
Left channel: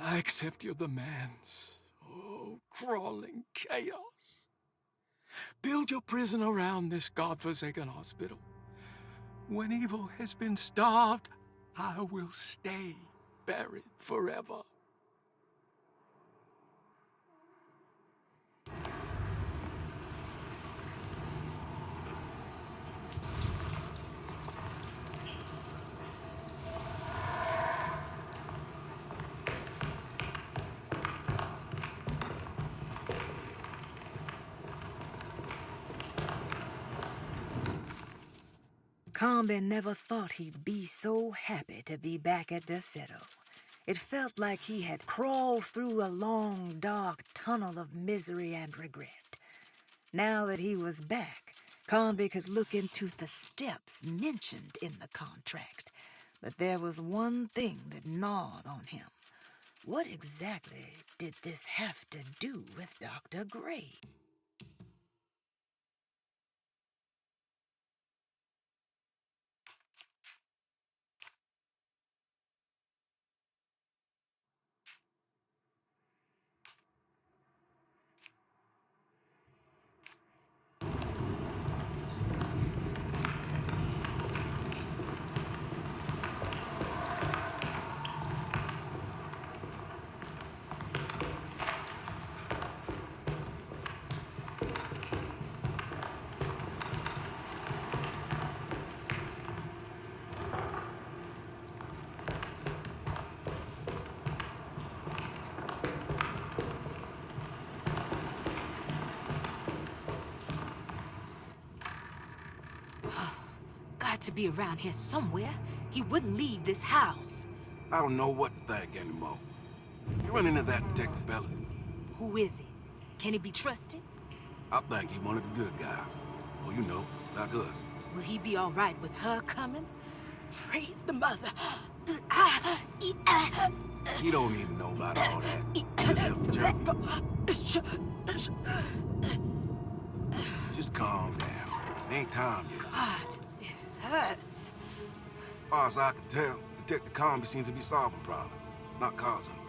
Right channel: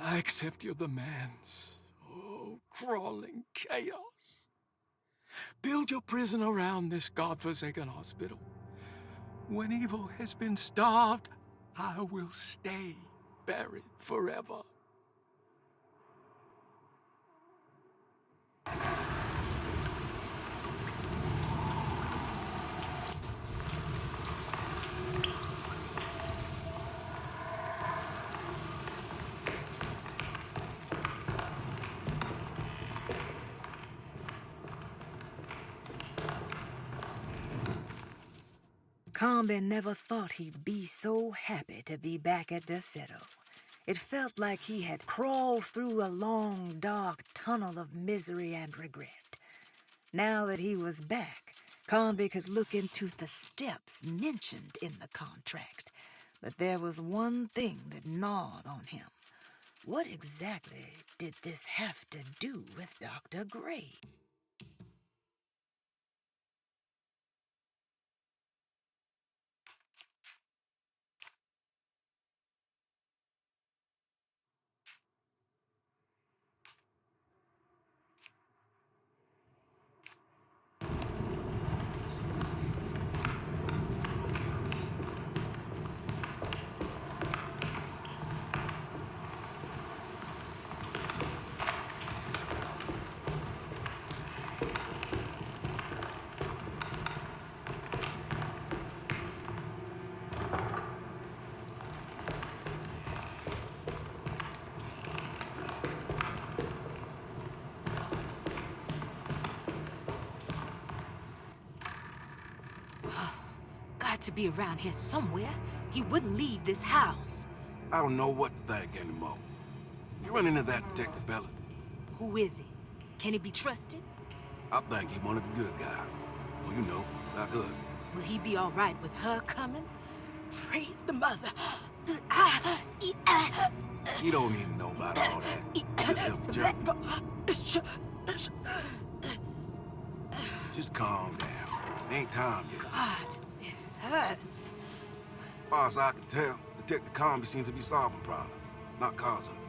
I accept your demands. Oh, crawling chaos. Build your prison around this godforsaken hospital. When evil has been starved, I will stay buried forever. Combe never thought he'd be so happy to be back at Dorsetto. It felt like he had crawled through a long, dark tunnel of misery and regret. Now that he was back, Combe could look into the steps mentioned in the contract. But there was one thing that gnawed on him. What exactly did this have to do with Dr. Gray? Got to be around here somewhere. He wouldn't leave this house. I don't know what to think anymore. You run into that detective fella? Who is he? Can he be trusted? I think he one of the good guys. Well, you know, like us. Will he be all right with her coming? Praise the mother. He don't need to know about all that. Just help Jeremy. Just calm down. It ain't time yet. God, it hurts. As far as I can tell, Detective Comby seems to be solving problems, not causing them.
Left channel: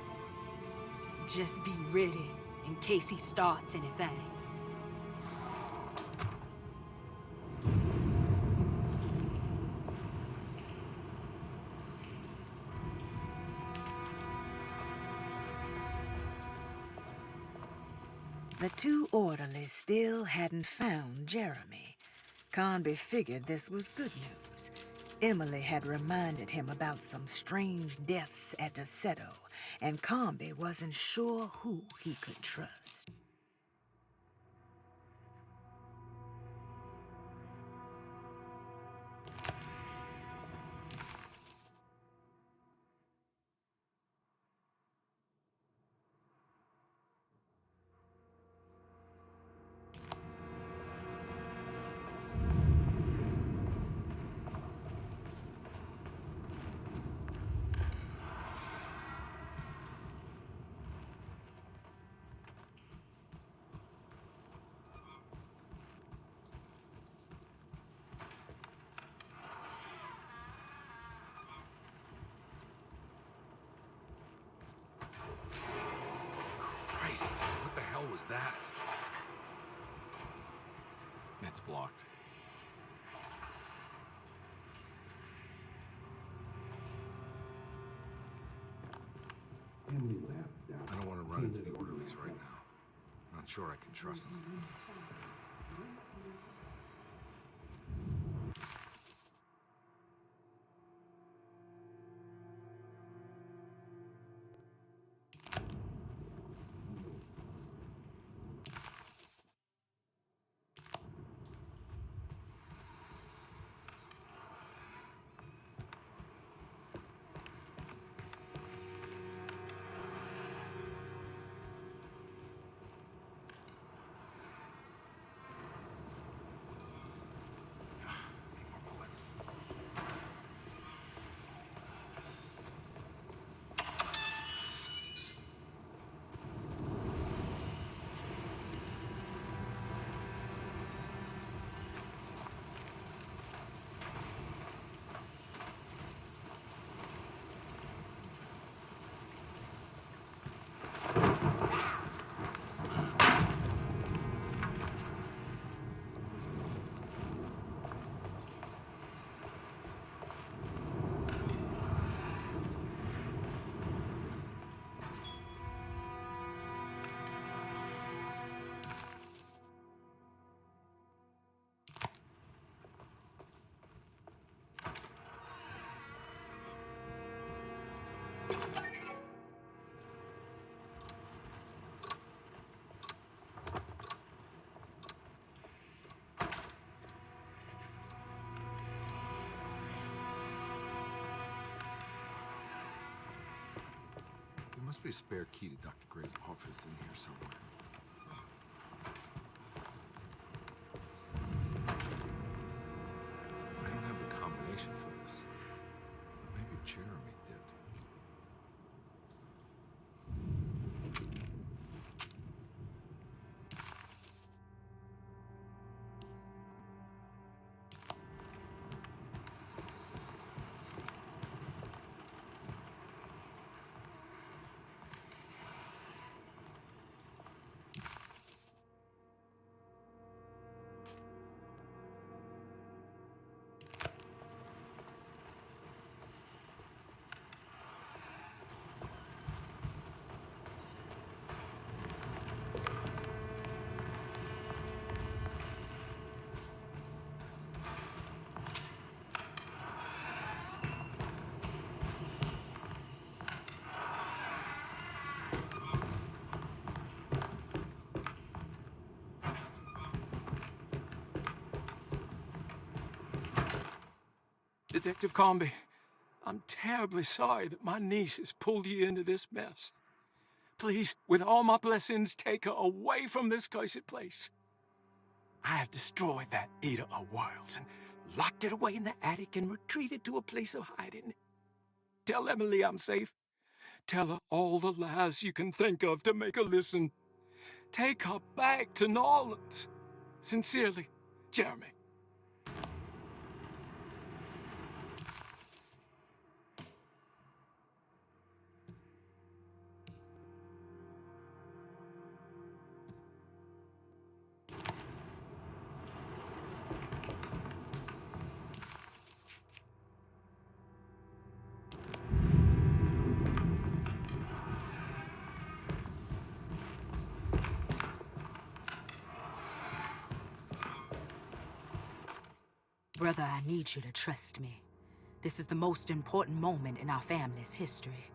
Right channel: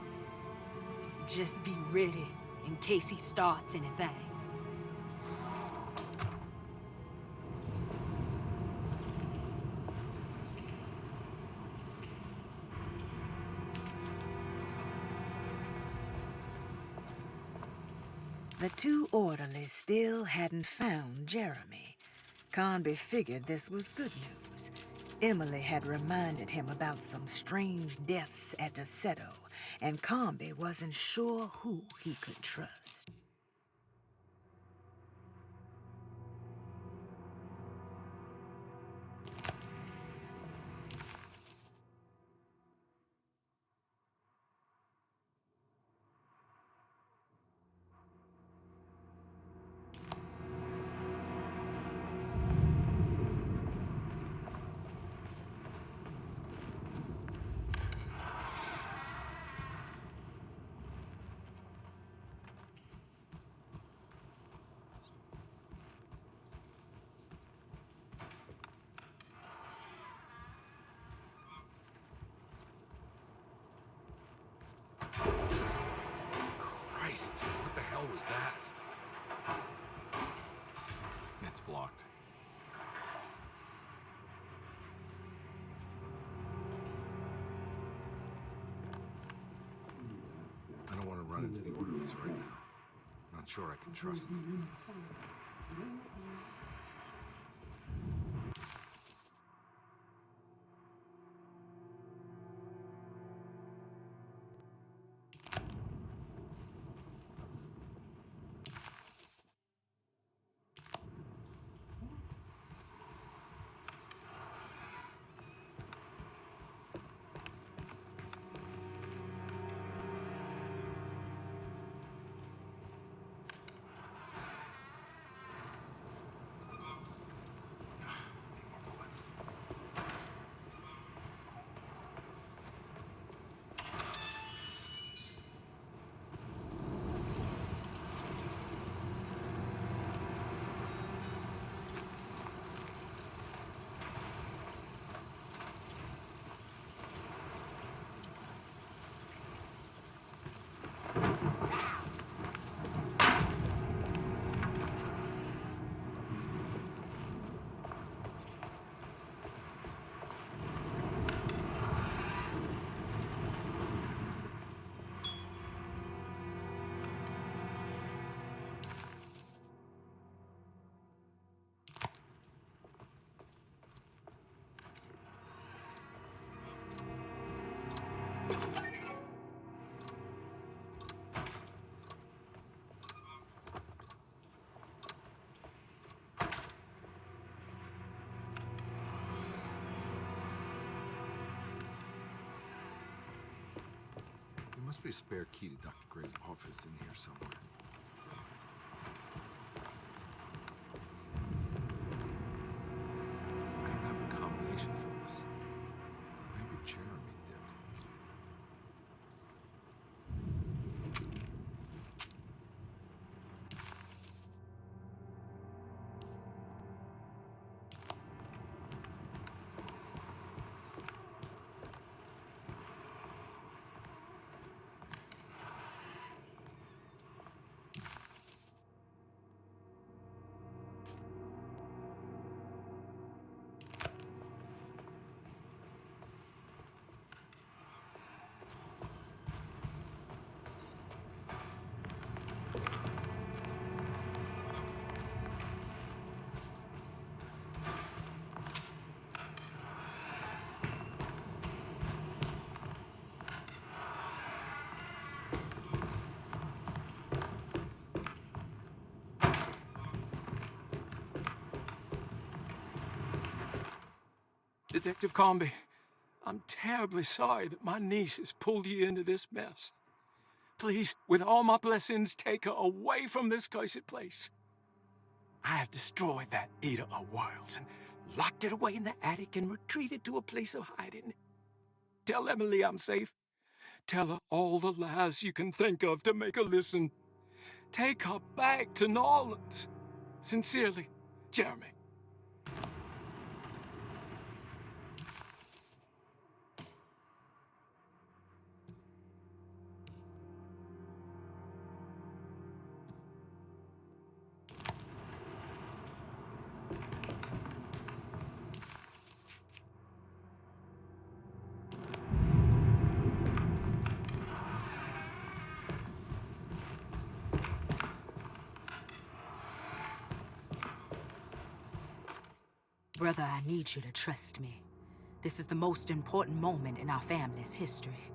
Just be ready in case he starts anything. The two orderlies still hadn't found Jeremy. Conby figured this was good news. Emily had reminded him about some strange deaths at Desolate, and Conby wasn't sure who he could trust. Christ, what the hell was that? It's blocked. I don't want to run into the orderlies right now. Not sure I can trust them. There must be a spare key to Dr. Gray's office in here somewhere. I don't have the combination for this. Maybe Jeremy did. Detective Comby, I'm terribly sorry that my niece has pulled you into this mess. Please, with all my blessings, take her away from this cursed place. I have destroyed that eater of worlds and locked it away in the attic and retreated to a place of hiding. Tell Emily I'm safe. Tell her all the lies you can think of to make her listen. Take her back to New Orleans. Sincerely, Jeremy. Brother, I need you to trust me. This is the most important moment in our family's history.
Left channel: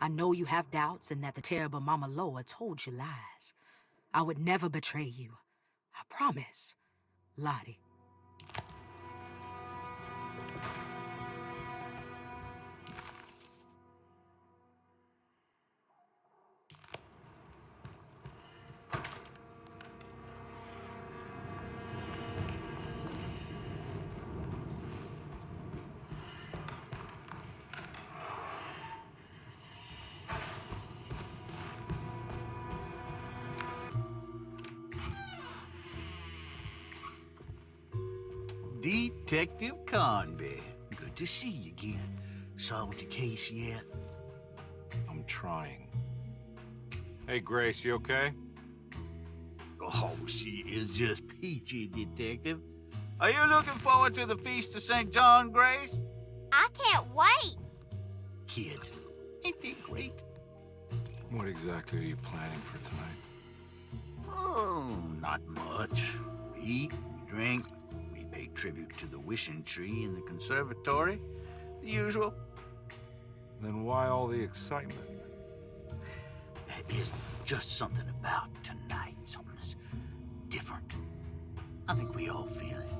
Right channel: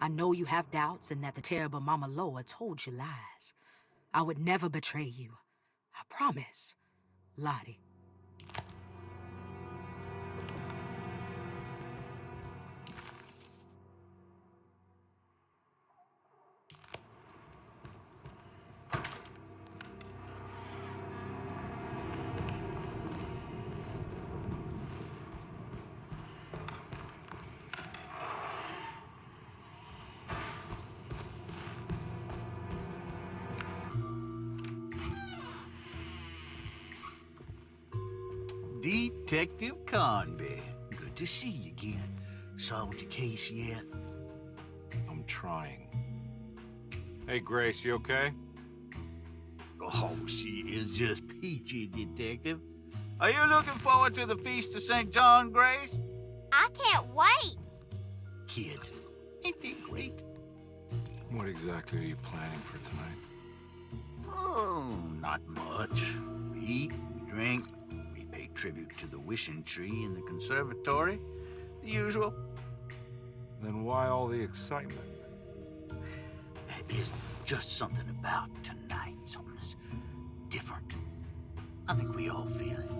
I know you have doubts and that the terrible Mama Loa told you lies. I would never betray you. I promise. Lottie. Detective Conby. Good to see you again. Solved your case yet? I'm trying. Hey, Grace, you okay? Oh, she is just peachy, Detective. Are you looking forward to the Feast of St. John, Grace? I can't wait. Kids, ain't they great? What exactly are you planning for tonight? Oh, not much. We eat, we drink, we pay tribute to the wishing tree in the conservatory. The usual. Then why all the excitement? There is just something about tonight. Something's different. I think we all feel it.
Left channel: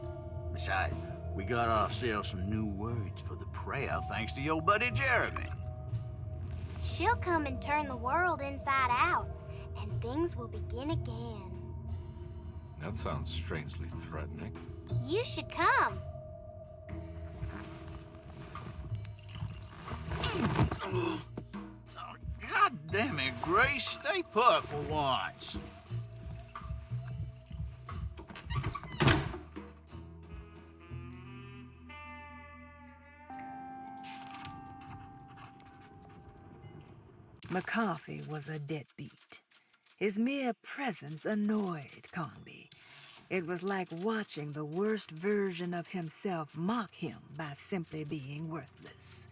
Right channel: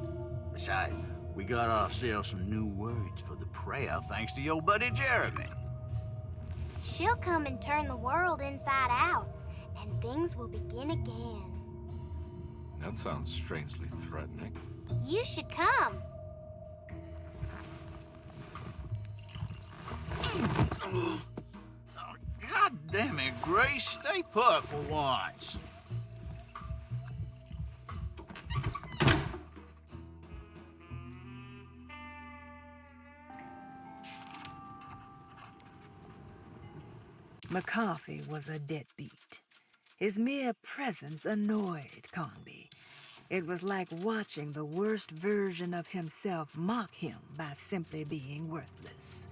Besides, we got ourselves some new words for the prayer thanks to your buddy Jeremy. She'll come and turn the world inside out, and things will begin again. That sounds strangely threatening. You should come. God damn it, Grace. Stay put for once. McCarthy was a deadbeat. His mere presence annoyed Conby. It was like watching the worst version of himself mock him by simply being worthless.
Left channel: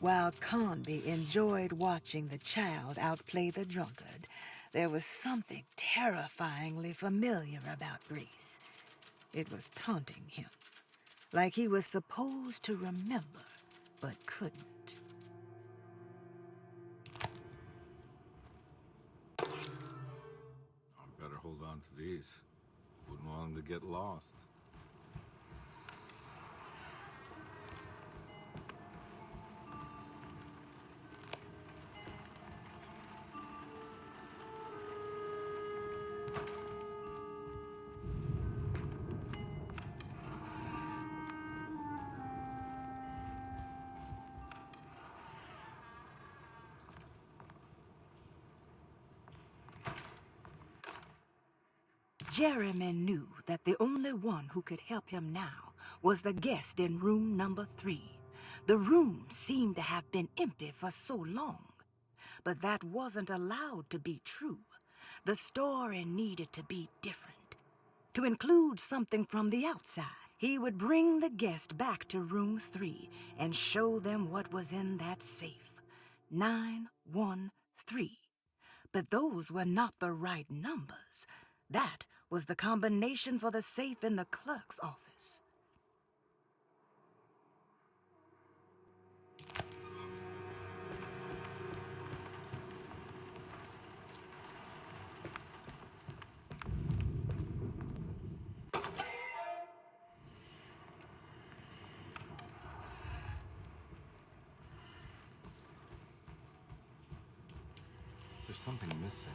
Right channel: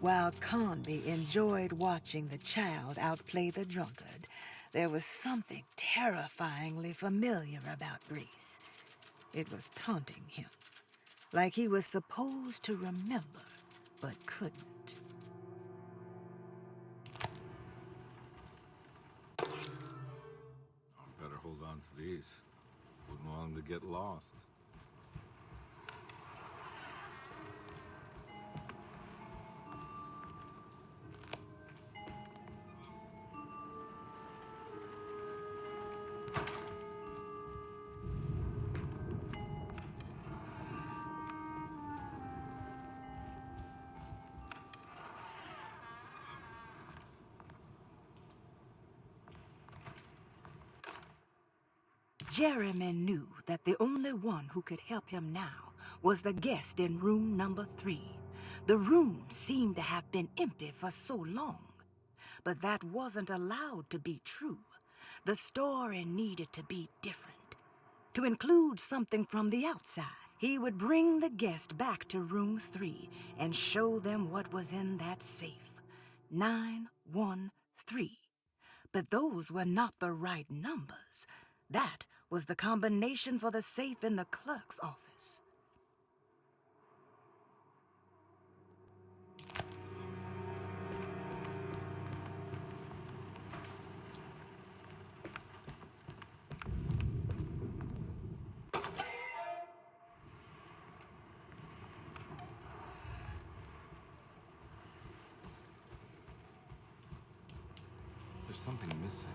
While Conby enjoyed watching the child outplay the drunkard, there was something terrifyingly familiar about Grace. It was taunting him, like he was supposed to remember, but couldn't. I better hold on to these. Wouldn't want them to get lost. Jeremy knew that the only one who could help him now was the guest in room number 3. The room seemed to have been empty for so long. But that wasn't allowed to be true. The story needed to be different. To include something from the outside, he would bring the guest back to room 3 and show them what was in that safe. 913. But those were not the right numbers. That was the combination for the safe in the clerk's office. something missing.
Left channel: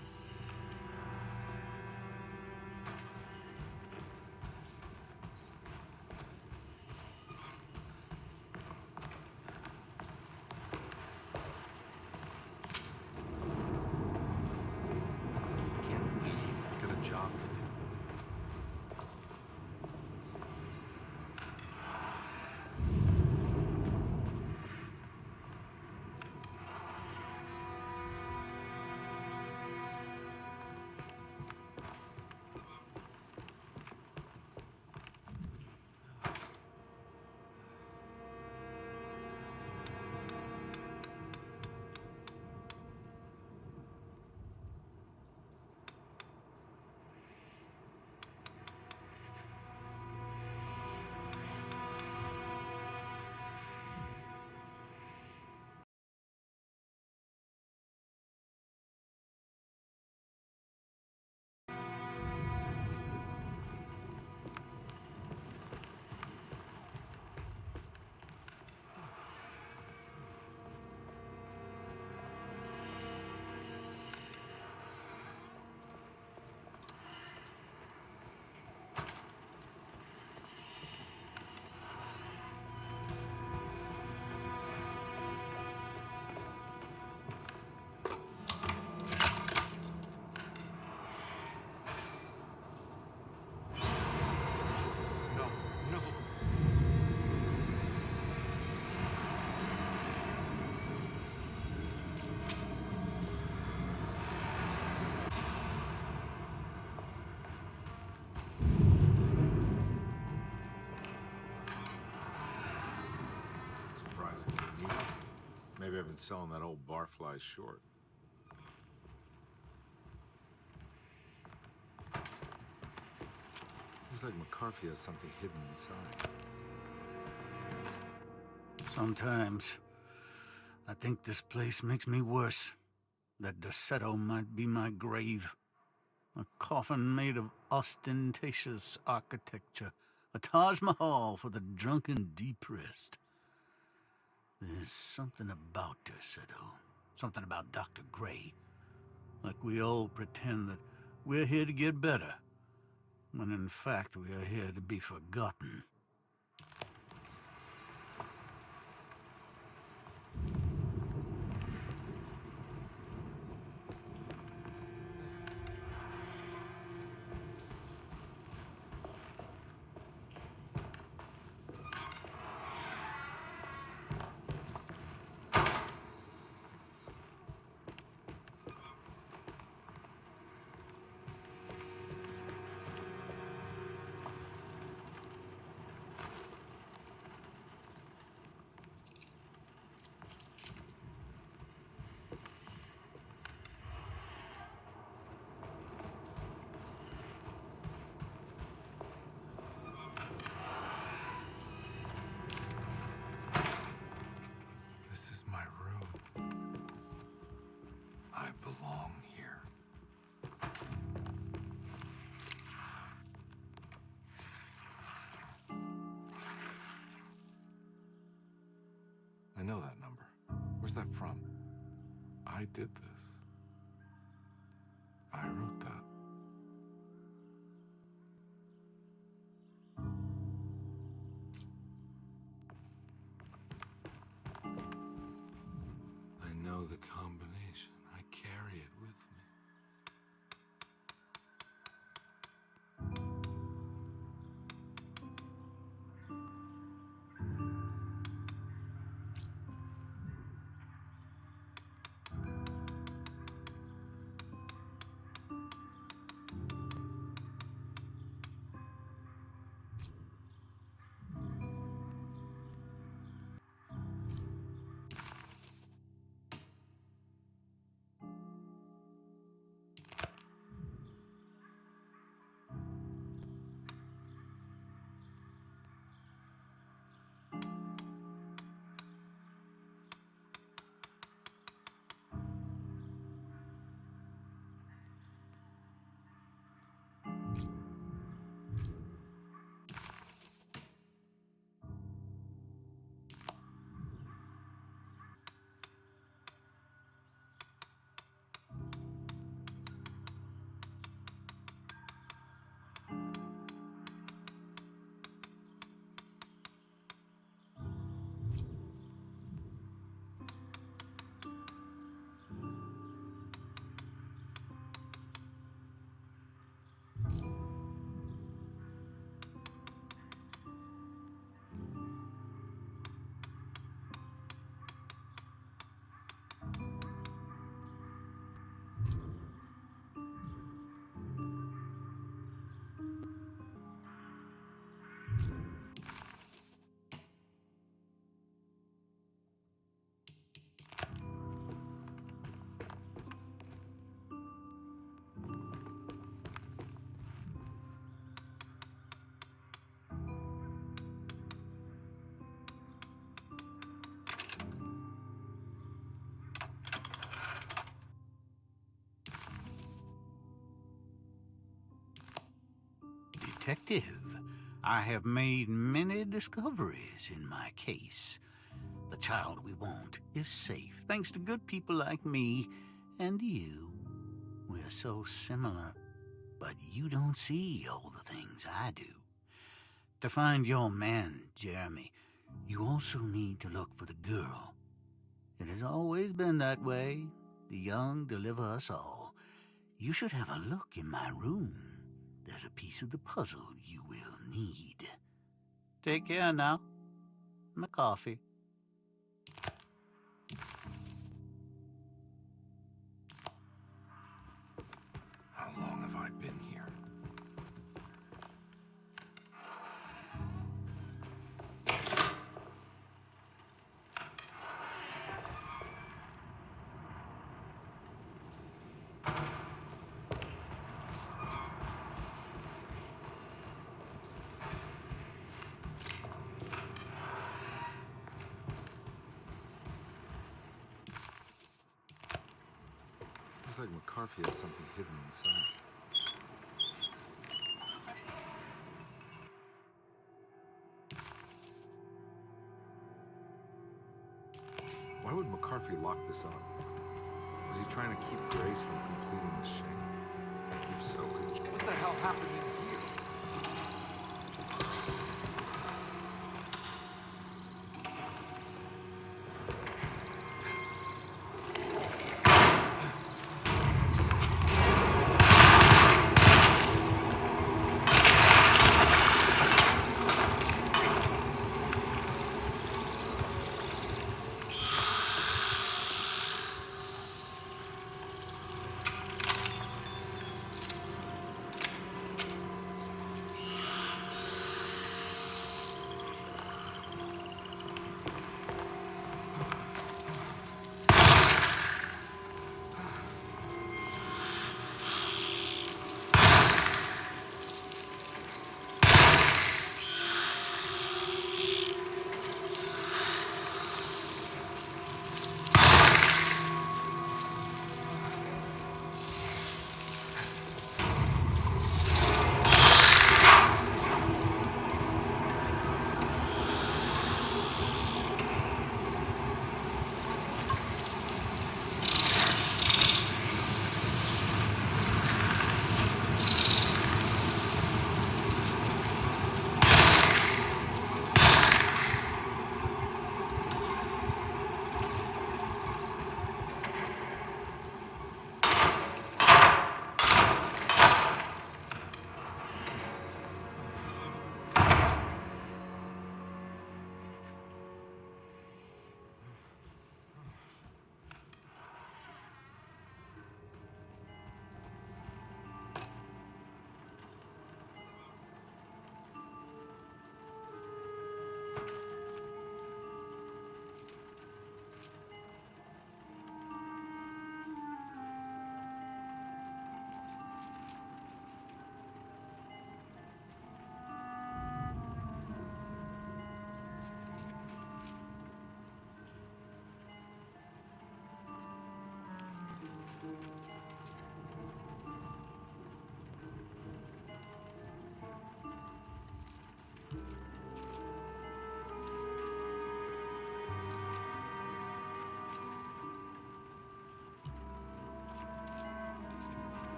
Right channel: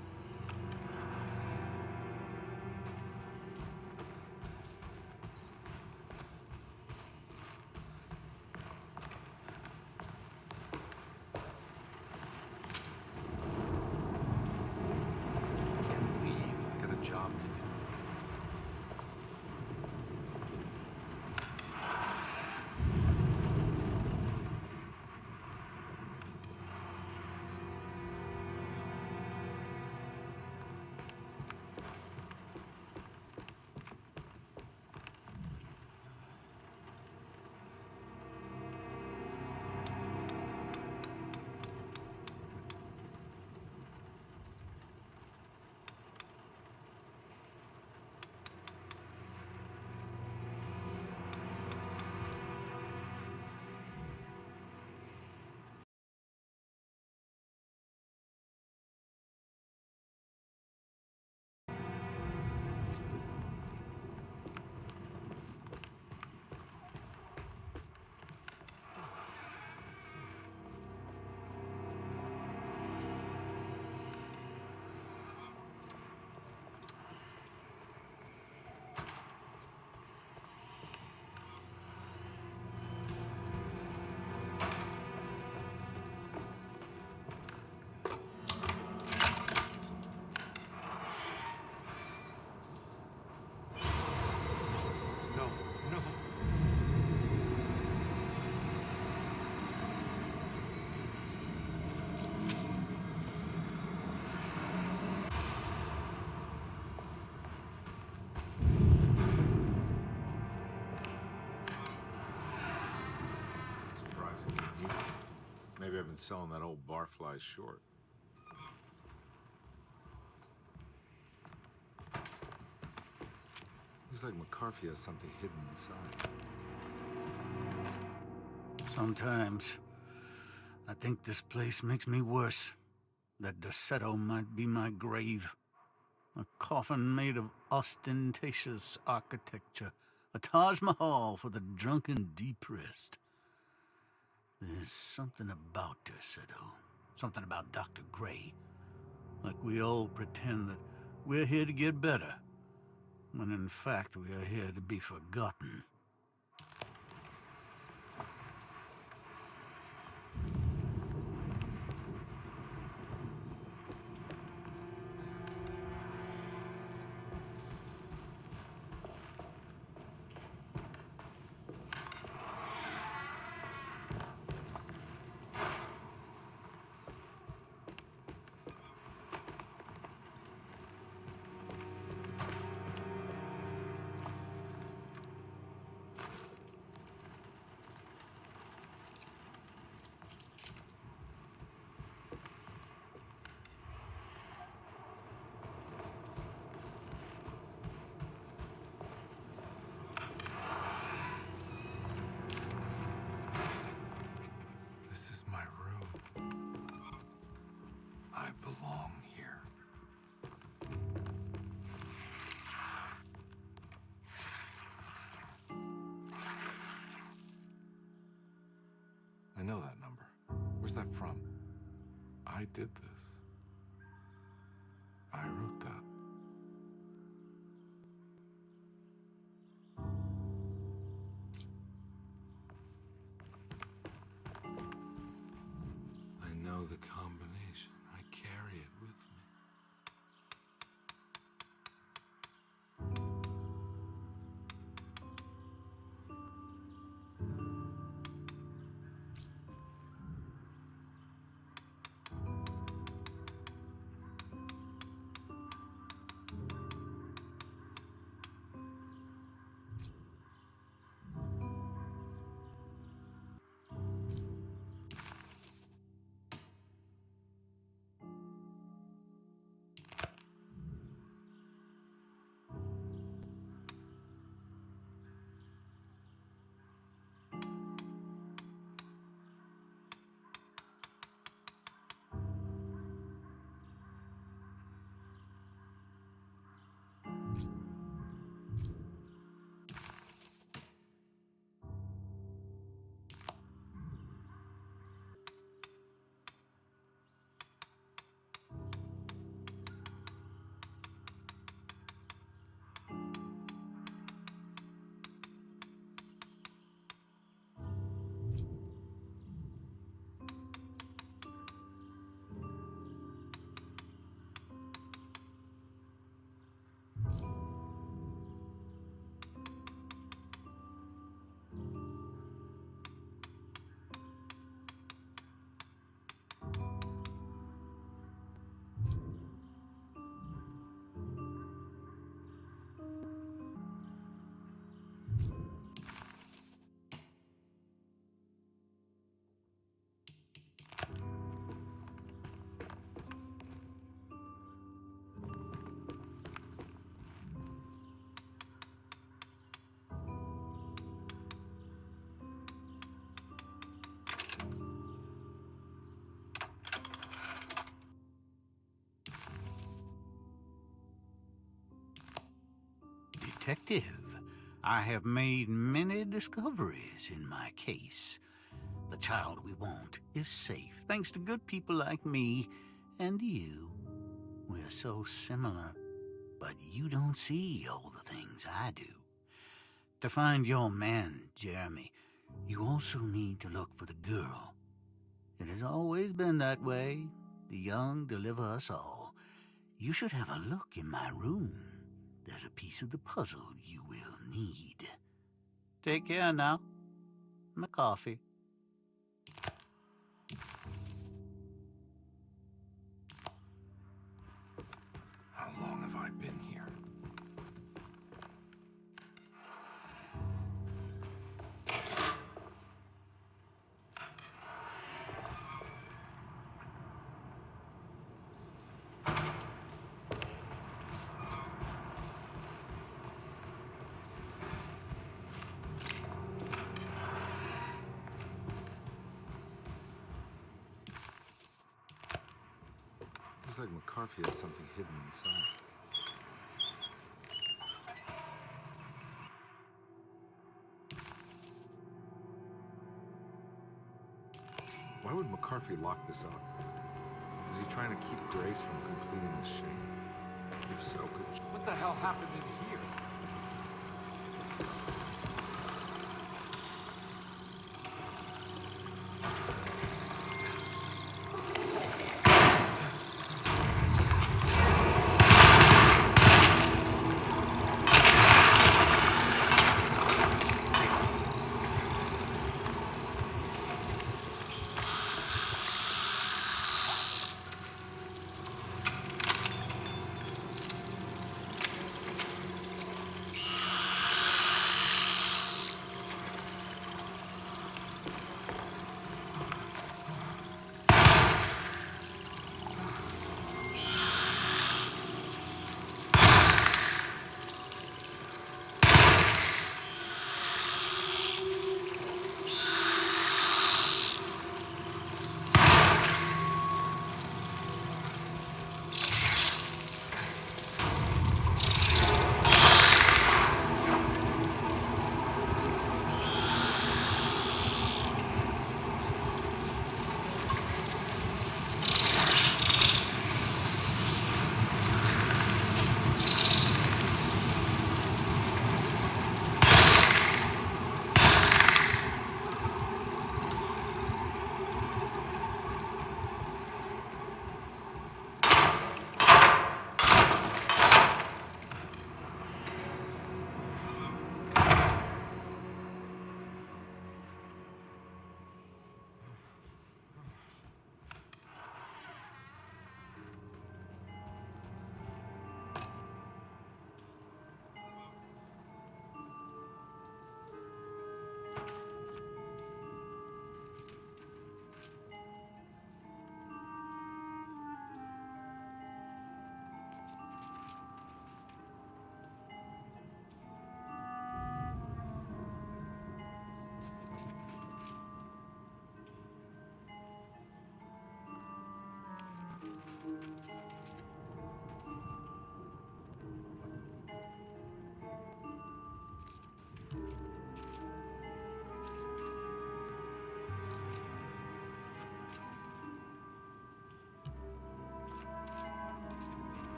I can't leave. I got a job to do. No. Surprising. Maybe I've been selling that old barfly short. Looks like McCarthy has something hidden inside. Sometimes, I think this place makes me worse. That Desetto might be my grave. A coffin made of ostentatious architecture. A Taj Mahal for the drunken depressed. There's something about Desetto. Something about Dr. Gray. Like we all pretend that we're here to get better. When in fact we are here to be forgotten. This is my room. I belong here. I know that number. Where's that from? I did this. I wrote that. I know the combination. I carry it with me. detective, I have made many discoveries in my case. The child we want is safe, thanks to good people like me and you. We're so similar, but you don't see all the things I do. To find your man, Jeremy, you also need to look for the girl. It has always been that way. The young deliver us all. You should have a look in my room. There's a piece of the puzzle you will need. Take care now. My coffee. How long have I been here? Looks like McCarthy has something hidden inside. Why would McCarthy lock this up? Was he trying to keep Grace from completing the shame? If so, what the hell happened in here?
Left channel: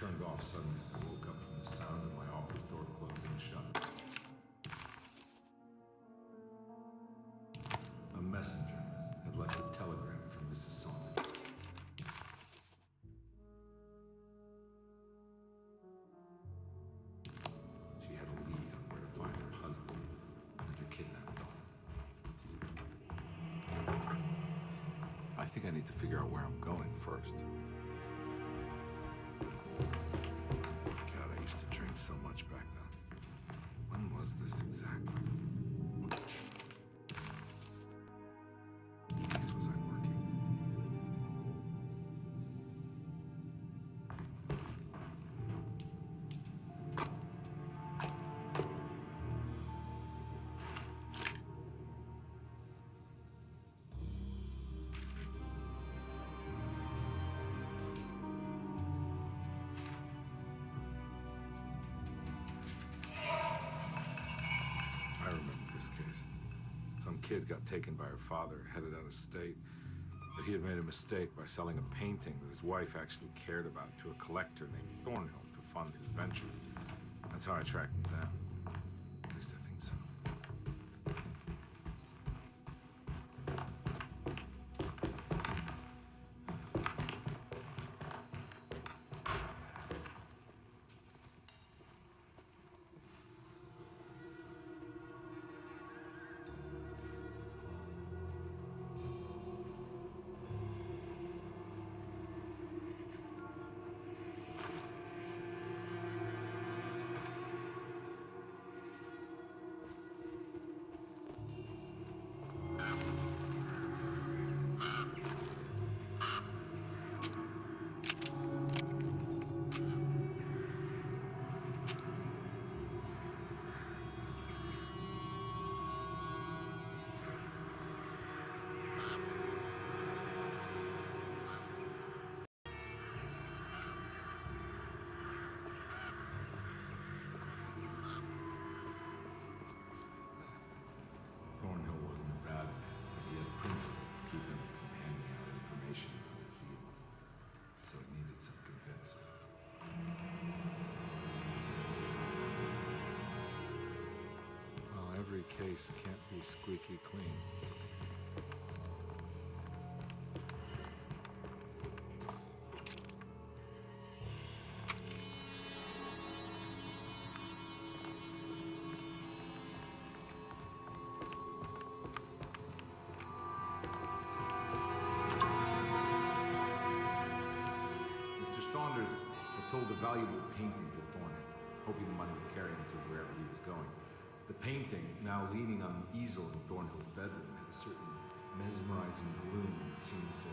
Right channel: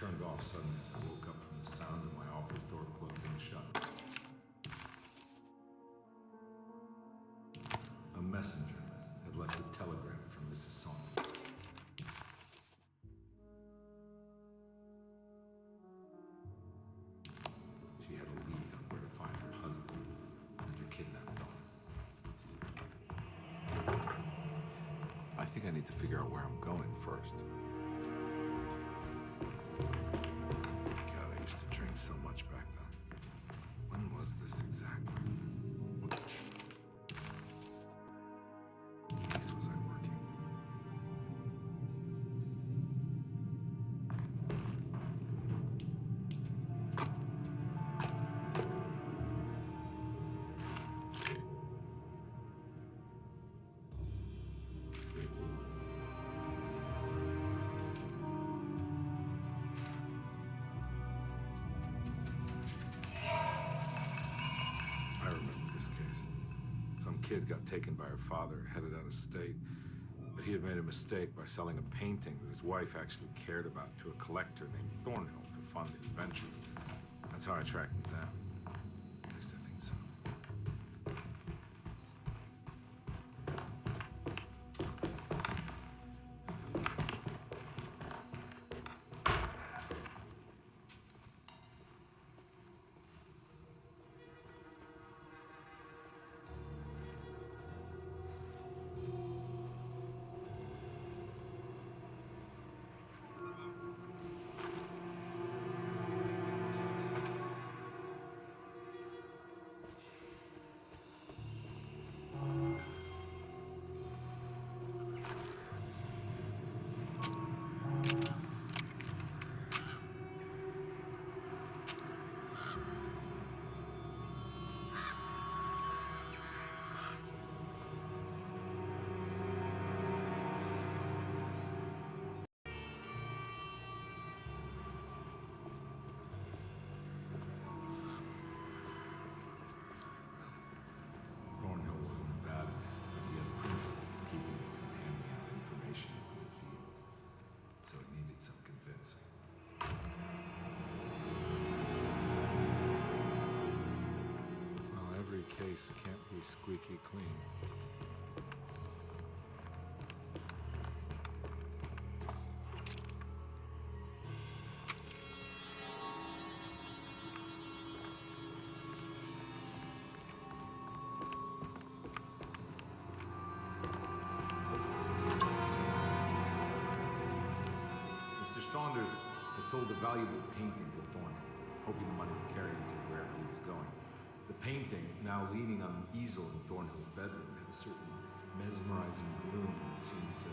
turned off suddenly as I woke up from the sound of my office door closing shut. A messenger had left a telegram from Mrs. Saunders. She had a lead on where to find her husband and her kidnapped daughter. I think I need to figure out where I'm going first. God, I used to drink so much back then. When was this exactly? What case was I working? I remember this case. Some kid got taken by her father, headed out of state, but he had made a mistake by selling a painting that his wife actually cared about to a collector named Thornhill to fund his venture. That's how I tracked him down. At least I think so. Thornhill wasn't a bad man, but he had principles keeping him from handing out information about his deals. So it needed some convincing. Well, every case can't be squeaky clean. Mr. Saunders had sold a valuable painting to Thornhill, hoping the money would carry him to wherever he was going. The painting, now leaning on an easel in Thornhill's bedroom, had a certain mesmerizing gloom that seemed to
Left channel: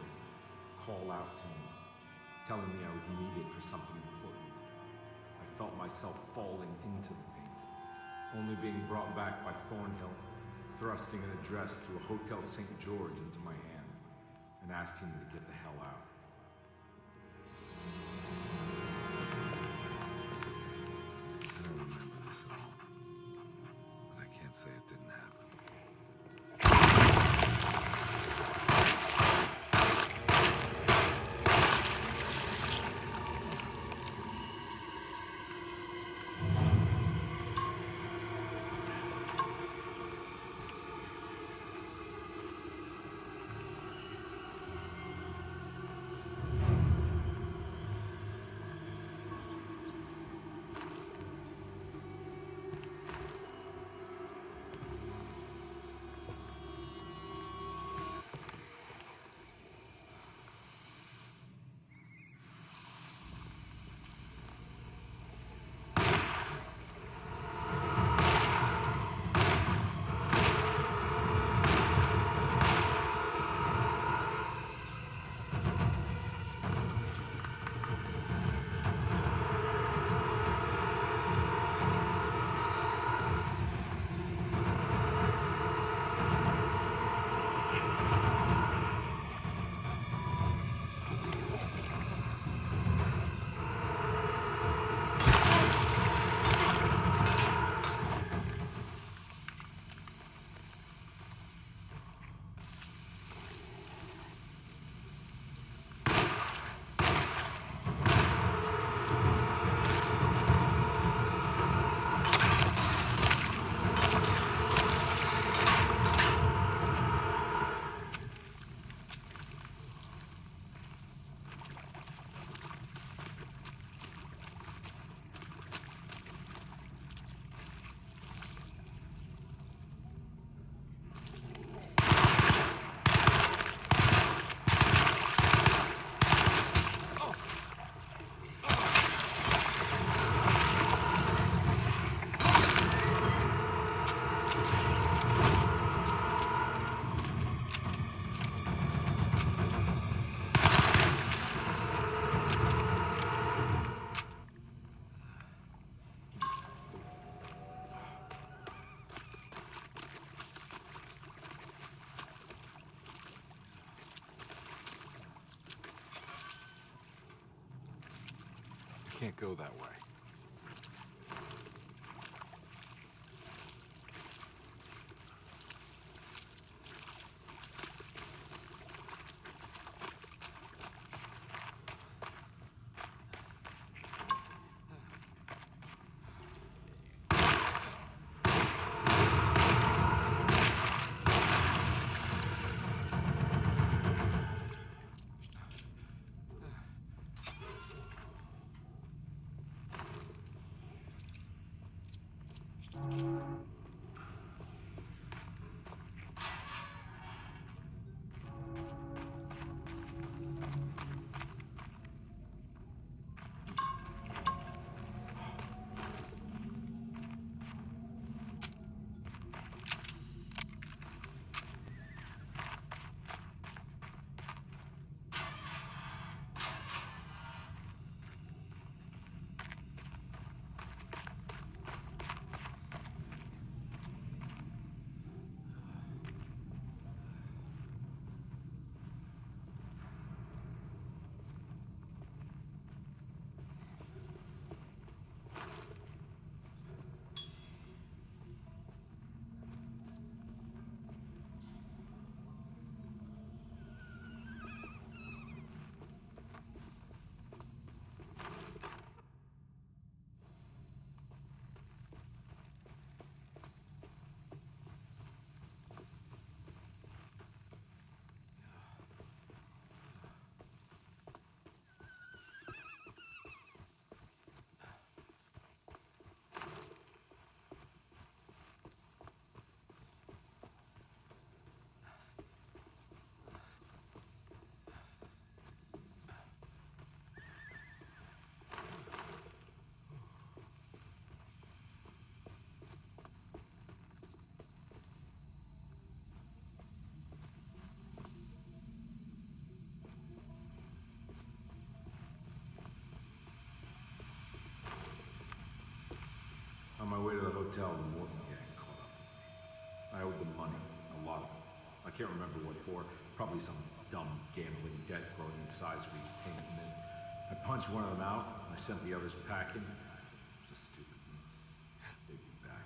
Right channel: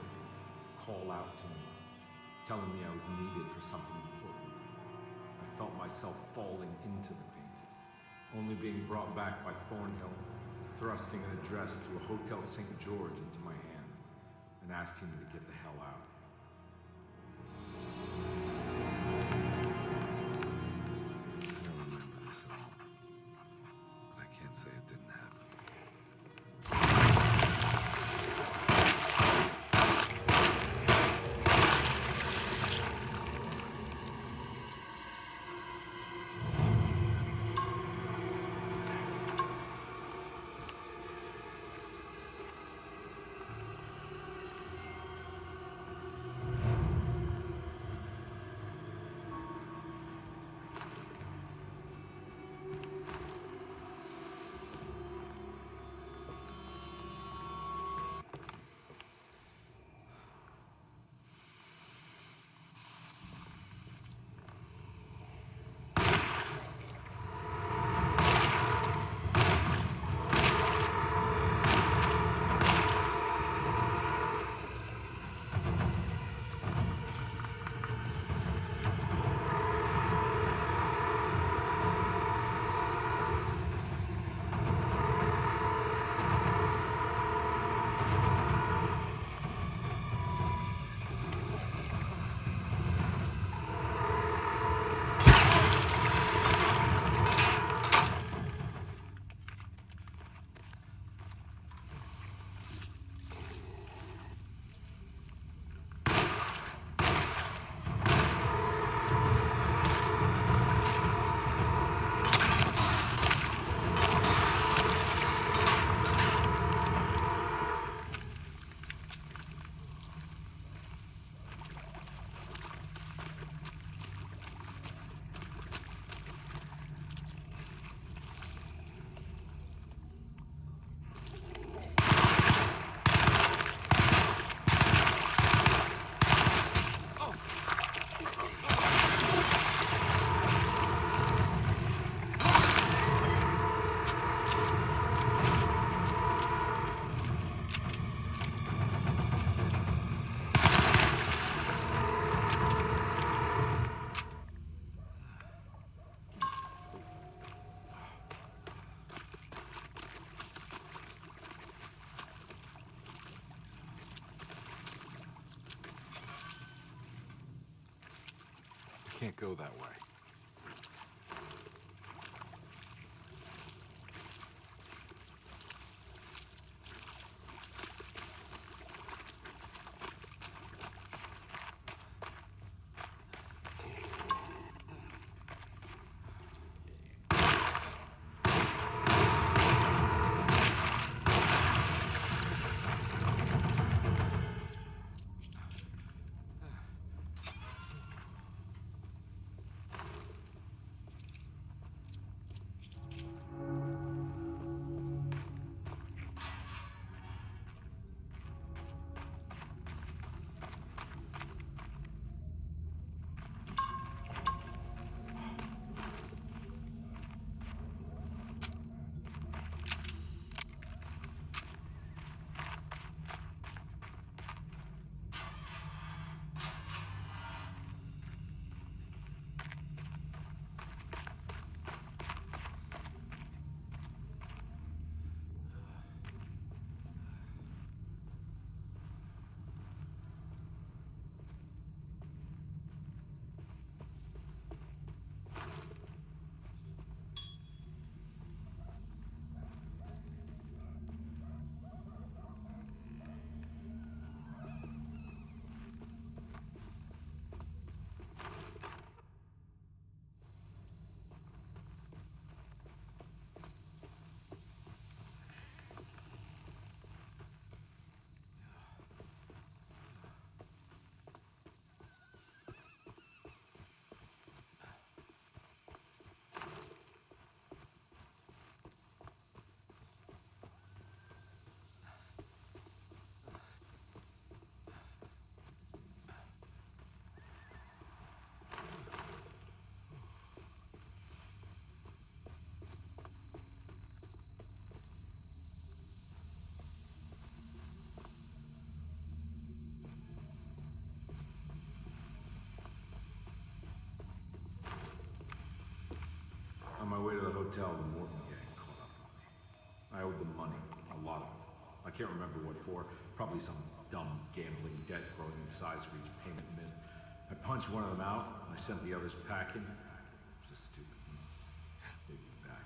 call out to me, telling me I was needed for something important. I felt myself falling into the painting, only being brought back by Thornhill, thrusting an address to a Hotel St. George into my hand and asking me to get the hell out. I don't remember this at all, but I can't say it didn't happen. can't go that way. On my way to the hotel, the Morton gang caught up with me. I owed them money, a lot of it. I can't remember what for, probably some dumb gambling debt growing in size repayment missed. I punched one of them out, and I sent the others packing. It was just stupid. They'd be back.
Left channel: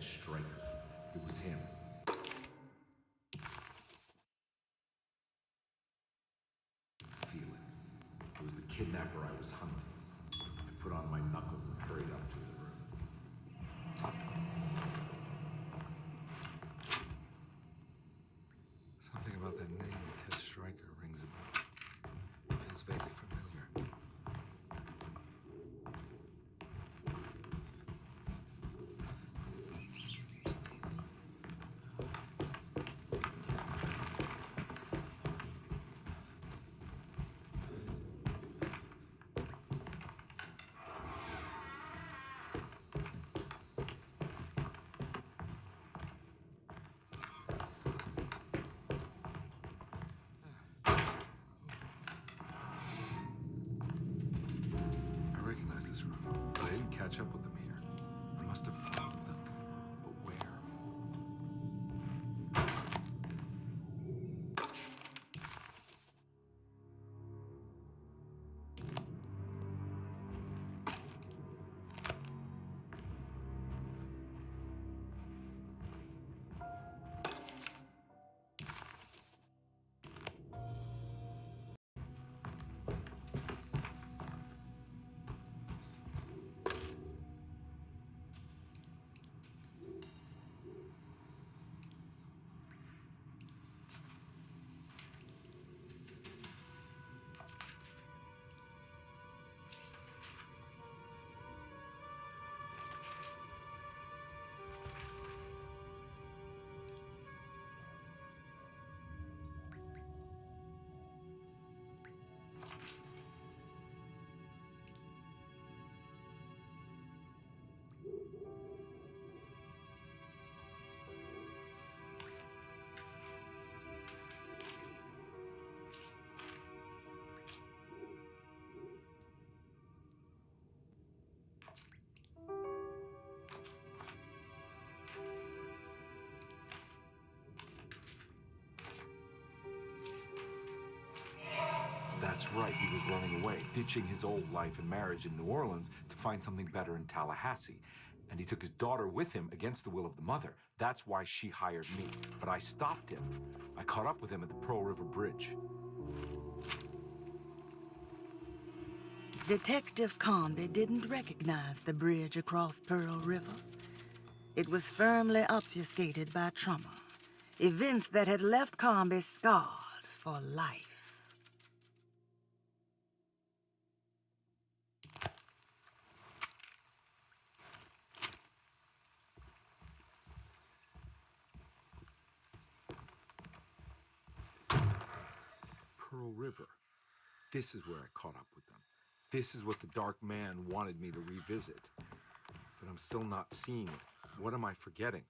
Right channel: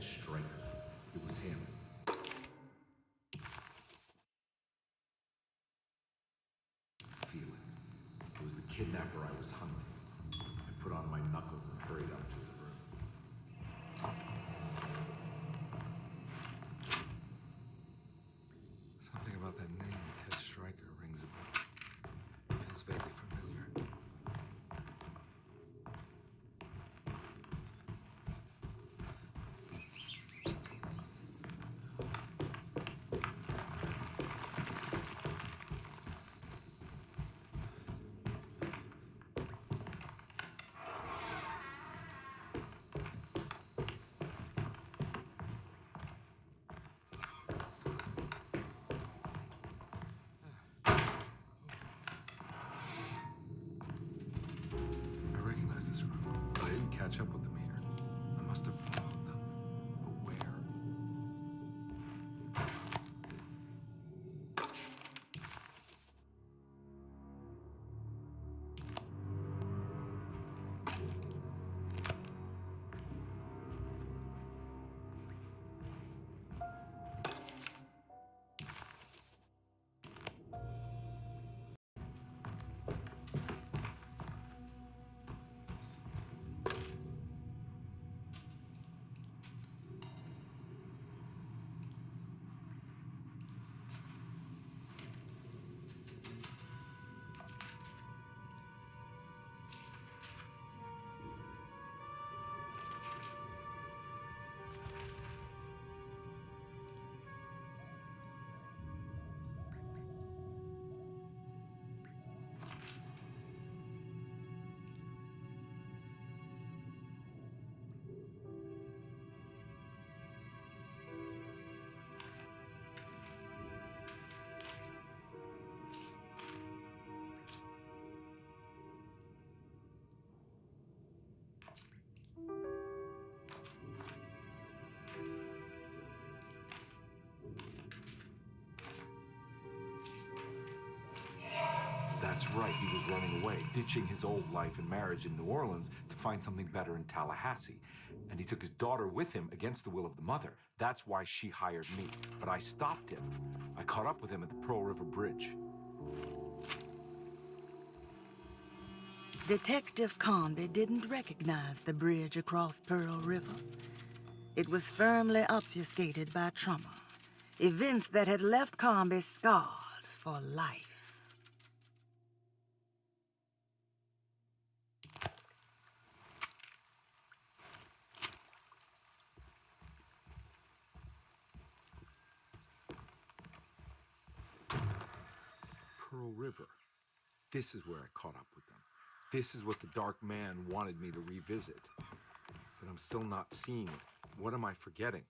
Striker. It was him. Feel it. It was the kidnapper I was hunting. I put on my knuckles and hurried up to the room. Something about that name, Ted Striker, rings a bell. Feels vaguely familiar. can't catch up with them here. I must have followed them. But where? That's right, he was running away, ditching his old life and marriage in New Orleans to find something better in Tallahassee. And he took his daughter with him against the will of the mother. That's why she hired me. But I stopped him. I caught up with him at the Pearl River Bridge. Detective Conby didn't recognize the bridge across Pearl River. It was firmly obfuscated by trauma, events that had left Conby scarred for life. Pearl River. This is where I caught up with them. This is what the Dark Man wanted me to revisit. But I'm still not seeing it. What am I forgetting?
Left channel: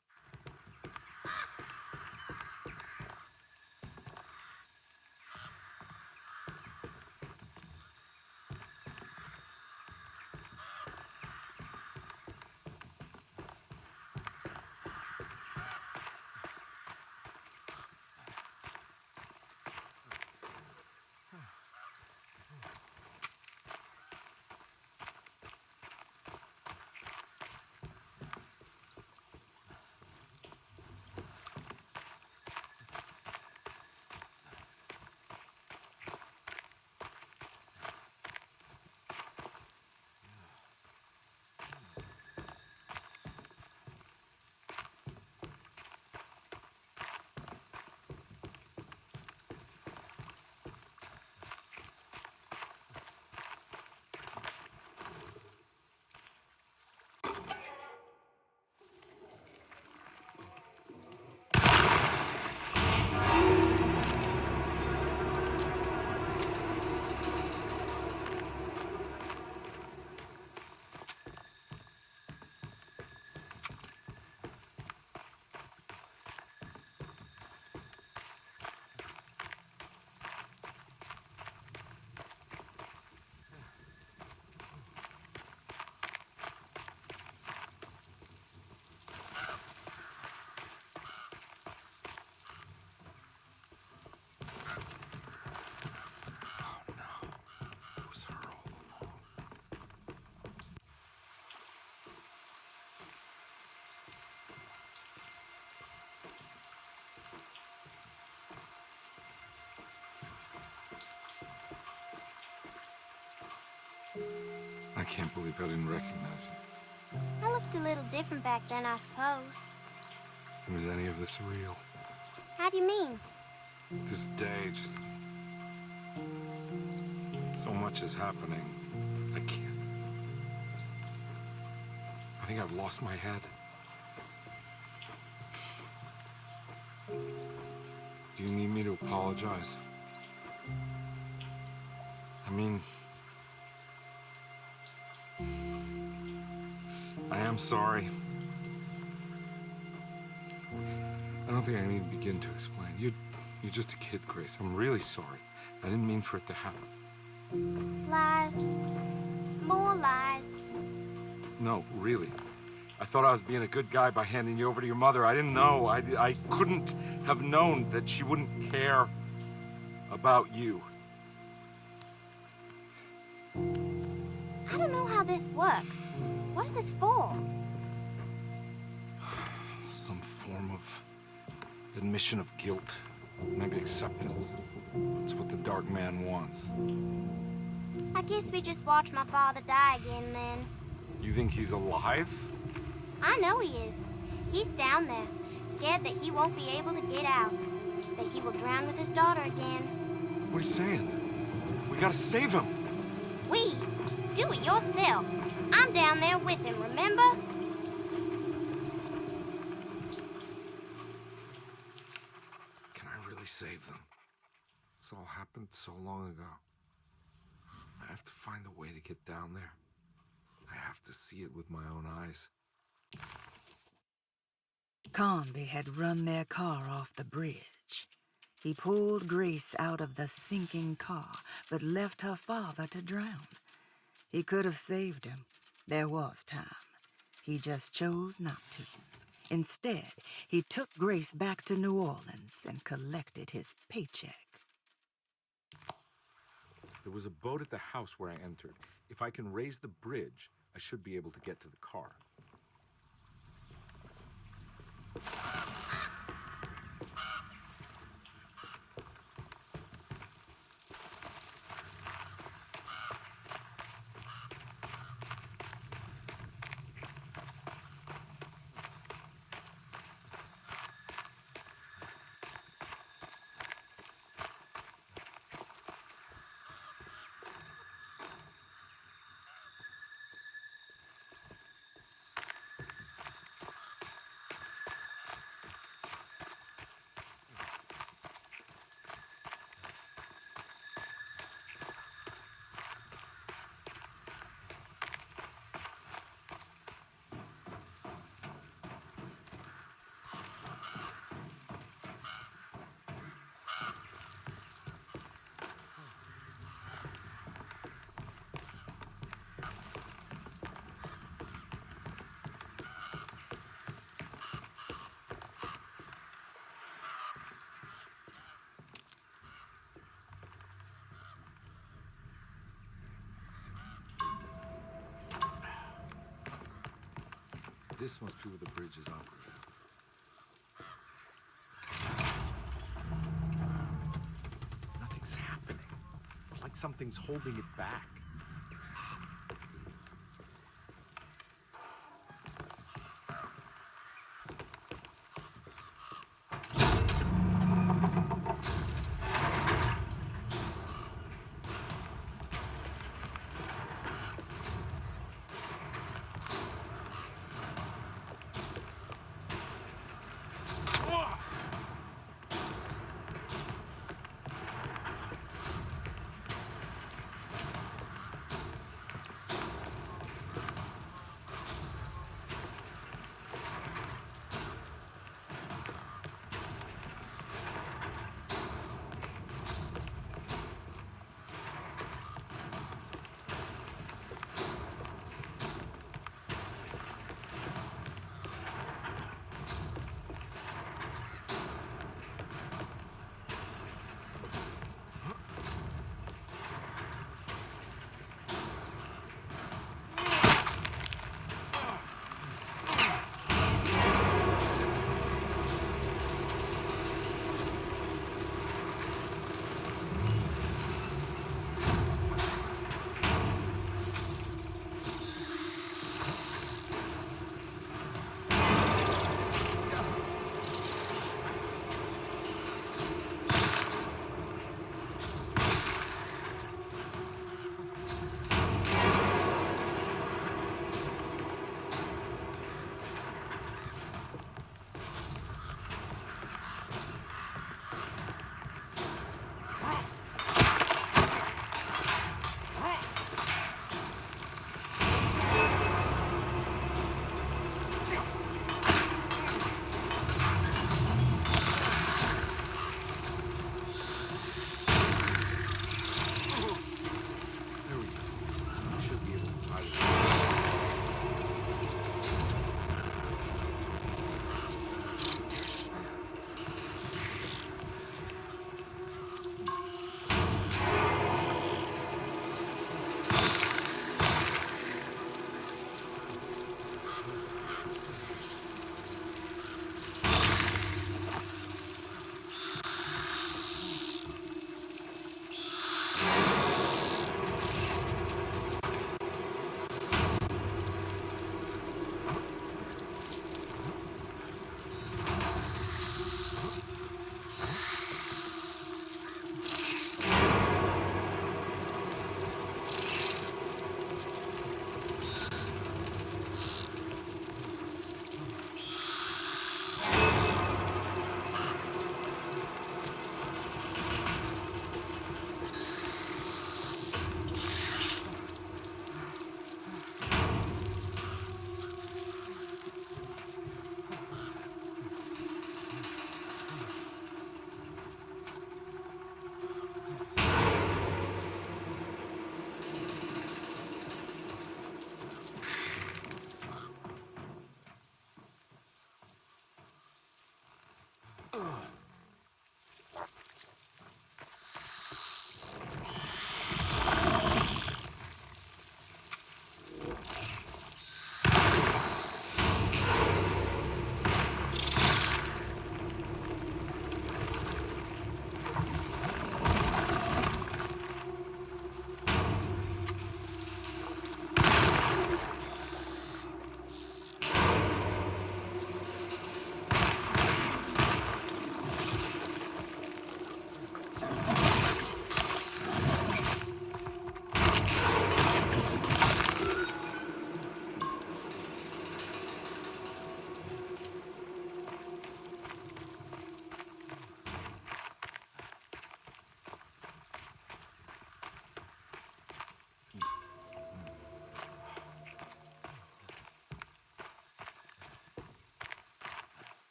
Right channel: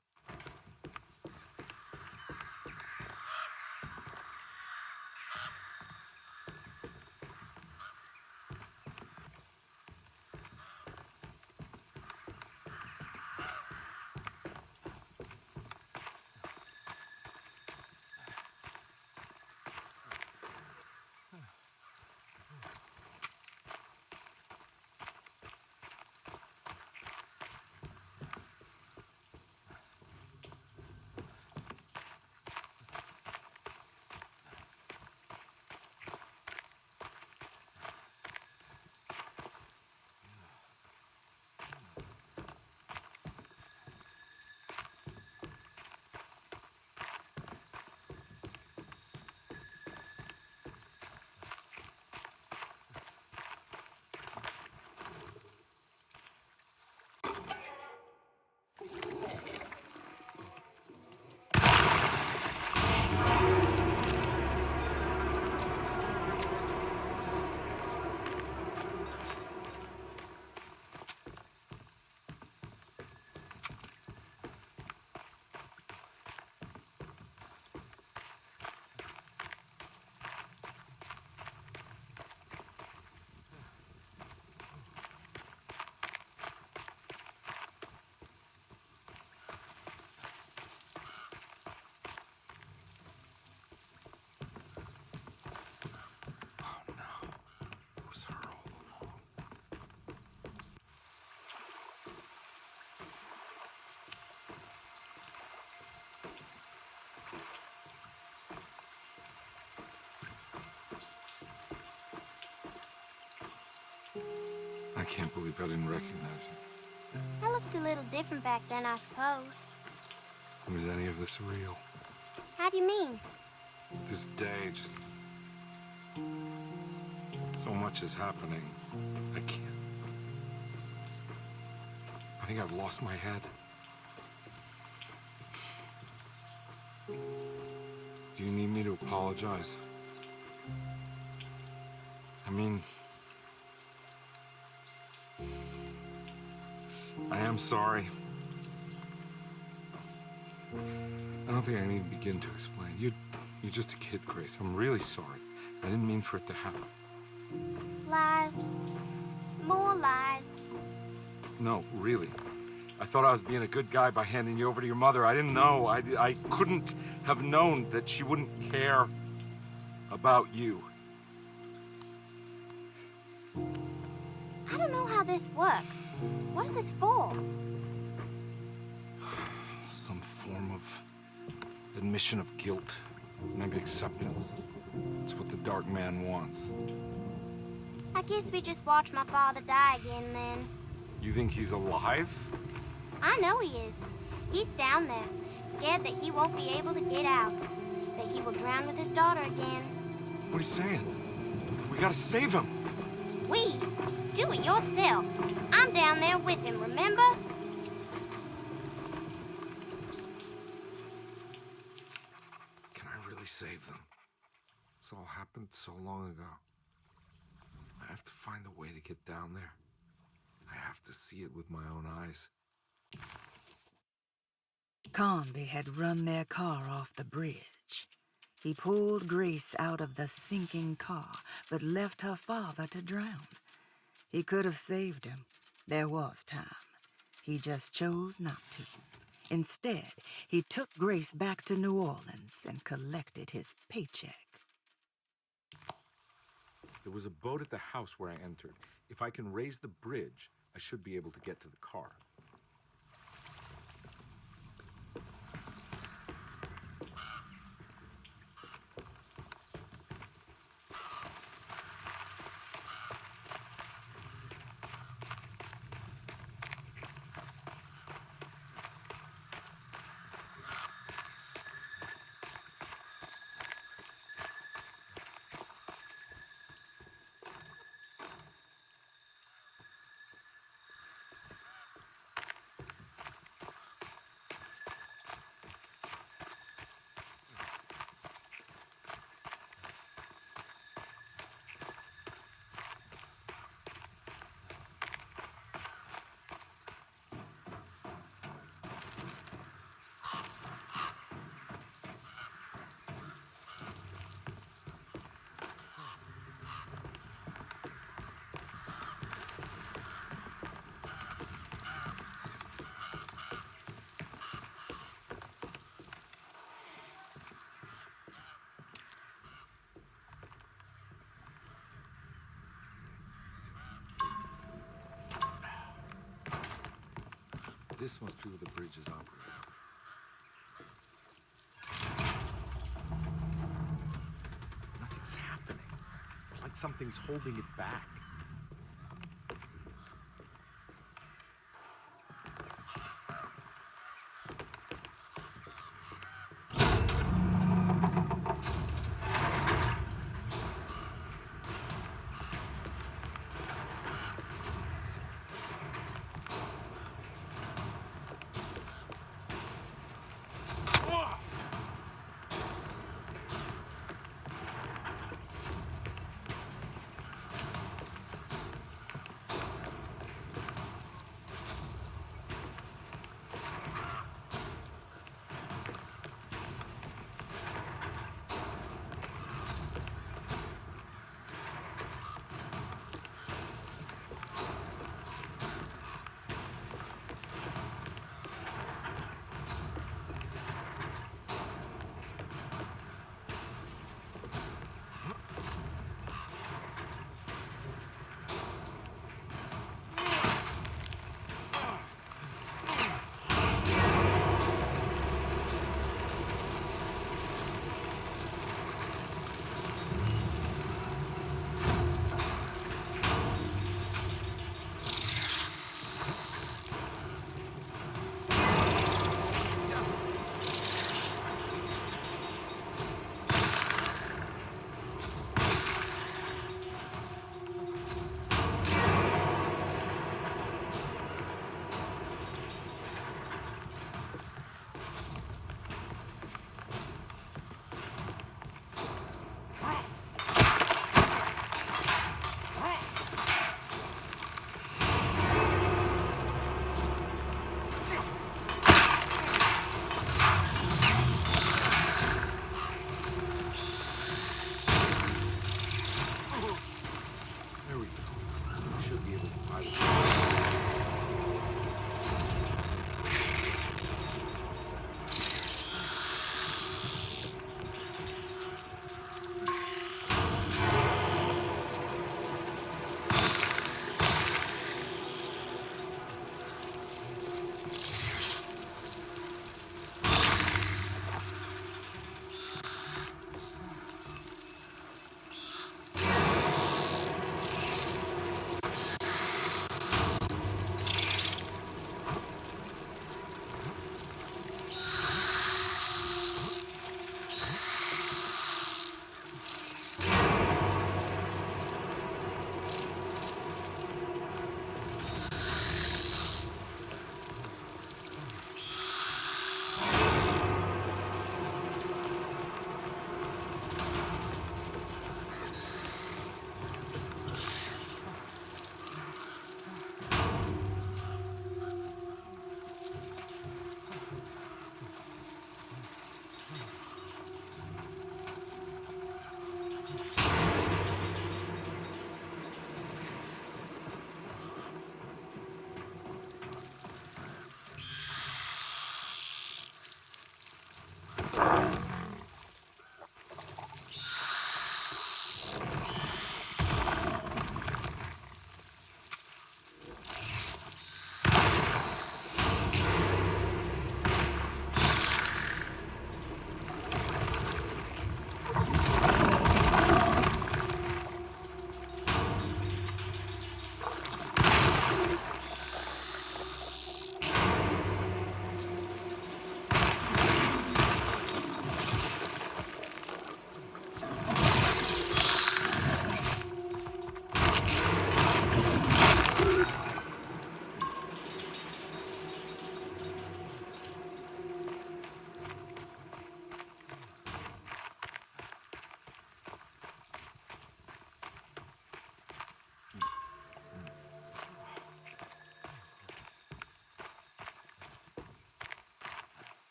I can't believe I didn't recognize you. I looked a little different back then, I suppose. Was any of this real? How do you mean? This day, just... so much is happening. I can't... I think I've lost my head. Do you need me to apologize? I mean... I am sorry. I don't think I need to begin to explain. You're just a kid, Grace. I'm really sorry. I didn't mean for it to happen. Lies. More lies. No, really. I thought I was being a good guy by handing you over to your mother. I didn't know. I couldn't have known that she wouldn't care about you. I don't know how this works. What is this for? Some form of admission of guilt. Maybe acceptance. It's what the Dark Man wants. I guess we just watch my father die again then. You think he's alive? I know he is. He's down there, scared that he won't be able to get out. That he will drown with his daughter again. What are you saying? We gotta save him. We? Do it yourself. I'm down there with him, remember? Can I really save them? This all happened so long ago. I have to find a way to get down there. I have to see it with my own eyes. Conby had run their car off the bridge. He pulled Grace out of the sinking car, but left her father to drown. He could have saved him. There was time. He just chose not to. Instead, he took Grace back to New Orleans and collected his paycheck. There was a boat at the house where I entered. If I can raise the bridge, I should be able to get to the car. This must be where the bridge is operating. Nothing's happening. It's like something's holding it back.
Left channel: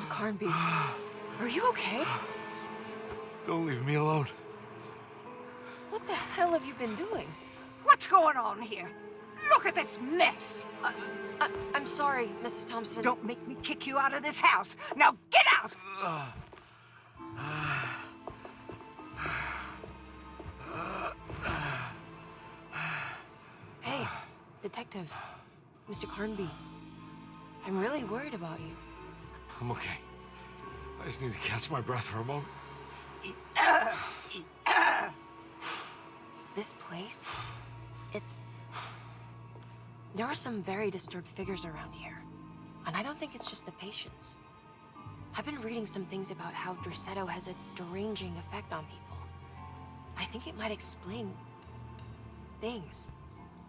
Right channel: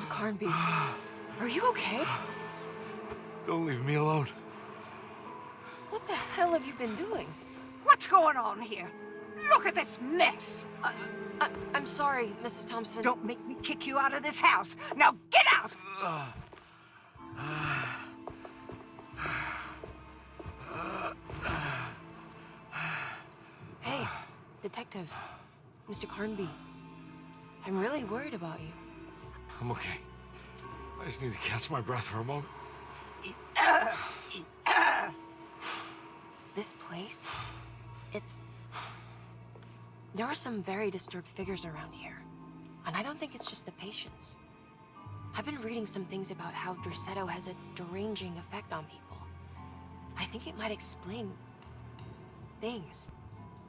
God, Carnby. Are you okay? Don't leave me alone. What the hell have you been doing? What's going on here? Look at this mess! I'm sorry, Mrs. Thompson. Don't make me kick you out of this house. Now get out! Hey, Detective. Mr. Carnby. I'm really worried about you. I'm okay. I just need to catch my breath for a moment. This place, there are some very disturbed figures around here. And I don't think it's just the patients. I've been reading some things about how Derceto has a deranging effect on people. I think it might explain things.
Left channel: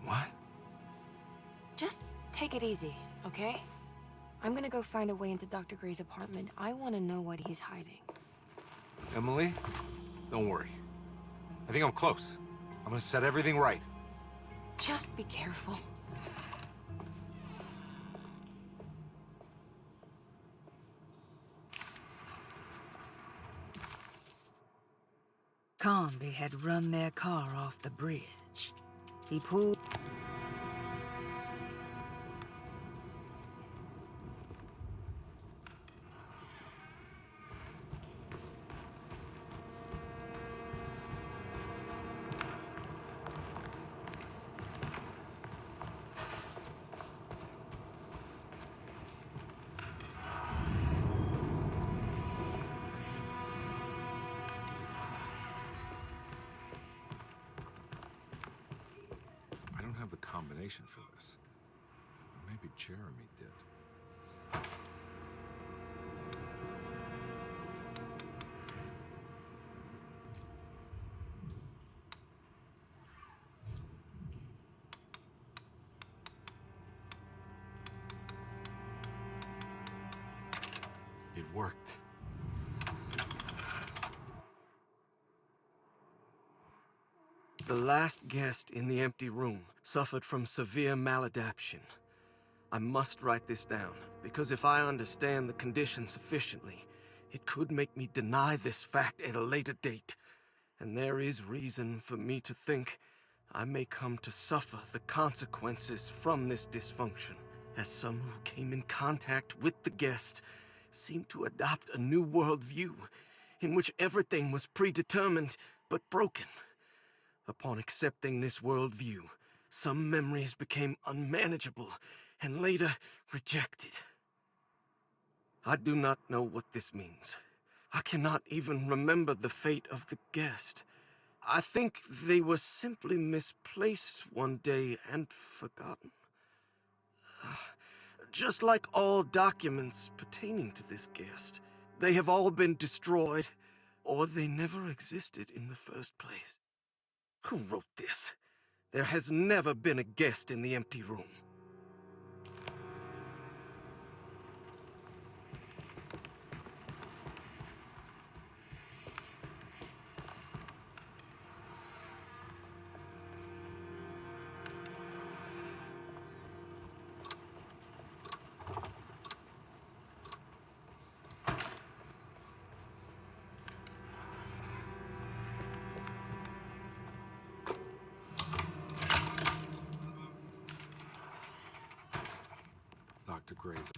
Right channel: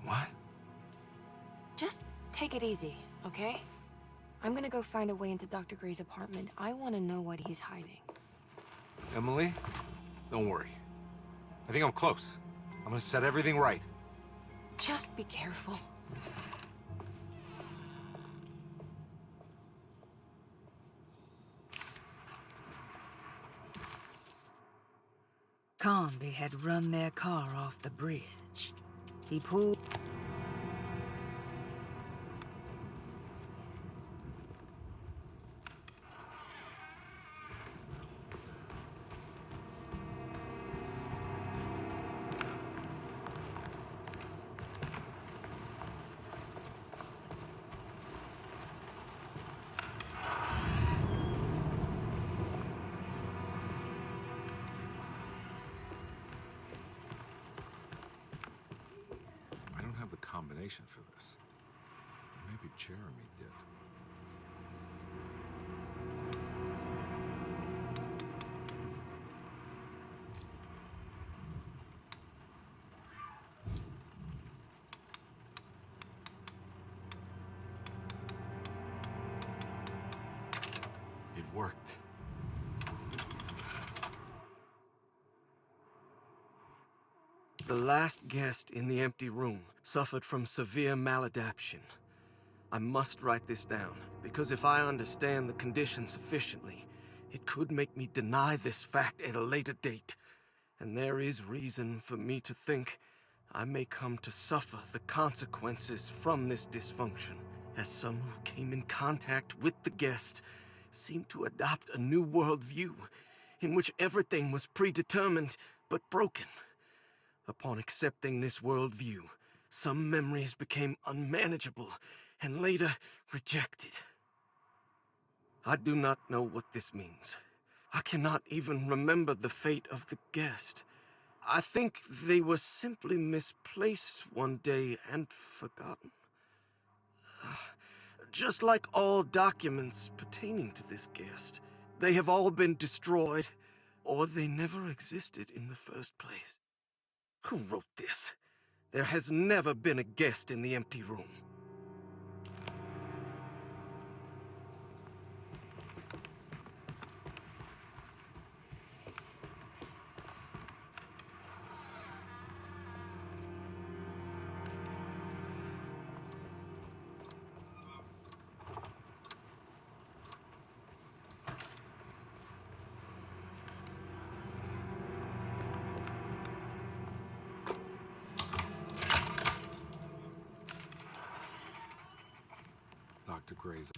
What? Just take it easy, okay? I'm gonna go find a way into Dr. Gray's apartment. I want to know what he's hiding. Emily, don't worry. I think I'm close. I'm gonna set everything right. Just be careful. Carnby had run their car off the bridge. He pulled... I don't have the combination for this. Maybe Jeremy did. It worked. The last guest in the empty room suffered from severe maladaptation. I must write this down, because if I understand the condition sufficiently, it could make me deny this fact at a later date. And there is reason for me to think I may come to suffer the consequences from this dysfunction, as some who came in contact with the guest seemed to adopt a new worldview in which everything was predetermined but broken. Upon accepting this worldview, some memories became unmanageable and later rejected. I do not know what this means. I cannot even remember the fate of the guest. I think they were simply misplaced one day and forgotten. Just like all documents pertaining to this guest, they have all been destroyed, or they never existed in the first place. Who wrote this? There has never been a guest in the empty room. Dr. Gray's.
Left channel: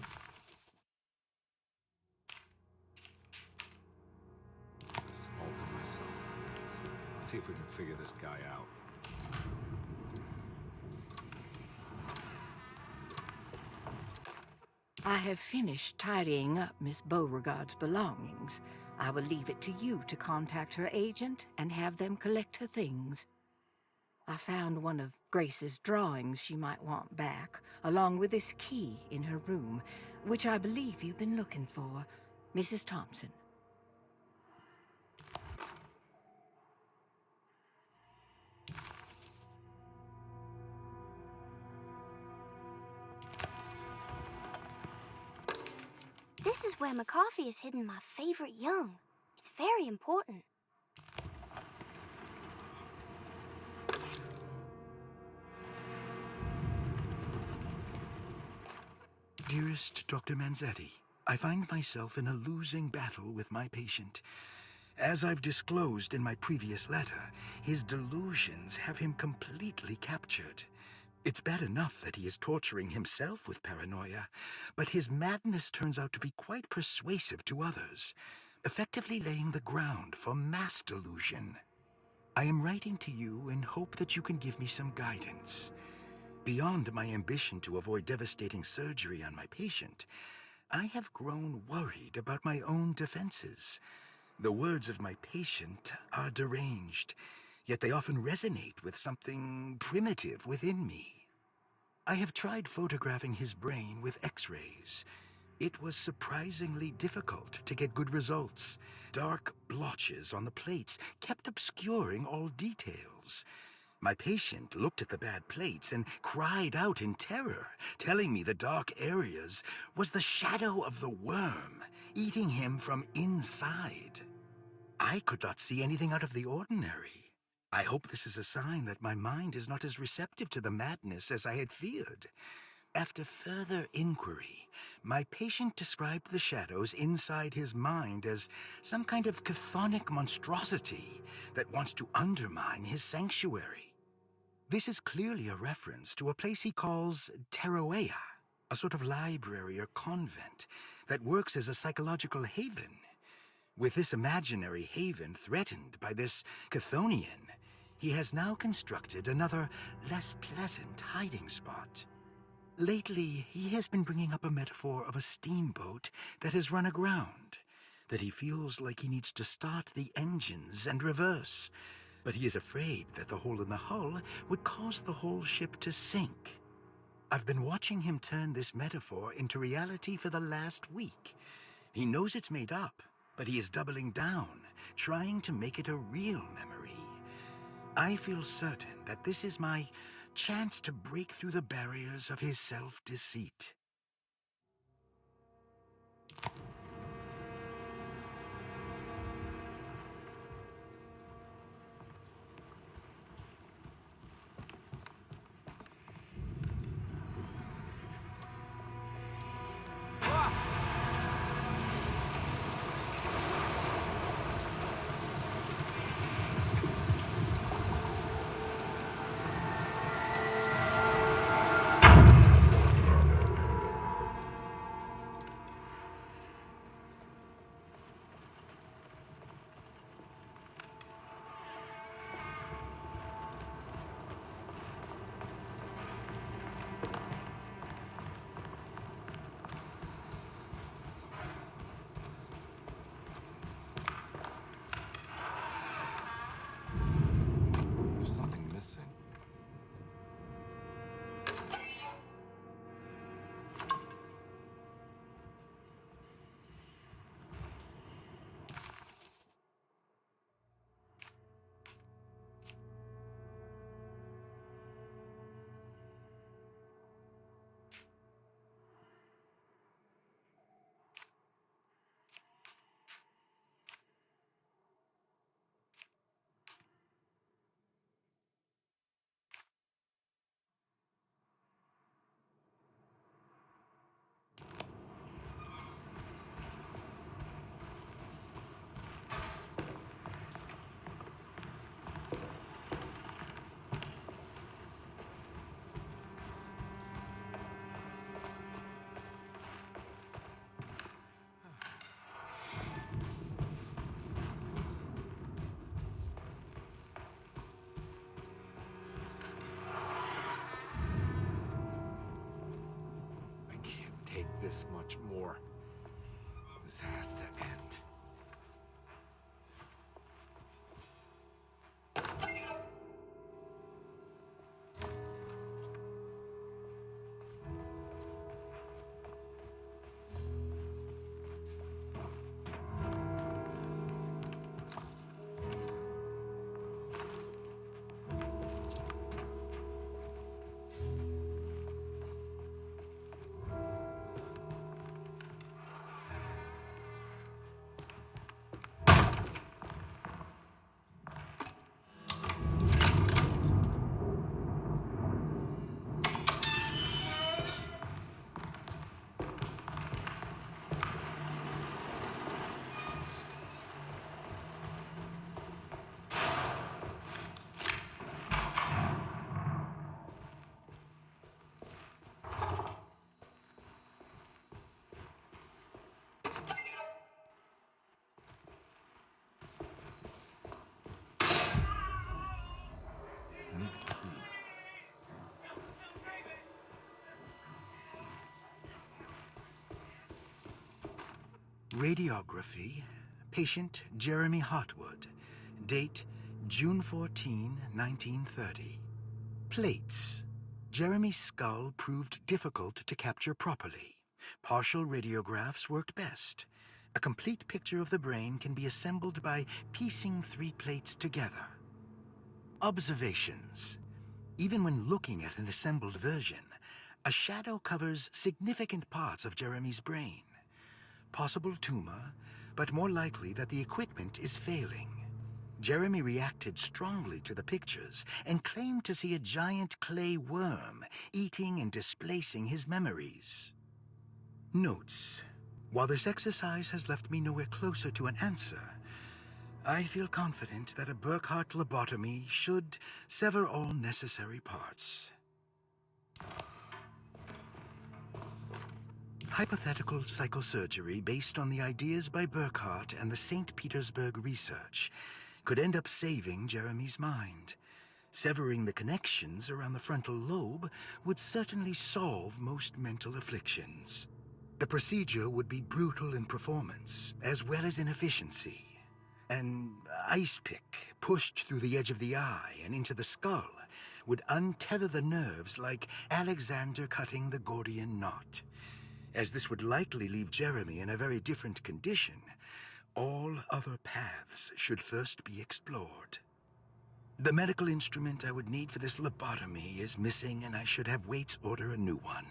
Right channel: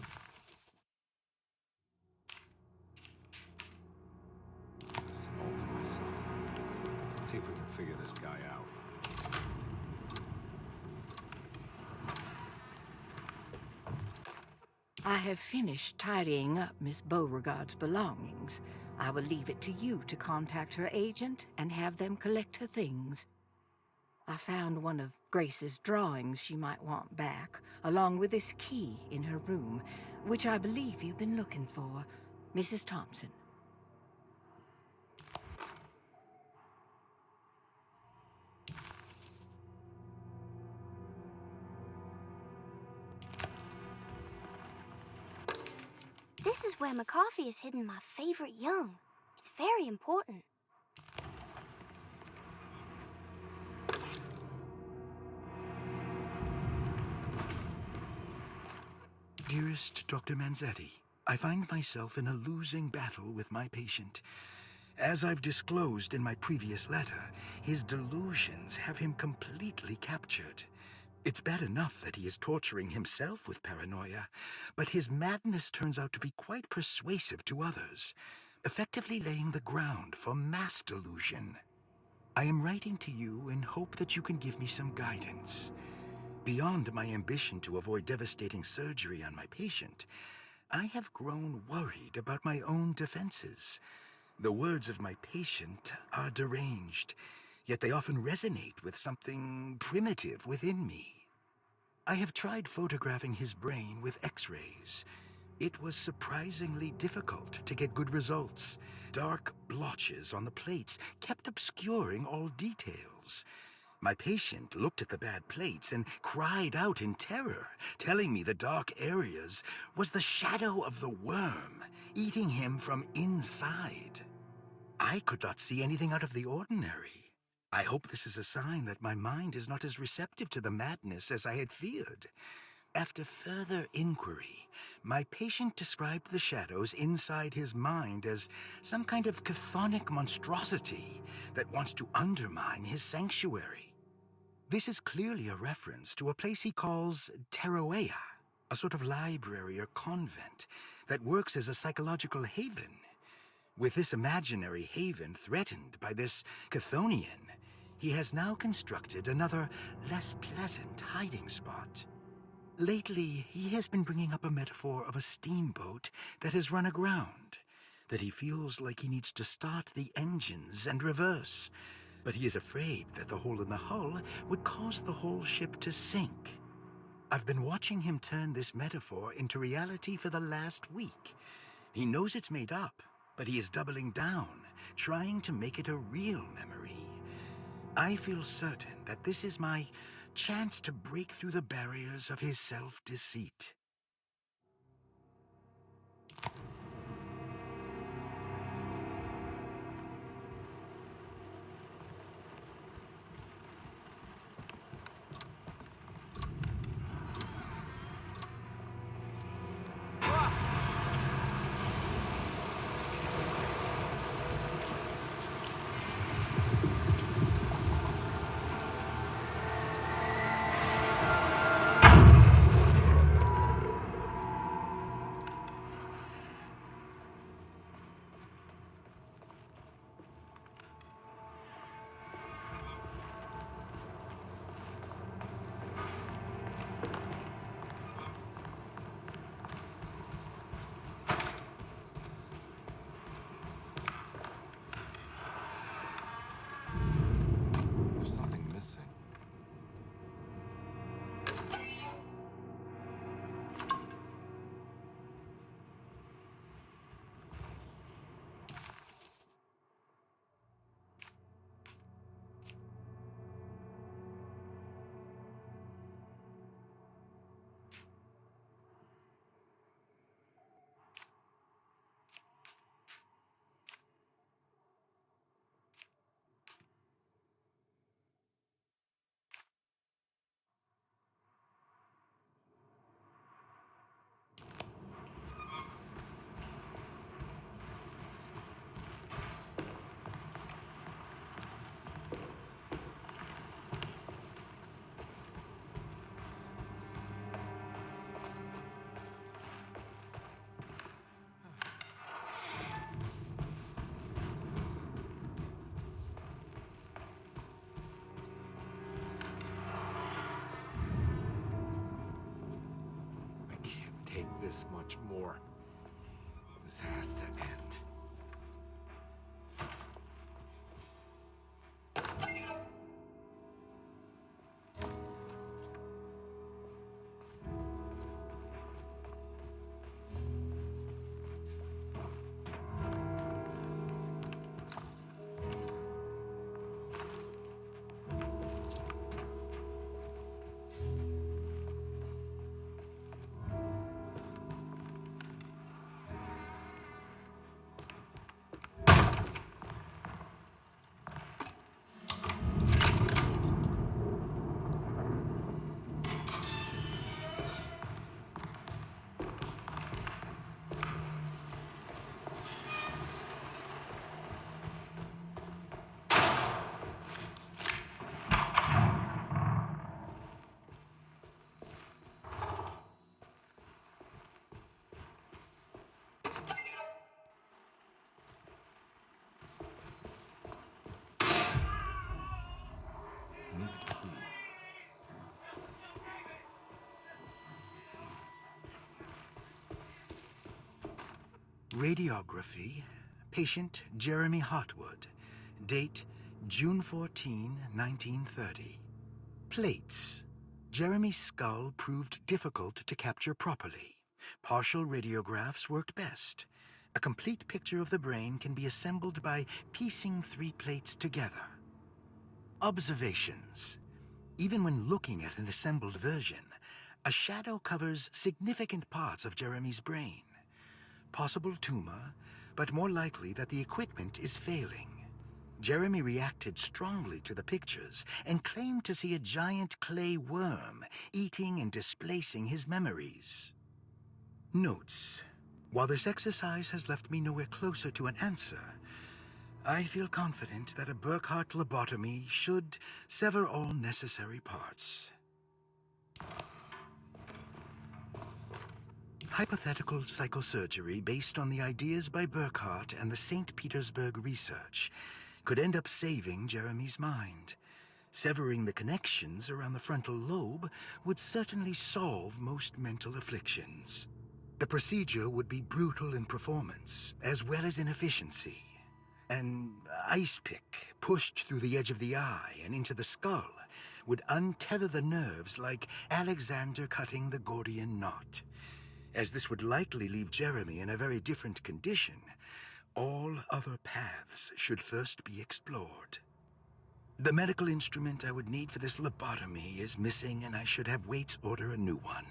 This all to myself. Let's see if we can figure this guy out. I have finished tidying up Miss Beauregard's belongings. I will leave it to you to contact her agent and have them collect her things. I found one of Grace's drawings she might want back, along with this key in her room, which I believe you've been looking for, Mrs. Thompson. This is where McCoffey has hidden my favorite young. It's very important. Dearest Dr. Manzetti, I find myself in a losing battle with my patient. As I've disclosed in my previous letter, his delusions have him completely captured. It's bad enough that he is torturing himself with paranoia, but his madness turns out to be quite persuasive to others, effectively laying the ground for mass delusion. I am writing to you in hope that you can give me some guidance. Beyond my ambition to avoid devastating surgery on my patient, I have grown worried about my own defenses. The words of my patient are deranged, yet they often resonate with something primitive within me. I have tried photographing his brain with X-rays. It was surprisingly difficult to get good results. Dark blotches on the plates kept obscuring all details. My patient looked at the bad plates and cried out in terror, telling me the dark areas was the shadow of the worm, eating him from inside. I could not see anything out of the ordinary. I hope this is a sign that my mind is not as receptive to the madness as I had feared. After further inquiry, my patient described the shadows inside his mind as some kind of chthonic monstrosity that wants to undermine his sanctuary. This is clearly a reference to a place he calls Teroea, a sort of library or convent that works as a psychological haven. With this imaginary haven threatened by this Chthonian, he has now constructed another, less pleasant hiding spot. Lately, he has been bringing up a metaphor of a steamboat that has run aground, that he feels like he needs to start the engines and reverse, but he is afraid that the hole in the hull would cause the whole ship to sink. I've been watching him turn this metaphor into reality for the last week. He knows it's made up, but he is doubling down, trying to make it a real memory. I feel certain that this is my chance to break through the barriers of his self-deceit. There's something missing. Take this much more. This has to end. Radiography, patient Jeremy Hotwood, date June 14, 1930. Plates. Jeremy's skull proved difficult to capture properly. Partial radiographs worked best. A complete picture of the brain can be assembled by piecing 3 plates together. Observations. Even when looking at an assembled version, a shadow covers significant parts of Jeremy's brain. Possible tumor, but more likely that the equipment is failing. Jeremy reacted strongly to the pictures and claimed to see a giant clay worm eating and displacing his memories. Notes. While this exercise has left me nowhere closer to an answer, I feel confident that a Burkhart lobotomy should sever all necessary parts. Hypothetical psychosurgery based on the ideas by Burkhart and the St. Petersburg research could end up saving Jeremy's mind. Severing the connections around the frontal lobe would certainly solve most mental afflictions. The procedure would be brutal in performance, as well as in efficiency. An ice pick pushed through the edge of the eye and into the skull would untether the nerves like Alexander cutting the Gordian knot. As this would likely leave Jeremy in a very different condition, all other paths should first be explored. The medical instrument I would need for this lobotomy is missing, and I should have Waits order a new one.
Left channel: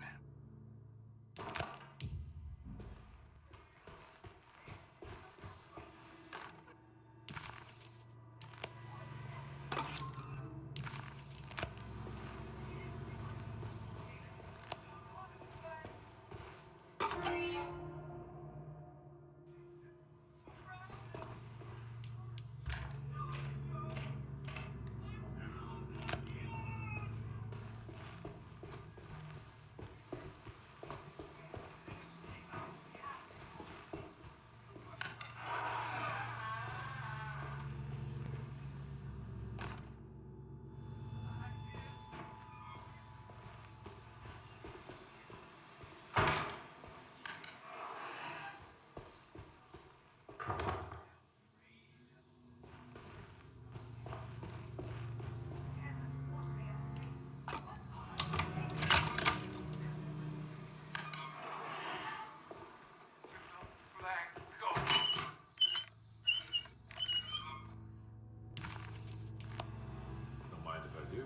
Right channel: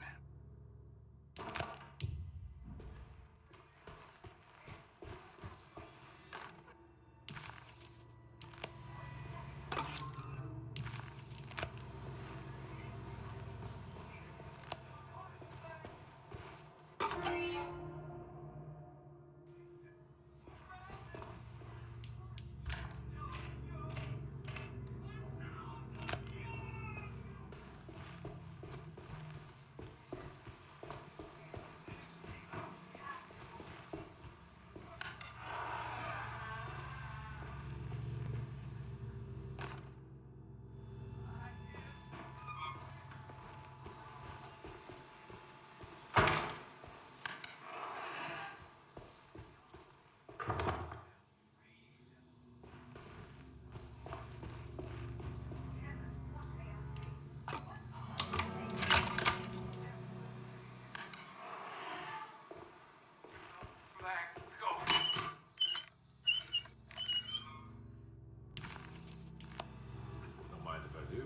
Don't mind if I do.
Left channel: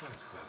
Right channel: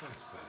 That's better.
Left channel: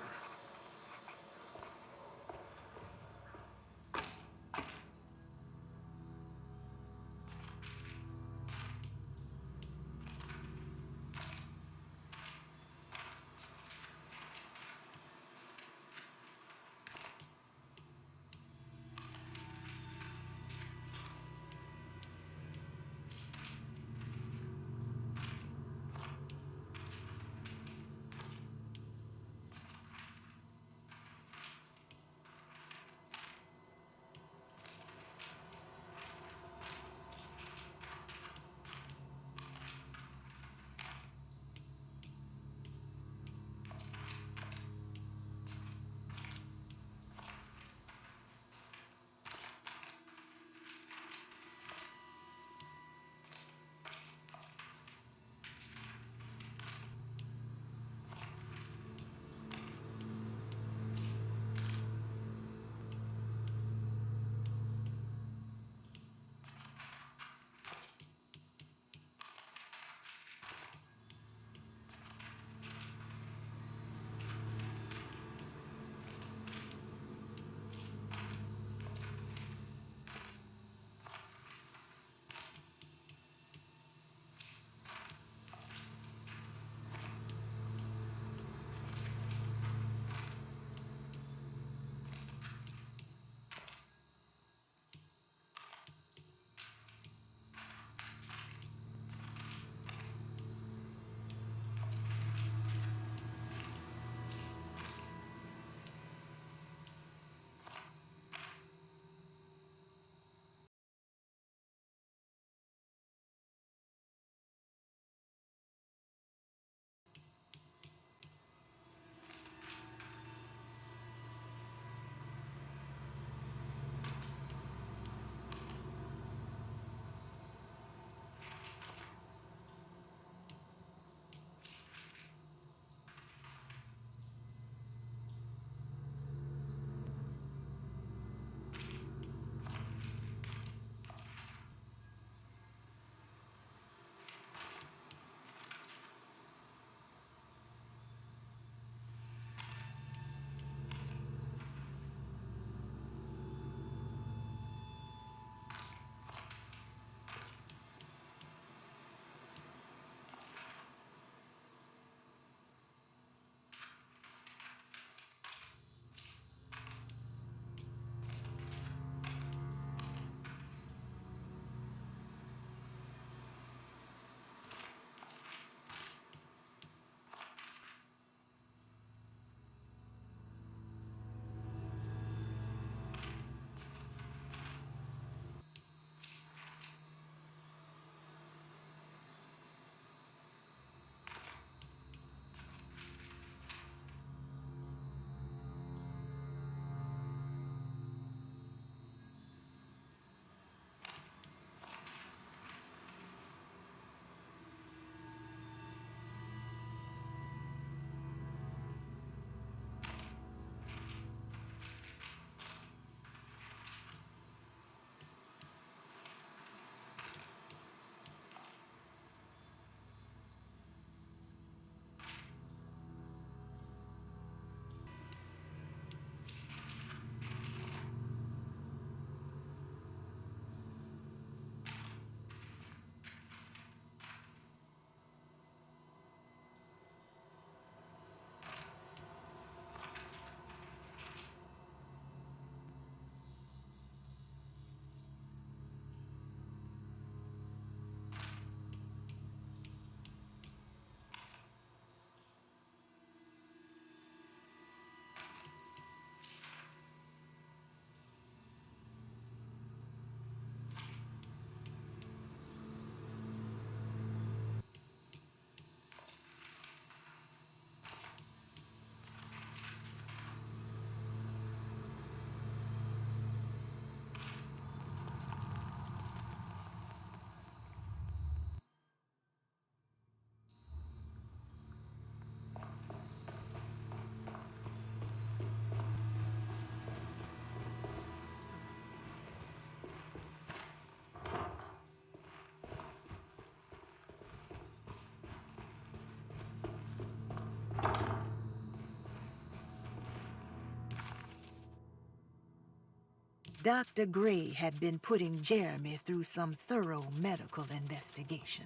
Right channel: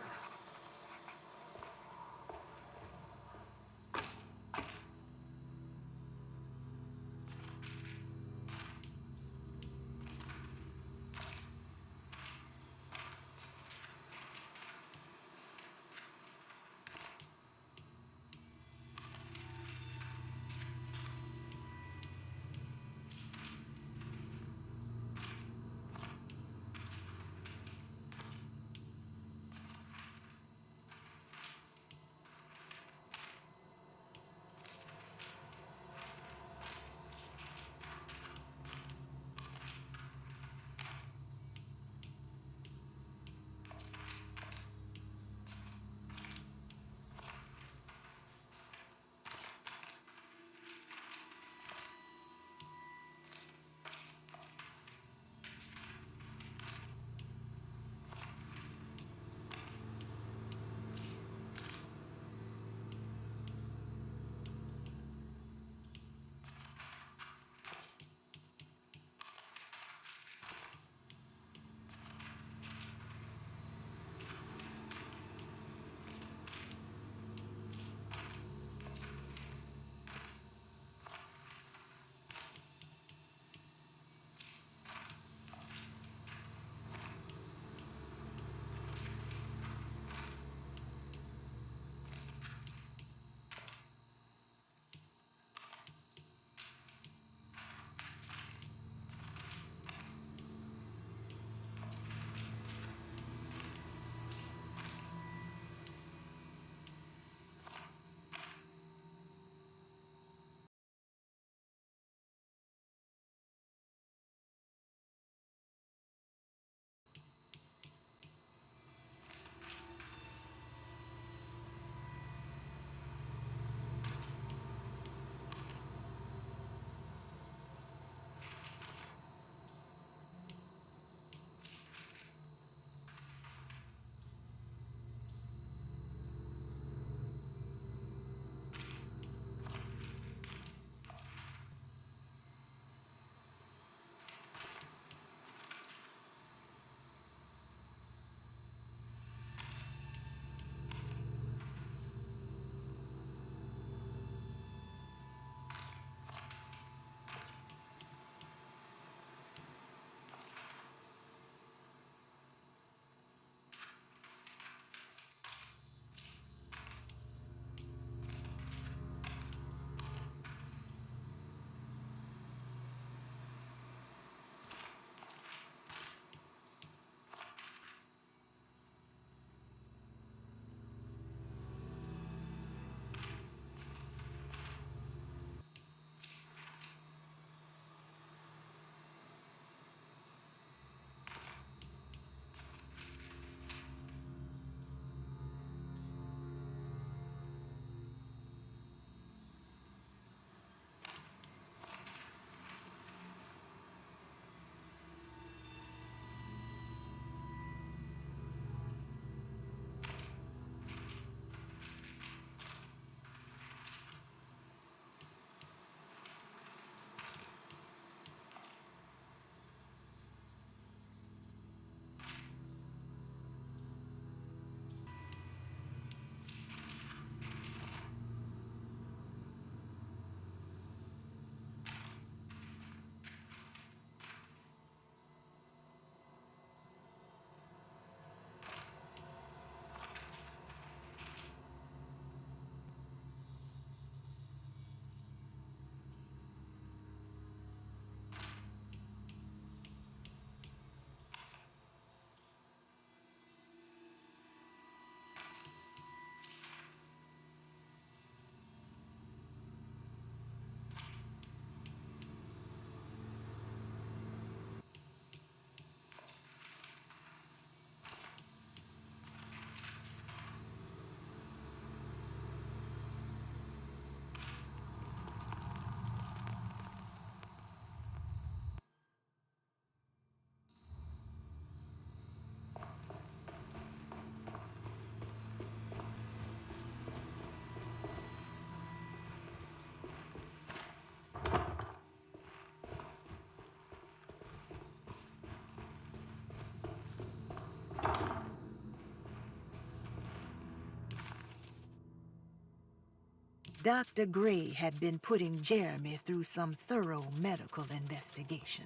Dr. Gray had been putting Jeremy through some thorough medical investigation.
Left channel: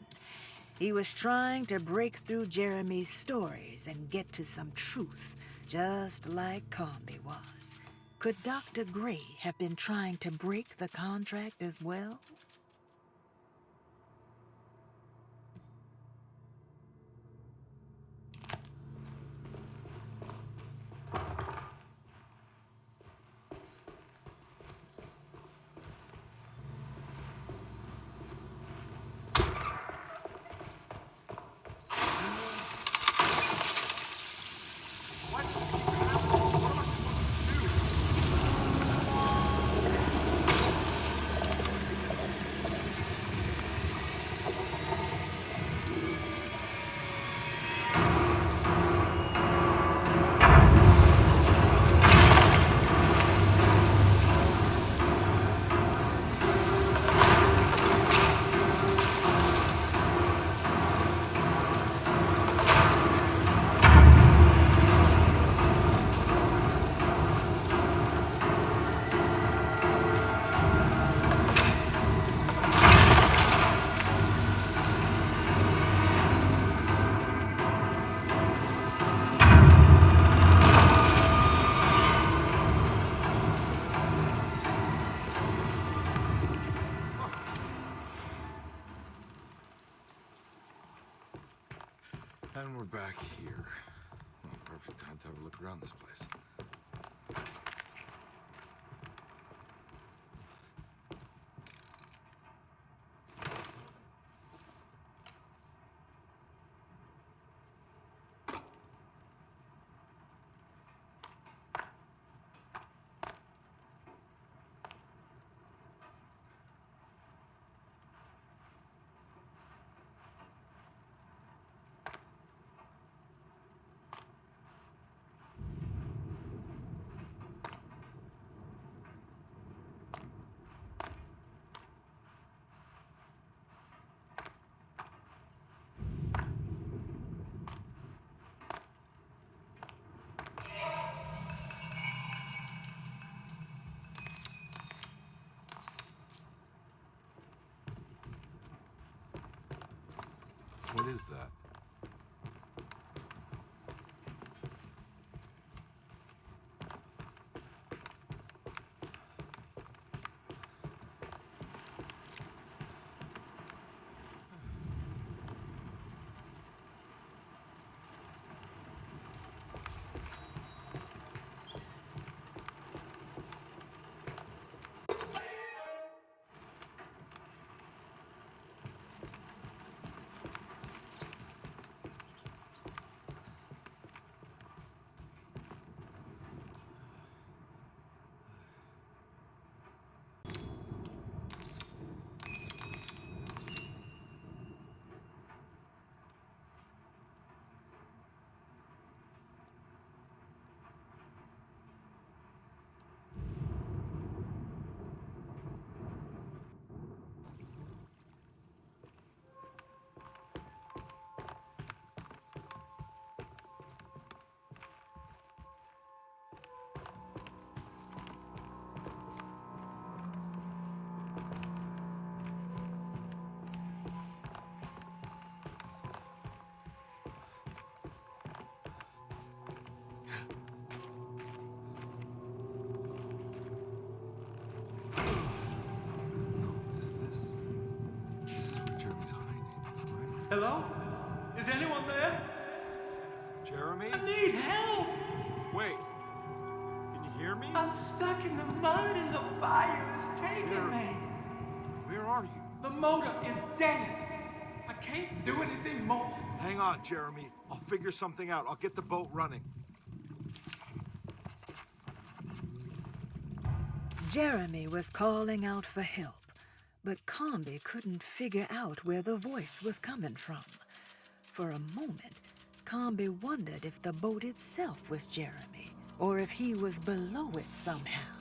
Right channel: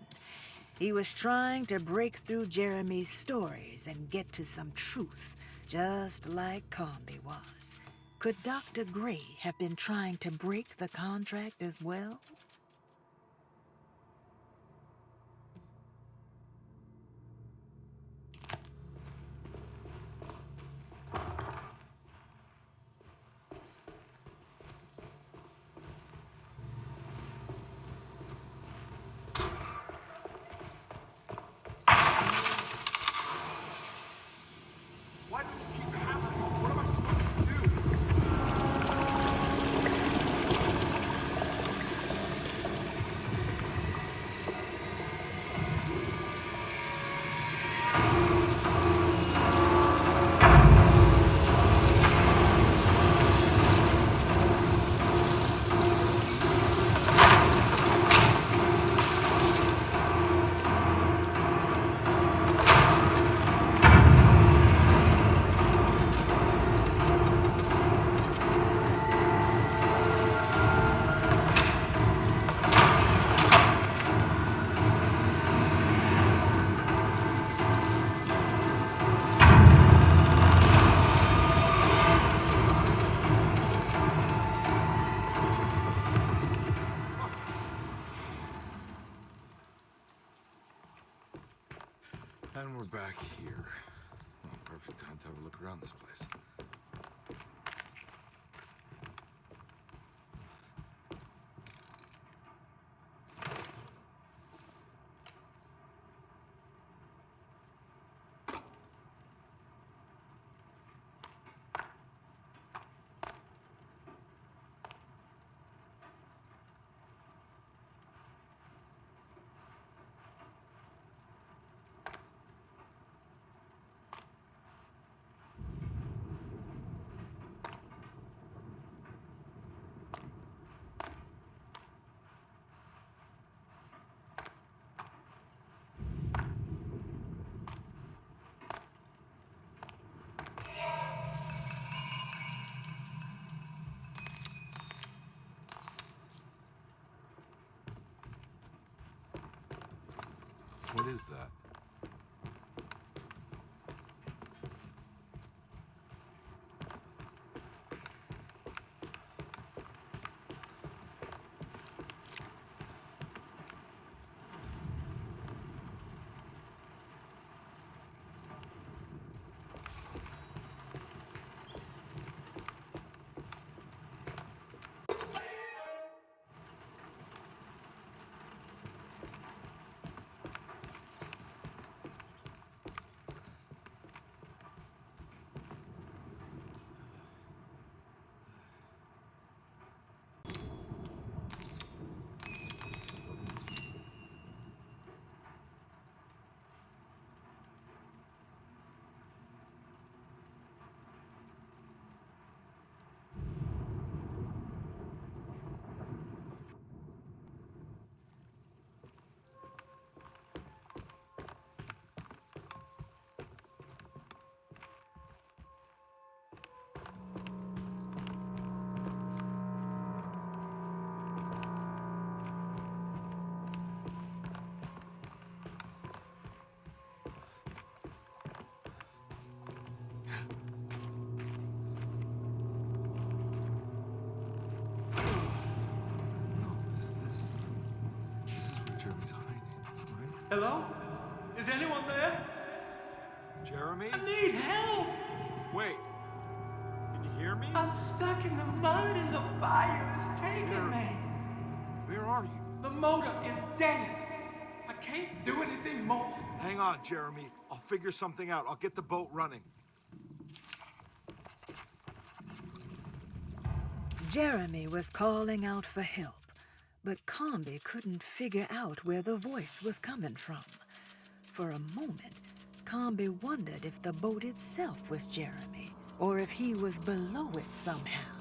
He was trying to break through Jeremy's stories and get to some truth, just like Comby was. Could Dr. Gray have been trying to break the contract as well? And we're back here. Well, perfect time to have a look around this place. What is that? Hello? Is anyone there? Jeremy? I need help! Wait. Can you hear me? I'm stuck in the mud and the fire is taking me. Where are you? The motor is dead. I can't do anything more. Hang on, Jeremy. I'll figure something out. I'll get the boat running. Jeremy was calling out for help, but Comby couldn't figure out where the voice was coming from. For a moment, Comby wondered if the boat itself was Jeremy, or if he was below it somehow.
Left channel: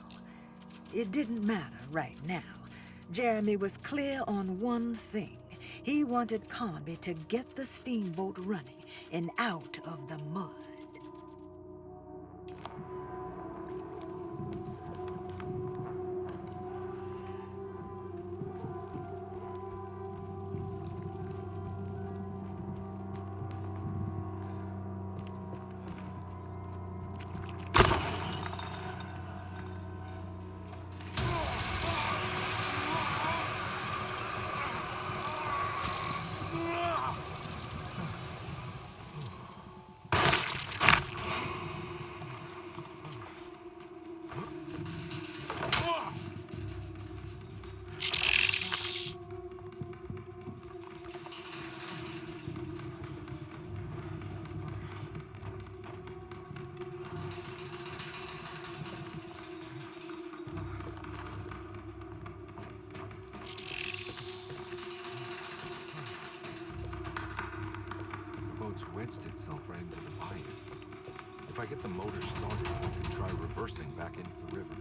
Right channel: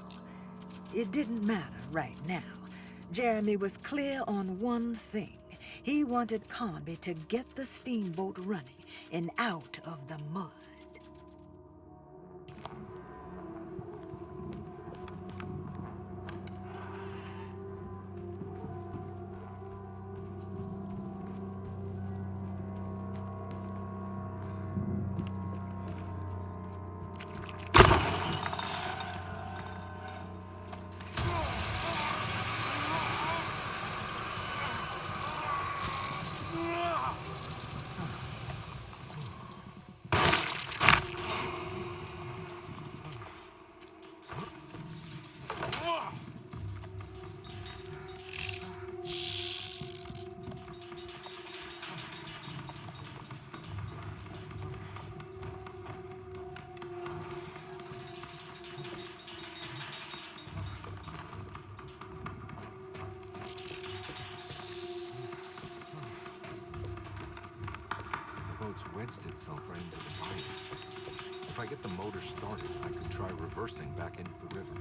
It didn't matter right now. Jeremy was clear on one thing. He wanted Comby to get the steamboat running and out of the mud. wedged itself right into the bayou. If I get the motor started, I could try reversing back into the river.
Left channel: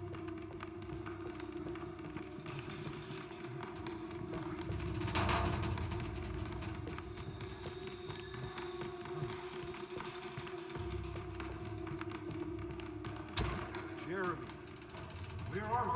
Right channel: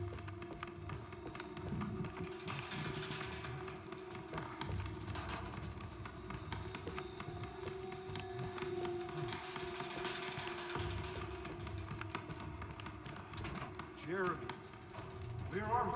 Jeremy, where are you?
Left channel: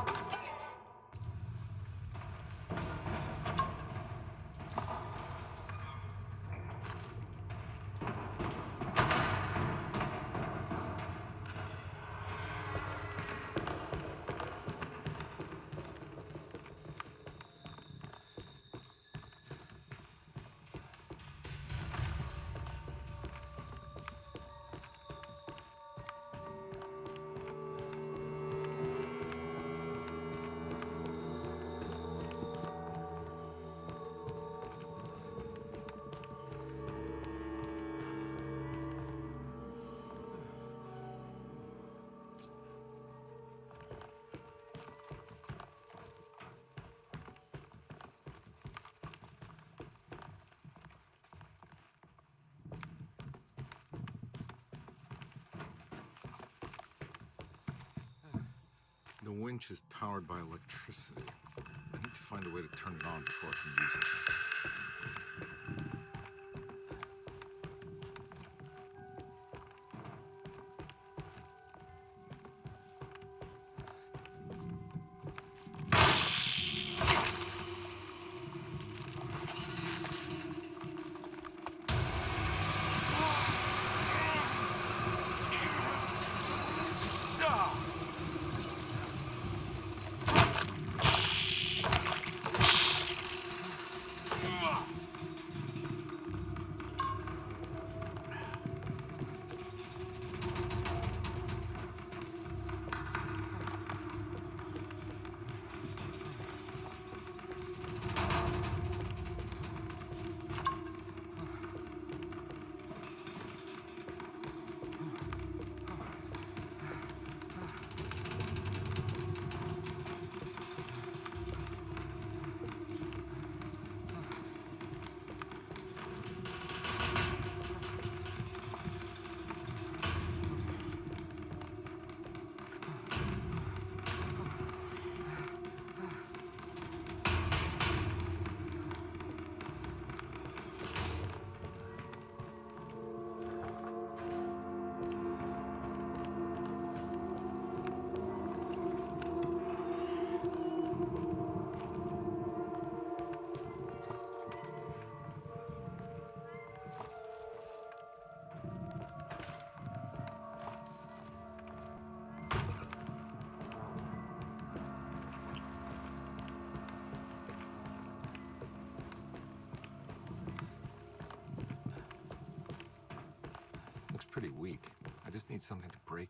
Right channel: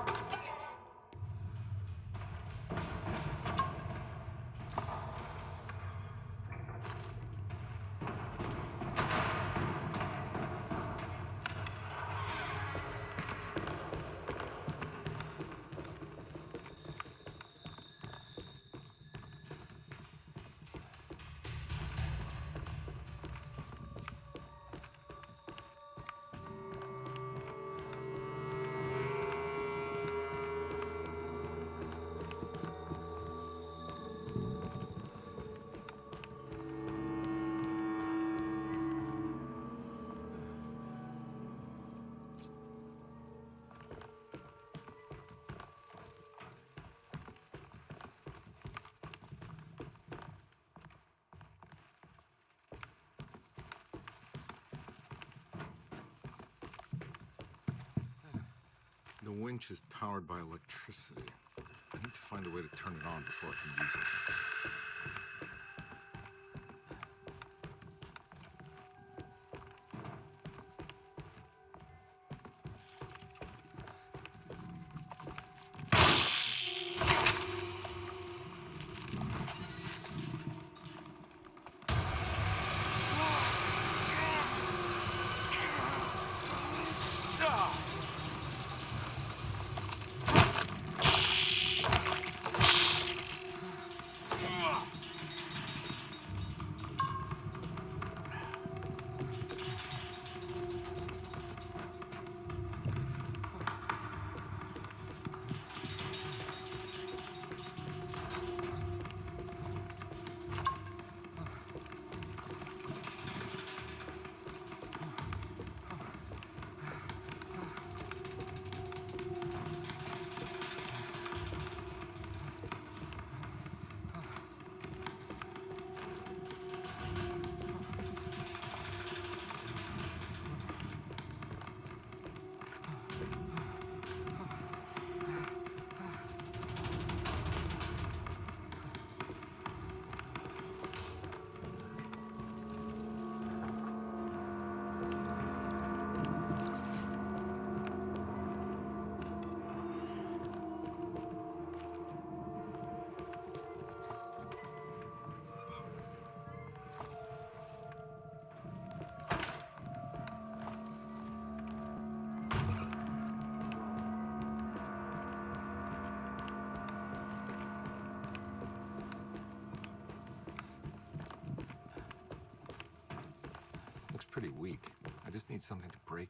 The winch is powered by electricity. I need to find a way to turn it on before I can use it. Looks pretty weak. I just need something to break.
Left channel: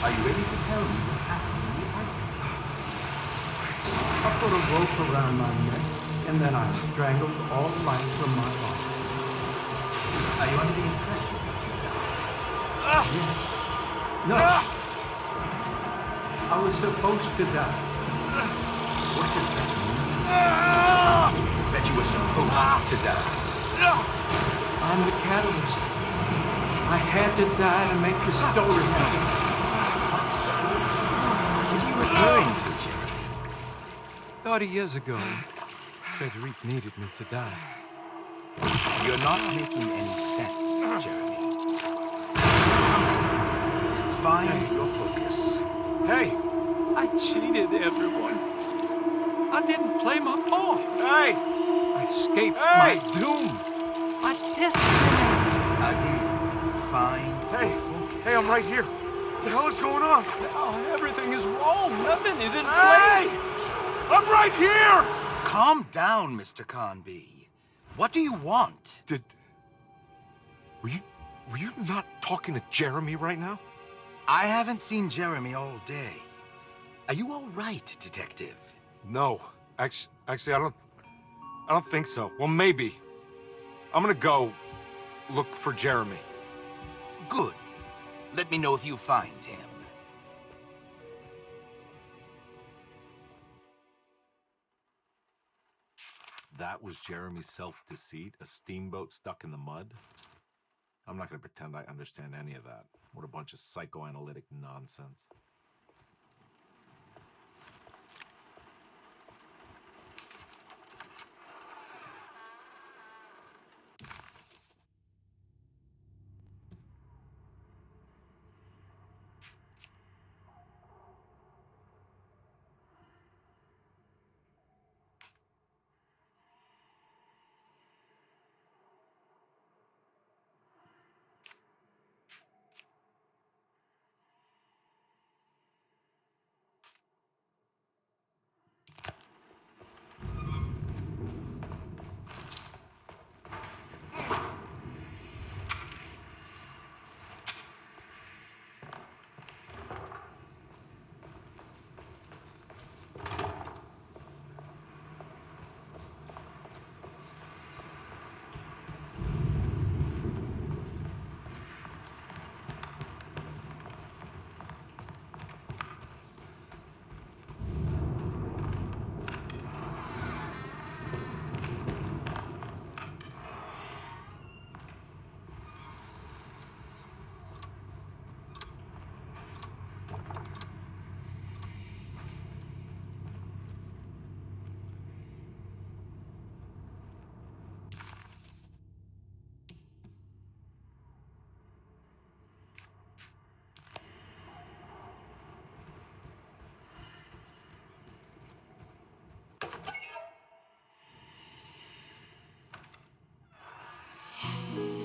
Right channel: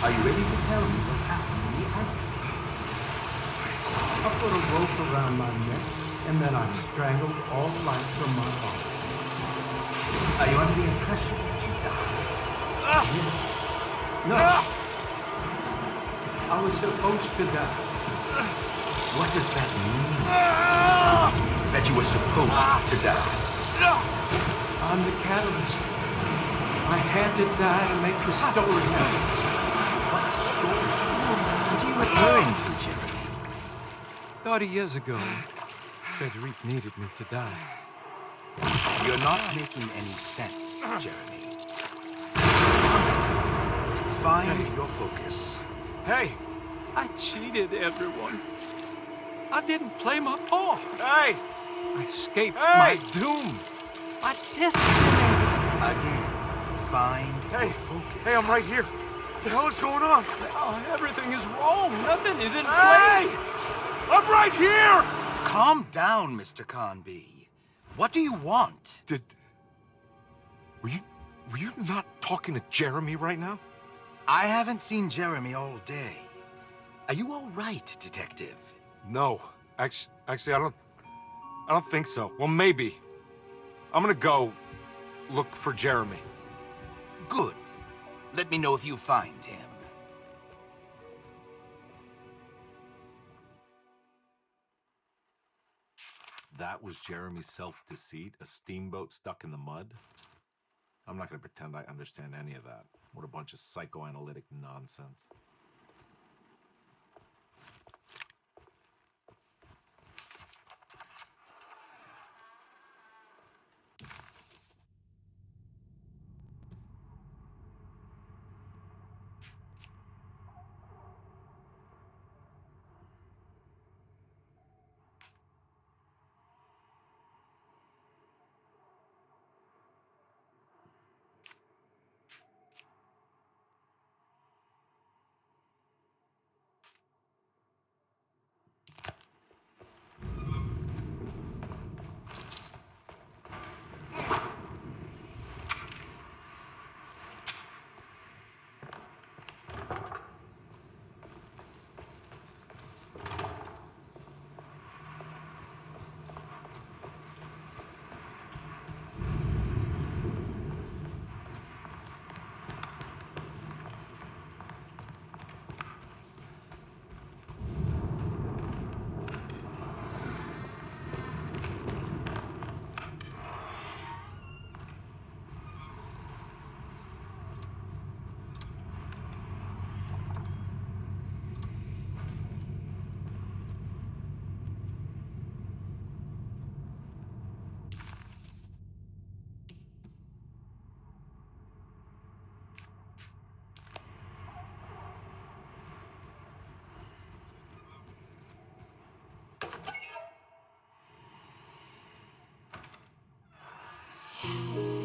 Are you ready to tell me what happened in the attic? I put a rope around my neck, and then I strangled all life from my body. Are you under the impression that you died? Yes. No. I was supposed to die. What does that mean? That you were supposed to die? I'm the catalyst. I had to die to make the story happen. What story? What are you referring to, Jeremy? 30 years ago, Frederic needed me to die. You're not making any sense, Jeremy. Find your focus. Hey! I cheated everyone. I didn't play my part. Hey! I escaped my doom. My destiny. Again, find your focus. Hey, I'm right here. What the hell is going on? Oh, everything is wrong. Nothing is in place. I'm right here! Calm down, Mr. Conby. What do you want? Were you not talking to Jeremy right now? I haven't seen Jeremy all day. Are you all right, Detective? No. Actually, I don't think so. Well, maybe. I'm gonna go look for Jeremy. Good. Let me know if you find him. That was Jeremy's self-deceit? A steamboat stuck in the mud? I'm not gonna pretend I understand any of that. What a bunch of psychoanalytic nonsense.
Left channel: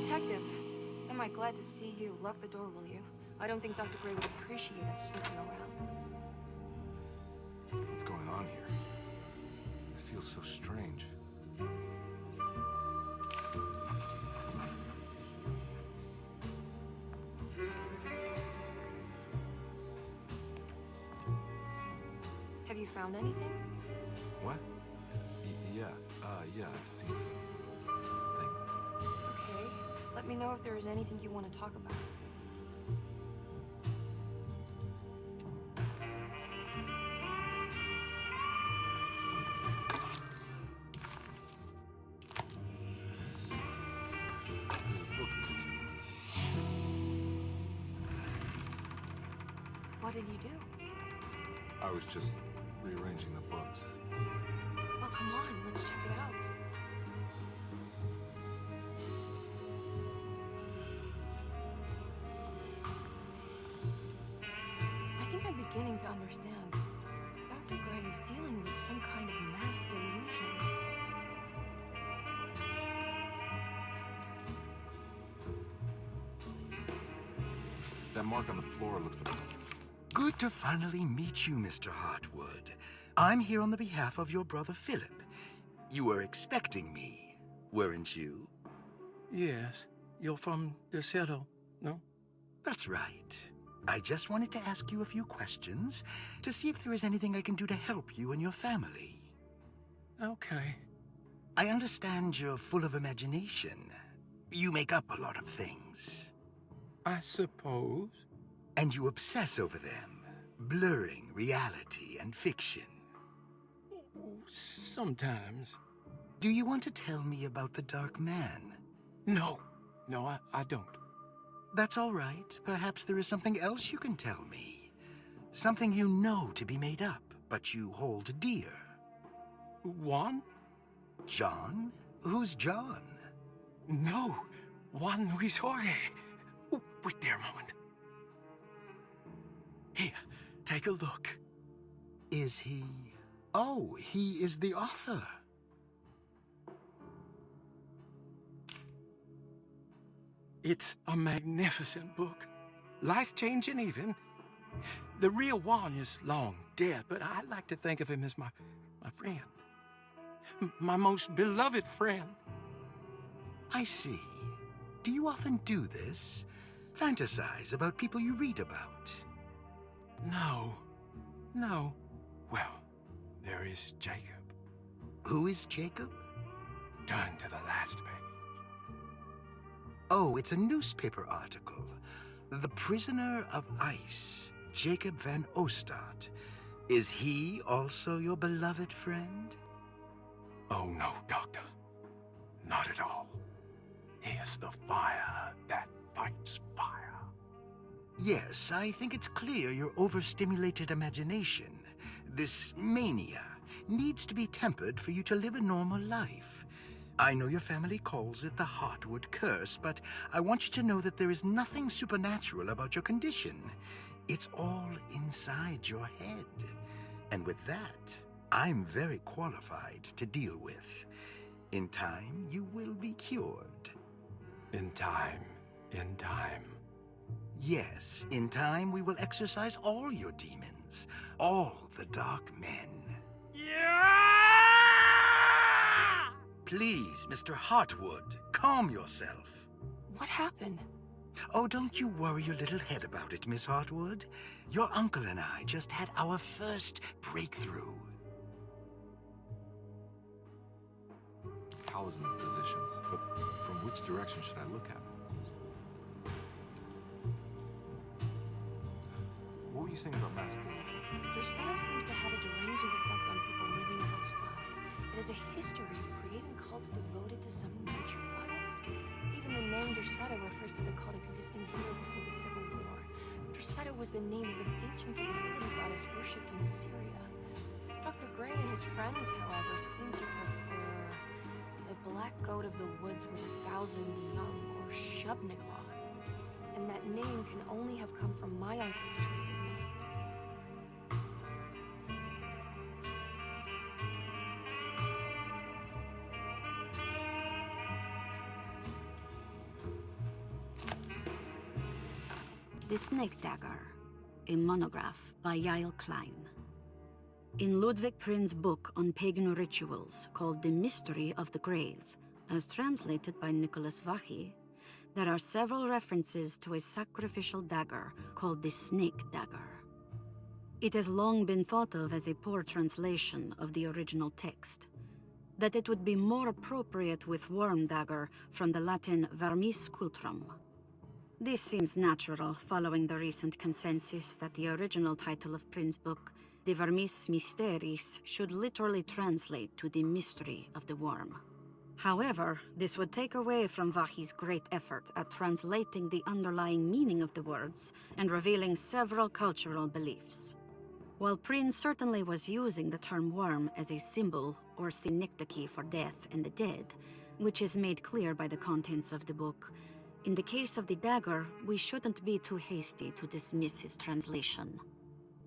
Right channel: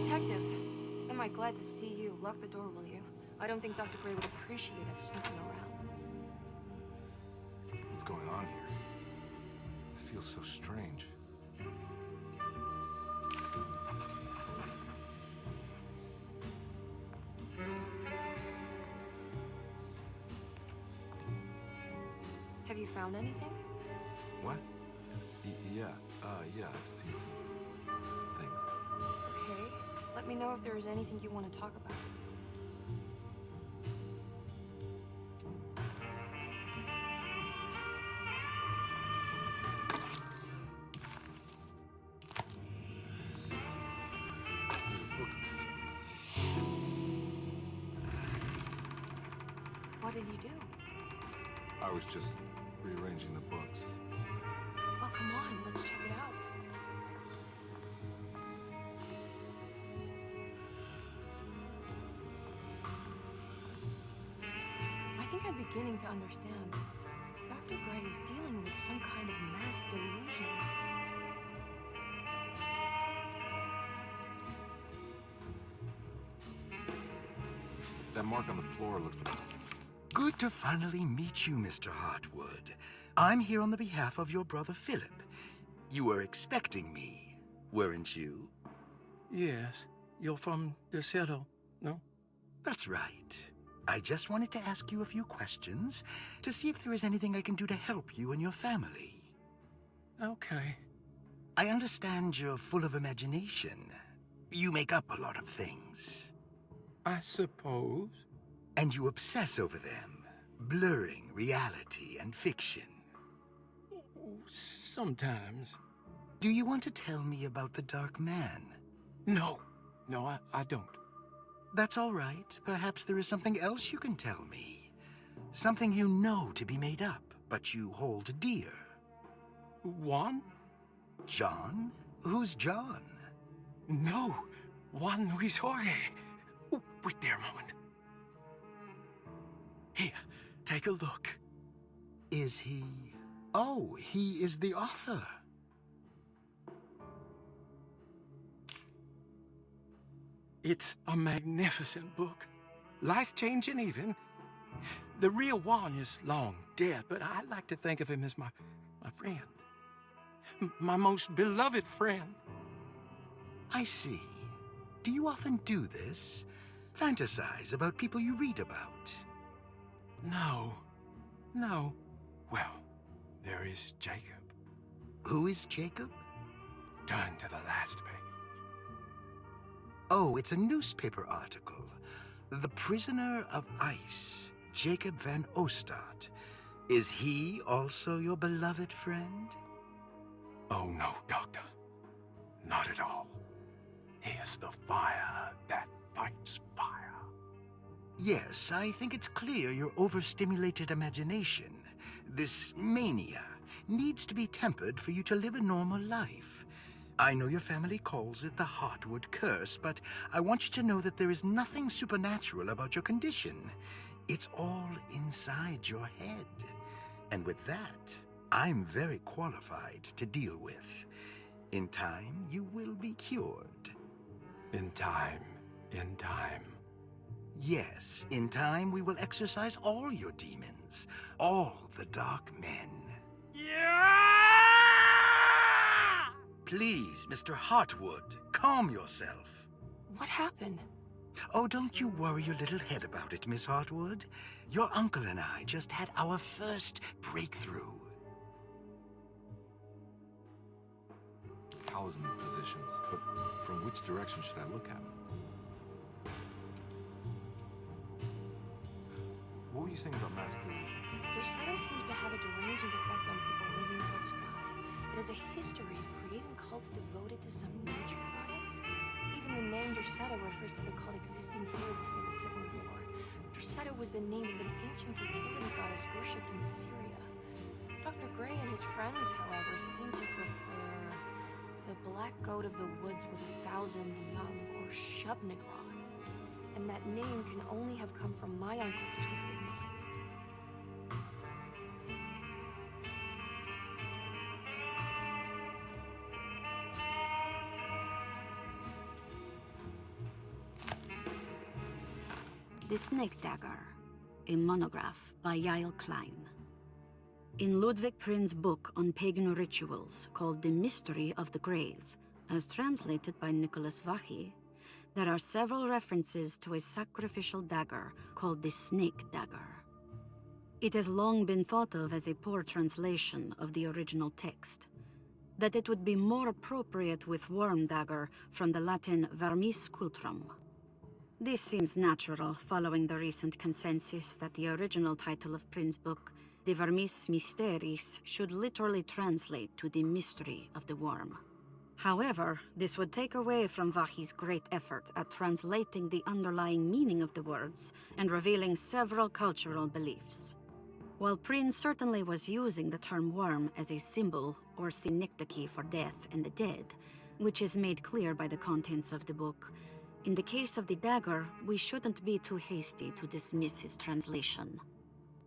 Detective, am I glad to see you? Lock the door, will you? I don't think Dr. Gray would appreciate us snooping around. What's going on here? This feels so strange. Have you found anything? What? Yeah, I've seen some things. Okay. Let me know if there is anything you want to talk about. There's a book missing. What did you do? I was just rearranging the books. Well, come on, let's check it out. I think I'm beginning to understand. Dr. Gray is dealing with some kind of mass delusion. That mark on the floor looks like... Good to finally meet you, Mr. Hartwood. I'm here on the behalf of your brother Philip. You were expecting me, weren't you? Yes. You're from desolate, no? That's right. I just wanted to ask you a few questions to see if there is anything I can do to help you and your family. Okay. I understand you're full of imagination. You make up a lot of things. I suppose. And you obsess over them, blurring reality and fiction. Sometimes. Do you want to tell me about the Dark Man? No, I don't. That's all right. Perhaps there is something else you can tell me. Something you know to be made up, but you hold dear. Juan? John? Who's John? No, Juan Luis Jorge. Oh, wait there a moment. Here, take a look. Is he... Oh, he is the author. It's a magnificent book. Life-changing even. The real Juan is long dead, but I like to think of him as my friend. My most beloved friend. I see. Do you often do this? Fantasize about people you read about? No. Well, there is Jacob. Who is Jacob? Turn to the last page. Oh, it's a newspaper article. The Prisoner of Ice, Jacob van Ostad. Is he also your beloved friend? Oh, no, Doctor. Not at all. He is the fire that fights fire. Yes, I think it's clear your overstimulated imagination, this mania, needs to be tempered for you to live a normal life. I know your family calls it the Heartwood Curse, but I want you to know that there is nothing supernatural about your condition. It's all inside your head. And with that, I'm very qualified to deal with. In time, you will be cured. In time. Yes, in time we will exorcise all your demons, all the dark men. Yeah! Please, Mr. Heartwood, calm yourself. What happened? Oh, don't you worry your little head about it, Miss Heartwood. Your uncle and I just had our first breakthrough. Talisman positions, but from which direction should I look at? What were you saying about mass delusion? Your shadow seems to have a deranging effect on people living close by. It has a history of creating cults devoted to some nature goddess. Even the name Derceto refers to the cult existing here before the Civil War. Derceto was the name of an ancient fertility goddess worshipped in Syria. Dr. Gray and his friends, however, seem to prefer the black goat of the woods with 1,000 young, or Shub-Nigroth. And that name can only have come from my uncle's twisted mind. The Snake Dagger, a monograph by Yael Klein. In Ludwig Prin's book on pagan rituals called The Mystery of the Grave, as translated by Nicholas Vachy, there are several references to a sacrificial dagger called the Snake Dagger. It has long been thought of as a poor translation of the original text, that it would be more appropriate with worm dagger from the Latin vermis cultrum. This seems natural following the recent consensus that the original title of Prin's book, De Vermis Mysteris, should literally translate to the mystery of the worm. However, this would take away from Vachy's great effort at translating the underlying meaning of the words and revealing several cultural beliefs. While Prin certainly was using the term worm as a symbol or synecdoche for death and the dead, which is made clear by the contents of the book, in the case of the dagger, we shouldn't be too hasty to dismiss his translation.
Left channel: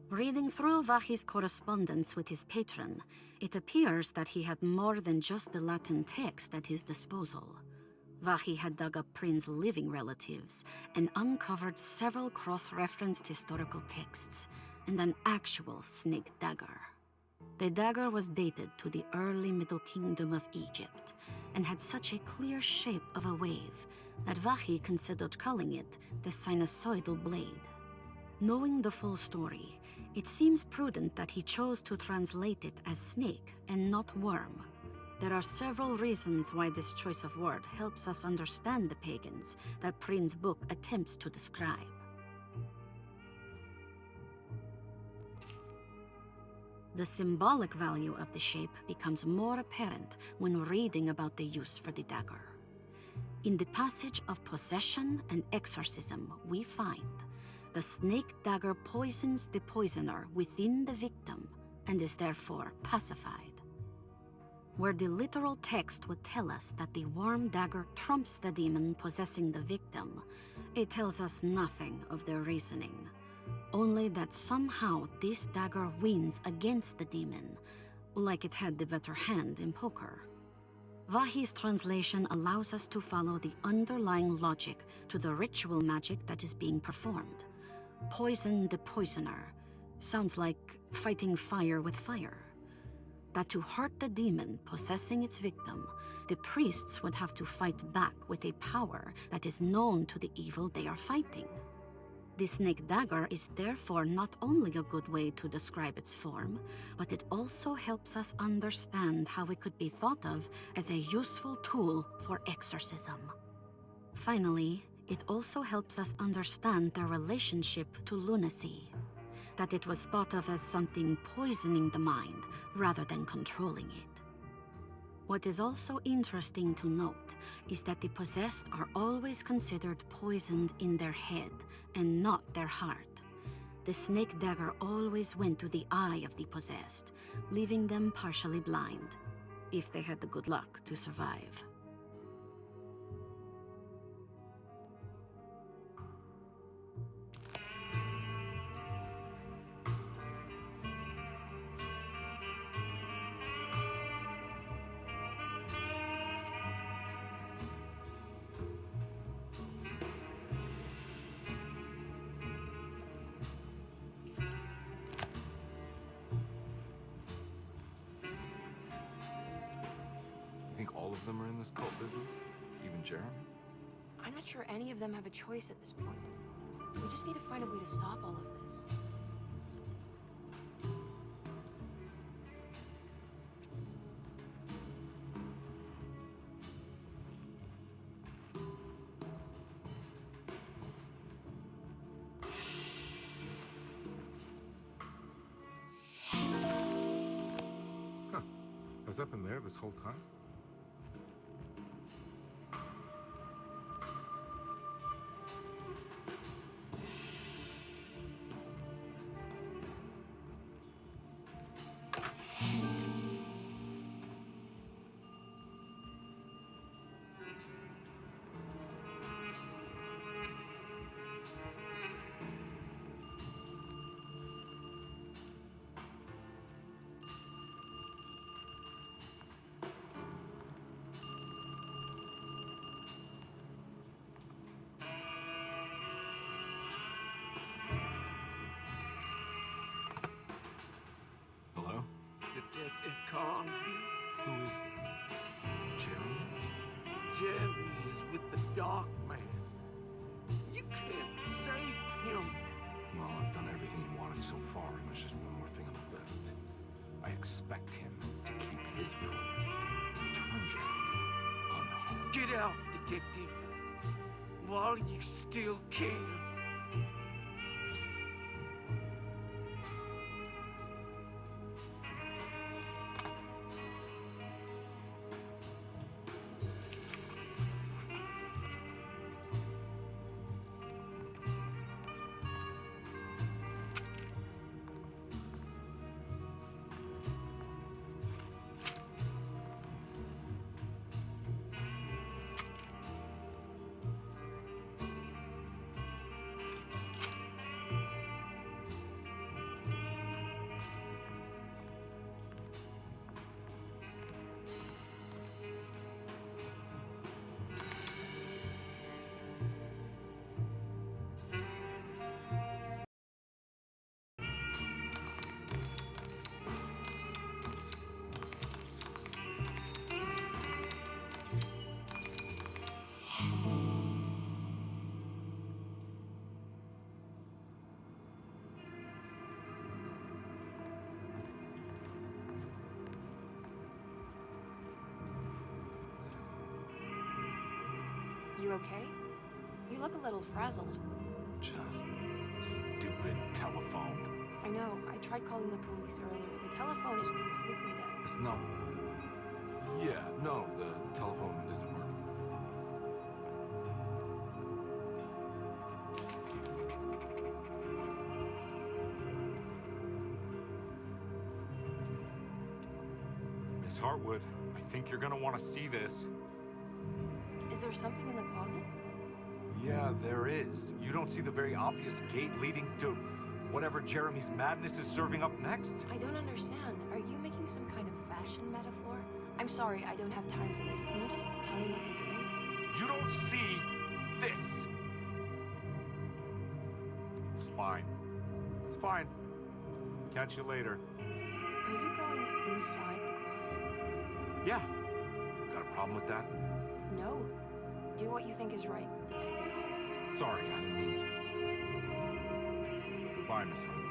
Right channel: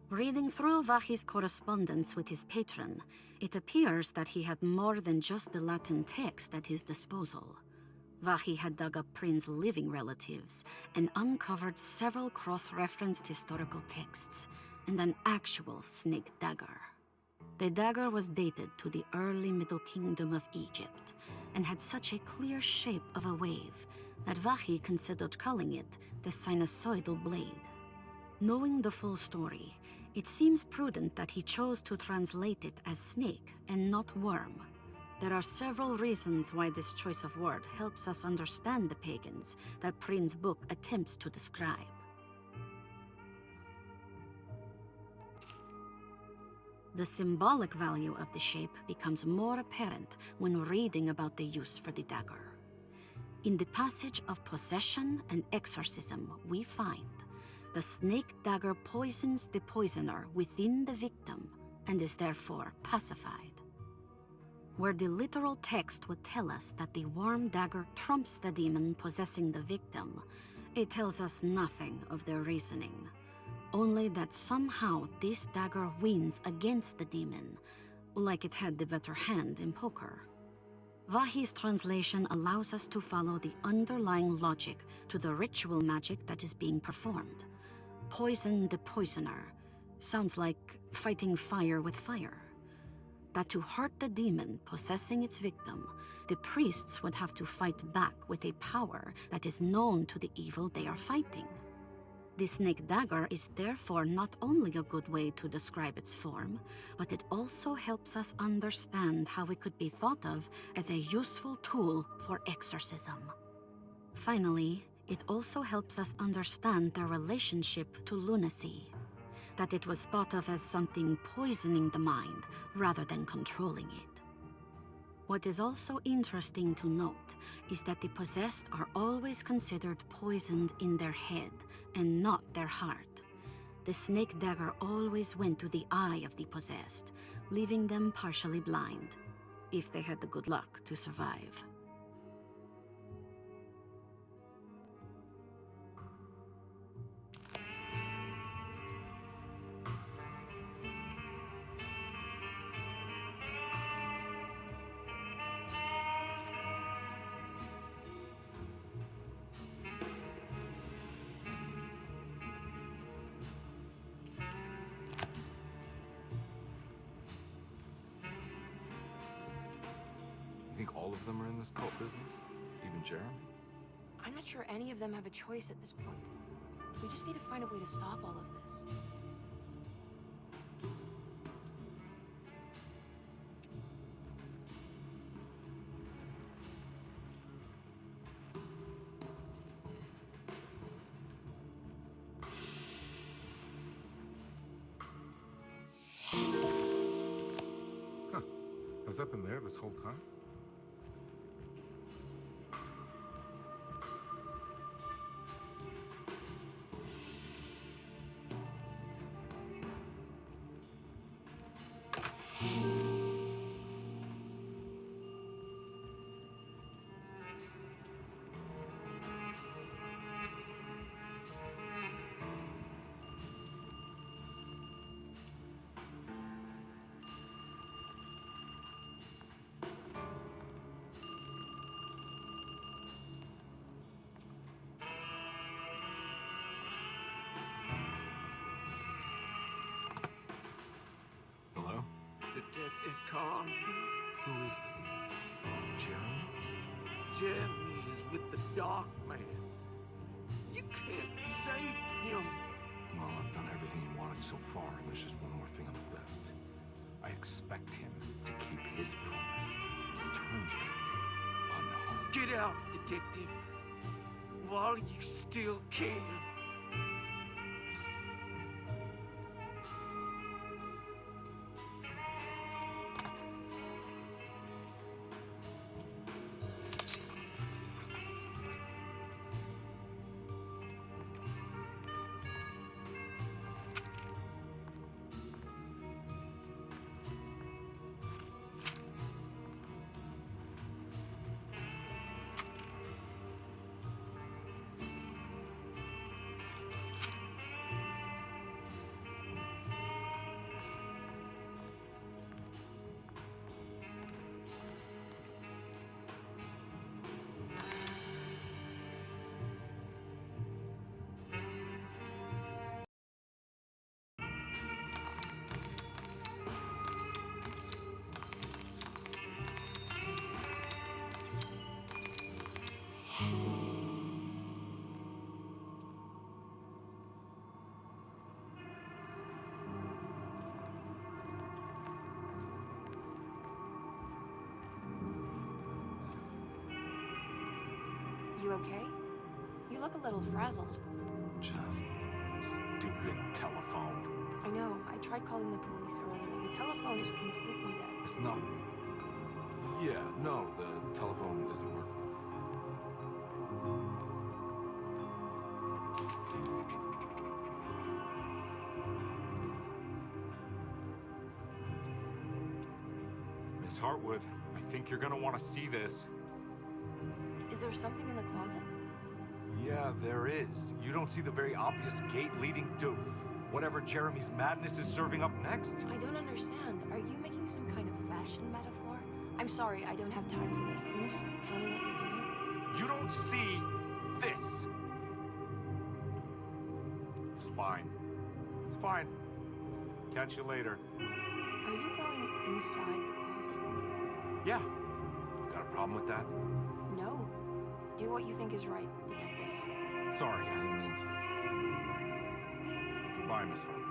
Reading through Vachy's correspondence with his patron, it appears that he had more than just the Latin text at his disposal. Vachy had dug up Prin's living relatives and uncovered several cross-referenced historical texts and an actual snake dagger. The dagger was dated to the early Middle Kingdom of Egypt and had such a clear shape of a wave that Vachy considered calling it the sinusoidal blade. Knowing the full story, it seems prudent that he chose to translate it as snake and not worm. There are several reasons why this choice of word helps us understand the pagans that Prin's book attempts to describe. The symbolic value of the shape becomes more apparent when reading about the use for the dagger. In the passage of possession and exorcism, we find the snake dagger poisons the poisoner within the victim and is therefore pacified. Where the literal text would tell us that the worm dagger trumps the demon possessing the victim, it tells us nothing of their reasoning. Only that somehow this dagger wins against the demon, like it had the better hand in poker. Vahi's translation allows us to follow the underlying logic to the ritual magic that is being performed. Poison the poisoner sounds like fighting fire with fire. That to hurt the demon possessing its victim, the priests would have to fight back with a power that is known to the evil they are fighting. The snake dagger is therefore not only a good way to describe its form, but it also helps us understand how it could be thought of as a useful tool for exorcism. Finally, it also helps us understand their relationship to lunacy, that it was thought of as something poisoning the mind rather than controlling it. What is also interesting to note is that the possessed are always considered poisoned in their head and not their heart. The snake dagger always went to the eye of the possessed, leaving them partially blind, if they had the good luck to survive. You think all of them are in this cult business? Even Jeremy? I'm not sure any of them have a choice at this point. We just need to find a way to stop all of this. Huh. Has that been there this whole time? Hello? Detective Carnby? Who is this? Jeremy? Jeremy is with the Dark Man. You can't save him. Well, I've done everything you wanted so far, and there's just one more thing on the list. I expect him to keep his promise. Return Jeremy unharmed. Get out, Detective. While you still can. you okay? You look a little frazzled. Just stupid telephone. I know. I tried calling the police earlier. The telephone is completely dead. It's not... Yeah, no, the telephone isn't working. Miss Hartwood, I think you're gonna want to see this. Is there something in the closet? Yeah, there is. You don't see the very obvious gate leading to whatever Jeremy's madness is serving up next? I don't understand. Are you making some kind of fashion metaphor? I'm sorry, I don't have time for this. Can you just tell me what you're doing? You don't see this. It's fine. It's fine. Catch you later. Are you going inside the closet? Yeah. Got a problem with that? No. Do what you think is right, detective. Sorry, I didn't mean to. Goodbye, Miss Hartwood.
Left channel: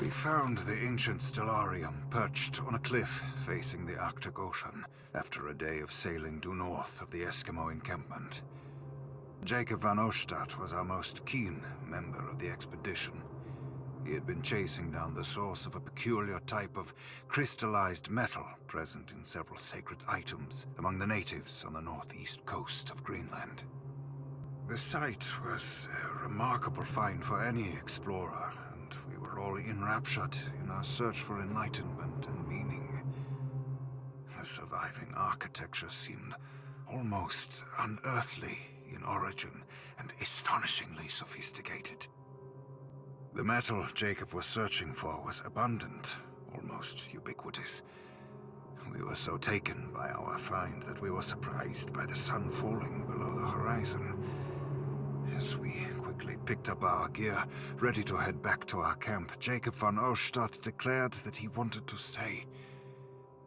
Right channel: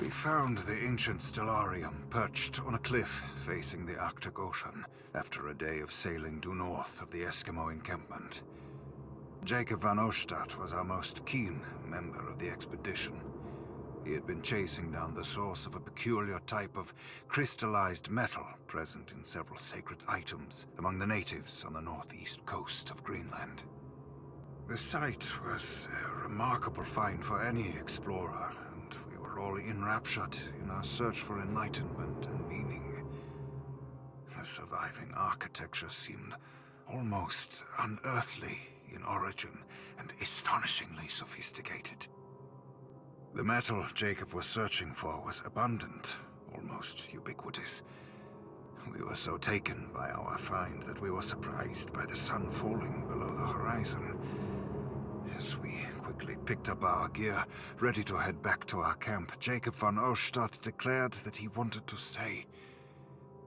We found the ancient stellarium perched on a cliff facing the Arctic Ocean after a day of sailing due north of the Eskimo encampment. Jacob van Oostad was our most keen member of the expedition. He had been chasing down the source of a peculiar type of crystallized metal present in several sacred items among the natives on the northeast coast of Greenland. The site was a remarkable find for any explorer, and we were all enraptured in our search for enlightenment and meaning. The surviving architecture seemed almost unearthly in origin and astonishingly sophisticated. The metal Jacob was searching for was abundant, almost ubiquitous. We were so taken by our find that we were surprised by the sun falling below the horizon. As we quickly picked up our gear, ready to head back to our camp, Jacob van Oostad declared that he wanted to stay.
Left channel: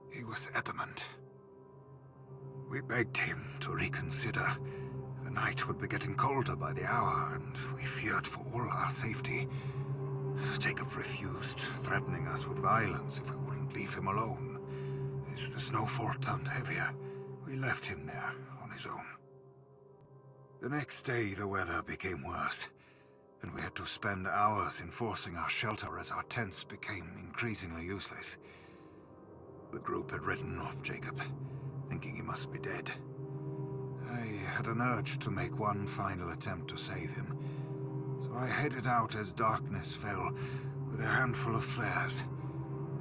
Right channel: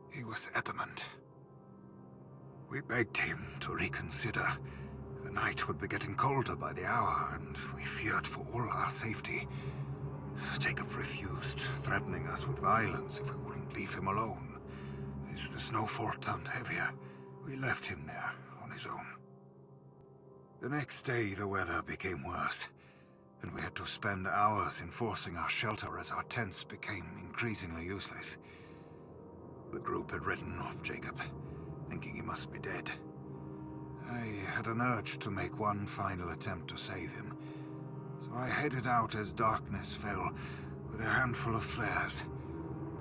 He was adamant. We begged him to reconsider. The night would be getting colder by the hour, and we feared for all our safety. Jacob refused, threatening us with violence if we wouldn't leave him alone. As the snowfall turned heavier, we left him there on his own. The next day, the weather became worse, and we had to spend hours enforcing our shelter as our tents became increasingly useless. The group had written off Jacob, thinking he must be dead. I had an urge to make one final attempt to save him, so I headed out as darkness fell with a handful of flares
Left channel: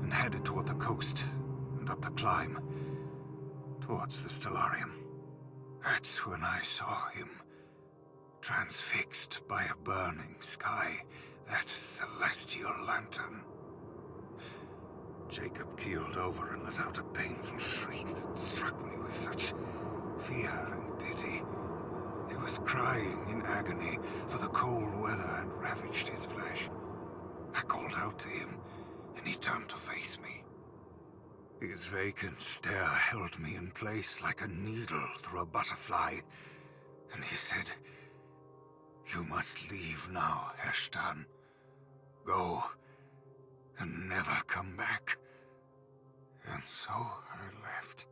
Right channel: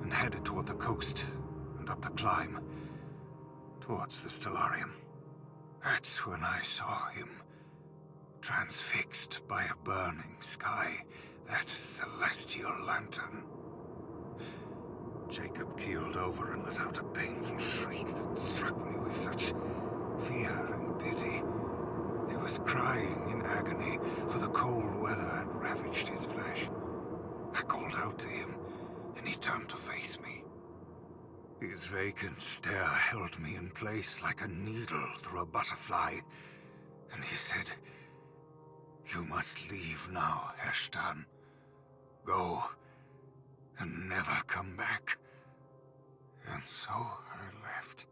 and headed toward the coast and up the climb towards the stellarium. That's when I saw him, transfixed by a burning sky, that celestial lantern. Jacob keeled over and let out a painful shriek that struck me with such fear and pity. He was crying in agony, for the cold weather had ravaged his flesh. I called out to him, and he turned to face me. His vacant stare held me in place like a needle through a butterfly, and he said, "You must leave now, Herstan. Go, and never come back." And so I left.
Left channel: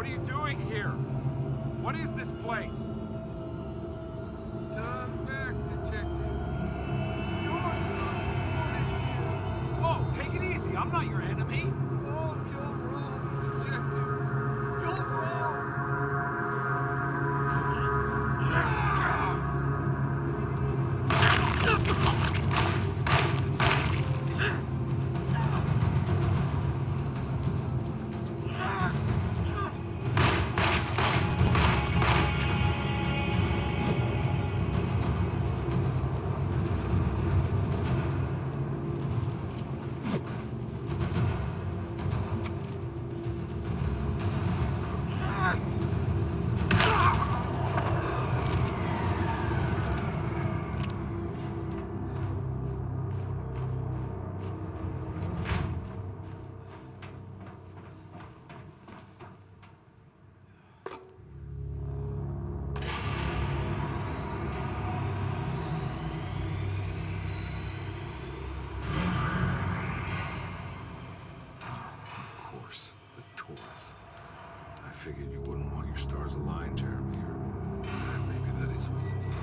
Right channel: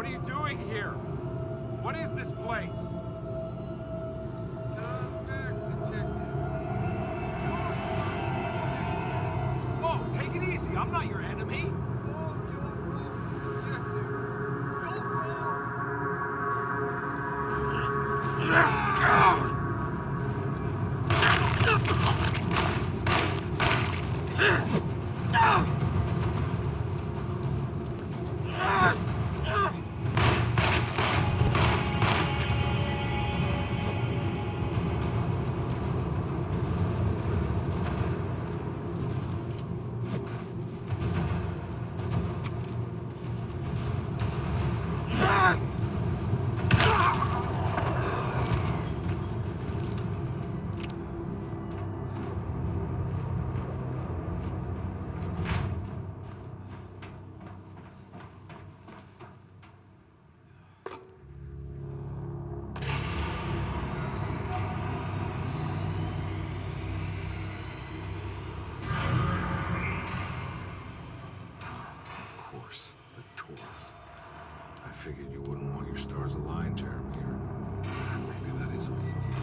What are you doing here? What is this place? Turn back, detective. Whoa, take it easy. I'm not your enemy. Oh, you're wrong, detective. You're wrong. I figured you wouldn't want your stars aligned, Jeremy, or maybe that is what you need.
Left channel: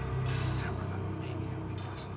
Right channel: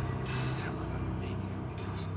Temper that mania of yours.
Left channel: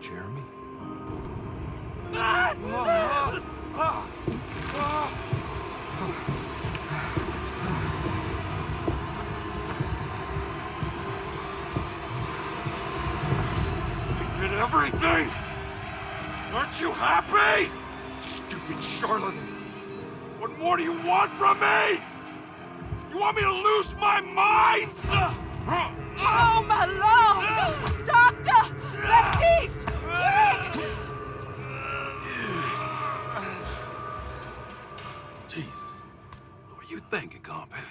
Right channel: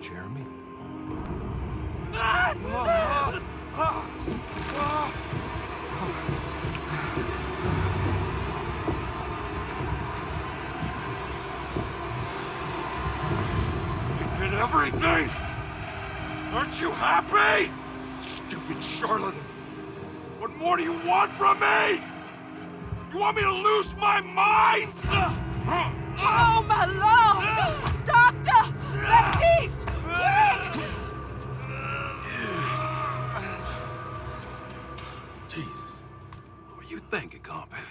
Jeremy? everything? Aren't you happy? Stupid charlatan. What more do you want from me? You want me to lose my mind? Oh, my lord! Doctor! Baptiste! Quick! Jesus. What were you thinking, compadre?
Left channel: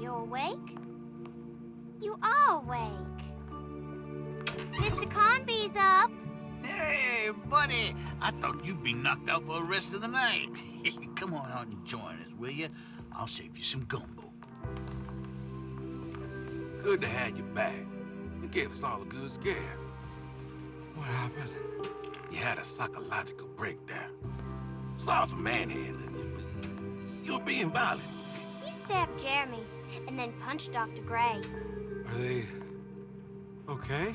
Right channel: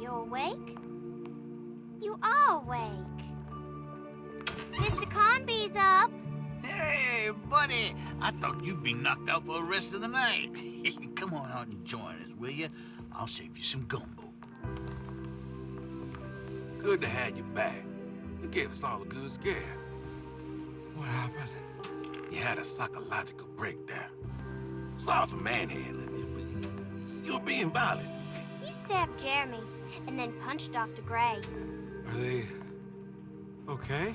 You awake? You are awake. Mr. Conby's up. Hey, buddy. I thought you'd be knocked out for the rest of the night. Come on out and join us, will you? I'll save you some gumbo. Good to have you back. You gave us all a good scare. What happened? You had a psychological breakdown. Sorry for manhandling you, but you're being violent. You stabbed Jeremy and then punched Dr. Gray. Are they okay?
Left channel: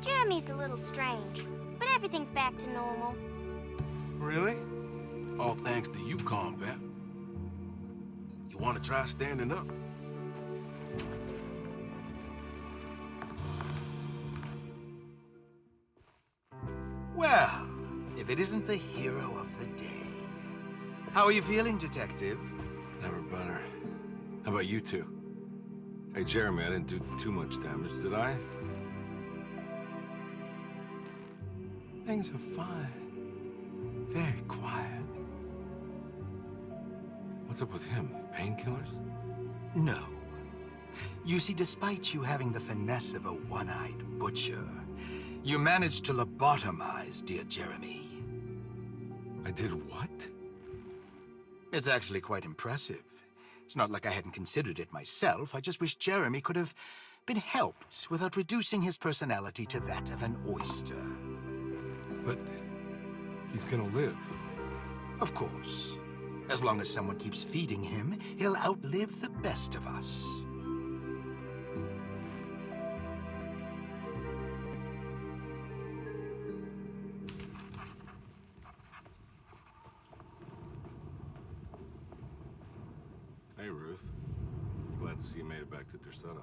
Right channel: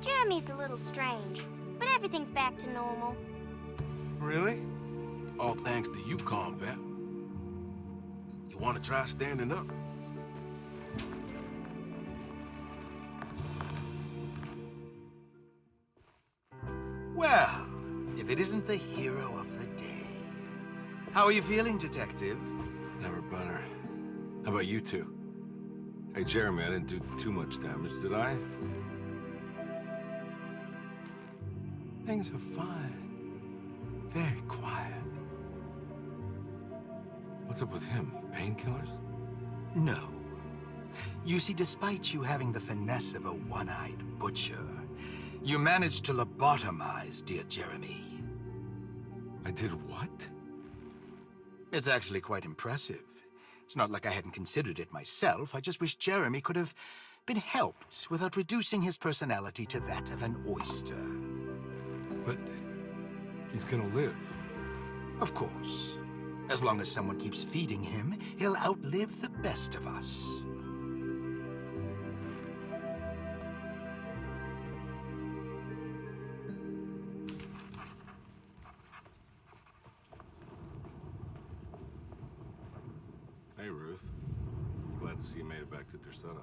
Jeremy's a little strange, but everything's back to normal. Really? All thanks to you, combat. You want to try standing up? Well, if it isn't the hero of the day. How are you feeling, Detective? Never better. How about you two? Hey, Jeremy, I didn't do too much damage, did I? Things are fine. Very quiet. What's up with him? Painkillers? No. You see, despite you having the finesse of a one-eyed butcher, you managed to lobotomize dear Jeremy. I did what? It's actually quite impressive. It's not like I hadn't considered it myself. I just wish Jeremy could have been helped without reducing his personality to that of an oyster. But he's gonna live. Of course. As long as someone keeps feeding him, he'll outlive the best of us. Hey, Ruth. Glad to see you made it back to Desolate.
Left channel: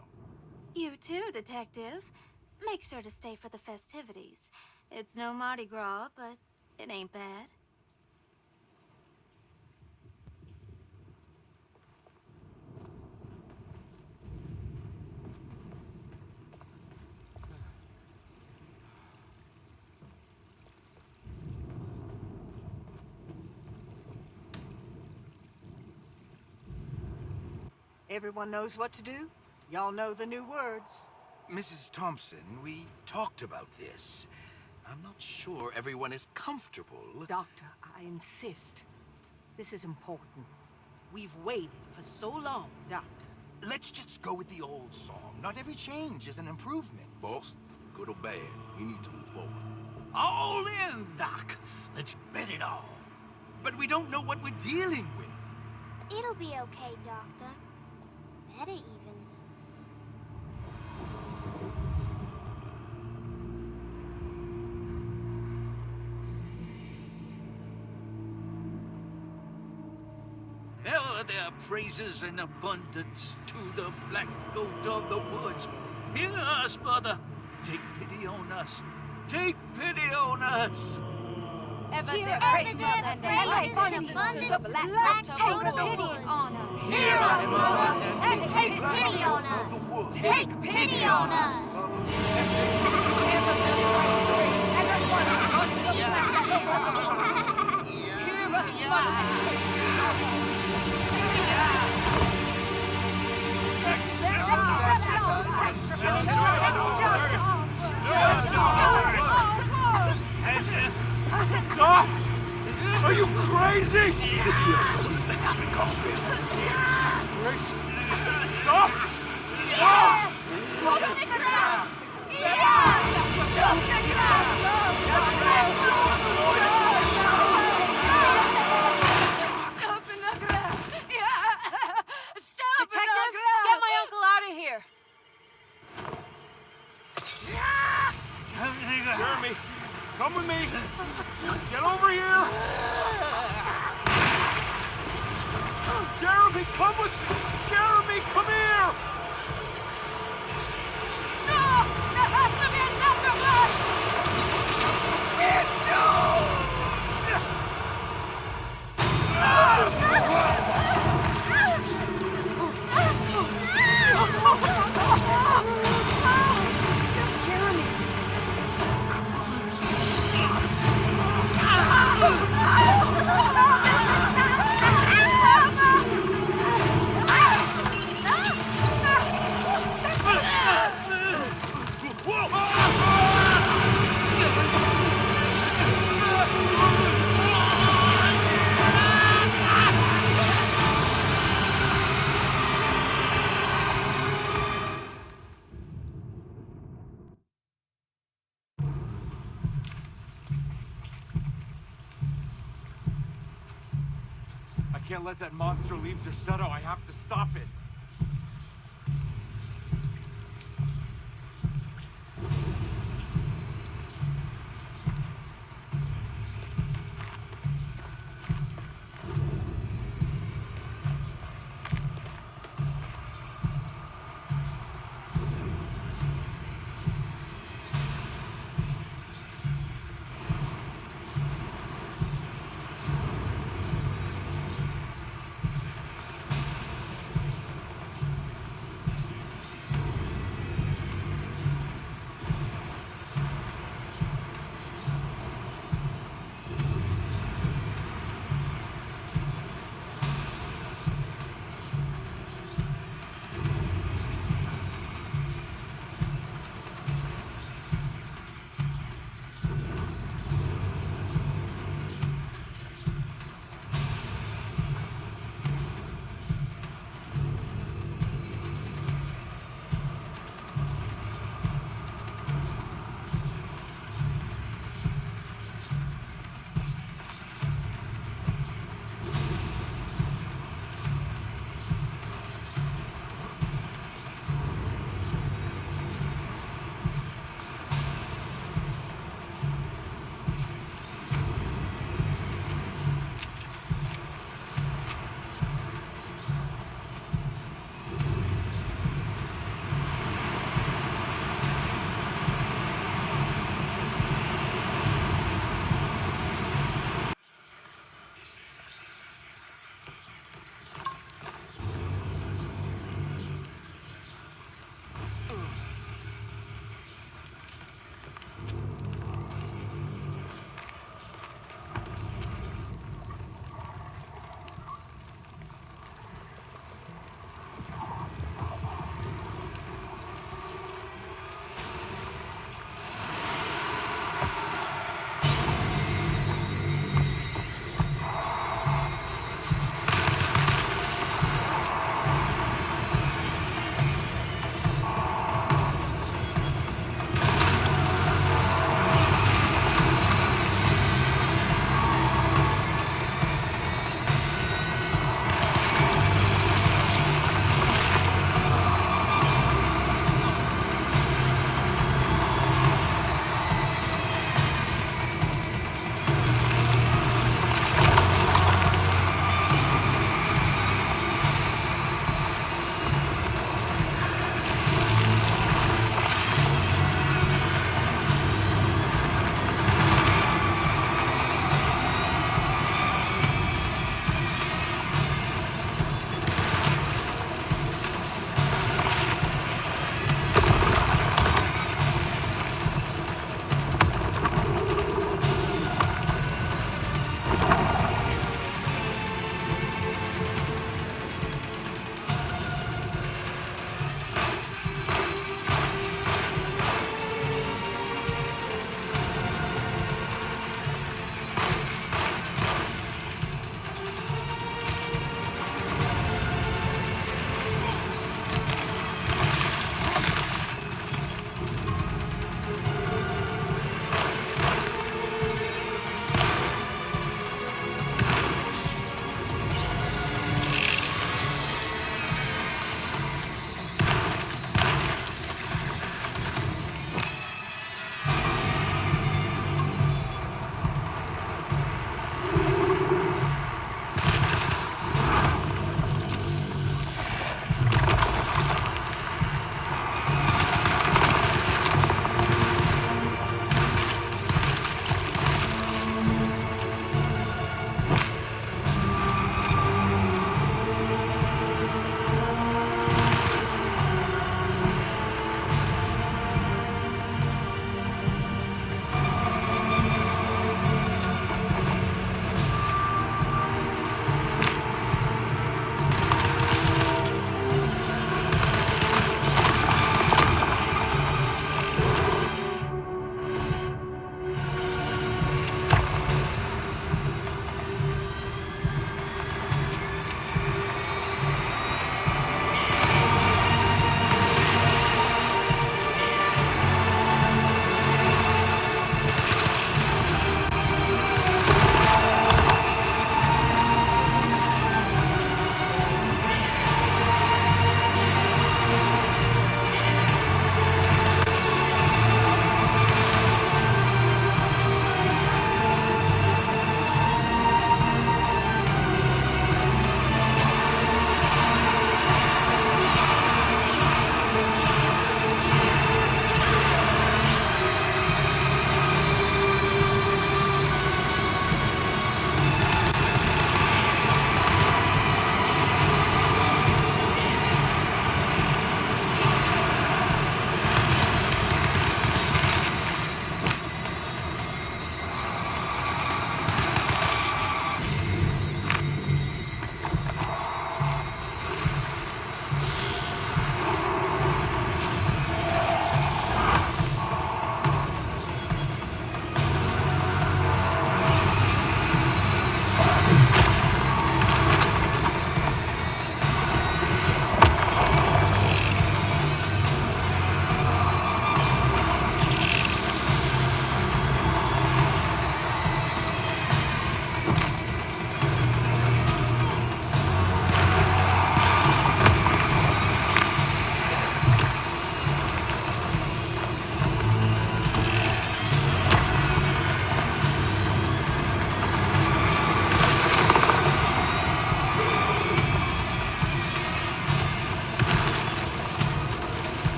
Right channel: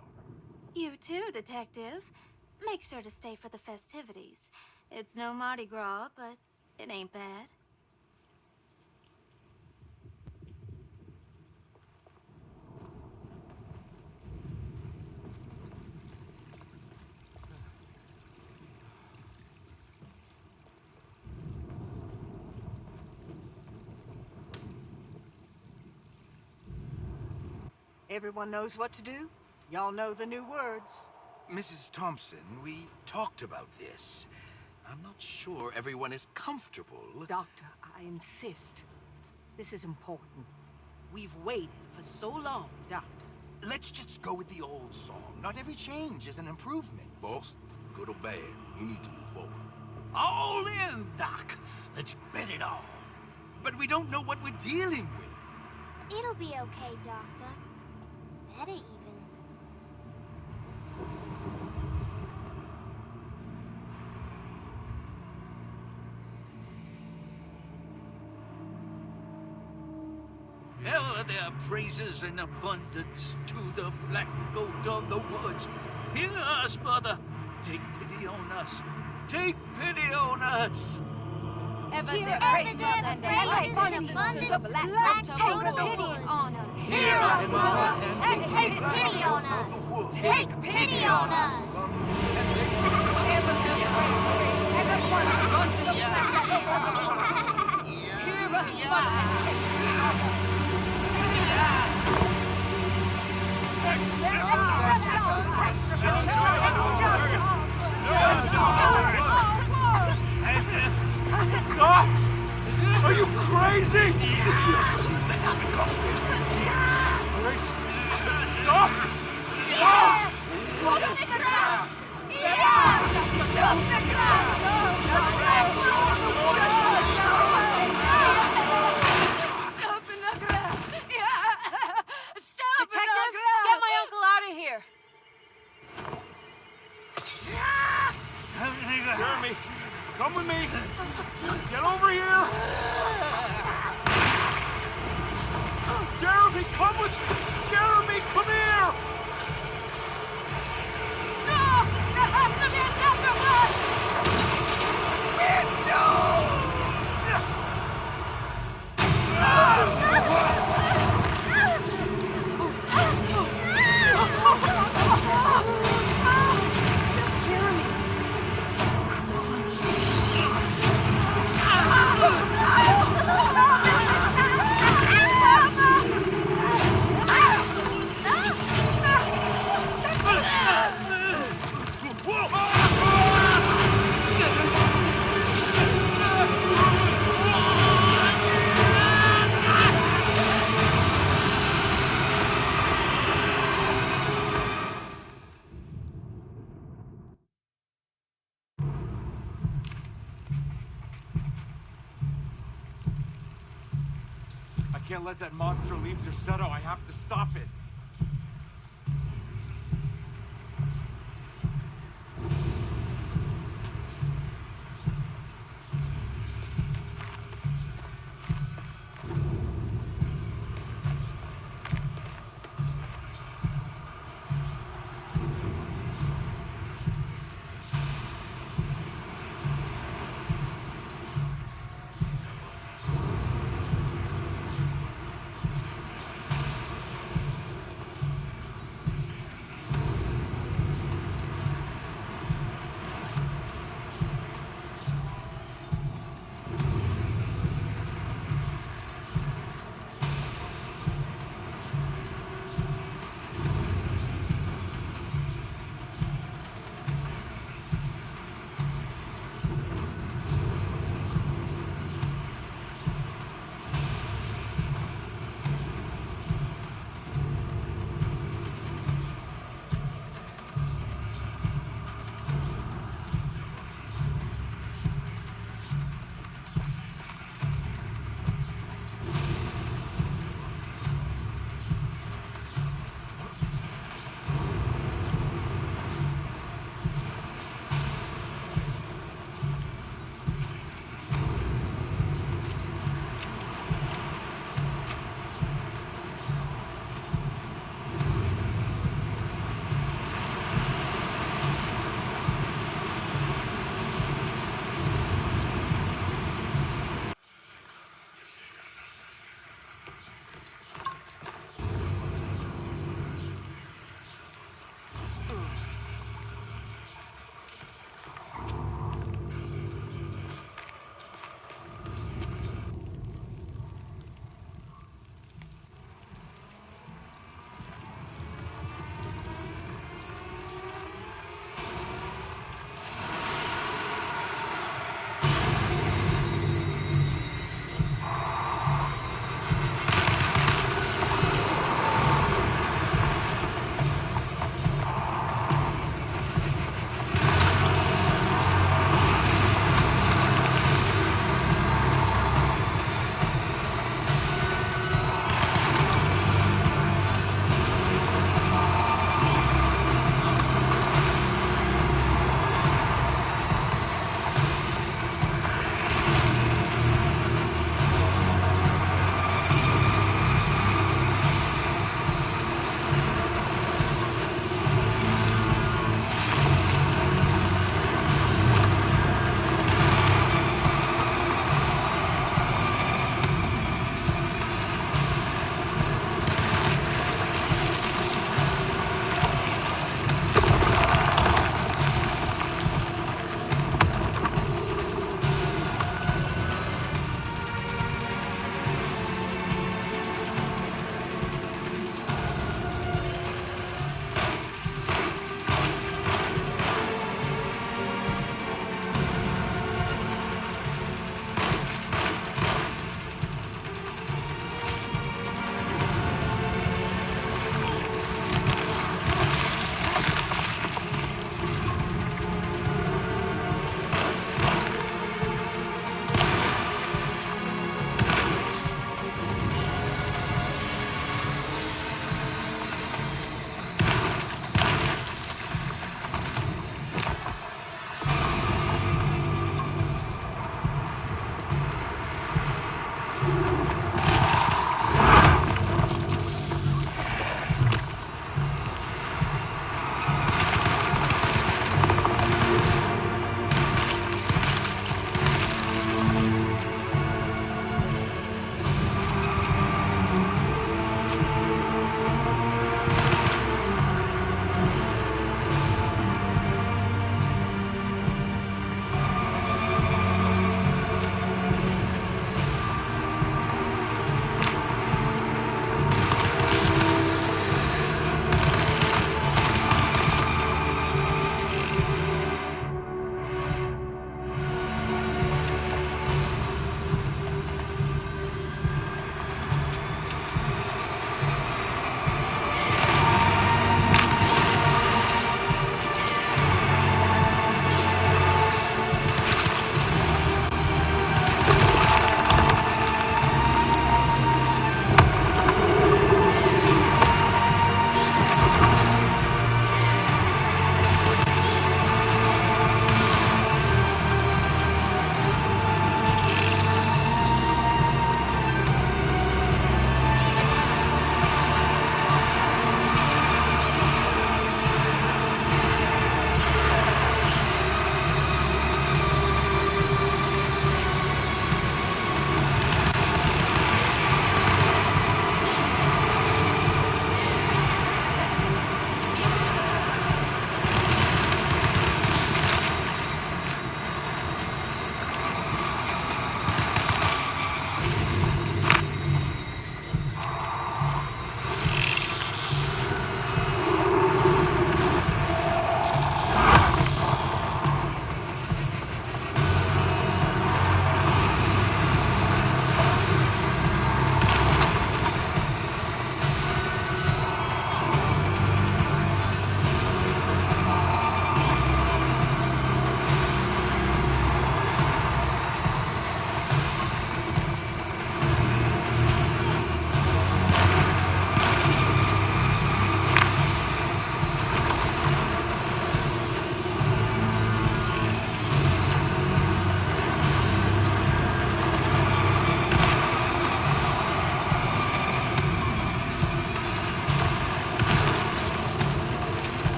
You too, Detective. Make sure to stay for the festivities. It's no Mardi Gras, but it ain't bad. Everyone knows what to do? Y'all know the new words. Mrs. Thompson, we talked about this. I'm not sure everyone is comfortable. Doctor, I insist. This is important. We've waited for so long, Doctor. Let's just go with the old song. Not every change is an improvement. Boss, good or bad, you need to move forward. All in, Doc. Let's bet it all. But we don't know what we're dealing with. It'll be okay, Doctor. Better even. Ever there praises and abundance to the black goat of the woods. Hear us, mother. Take pity on us. Take pity on us. Ever Hear there us, praises and abundance to the black goat of the woods. on us. Hear us, Mother, and take pity on us. Take pity on us. Ever there's praises and abundance to the black goat of the woods. Hear us, Mother, and take pity on us. Stop! Are you crazy? This here's what needs to happen. Carpet. Grace! Stop! Stop! Open the ground! Shut the Detective, get my uncle out of here. Jeremy, come with me. Get over here. Jeremy, come with me. Jeremy, come here. No! There has to be a doctor blood! Jeremy. I can't let that monster leave Derceto. I have to stop it.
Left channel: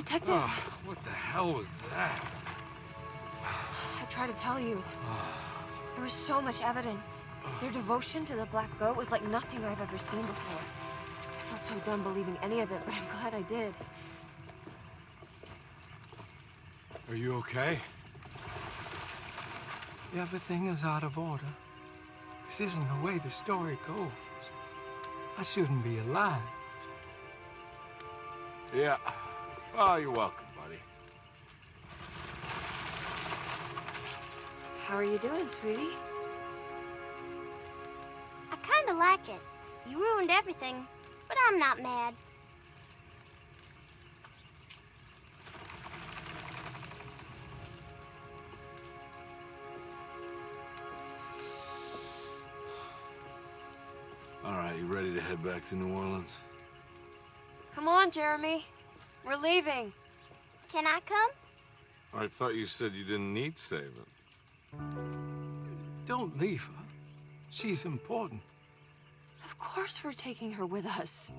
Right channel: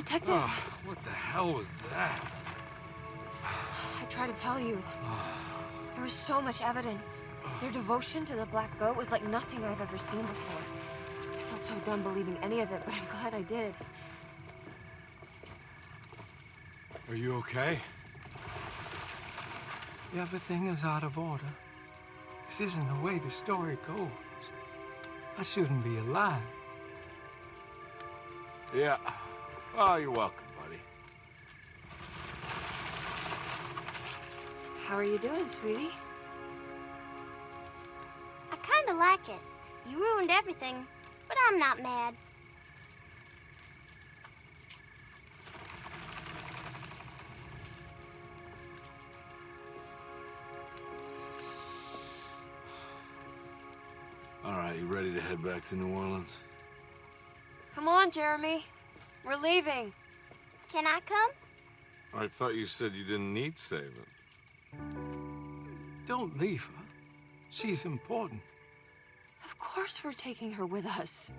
Detective! Oh, what the hell was that? I tried to tell you. There was so much evidence. Their devotion to the Black Goat was like nothing I've ever seen before. I felt so dumb believing any of it, but I'm glad I did. Are you okay? Everything is out of order. This isn't the way the story goes. I shouldn't be alive. Yeah. Oh, you're welcome, buddy. How are you doing, sweetie? I kinda like it. You ruined everything, but I'm not mad. All right, you ready to head back to New Orleans? Come on, Jeremy. We're leaving. Can I come? I thought you said you didn't need saving. Don't leave her. She's important. Of course we're taking her with us.